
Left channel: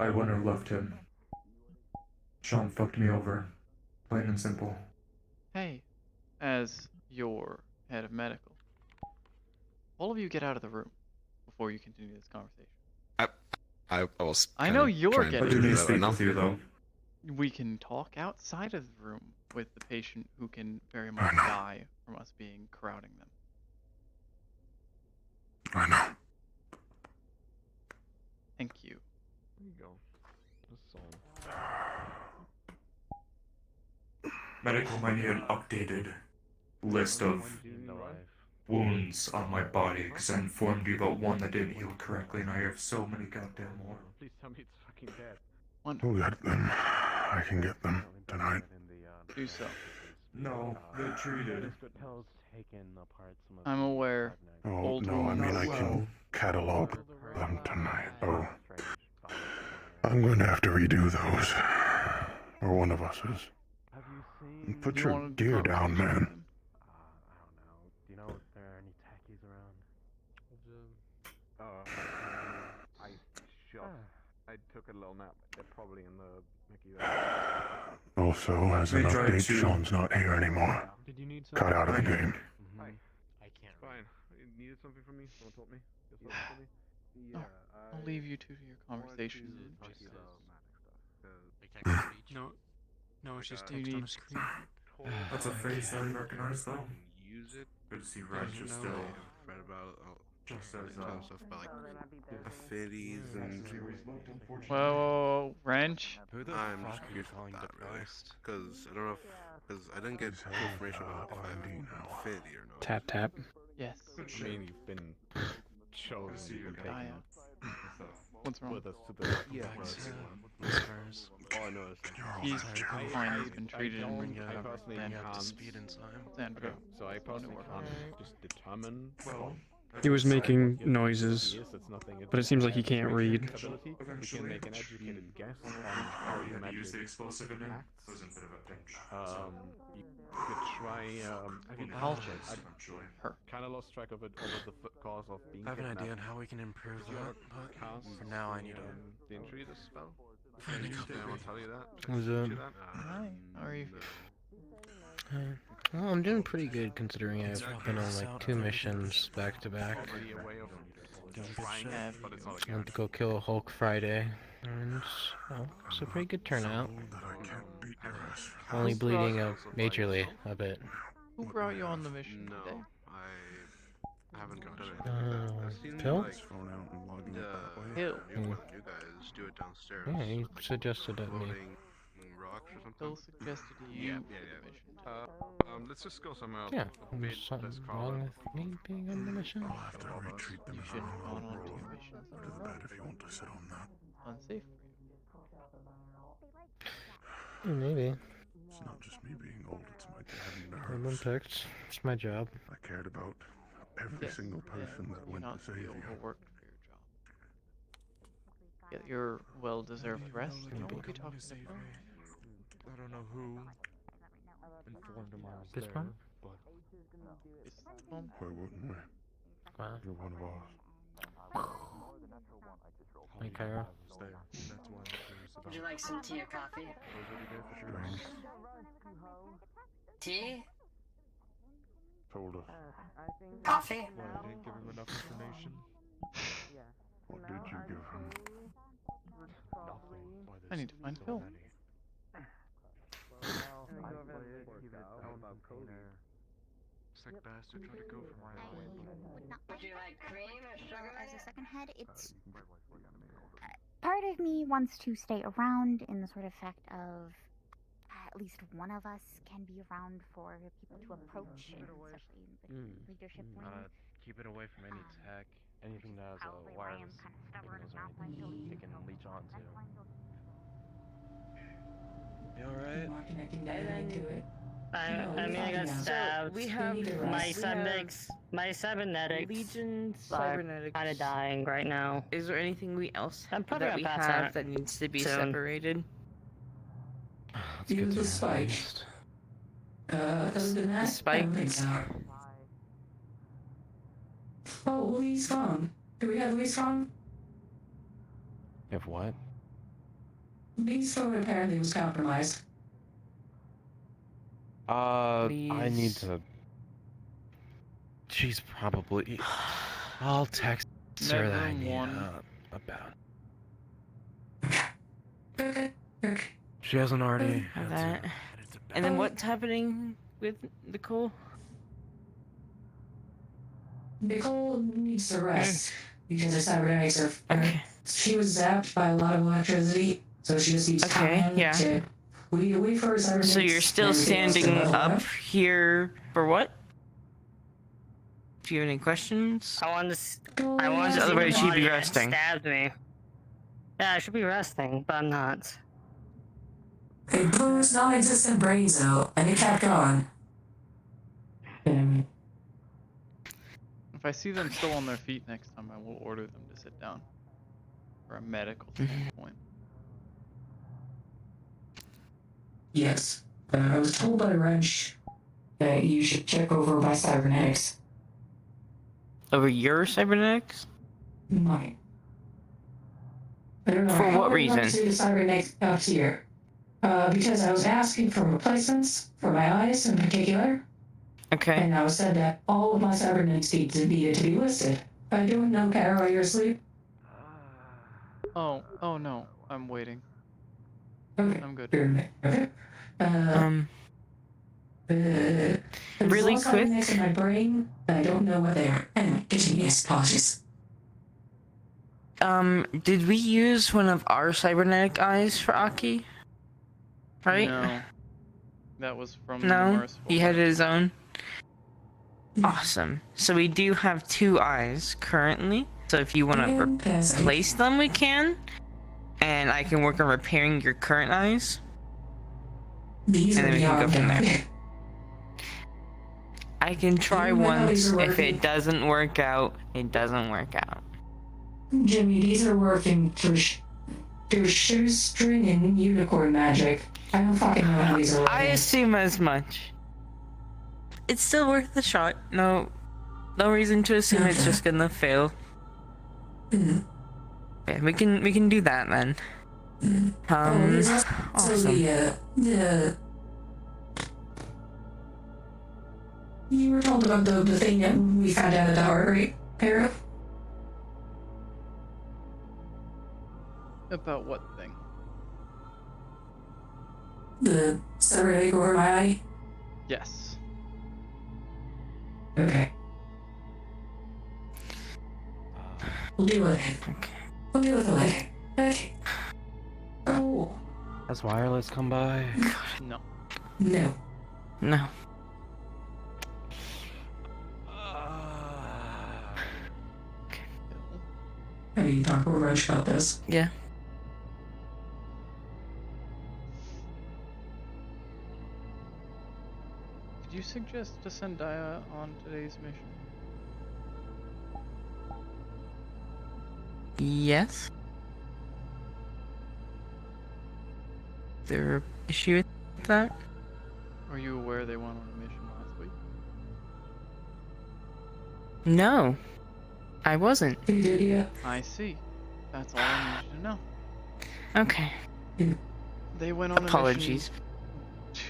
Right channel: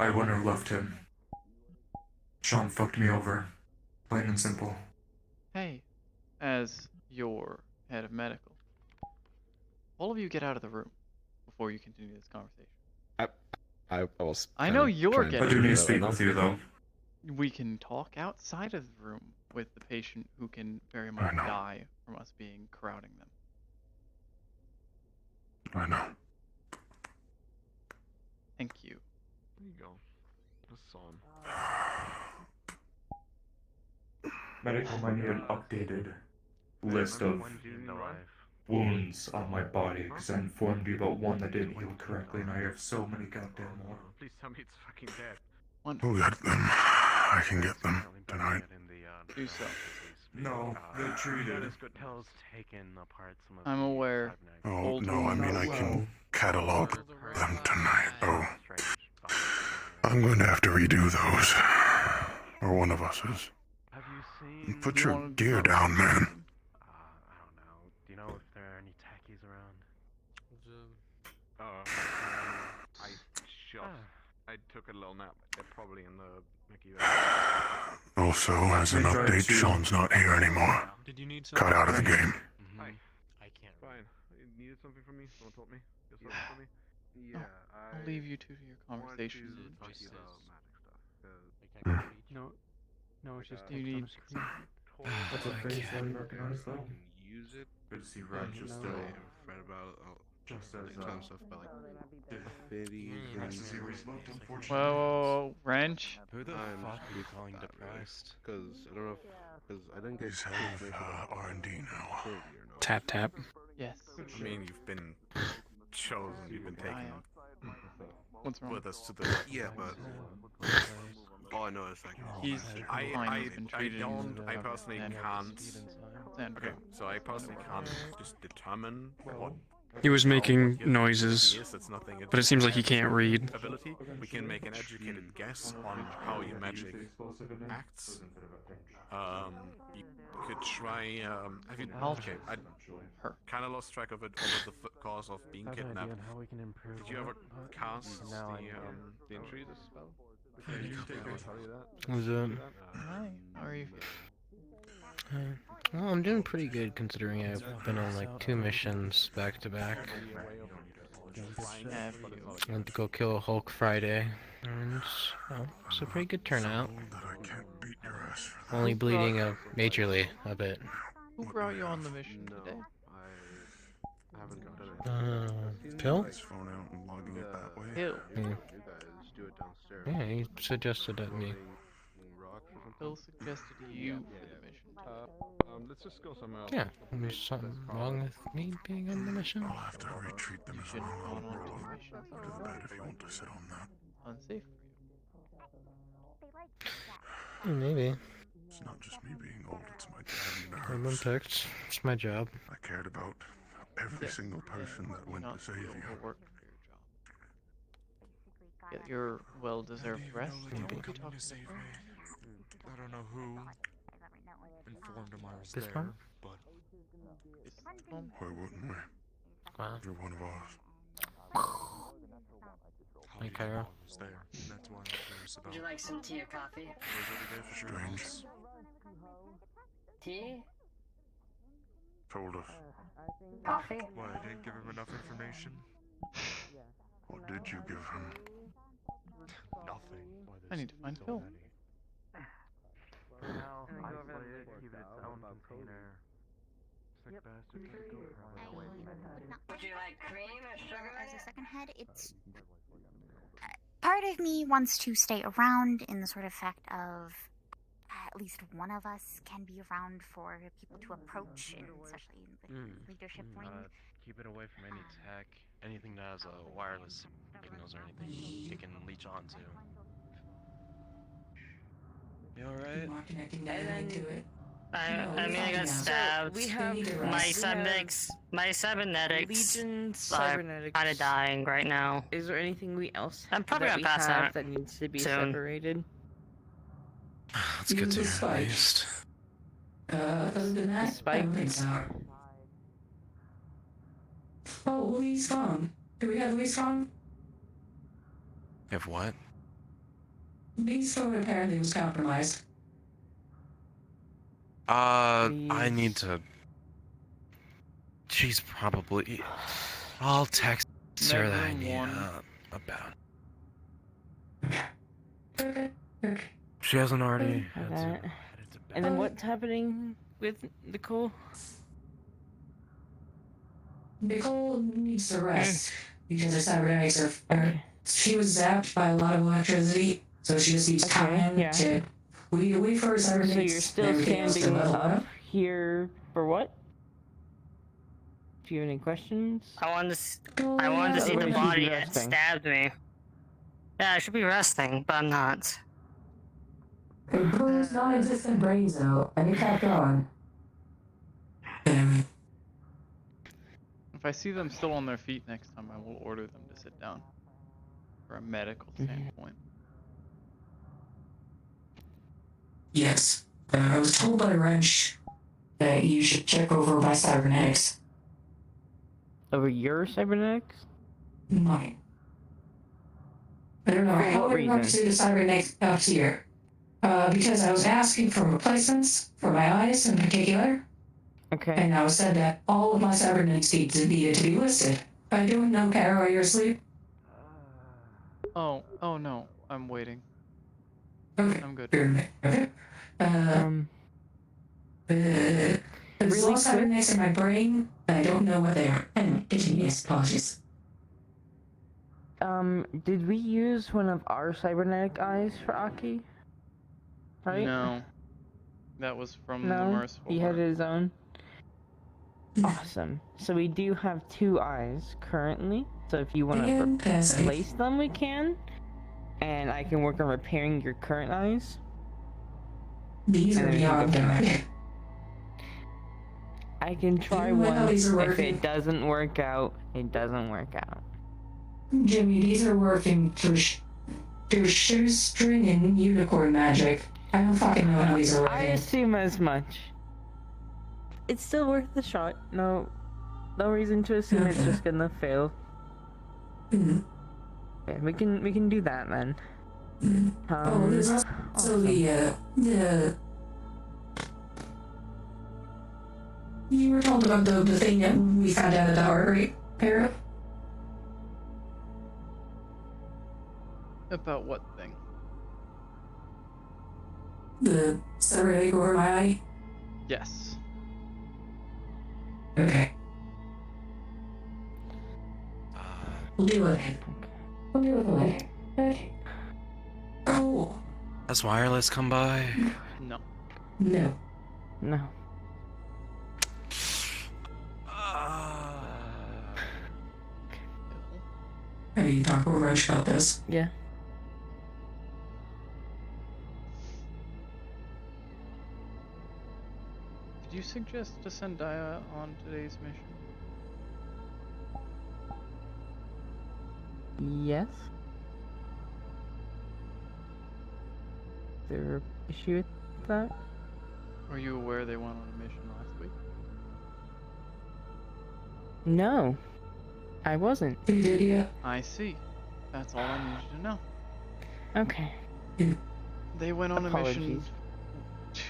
I wouldn't have left him. Sean fucked me over. Plain and simple. Hey, as your head of medical, all of you get out of the room before you continue this conversation. I was. I know you're I getting. do need to speak with you, though. We can talk outside of the room with the patient who can very much die from us being crowding them. I know. Thank you. There you go. This song. Medical might need an updated list of wounds on my body, because I informed you about one that didn't heal correctly, and I have so many goddamn more. Please tell me it's fucking dead. We'll get them. I can get them tonight. Do so. No, they're treated. I'm aware. Oh, Old no, I wounds. mean I can catalog them tonight. Oh. I'm going to have to redo those. Or one of us is. Put your gear down, man. Do you know if there are any tackies around? I took a little nap. They're probably in the Mickey. Also, as an update, Sean's not here anymore. Did you need Cut out of the game. I can't. Fine. You needed something from me? Someone told me? No, I'll leave you two to your conversations. No, it's just you need. That's a face I recognize, though. Use it. Good to see Raj is still. I've read about Just as, kind of stuff about like affinities and. Whoa, wrench. Who the fuck are you calling depressed? Because I don't know because I didn't get information about R&D now. affinity or not. Tap tap. Yes. I mean, you've been chosen, you've been taken What's wrong? with us to the but all I know is like He's fine. He's been treated. I personally can't. Sandra. So I personally can't just determine. He was making noises, Yes, it's nothing. but it seems like he can't read. Ability. We can make an educated guess on how your magic acts. You could try. I'll choose her. Kind of lost track of it over the course of being I have an kidnapped. idea on how we can improve Did you ever that, cast now I need the entry this spell? I Did need you to tell you that? Was Hi. How are you feeling? Well, I'm doing pretty good considering I've been on like 2 missions back to back. Have I went to go kill a Hulk Friday, and it's a pretty good turnout. Only bleeding majorly a bit. Who brought you on the mission today? I haven't gotten it. Pill? Phone out and logging it that way. Hill. You guys do it downstairs. Yeah, he suggested it me. Hill suggested you for the mission today. Let's just go somewhere else. Yeah, there's something wrong with me being on the mission. I'll have to retreat them. You shouldn't have gone on 2 missions. Go to bed if you want to sit on that. Unsafe for Maybe. It's not just me being old, it's my dad I've and been nerves. picked. It's my job. I cared about every Yes, single person and that you're went not to save you. overworked for your job. Get your well-deserved rest, and we'll be talking to Bill. I don't know who informed him I was This there, one? but Why wouldn't we? Wow. You're one of ours. Like Cairo. That's why I'm curious about Would you like some tea or coffee? Drinks. Tea? Told us. Coffee? Why, I didn't give him enough information? What did you give him? Nothing. I need to find Phil. Would you like cream or sugar? Well, as a second head, it's part of me wants to stay around in the sort of fact of at least one of us can be around for people to approach, and especially in the leadership ring. Keep it away from any tech, anything that has wireless signals or anything it can leech onto. You alright? I mean, I got stabbed. We have my cybernetics. Legion cybernetics. Kind of dying right now. Is there anything we else I'm probably that we gonna pass have out that needs to be soon. separated? Let's get to it at least. Other than that, everything's out. Oh, Lee's phone. Do we have Lee's phone? If what? Lee's phone apparently was compromised. I need to. She's probably. I'll text her that I Bedroom need, one. about. She hasn't already. And then what's happening with Nicole? Nicole needs to rest because her cybernetics are. She was zapped by a lot of electricity, so she just needs time to. We wait for her cybernetics. So you're still standing up here for what? Do you have any questions? I wanted to see the body that stabbed me. Yeah, I should be resting, but I'm not. They blew his non-existent brains out, and he kept on. If I see them still on their feet next time, I will order them to sit down. From a medical standpoint. Yes. I was told by Wrench that you should check over my cybernetics. Over your cybernetics? Mine. I don't know For how what I got reason? to the cybernetics up here. Because I was asking for replacements for my eyes in particular. Okay. And I was said that all of my cybernetics needed to be listed. I don't know, Cairo, are you asleep? Oh no, I'm waiting. Okay. I'm good. Really quick. Cybernetics in my brain, I don't know what they are. And yes, apologies. Did we use one of our cybernetic eyes for Aki? Right? No. That was from the No, Merciful he had Heart. his own. Awesome. So we do have 2 eyes currently. So if you want to replace them, we can. And I can work on repairing your current eyes. These And are then we can go beyond from that. there. I can try You know how once. these are If working? it doesn't work out, it doesn't work out. Jimmy, these are working through shoestring and unicorn magic. I don't fucking know how these are I working. assume as much. It's still worth a shot. No reason to assume it's just gonna fail. Yeah, we can do that then. There's also awesome. the you were told about the thing that we found out about, right, Cairo? About what thing? The cybernetic over my eye? Yes. Okay. We'll deal with it. We'll deal with it later. Okay. Oh. Has wireless come by? No. No. No. I need to talk with Roche about this. Yeah. Did you suggest to send Daya on today's mission? Yes. There an issue with that? Were you aware they went on a mission last week? No. I wasn't. Did you? I see. That's all I needed to know. Okay. They went on a mission Apologies.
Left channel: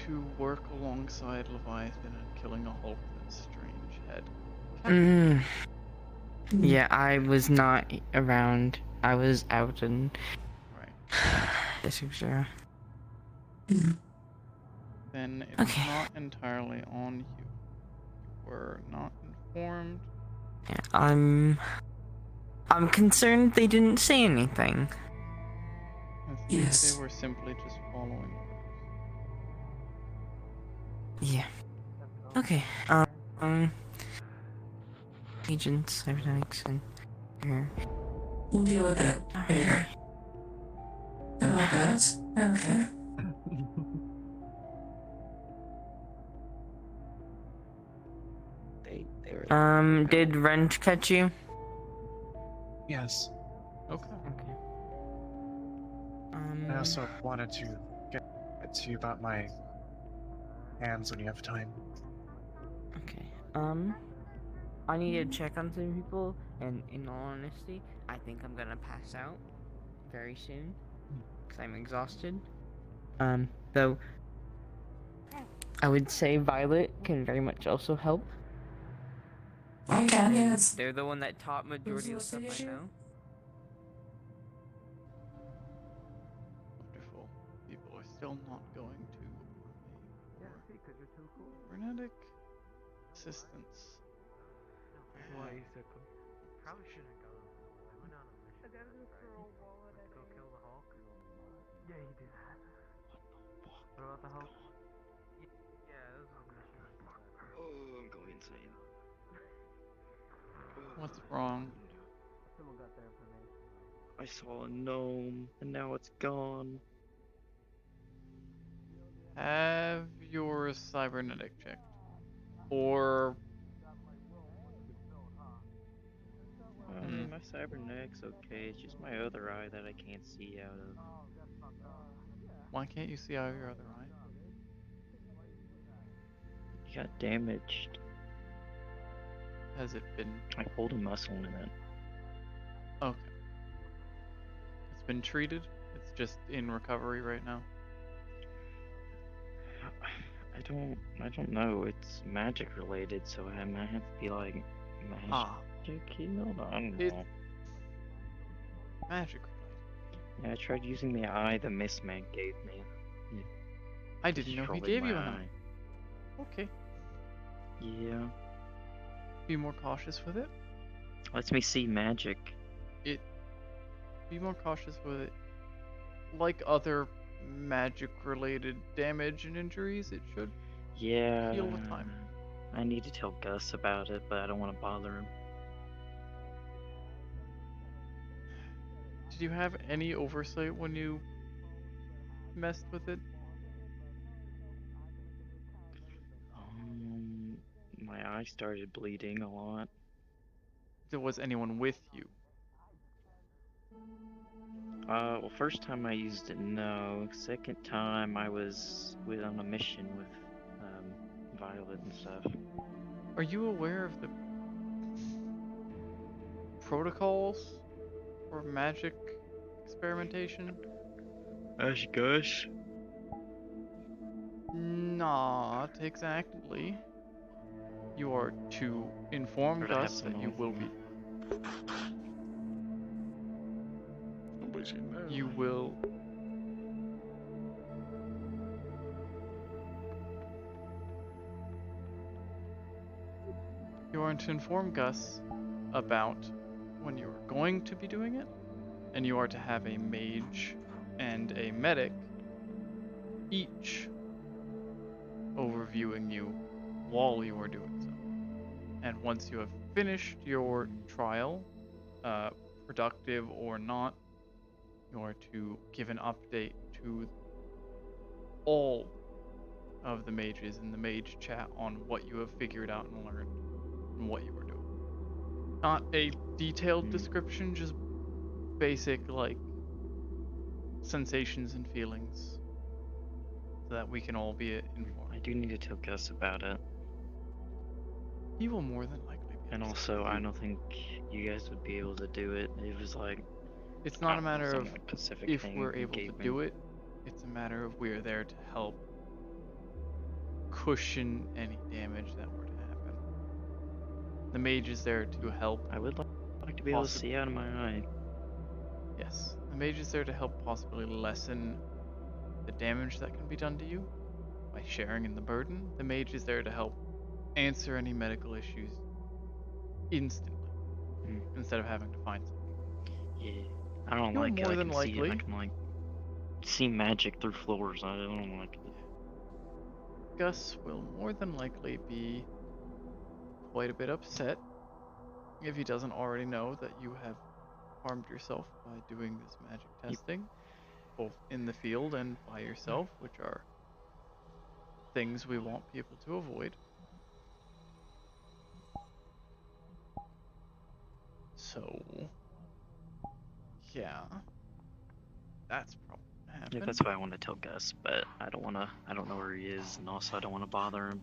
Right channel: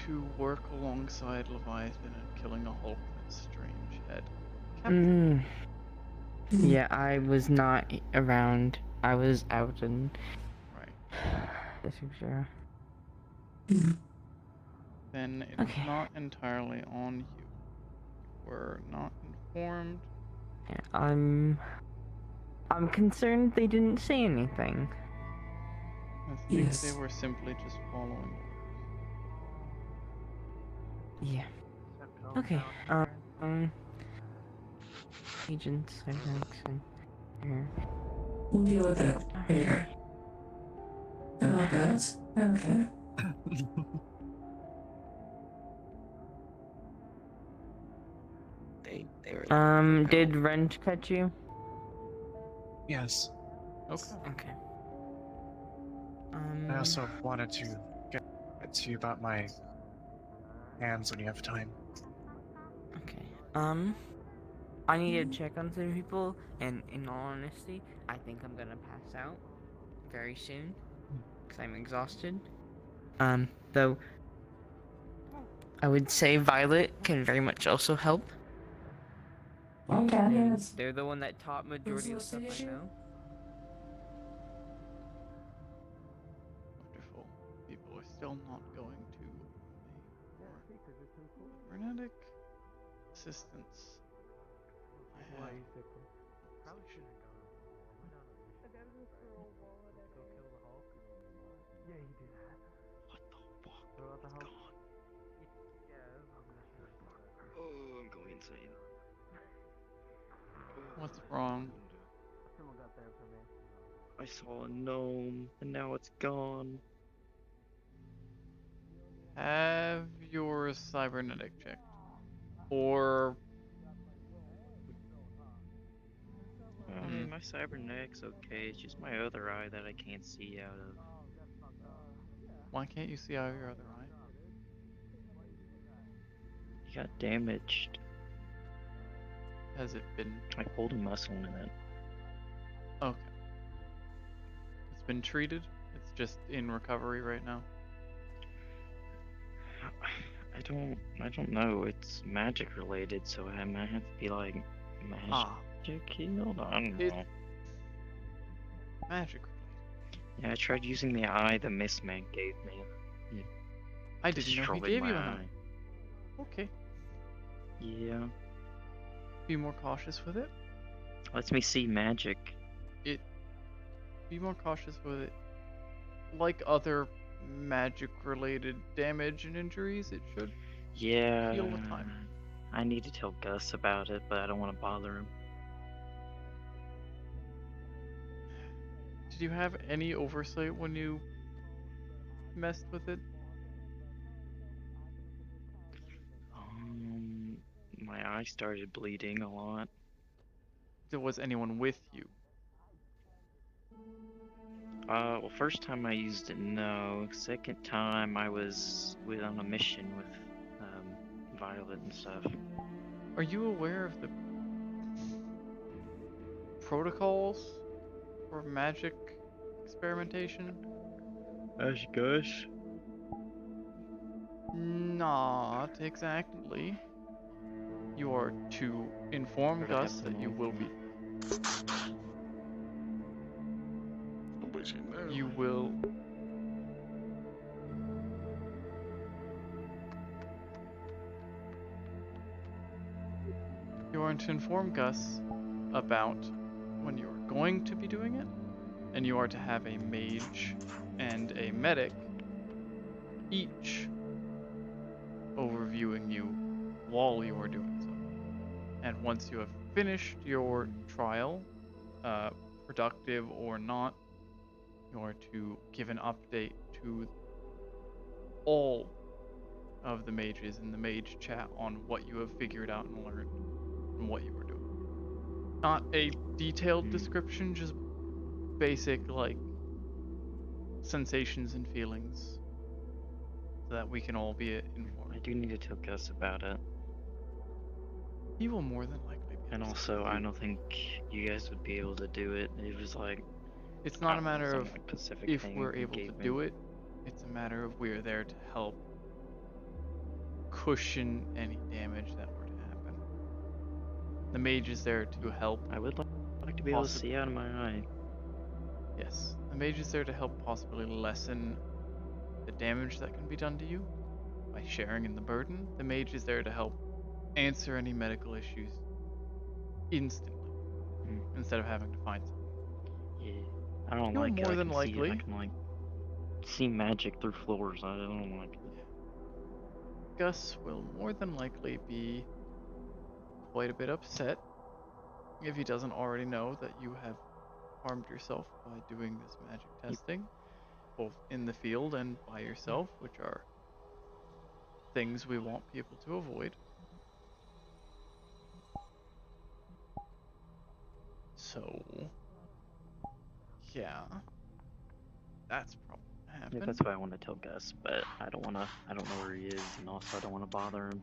to work alongside Leviathan and killing a Hulk with a strange head. Yeah, I was not around. I was out and. Right. Then it's not entirely on you. You were not informed. Yeah, I'm concerned they didn't say anything. I think they were simply just following orders. Yeah. Okay. Agents, cybernetics, and here. We'll deal with that later. Oh, that's okay. Did Wrench catch you? Yes. Okay. Okay. I also wanted to get to you about my hands when you have time. Okay. I need to check on some people, and in all honesty, I think I'm gonna pass out very soon because I'm exhausted. Though I would say Violet can very much also help. Yes. They're the one that taught majority of the stuff I know. Wonderful. People are still not going to me for cybernetic assistance. I have. Oh, I'm going insane. What's wrong? Someone got their information wrong. I saw a gnome, and now it's gone. Have your cybernetic checked. Or. My cybernetic's okay, it's just my other eye that I can't see out of. Why can't you see out of your other eye? It got damaged. Has it been? I pulled a muscle in it. Okay. It's been treated? It's just in recovery right now? I don't know. It's magic related, so I might have to be like magic healed? I don't know. Magic related? Yeah, I tried using the eye the Mist Man gave me. I didn't know he gave you an eye. Okay. Yeah. Be more cautious with it. Lets me see magic. Be more cautious with it. Like other magic related damage and injuries, it should heal with time. I need to tell Gus about it, but I don't want to bother him. Did you have any oversight when you messed with it? My eye started bleeding a lot. Was anyone with you? Well, first time I used it, no. Second time I was on a mission with Violet and stuff. Are you aware of the protocols for magic experimentation? Gus? Not exactly. You are to inform Gus that you will be. You will. You are to inform Gus about when you are going to be doing it, and you are to have a mage and a medic each overviewing you while you are doing so. And once you have finished your trial, productive or not, you are to give an update to all of the mages in the mage chat on what you have figured out and learned and what you were doing. Not a detailed description, just basic, like, sensations and feelings so that we can all be informed. I do need to tell Gus about it. He will more than likely be. And also, I don't think you guys would be able to do it. It was like It's not a matter some, of like, Pacific if thing we're he able to gave me. do it. It's a matter of we're there to help cushion any damage that were to happen. The mage is there to help. I would like to be able to see out of my eye. Yes, the mage is there to help possibly lessen the damage that can be done to you by sharing in the burden. The mage is there to help answer any medical issues instantly instead of having to find something. Yeah, I don't You're like it. more I than can see it. I likely. can like see magic through floors. I don't like it. Gus will more than likely be quite a bit upset if he doesn't already know that you have harmed yourself by doing this magic testing, both in the field and by yourself, which are things we want people to avoid. So, yeah, that's probably gonna happen. Yeah, that's why I want to tell Gus, but I don't know where he is, and also I don't want to bother him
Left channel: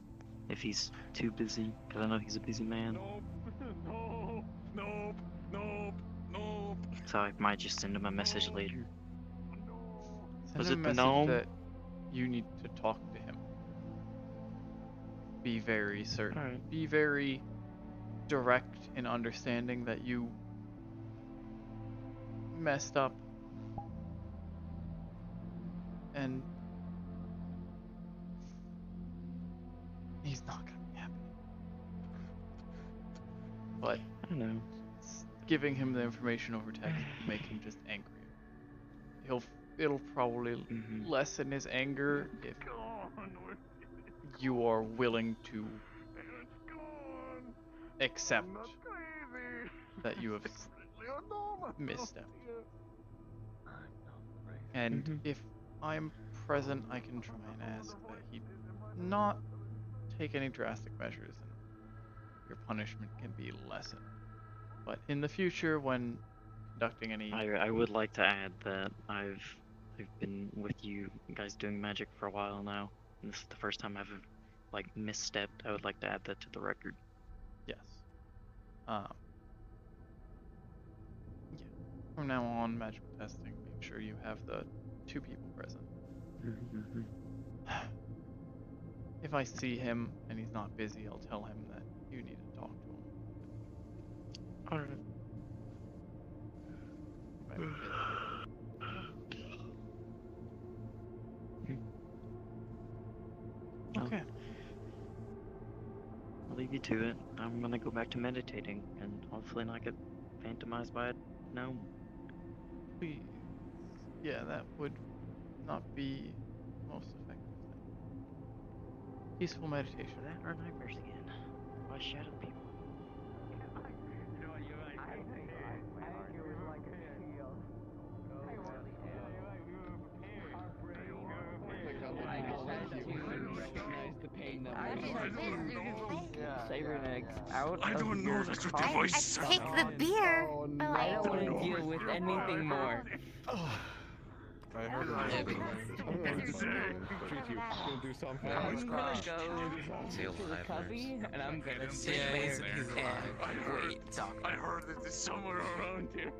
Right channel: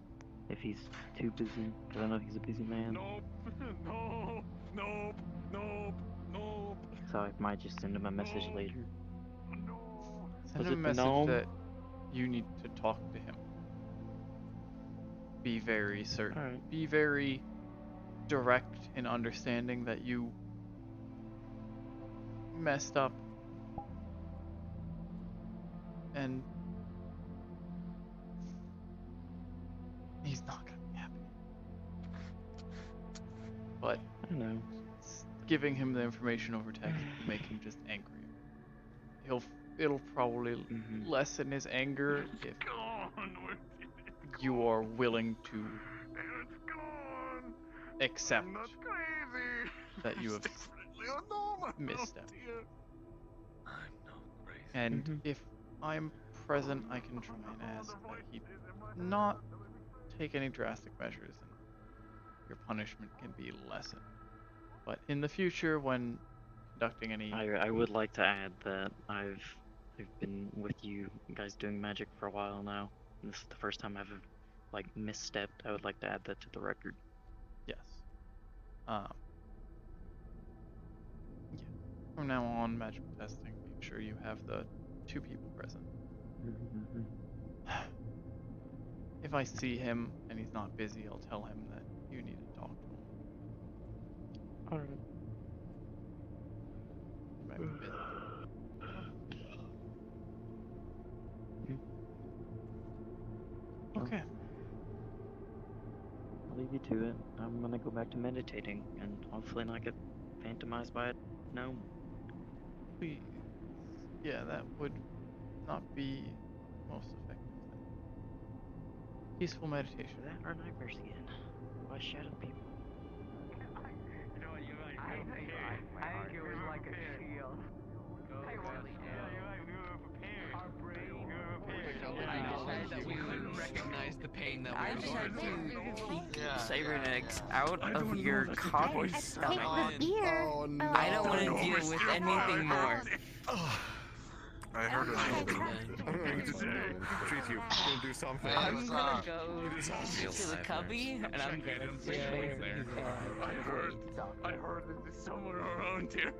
if he's too busy, because I know he's a busy man. Nope. So I might just send him a message later. Send Was him a it the message gnome? that you need to talk to him. Be very certain. Alright. Be very direct in understanding that you messed up and he's not gonna be happy. But I don't know. Giving him the information over text will make him just angrier. It'll probably lessen his anger if you are willing to accept that you have misstepped. And if I'm present, I can try and ask that he not take any drastic measures and your punishment can be lessened. But in the future, when conducting any... I would like to add that I've been with you guys doing magic for a while now. And this is the first time I've like misstepped. I would like to add that to the record. Yes. Yeah. From now on, magical testing, make sure you have the 2 people present. If I see him and he's not busy, I'll tell him that you need to talk to him. Alright. He might be busy. Okay. I'll leave you to it. I'm gonna go back to meditating and hopefully not get phantomized by a gnome. Please. Yeah, that would not be most effective. Peaceful meditation. That are nightmares again. Why shadow people? Recognize the pain that we're Cybernetics out of your coffee. Take the beer. Oh, I don't want to deal with anything more. I heard it. I'm going to treat you. Gonna do something. I'm gonna go to the cubby and I'm gonna sit there and I heard it is somewhere around here.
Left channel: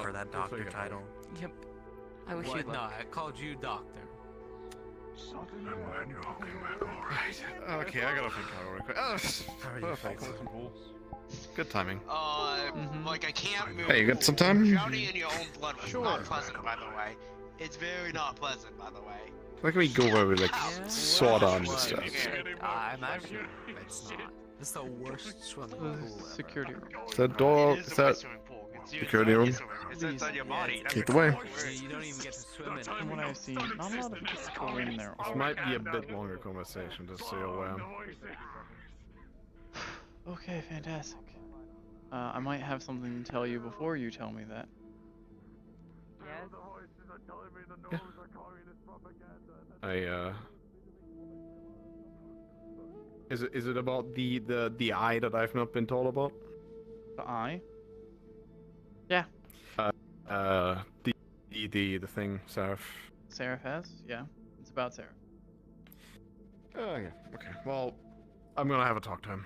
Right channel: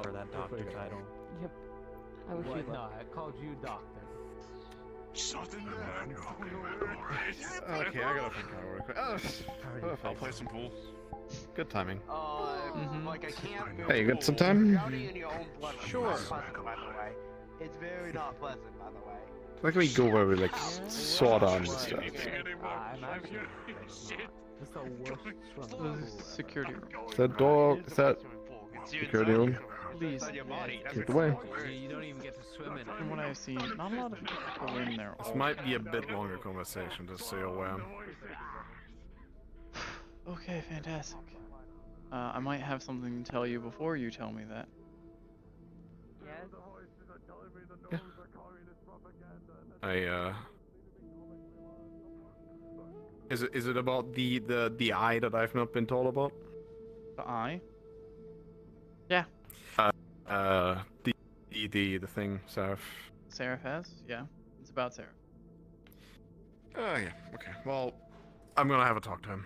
For that doctor title. Yep. I wish you'd not. I called you doctor. Okay, I gotta think about it real quick. Oh, perfect. Play some pool. Good timing. Like I can't move. Hey, you got some time? Drowning in your own blood is Sure. not pleasant, by the way. It's very not pleasant, by the way. Where can we go where we like sort of understand? I'm actually. It's not. It's the worst swim. The security room. Is that door? Is that security room? Please. Take it away. You don't even get to swim in it. From what I've seen, not a lot of people go in there. This might be a bit longer conversation, just so you're aware. Okay, fantastic. I might have something to tell you before you tell me that. Is it about the eye that I've not been told about? The eye? Yeah. The thing, Seraph. Seraph has? Yeah. It's about Seraph. Oh yeah. Okay. Well, I'm gonna have a talk to him.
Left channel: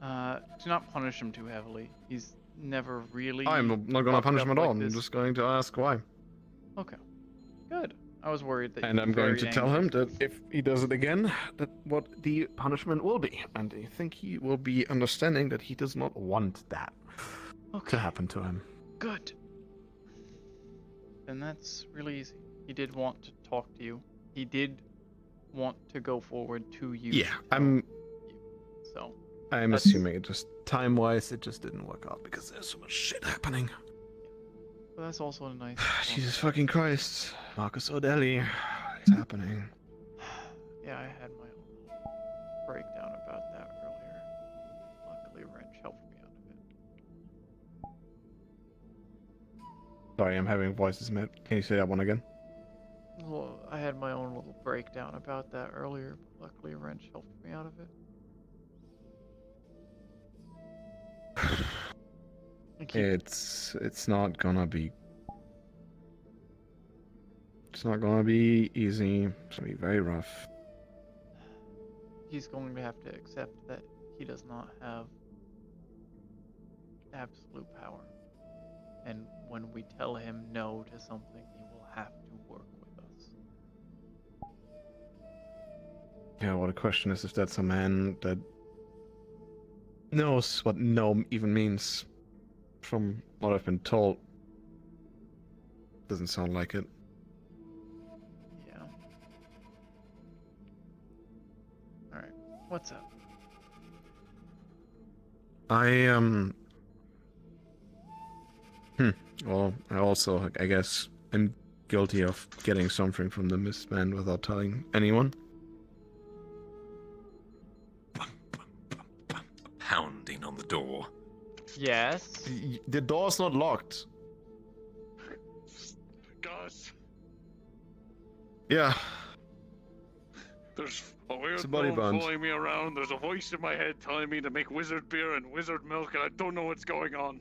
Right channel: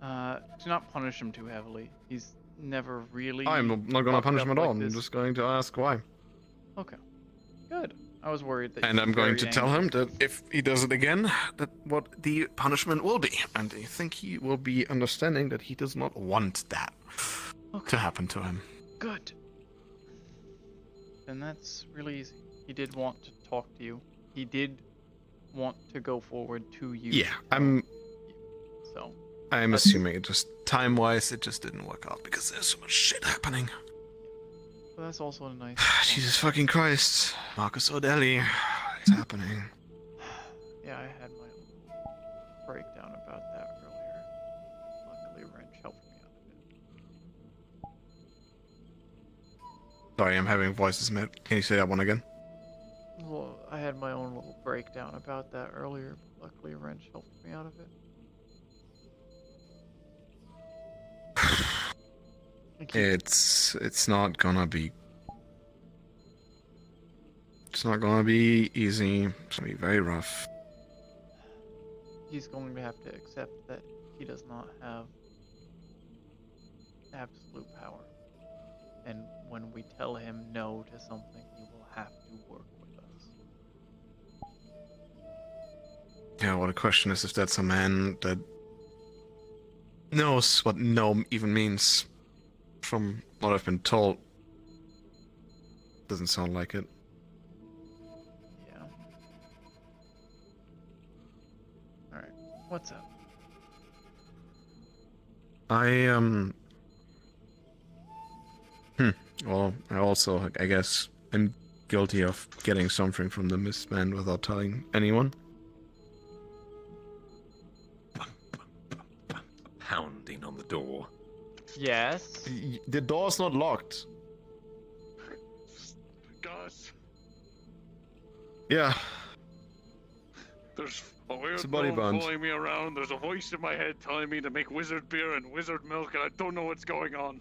Do not punish him too heavily. He's never really. I'm not going to fucked punish up him at all. like I'm this. just going to ask why. Okay. Good. I was worried that. And you'd I'm be going very to tell angry. him that if he does it again, that what the punishment will be. And I think he will be understanding that he does not want that to happen to him. Good. Then that's really easy. He did want to talk to you. He did want to go forward to you. Yeah, I'm that's- assuming it just time-wise, it just didn't work out because there's so much shit happening. But that's also a nice. Jesus fucking Christ. Marcus O'Delly. It's happening. Yeah, I had my own breakdown about that earlier. Luckily, Wrench helped me out a bit. Sorry, I'm having voices, Matt. Can you say that one again? Well, I had my own little breakdown about that earlier, but luckily Wrench helped me out of it. It's not gonna be. It's not gonna be easy. It's gonna be very rough. He's going to have to accept that he does not have absolute power. And when we tell him no to something, he will have to work with us. Yeah, well, the question is if that's a man that knows what no even means. From what I've been told, doesn't sound like it. Yeah. Alright, what's up? Well, I also, I guess, I'm guilty of getting something from the missed man without telling anyone. Pounding on the door. Yes. The door's not locked. Guys, Yeah. there's a weird a body gnome bond. following me around. There's a voice in my head telling me to make wizard beer and wizard milk, and I don't know what's going on.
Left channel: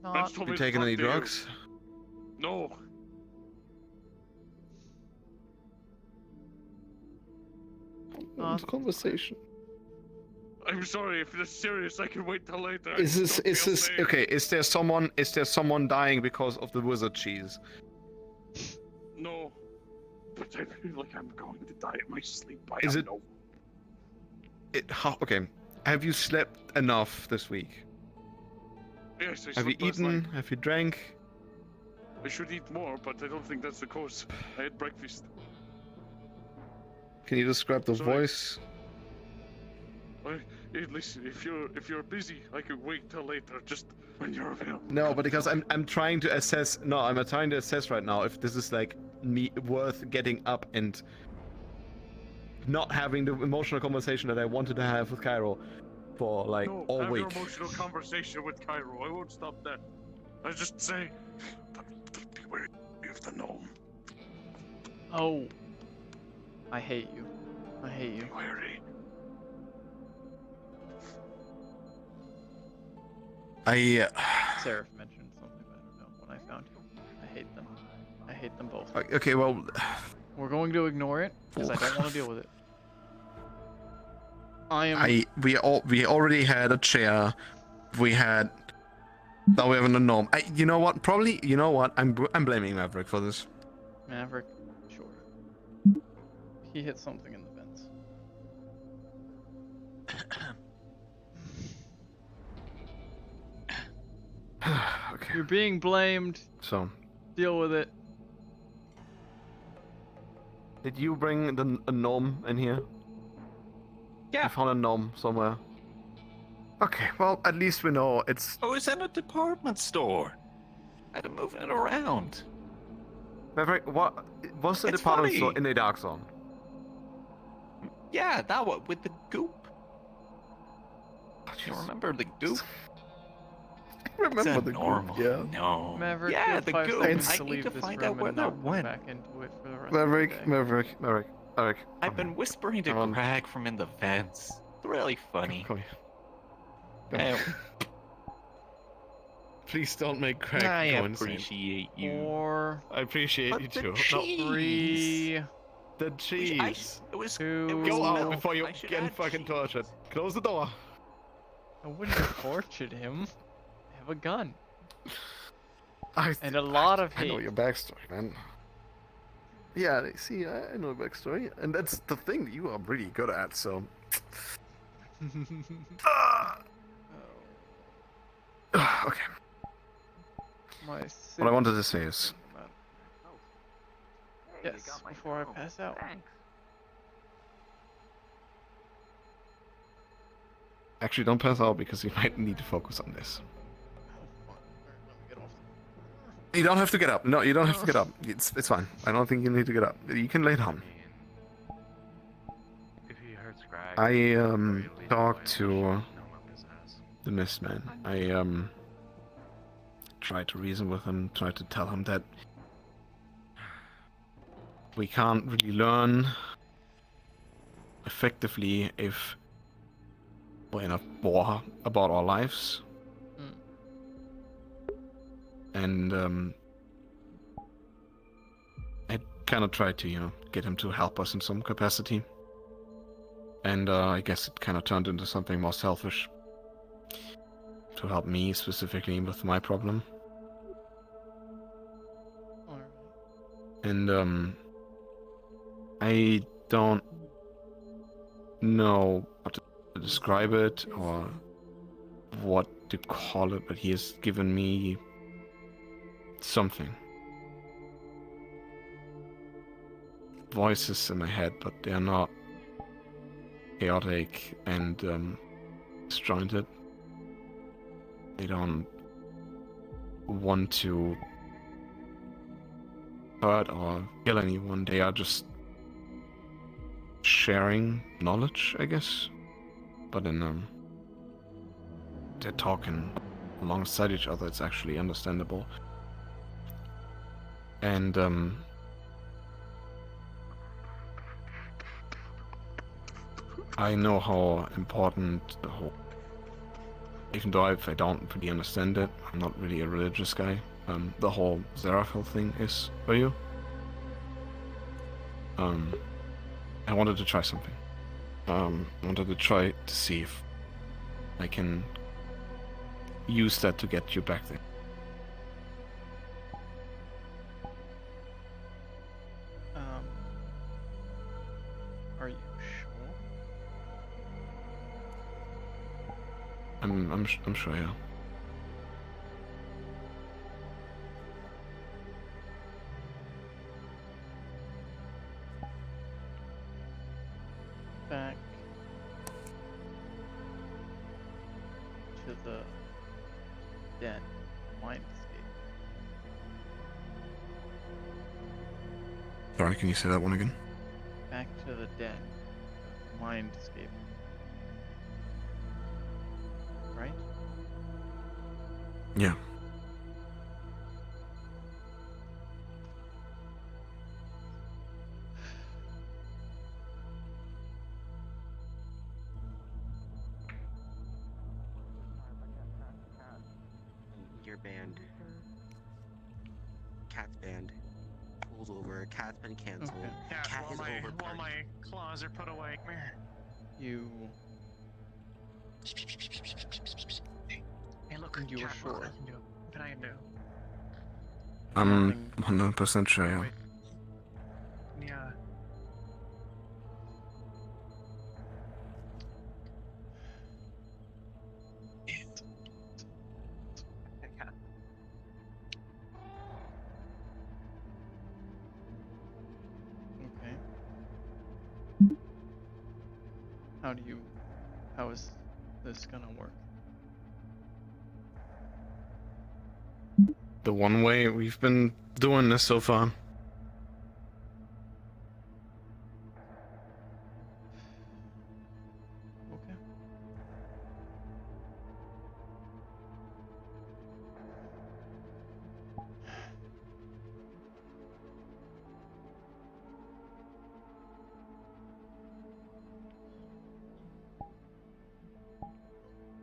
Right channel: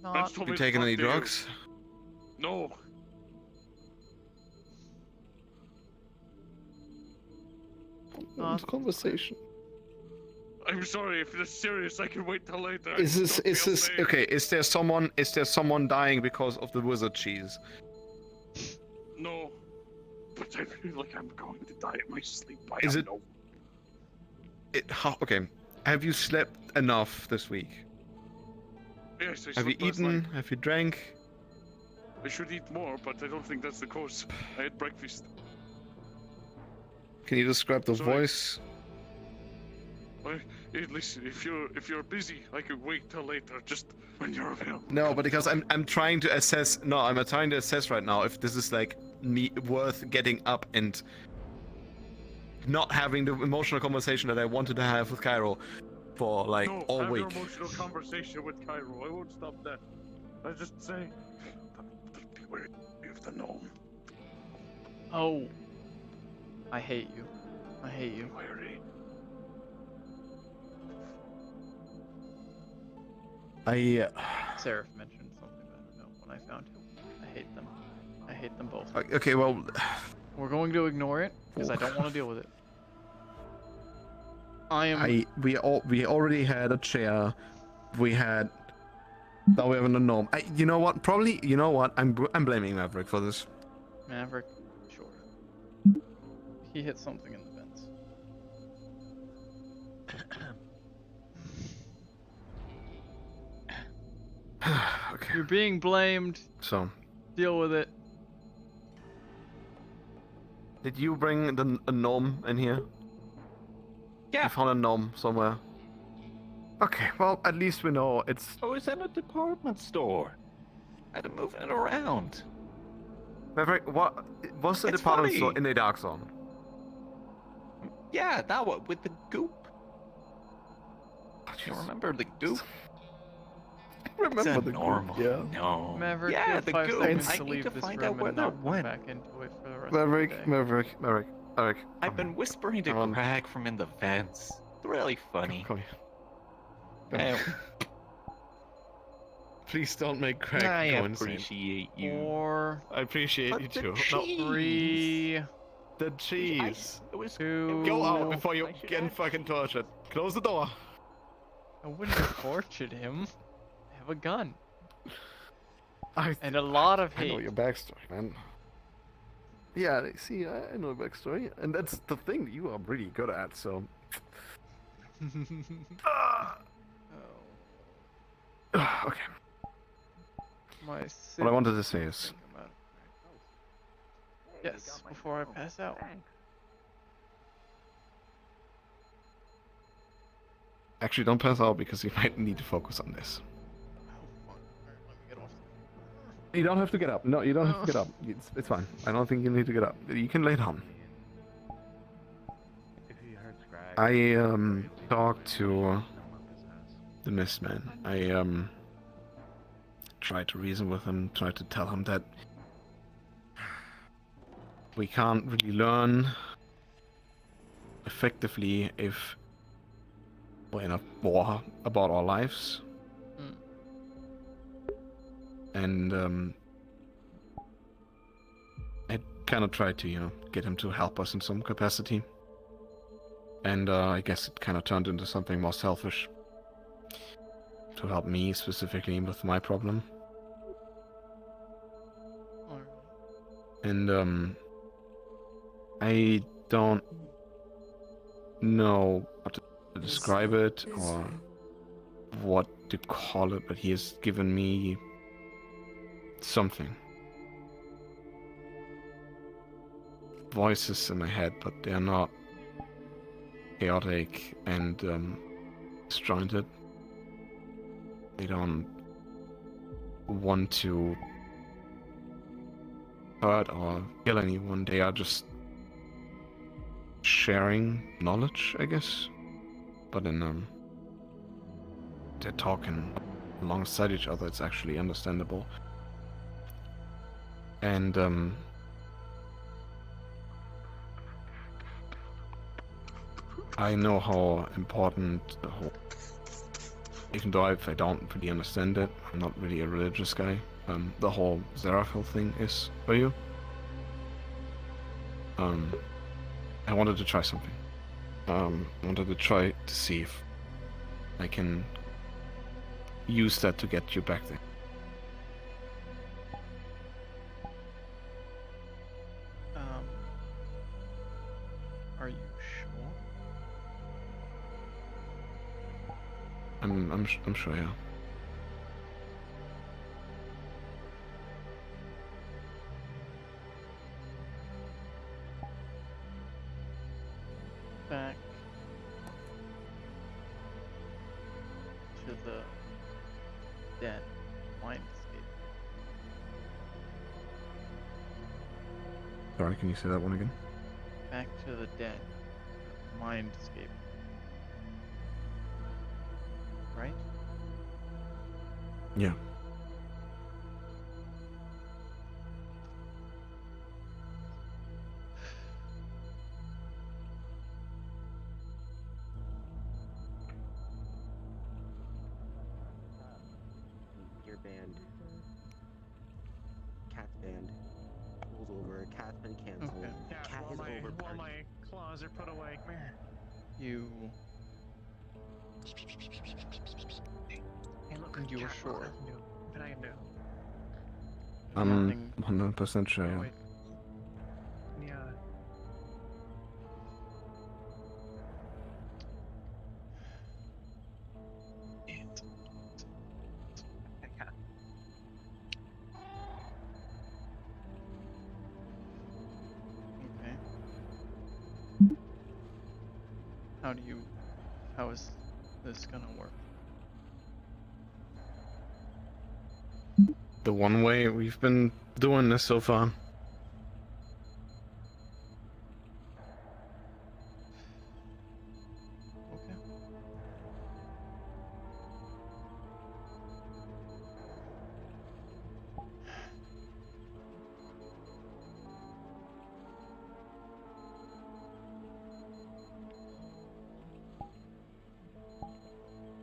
Friends told You me to taking talk any to you. drugs? No. Conversation. I'm sorry, if it's serious, I can wait till later. Is I this don't is feel this safe. okay? Is there someone dying because of the wizard cheese? No. But I feel like I'm going to die in my sleep. I Is don't it- know. Okay. Have you slept enough this week? Yes, I Have you slept last eaten? night. Have you drank? I should eat more, but I don't think that's the cause. I had breakfast. Can you describe the Sorry. voice? Hey, listen, if you're busy, I can wait till later. Just when you're available. No, but because I'm trying to assess. No, I'm trying to assess right now if this is like me worth getting up and not having the emotional conversation that I wanted to have with Cairo for like No, all have week. your emotional conversation with Cairo. I won't stop that. I just say, beware of the gnome. Oh. I hate you. I hate you. Wary. Seraph mentioned something, but I don't know when I found him. I hate them. I hate them both. Okay, well, We're going to ignore it because I don't want to deal with it. we already had a chair. We had. Now we have a gnome. You know what? Probably. You know what? I'm blaming Maverick for this. Maverick, sure. He hit something in the vents. Okay. You're being blamed. So, Deal with it. did you bring a gnome in here? Yeah. You found a gnome somewhere. Okay, well, at least we know it's. I was in a department store. I had to move it around. Maverick, what was the It's department funny. store in the dark zone? Yeah, that one with the goop. Do you remember the goop? Remember it's a the normal goop, yeah. No. Maverick, you yeah, have the 5 goop. seconds I to need leave to this find room out where and that not come went. back into it for the rest of the day. Maverick. I've been whispering to Come on. Greg from in the vents. It's really funny. Come Eh, Please don't make Craig I go insane. appreciate you. 4, I appreciate you too. the No. cheese. 3, The cheese. To Go out before you get fucking tortured. Close the door. I wouldn't have tortured him. I have a gun. And a lot of I know hate. your backstory, man. Yeah, see, I know your backstory, and that's the thing that you are really good at, so... Okay. My What I wanted to say is... Yes, before I pass out. Actually, don't pass out, because you might need to focus on this. You don't have to get up. No, you don't have to get up. It's fine. I don't think you need to get up. You can lay down. I talked to the Mist Man. I tried to reason with him, tried to tell him that we can't really learn effectively if we're in a war about our lives. And I kind of tried to, get him to help us in some capacity. And I guess it kind of turned into something more selfish. To help me specifically with my problem. And I don't know how to describe it or what to call it, but he has given me something. Voices in my head, but they're not chaotic and disjointed. They don't want to hurt or kill anyone. They are just sharing knowledge, I guess. But in they're talking alongside each other. It's actually understandable. And I know how important the whole, even though if I don't really understand it, I'm not really a religious guy, the whole Zeraphil thing is for you. I wanted to try something. I wanted to try to see if I can use that to get you back there. Are you sure? I'm sure, yeah. Back to the den mindscape. Sorry, can you say that one again? Back to the den mindscape. Right? Yeah. Your band. Cat's band. Pulled over. Cat's been cancelled. Okay. Cat is over. While my claws are put away. You Hey, look, you were sure. What I can do? I'm 100% sure, yeah. Yeah. Okay. How is this gonna work? The one way we've been doing this so far. Okay.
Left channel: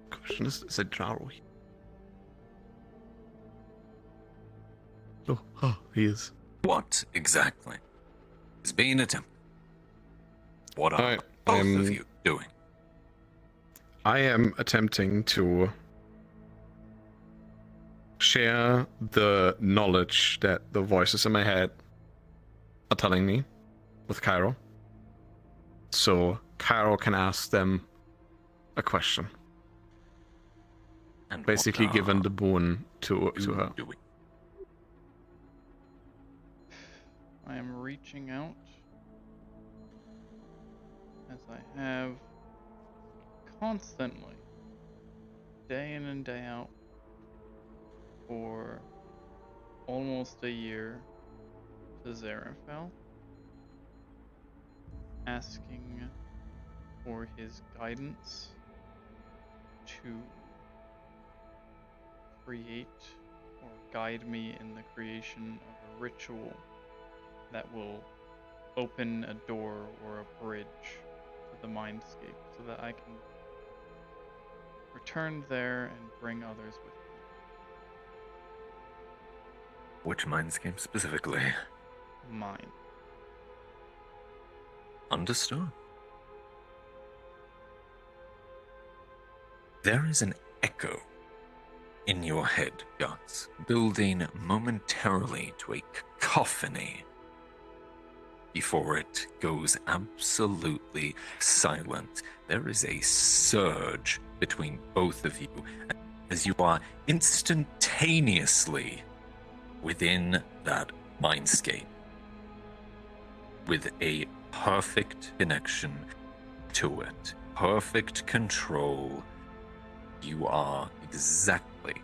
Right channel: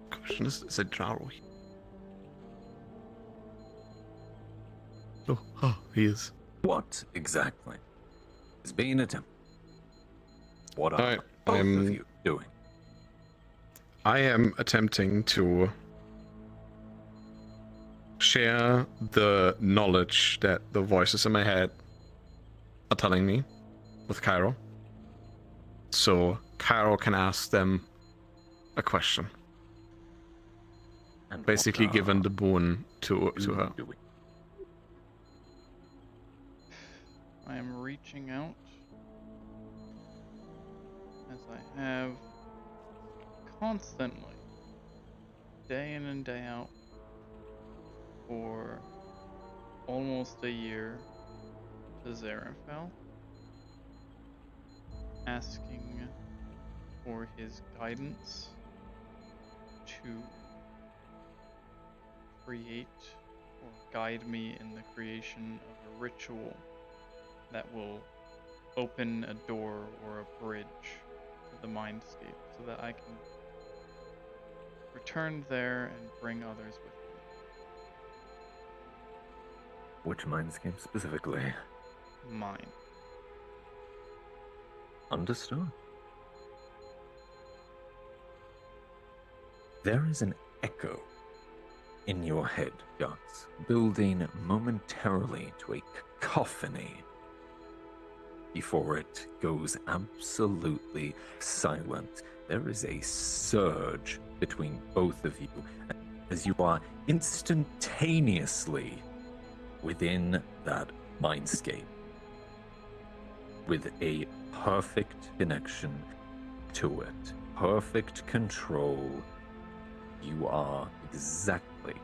Question is it Jaro? Oh, he is. What exactly is being attempted? What are Alright, both of you doing? I am attempting to share the knowledge that the voices in my head are telling me with Cairo. So Cairo can ask them a question. And basically given the boon to her. I am reaching out as I have constantly, day in and day out, for almost a year to Zarafel, asking for his guidance to create or guide me in the creation of a ritual that will open a door or a bridge to the mindscape so that I can return there and bring others with me. Which mindscape specifically? Mine. Understood. There is an echo in your head, Guts, building momentarily to a cacophony before it goes absolutely silent. There is a surge between both of you as you are instantaneously within that mindscape with a perfect connection to it, perfect control. You are exactly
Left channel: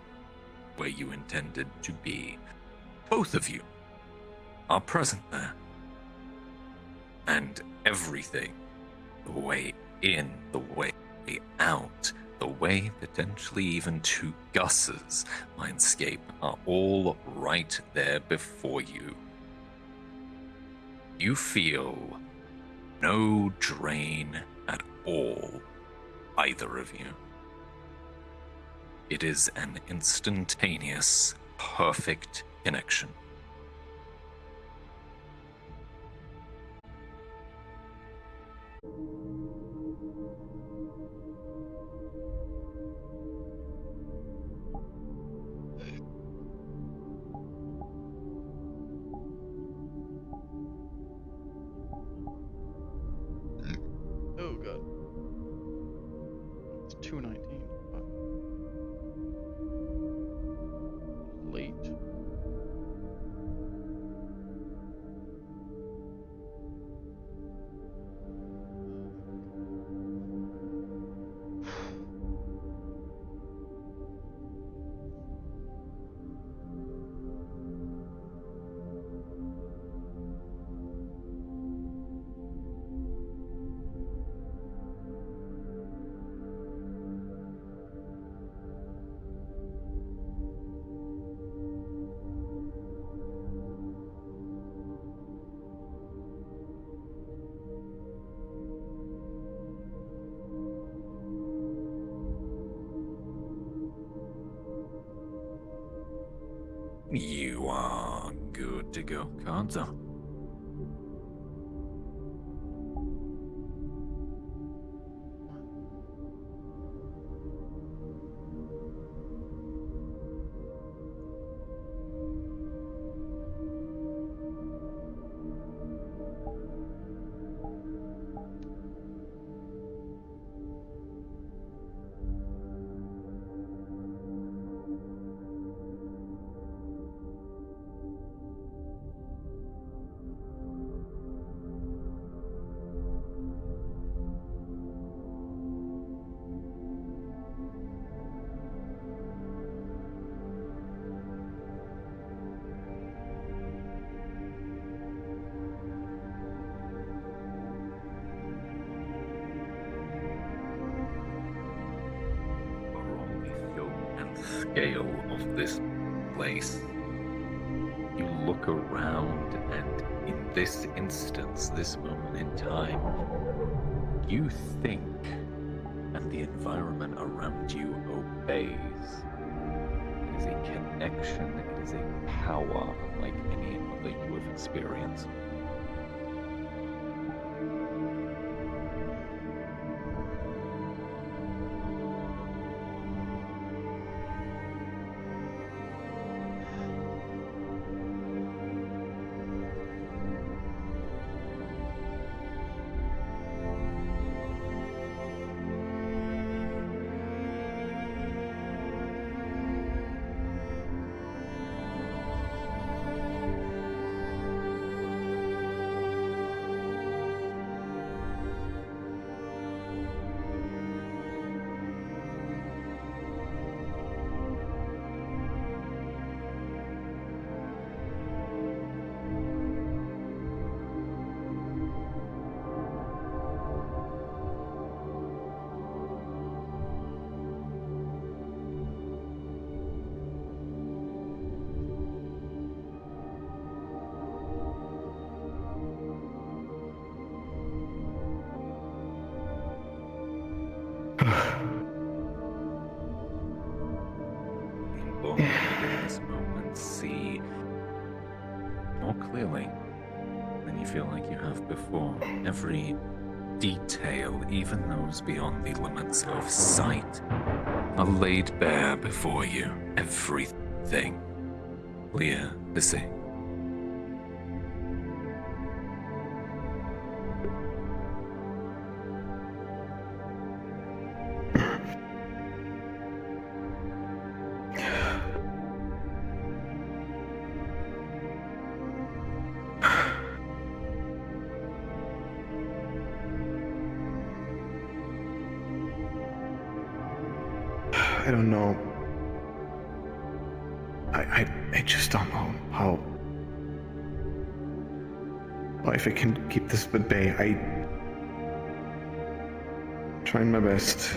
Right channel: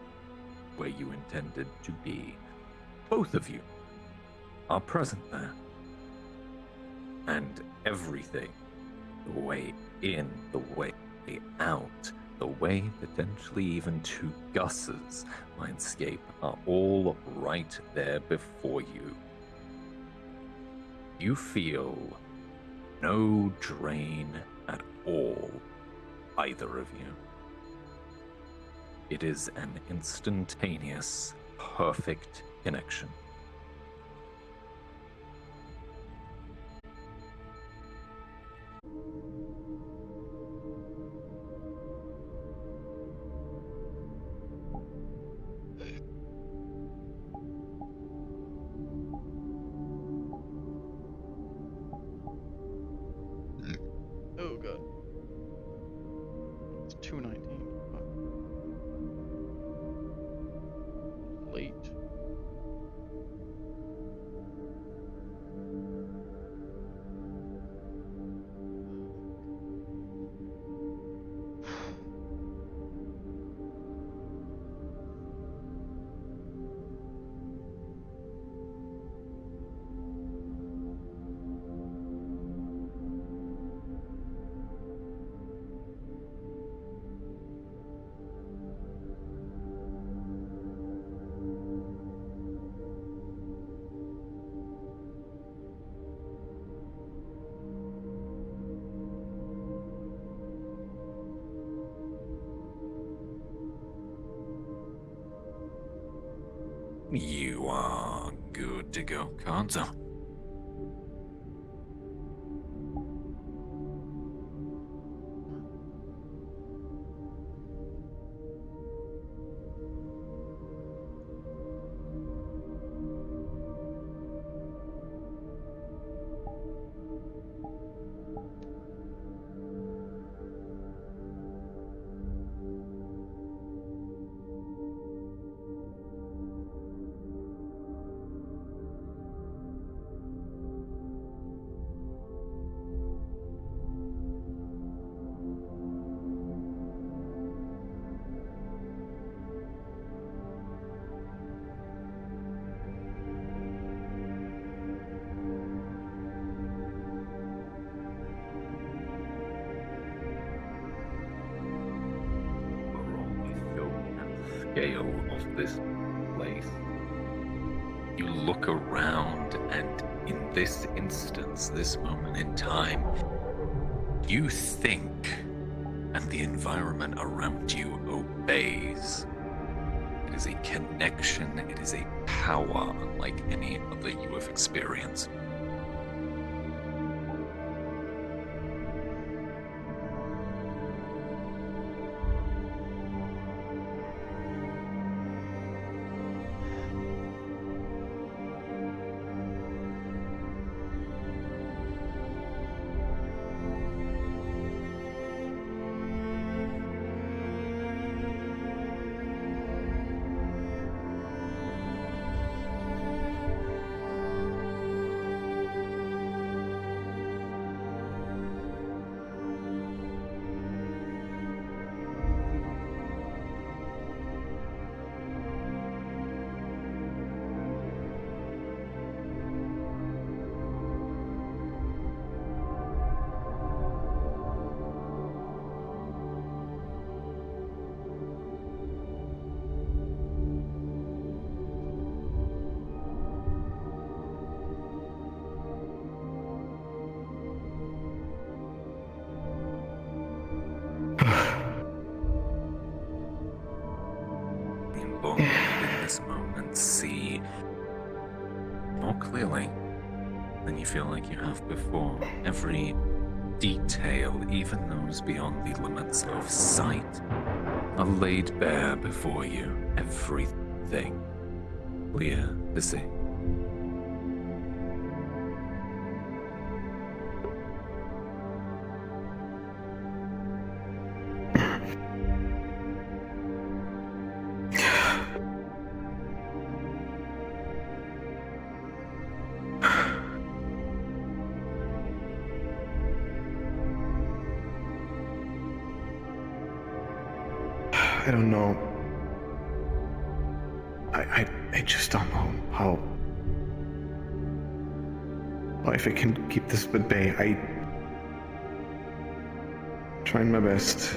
where you intended to be. Both of you are present there. And everything, the way in, the way out, the way potentially even to Gus's mindscape, are all right there before you. You feel no drain at all, either of you. It is an instantaneous, perfect connection. Oh god. It's 2:19. Fuck. Late. You are good to go, Kanzo. Scale of this place. You look around, and in this instance, this moment in time, you think, and the environment around you obeys. It is a connection, it is a power unlike any other you have experienced. But in this moment, see more clearly than you feel like you have before. Every detail, even those beyond the limits of sight, are laid bare before you. Everything clear to see. I don't know. I just don't know how if I can keep this at bay. Trying my best.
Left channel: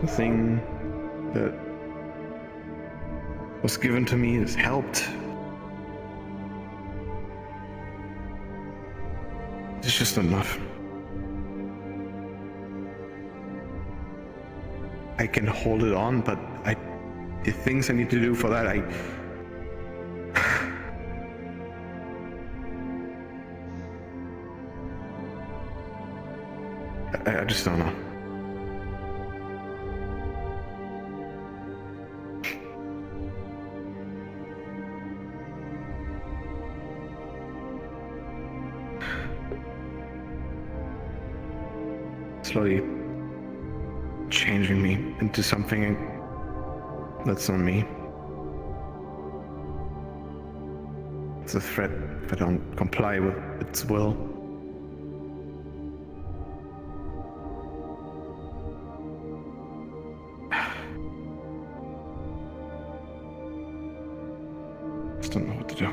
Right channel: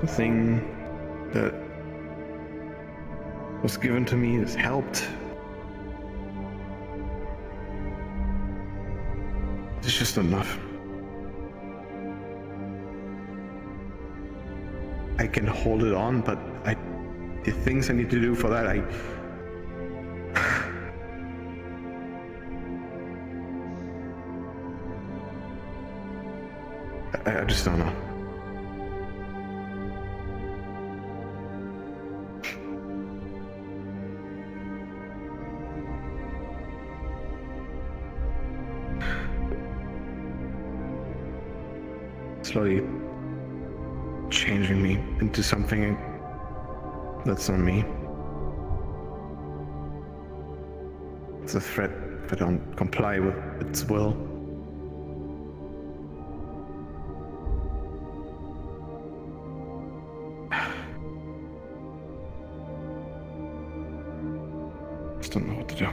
The thing that was given to me has helped. It's just not enough. I can hold it on, but the things I need to do for that, I just don't know. Slowly changing me into something that's on me. It's a threat if I don't comply with its will. Just don't know what to do.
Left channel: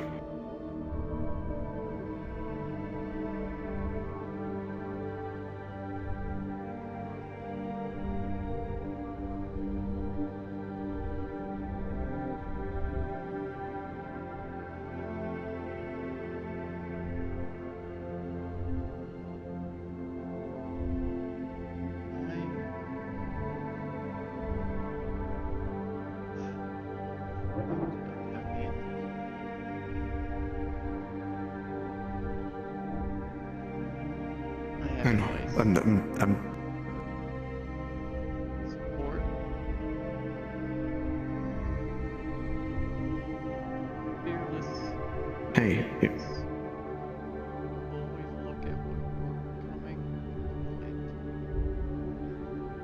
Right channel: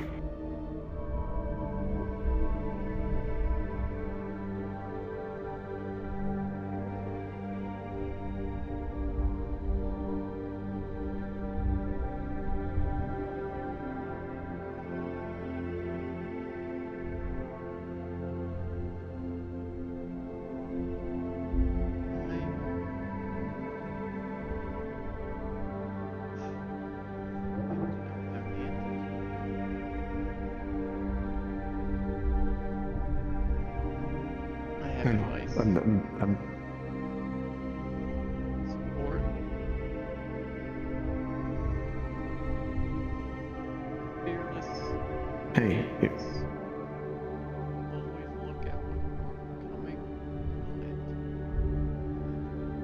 Support. Fearless. Hey. Always look at what you're becoming.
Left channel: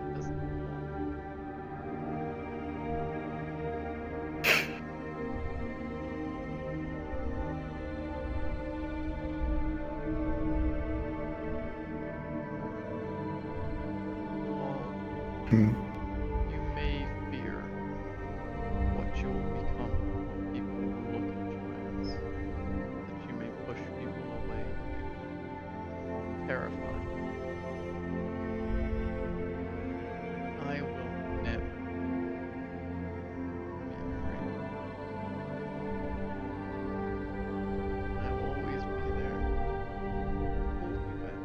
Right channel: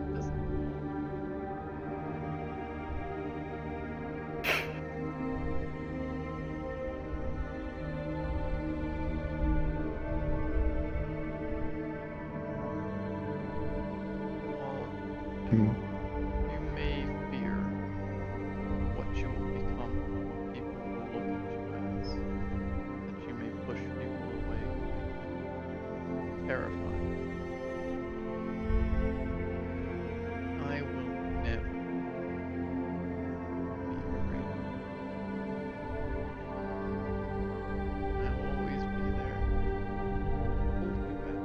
It doesn't Hmm. You may fear what you will become, what people will look at you as, that you may push people away, make them terrified. I will never be afraid. I will always be there, hold you back.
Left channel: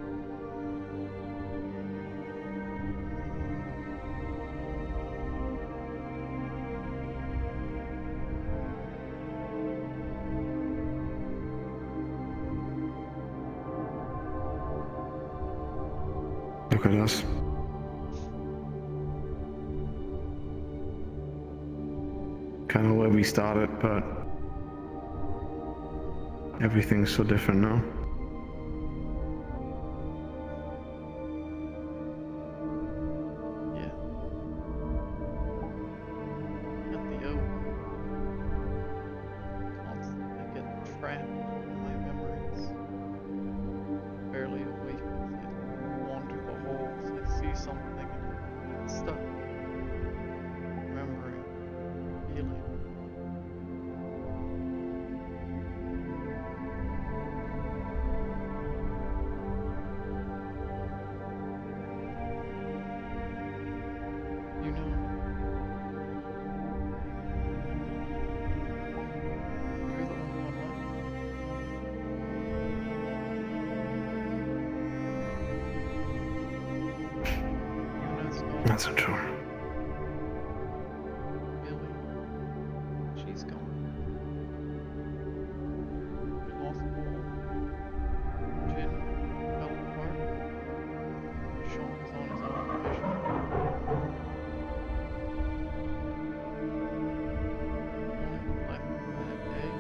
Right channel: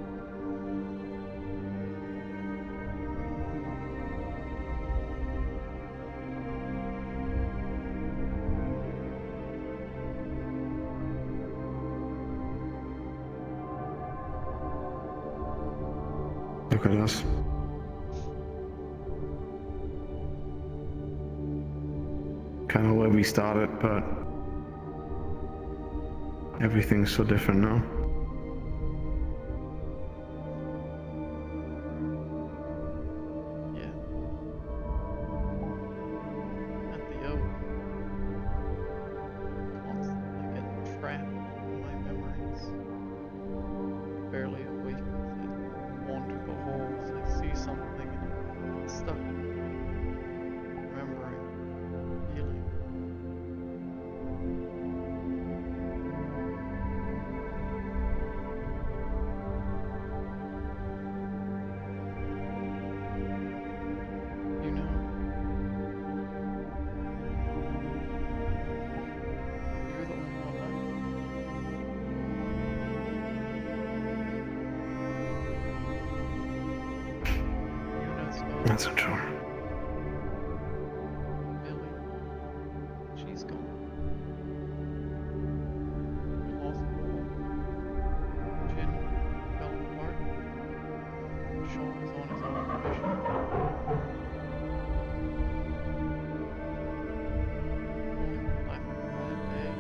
Look at us. Kind of where we started, but everything's so different now. Yeah. At the oak, constantly get trapped in my memories. Barely awake as I wander the halls. I see something and I'm stuck. Remembering, feeling. That's a charm. Billy, she's gone. We lost Paul. Jin fell apart. Sean is on his own mission. Only one left from that day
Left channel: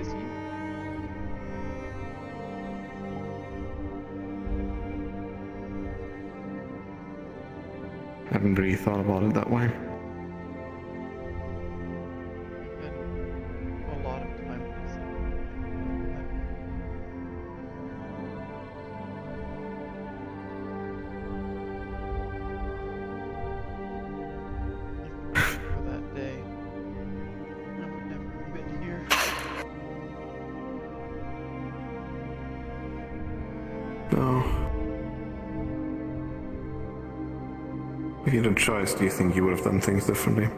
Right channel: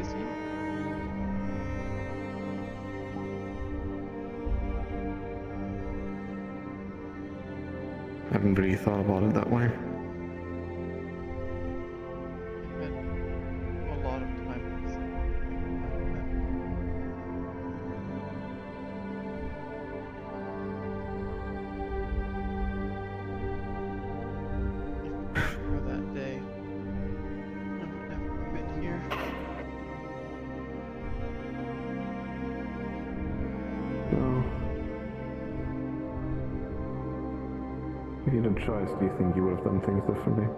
is you. I haven't really thought about it that way. I've had a lot of time to sit and think about that. If it weren't for that day, I would never have been here. No. If you had a choice, do you think you would have done things differently?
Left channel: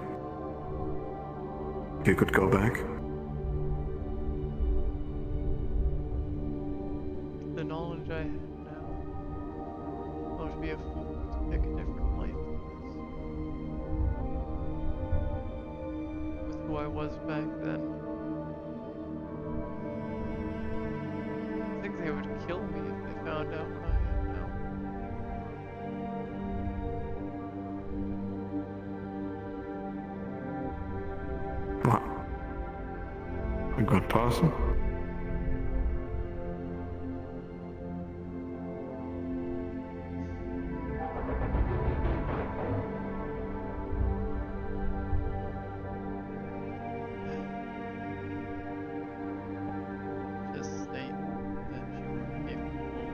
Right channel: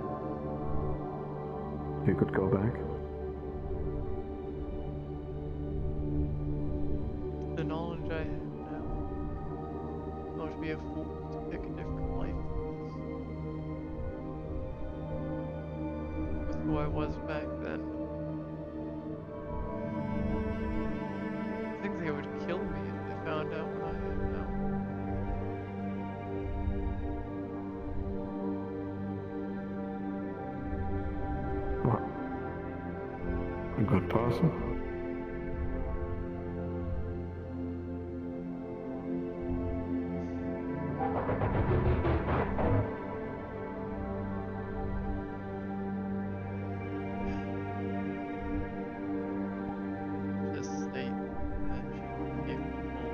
If you could go back? The knowledge I have now, I would be a fool to pick a different life than this. With who I was back then. I think they would kill me if they found out what I am now. What? A good person? To state that you are capable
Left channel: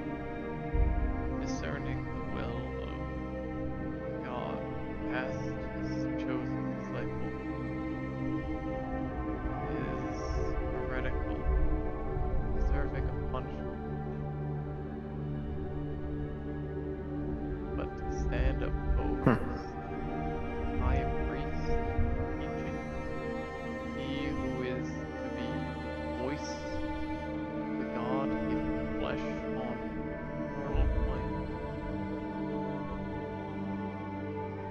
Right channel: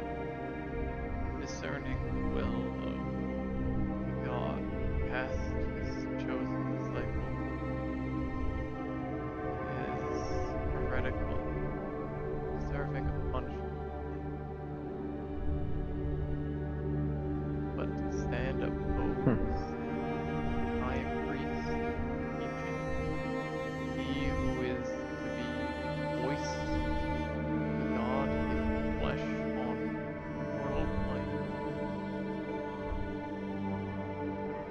of discerning the will of God past his chosen disciple is heretical, deserving of punishment. But to stand opposed, high priest teaching, he who is to be voice the God given flesh on mortal plane.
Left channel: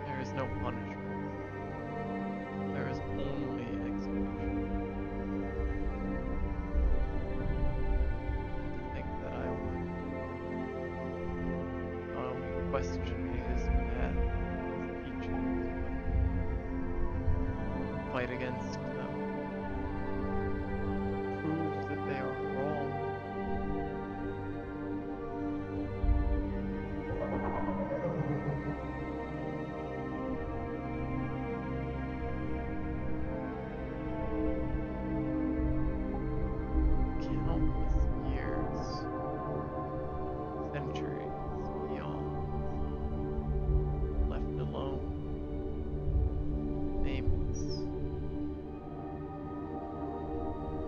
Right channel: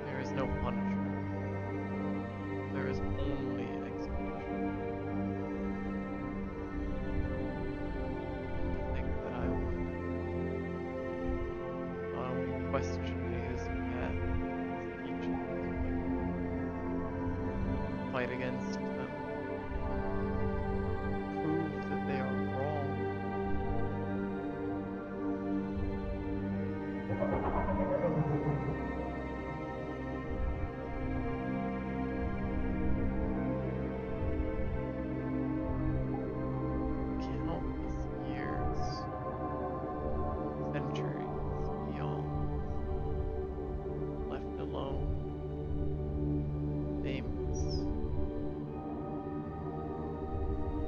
There is no punishment. There is only execution. And to think that I would not only question his path, his teachings, but fight against them, prove that they are wrong. Countless years, centuries beyond, left alone, nameless,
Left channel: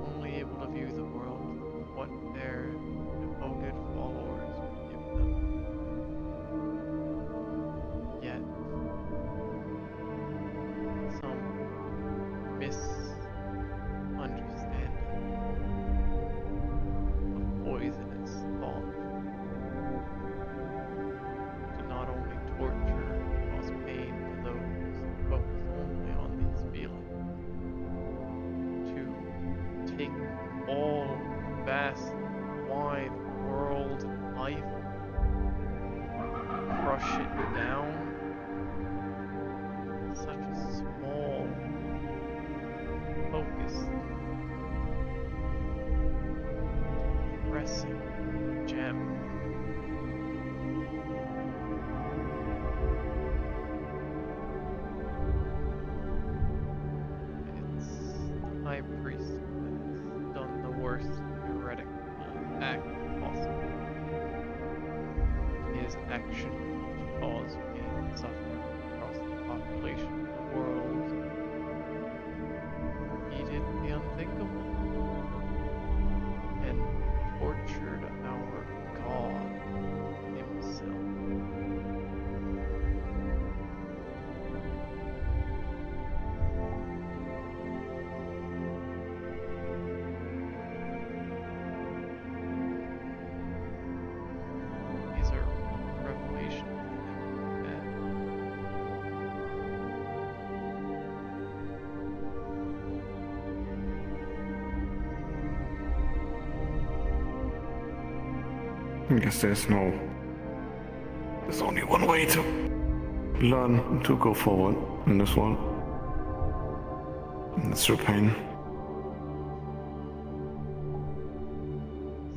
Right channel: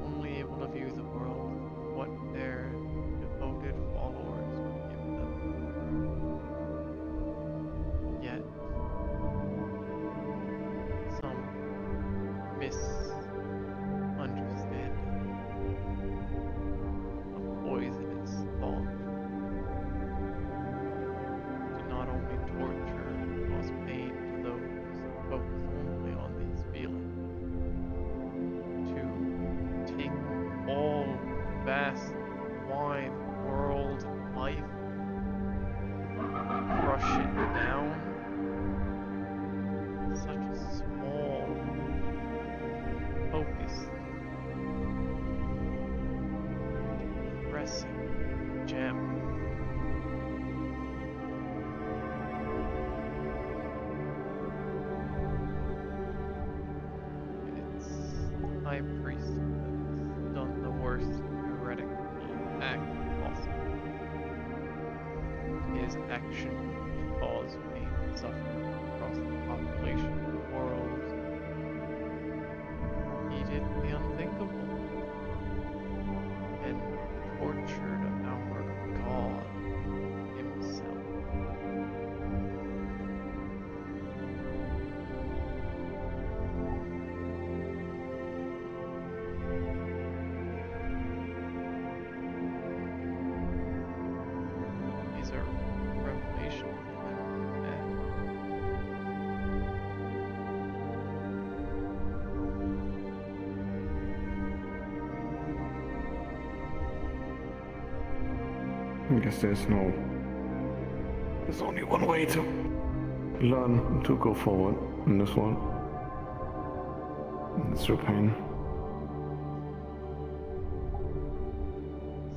only able to view the world for what their devoted followers would give them. Yet, some misunderstanding of poisonous thought to not only torture and cause pain to those who focus only on these feelings, to take all vast, wide world life, crush it down, such a small, focused, pressing gem. It's the high priest that has done the worst heretical act possible. His action to cause pain and suffering across the population of the world. He did the unthinkable and tortured our God himself. These are revelations I guess there's only one way to learn to go forward in this world. And it's through pain.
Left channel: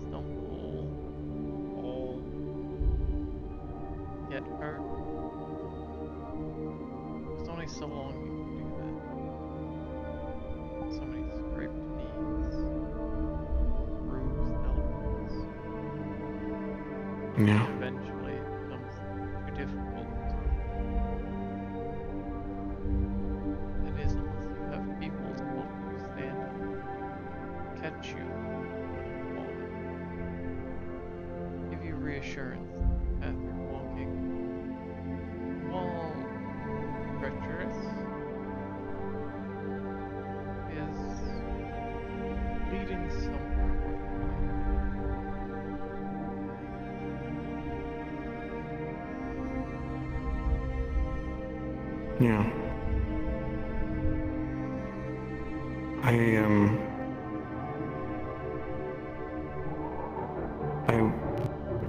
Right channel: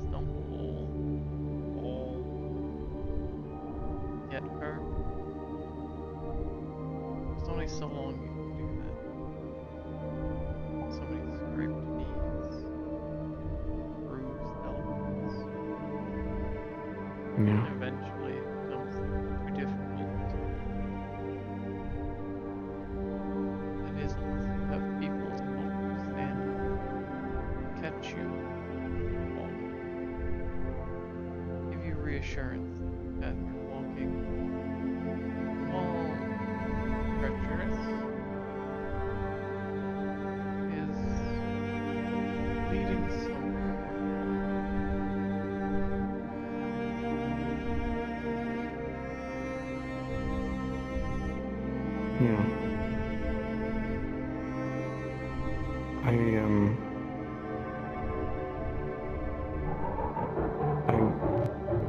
Stumble, fall, get hurt. There's only so long you can do that. So many scraped knees, bruised elbows. Yeah. And eventually it becomes too difficult. It is unless you have people to help you stand up, catch you when you're falling, give you reassurance as you're walking, while treacherous, is leading somewhere worthwhile. Yeah. I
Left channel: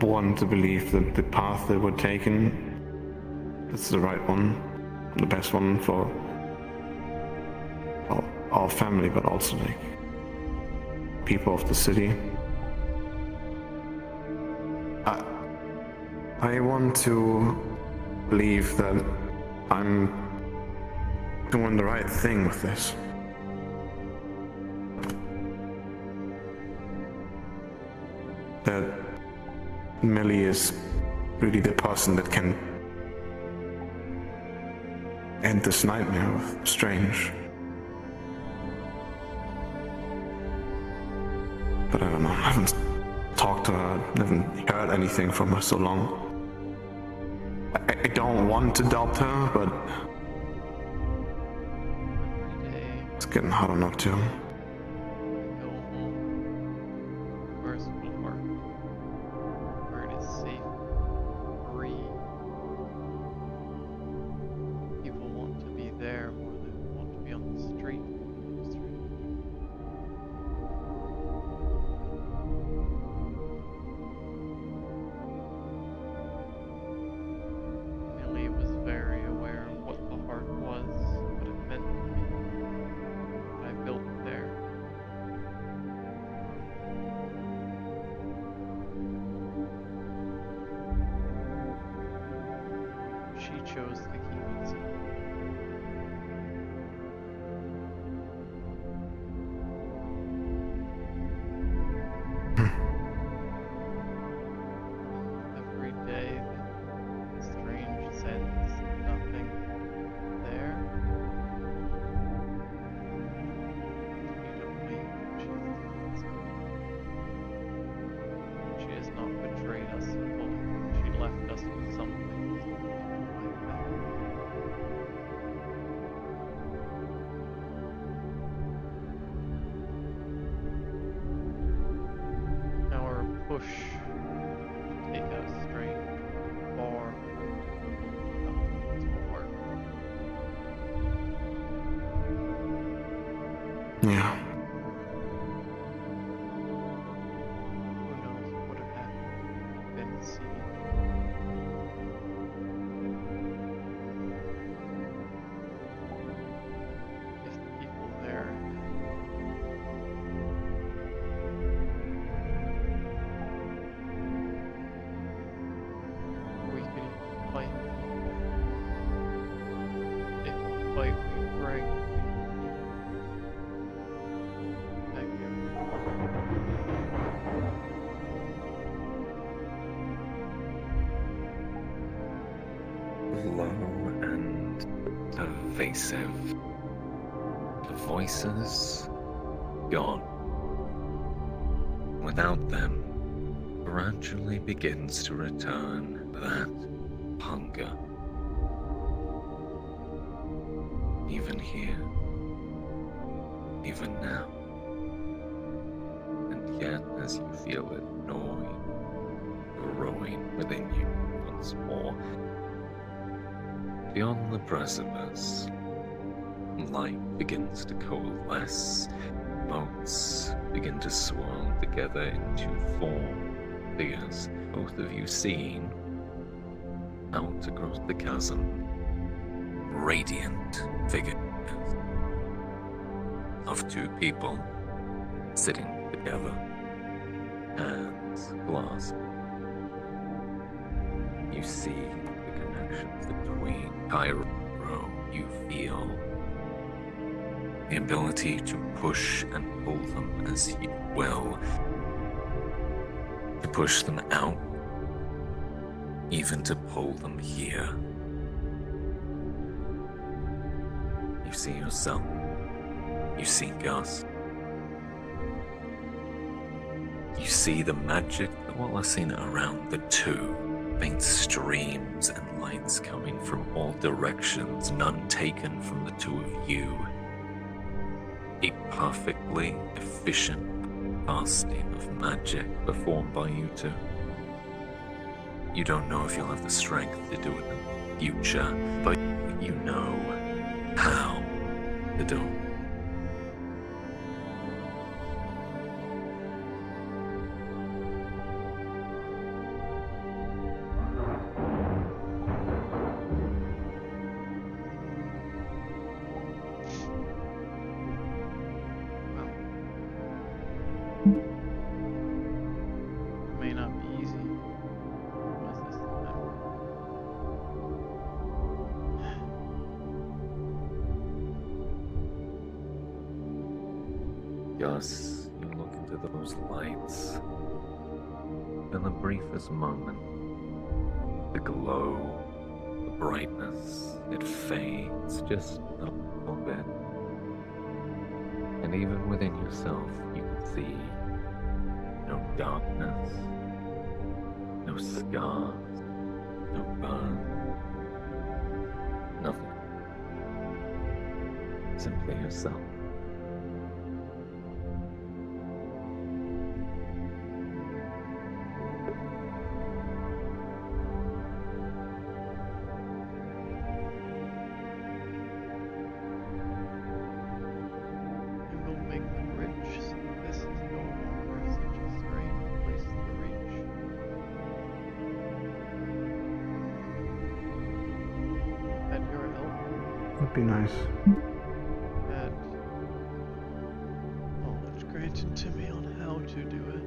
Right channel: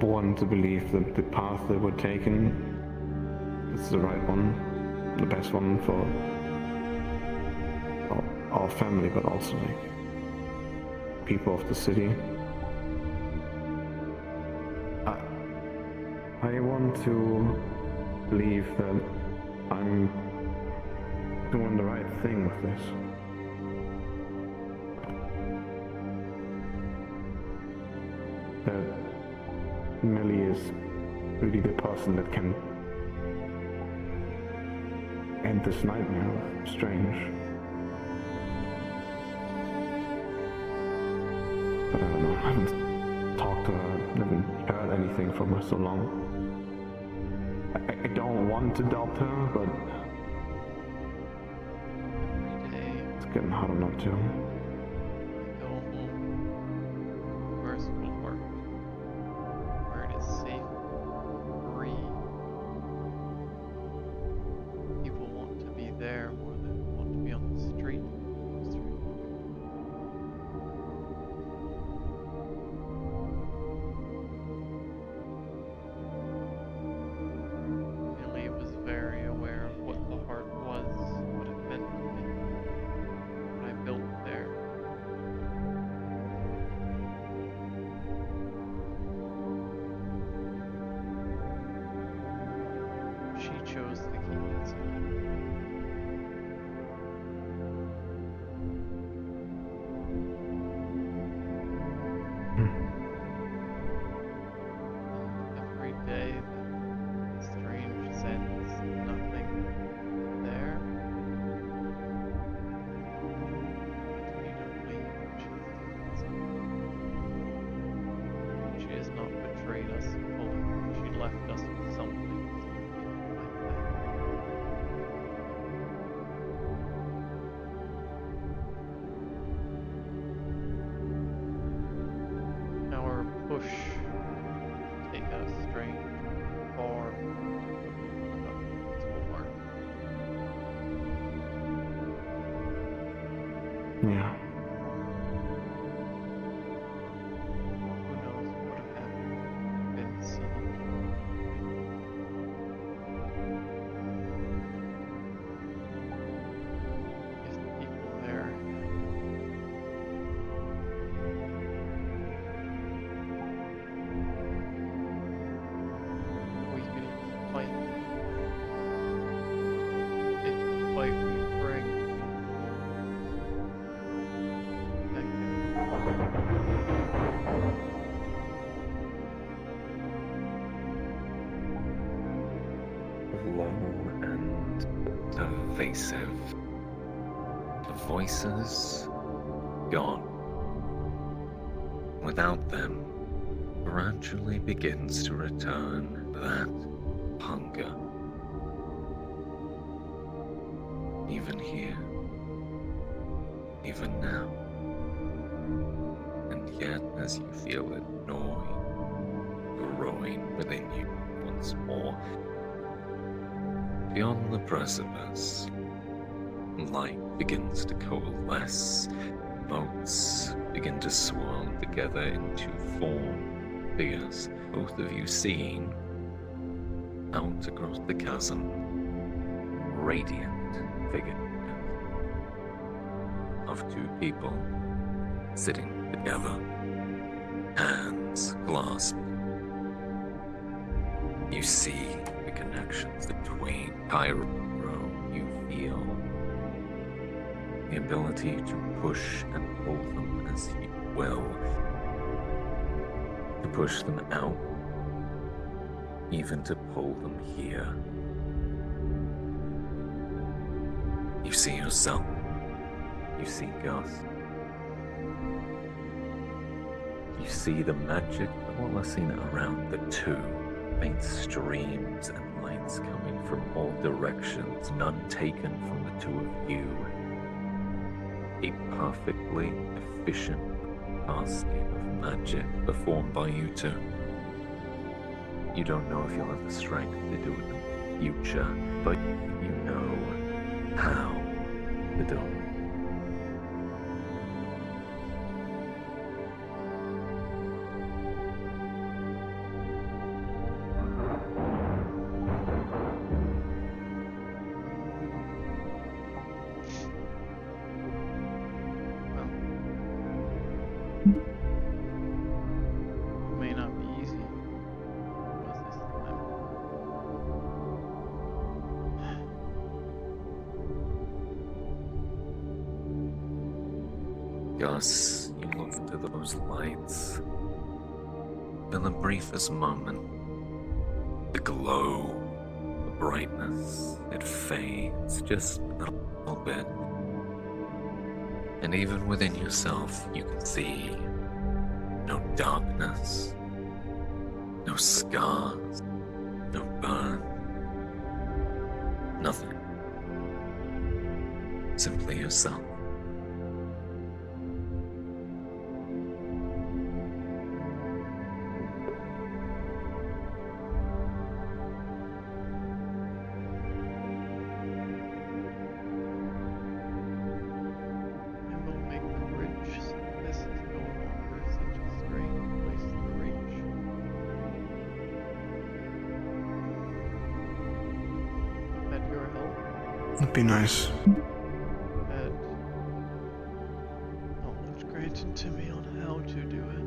want to believe that the path that we're taking is the right one, the best one for our family, but also like people of the city. I want to believe that I'm doing the right thing with this. That Millie is really the person that can end this nightmare with Strange. But I don't know, I haven't talked to her, haven't heard anything from her so long. I don't want to doubt her, but Every day it's getting harder not to. I go home, merciful heart, where it is safe, free. People want to be there more than want to be on the street. Millie was very aware of what the heart was, what it meant to me, what I built there. She chose to keep it secret. Every day that Strange sends nothing there, leads me to believe she's doing something. She has not betrayed us fully. She left us with something so that we can fight back. Our push to take out Strange will be far more difficult without his heart. Yeah. Who knows what would have happened if it had been siege? If the people there we could even fight. If the fight we bring would be Low and pervasive. The voices gone. Without them, gradually begins to return that hunger. Even here, even now. And yet, as you feel it gnawing, growing within you once more, beyond the precipice, light begins to coalesce, boats begin to swirl together into four figures both of you seeing out across the chasm radiant figures of two people sitting together, hands clasped. You see the connections between Cairo. You feel the ability to push and pull them as you will, to push them out, even to pull them here. You see yourself, you see Gus, you see the magic coalescing around the two, faint streams and lights coming from all directions, none taken from the two of you. A perfectly efficient casting of magic performed by you two. You don't know if you'll have the strength to do it in the future, but you know how to do it. May not be easy. Was this time? Gus, you look into those lights. In the briefest moment, the glow, the brightness, it fades just a little bit. And even within yourself, you can see no darkness, no scars, no burn, nothing. Simply yourself. I will make the bridge so this is no longer such a strange place to reach. I've had your help. That'd be nice. Had knowledge granted to me on how to do it.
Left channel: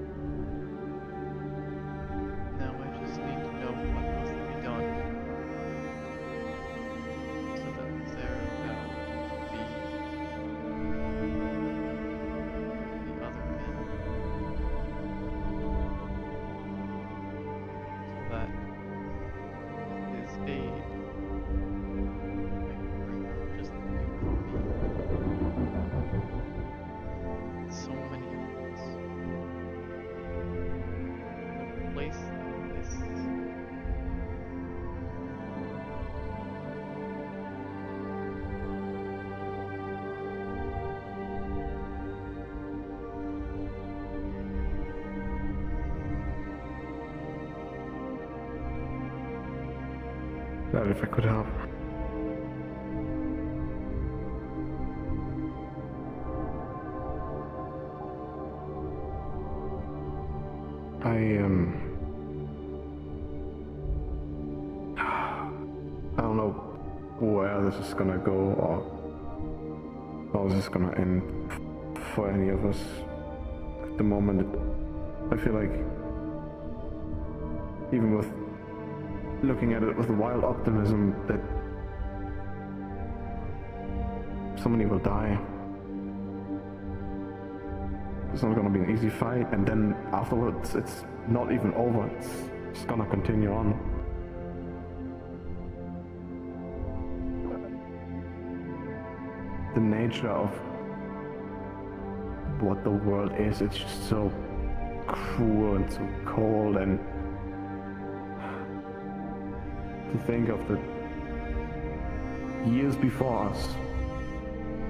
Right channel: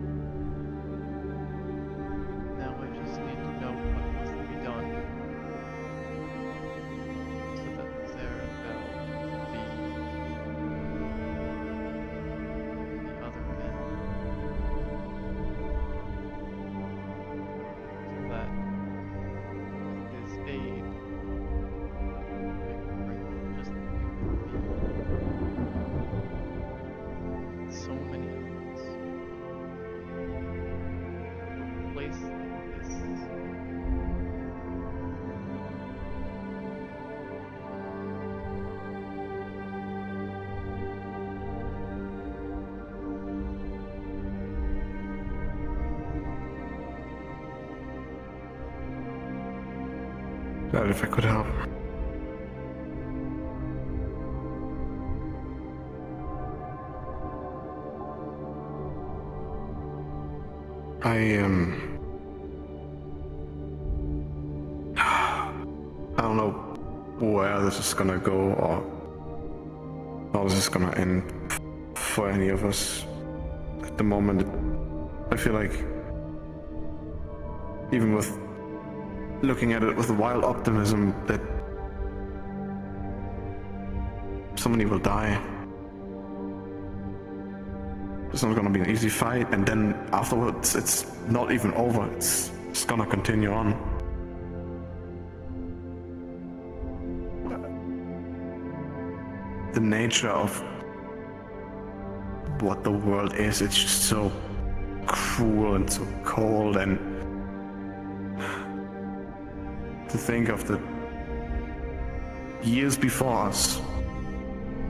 Now I just need to know what must be done so that Zarabel be the other end. So that with his aid I can bring not just you but me. So many of us. A place like this. Glad if I could help. I don't know where this is gonna go or how this is gonna end for any of us. At the moment, I feel like even with looking at it with wild optimism that somebody will die. It's not gonna be an easy fight, and then afterwards it's not even over, it's just gonna continue on. The nature of what the world is, it's just so cruel and so cold, and to think of the years before us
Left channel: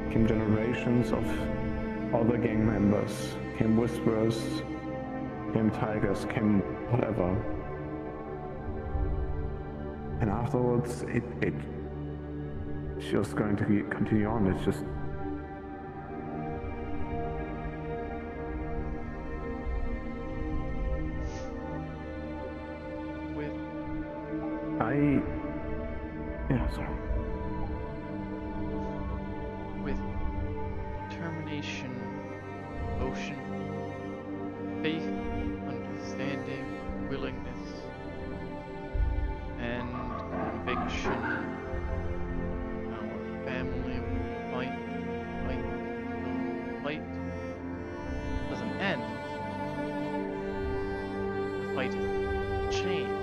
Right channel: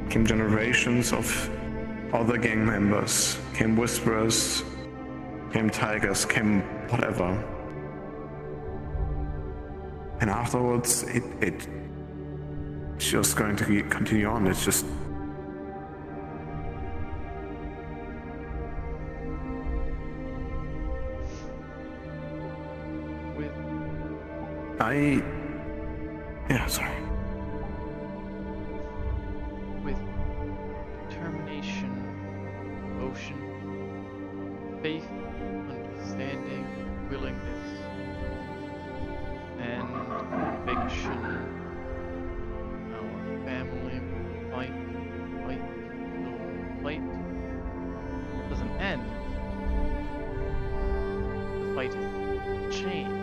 came generations of other gang members, came whisperers, came tigers, came whatever. And afterwards, it's just going to continue on. It's just with? Yeah, sorry. With determination, devotion, faith, understanding, willingness, and conviction. Our family will fight, fight, until the fight doesn't end. The fight is change.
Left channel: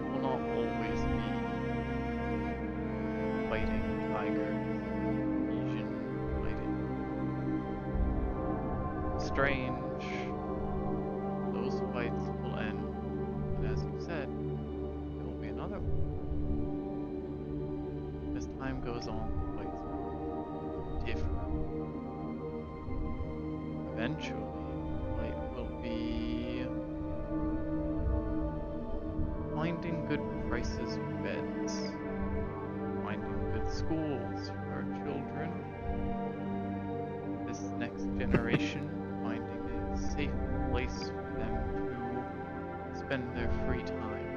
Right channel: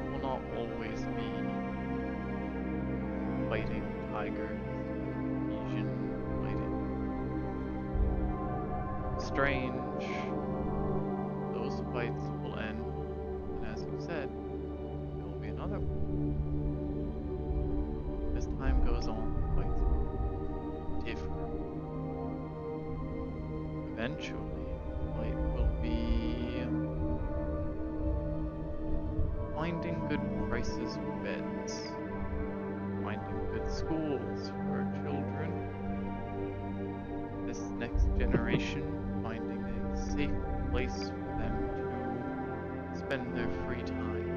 It will not always be fighting tigers, Asian fighting. Strange. Those fights will end, and as you said, there will be another one. As time goes on, the fights will differ. Eventually, the fight will be finding good prices for beds, finding good schools for our children, this next generation finding a safe place for them to spend their free time.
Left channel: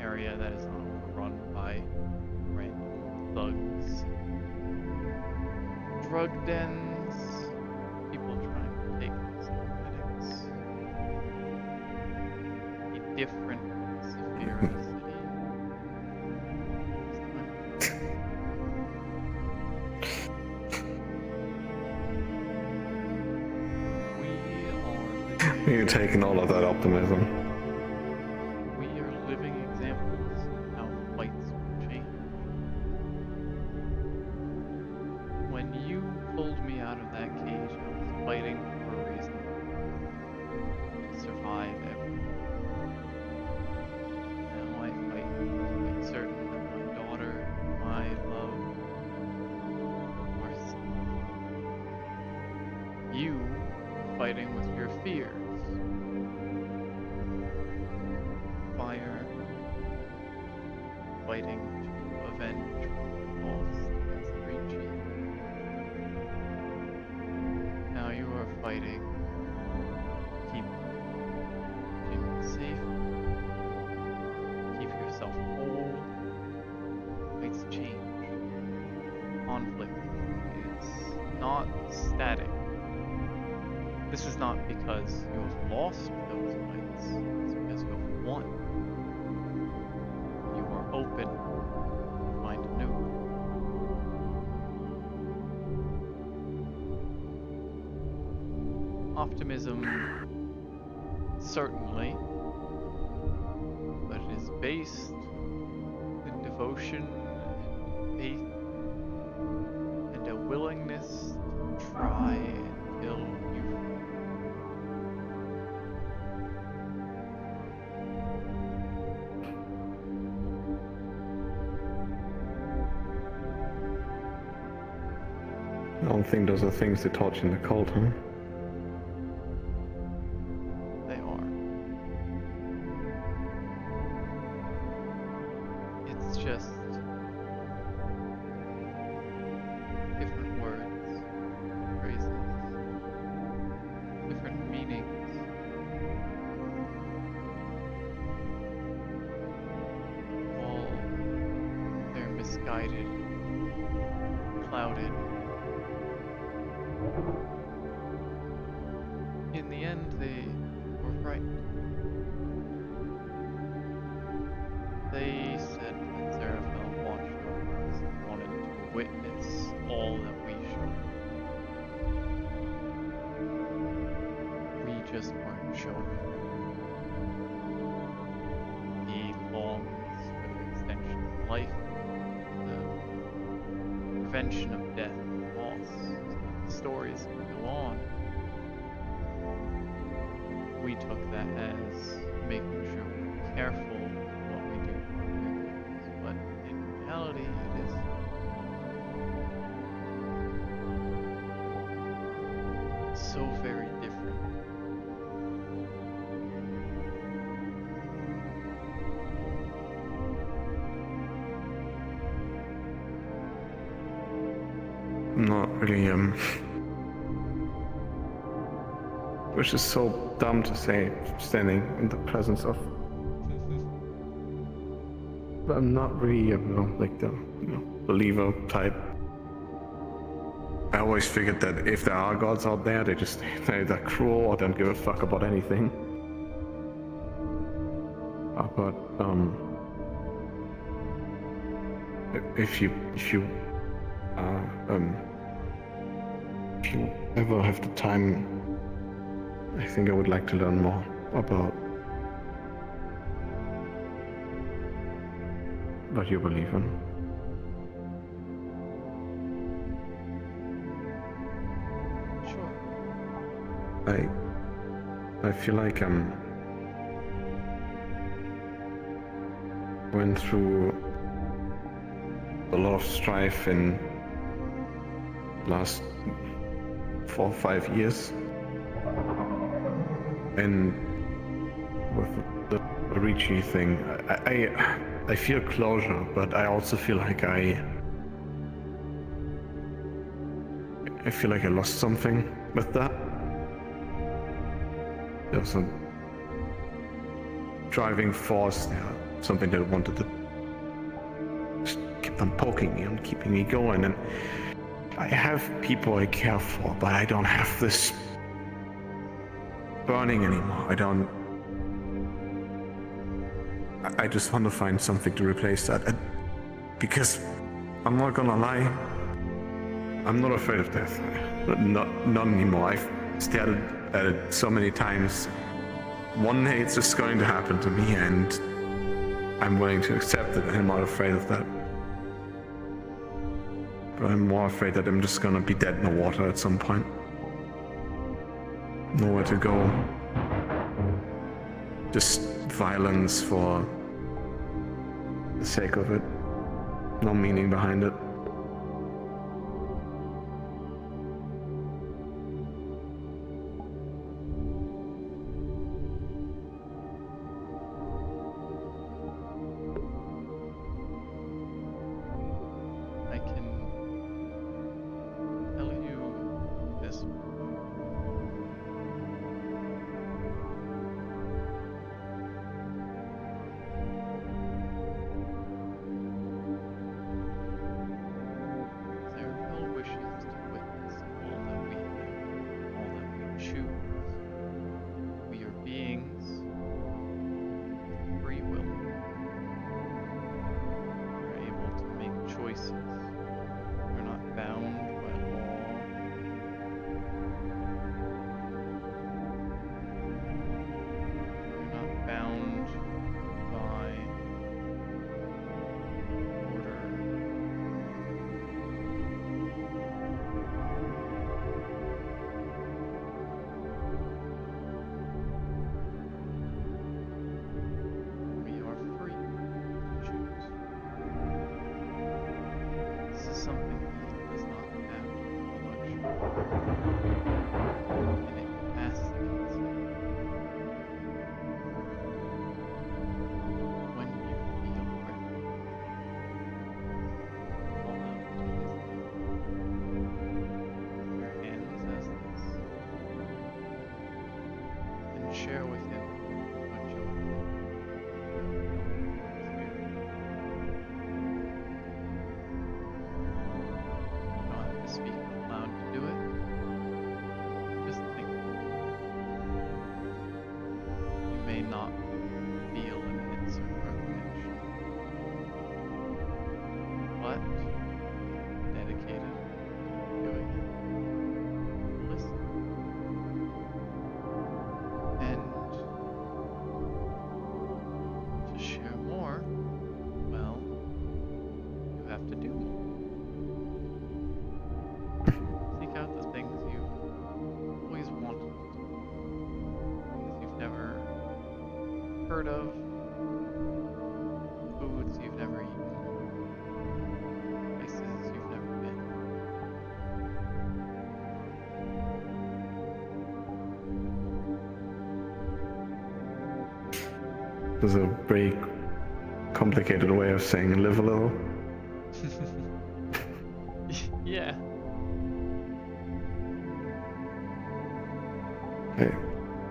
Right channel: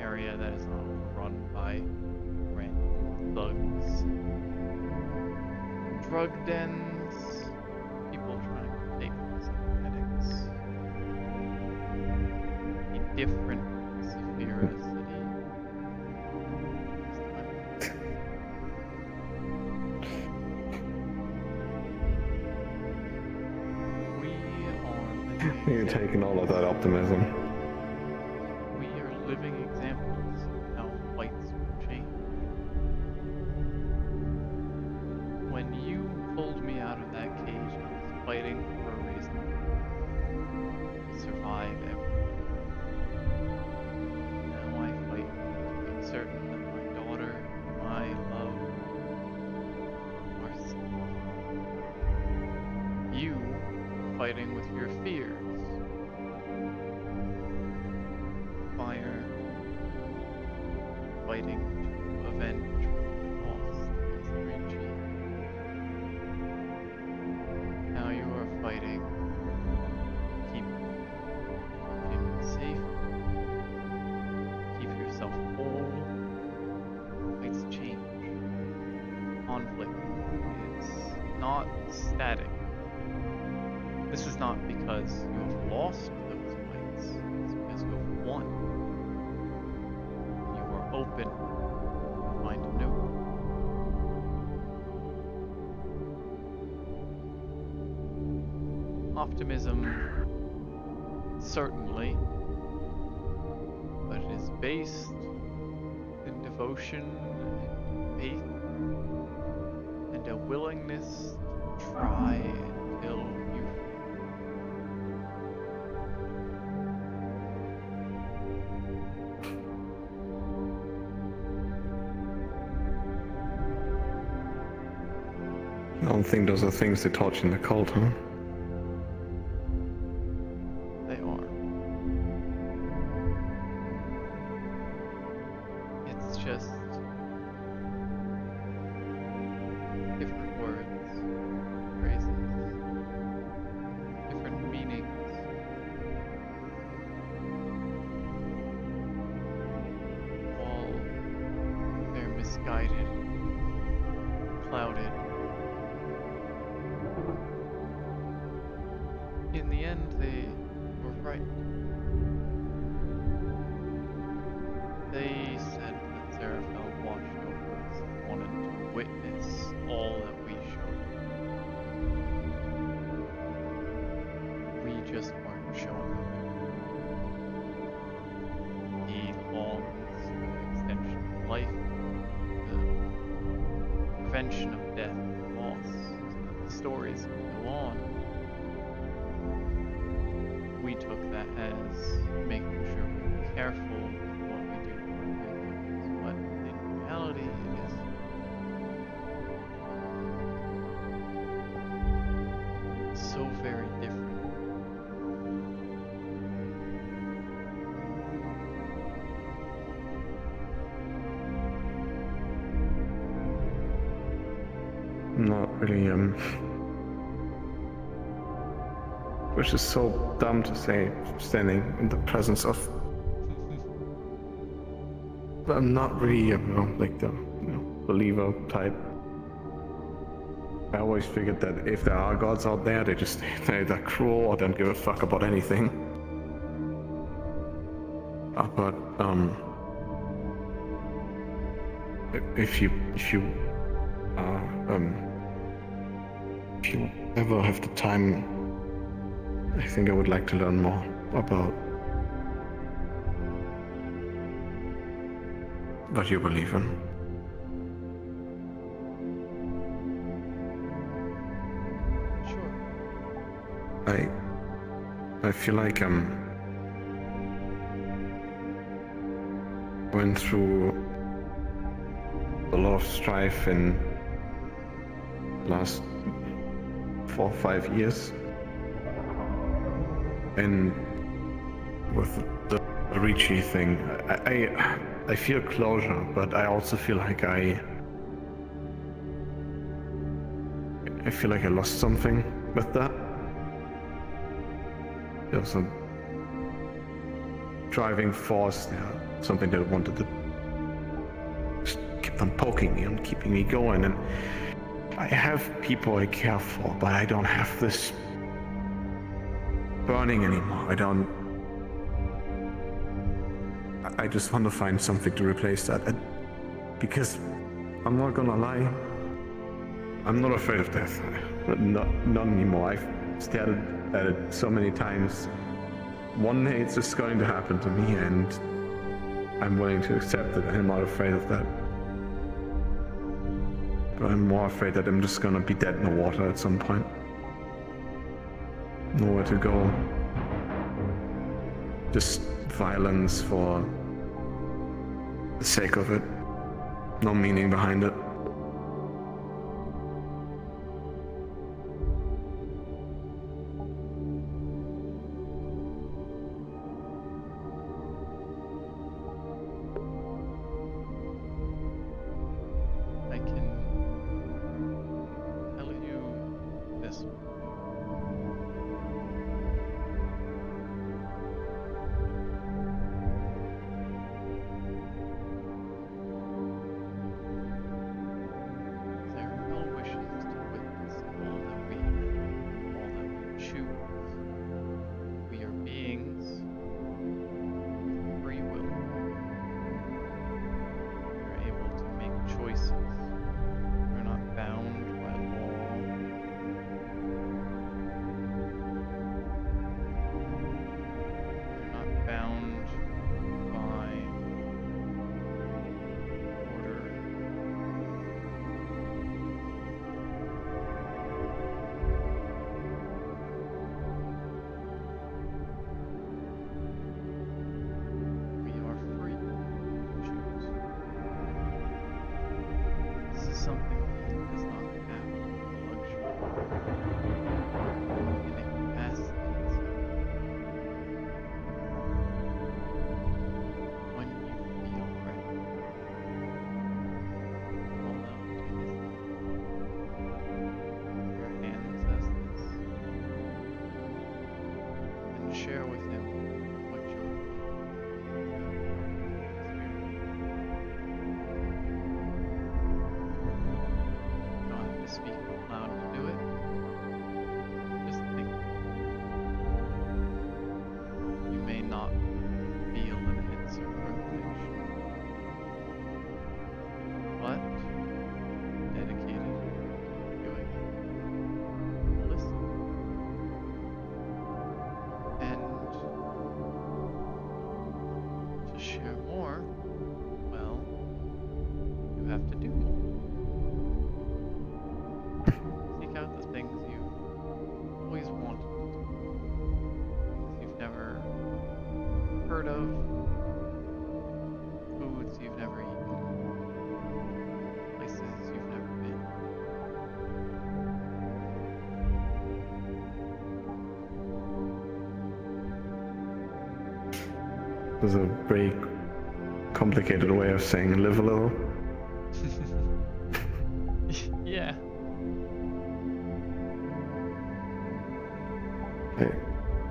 Area that is not overrun by random thugs, drug dens, people trying to take psychedelics. A different Saphira city. This time. We are living. You're taking all of that optimism. We are living examples of how fights will change. When you pulled me out of that cage, I was fighting for a reason. To survive everything. Now I fight to make certain that my daughter, my love, are safe. You are fighting with your fears. Fire, fighting to avenge what we lost against 3G. Now you are fighting to keep Jimmy safe, keep yourself whole. Fights change. Conflict is not static. This is not because you have lost those fights, it's because you have won. You are open to find a new one. Optimism, certainly, but it is based in devotion and faith and a willingness to try until you I don't think those are things they taught you in the cult, huh? They are. It's just different words, phrases, different meanings. All they're misguided, clouded. In the end, they were right. They said that Seraphel watched over us and wanted to witness all that we showed. We just weren't showing him everything. He longs for the extension of life, the prevention of death and loss, so that the stories can go on. We took that as making sure we're careful with what we do to our victims, but in reality it is so very different. not really, which is so dumb to say, standing in the presence of. I'm not really, like the, believer type. I always figured that if there are gods out there, they're cruel or don't give a fuck about anything. But if you ever have the time, I think I would like to learn more about what you believe in. Sure. I feel like went through a lot of strife in the last 4 or 5 years, and with the Ricci thing, I feel closure, but I also feel like I feel like I lost something with that. There was a driving force there, something that wanted to just keep on poking me and keeping me going, and I have people I care for, but I don't have this burning anymore. I just want to find something to replace that, because I'm not gonna lie, I'm not afraid of death. Not anymore. I've stared at it so many times. One day it's just going to happen to me, and I'm willing to accept it. I'm not afraid of that. But I'm more afraid that I'm just gonna be dead in the water at some point. Nowhere to go. Just violence for the sake of it. No meaning behind it. I can tell you this. Their will wishes to witness all that we have, all that we choose. We are beings with free will. We are able to make choices. We're not bound by law. We're not bound by order. We are free to choose. This is something he does not have the luxury of, and it fascinates him. When you feel ready, call out to his name. Your hands as this, and share with him what you have been. You don't have to speak out loud to do it. Just think. You may not feel an answer or connection, but dedicated to doing it. Listen. And to share more, well, you have to do more. Seek out the things you've always wanted to do. Things you've never heard of. Foods you've never eaten. Places you've never been. There's a very complicated way of saying live a little. Yeah.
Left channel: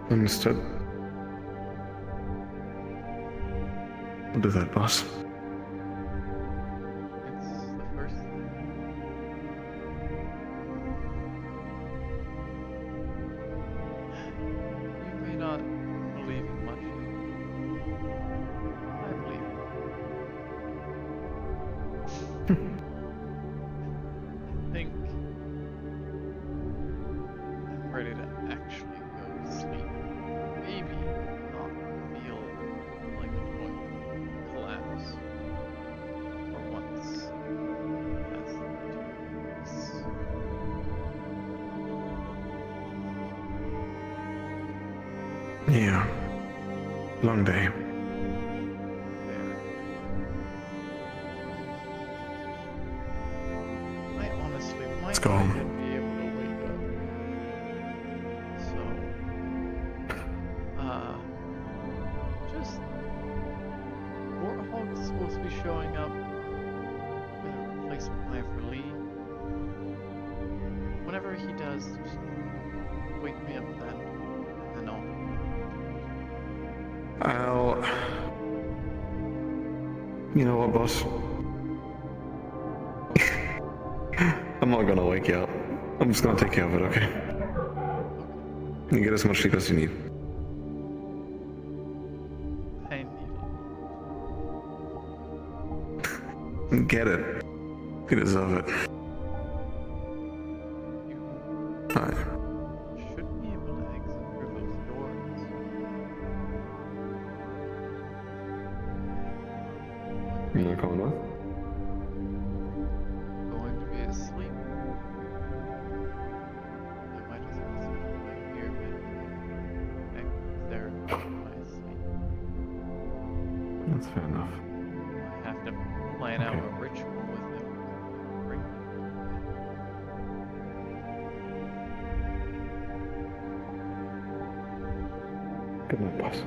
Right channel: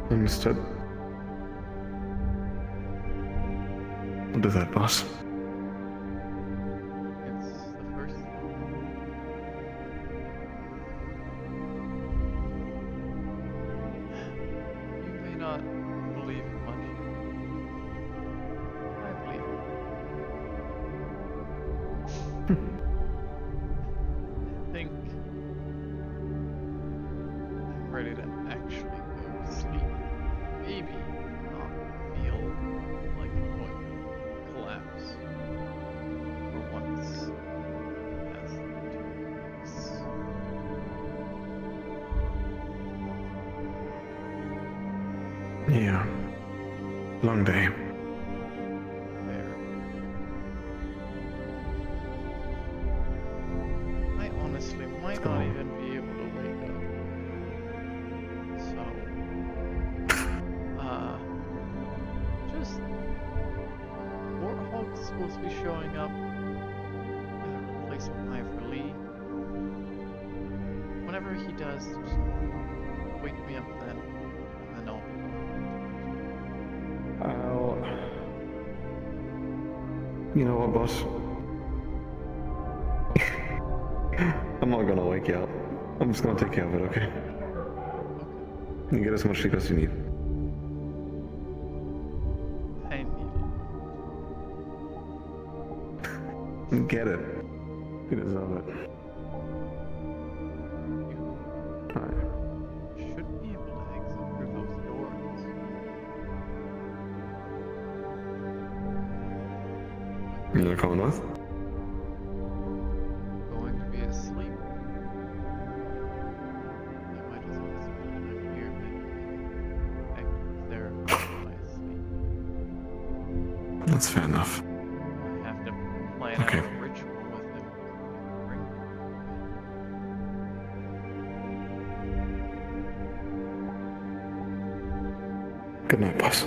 Understood. I'll do that, boss. It's the first thing. You may not believe in much yet. I believe it. I think I'm ready to actually go to sleep. Maybe not feel like I'm going to collapse for once past 2 weeks. Yeah. Long day. I honestly might go not home. even be able to wake up. So, just Warthog's supposed to be showing up with a replacement eye for Lee. Whenever he does, just wake me up then, and then I'll. You know what, boss? I'm not gonna wake you up. I'm just gonna take care of it, okay? You get as much sleep as you need. I need Get it. You deserve it. Alright. should be able to exit through those doors. You not coming with? Going to be asleep. I might as well spend time here meditating. Connecting with therapy in my sleep. That's fair enough. I have to plan out a ritual with him. Bring him Good night, boss.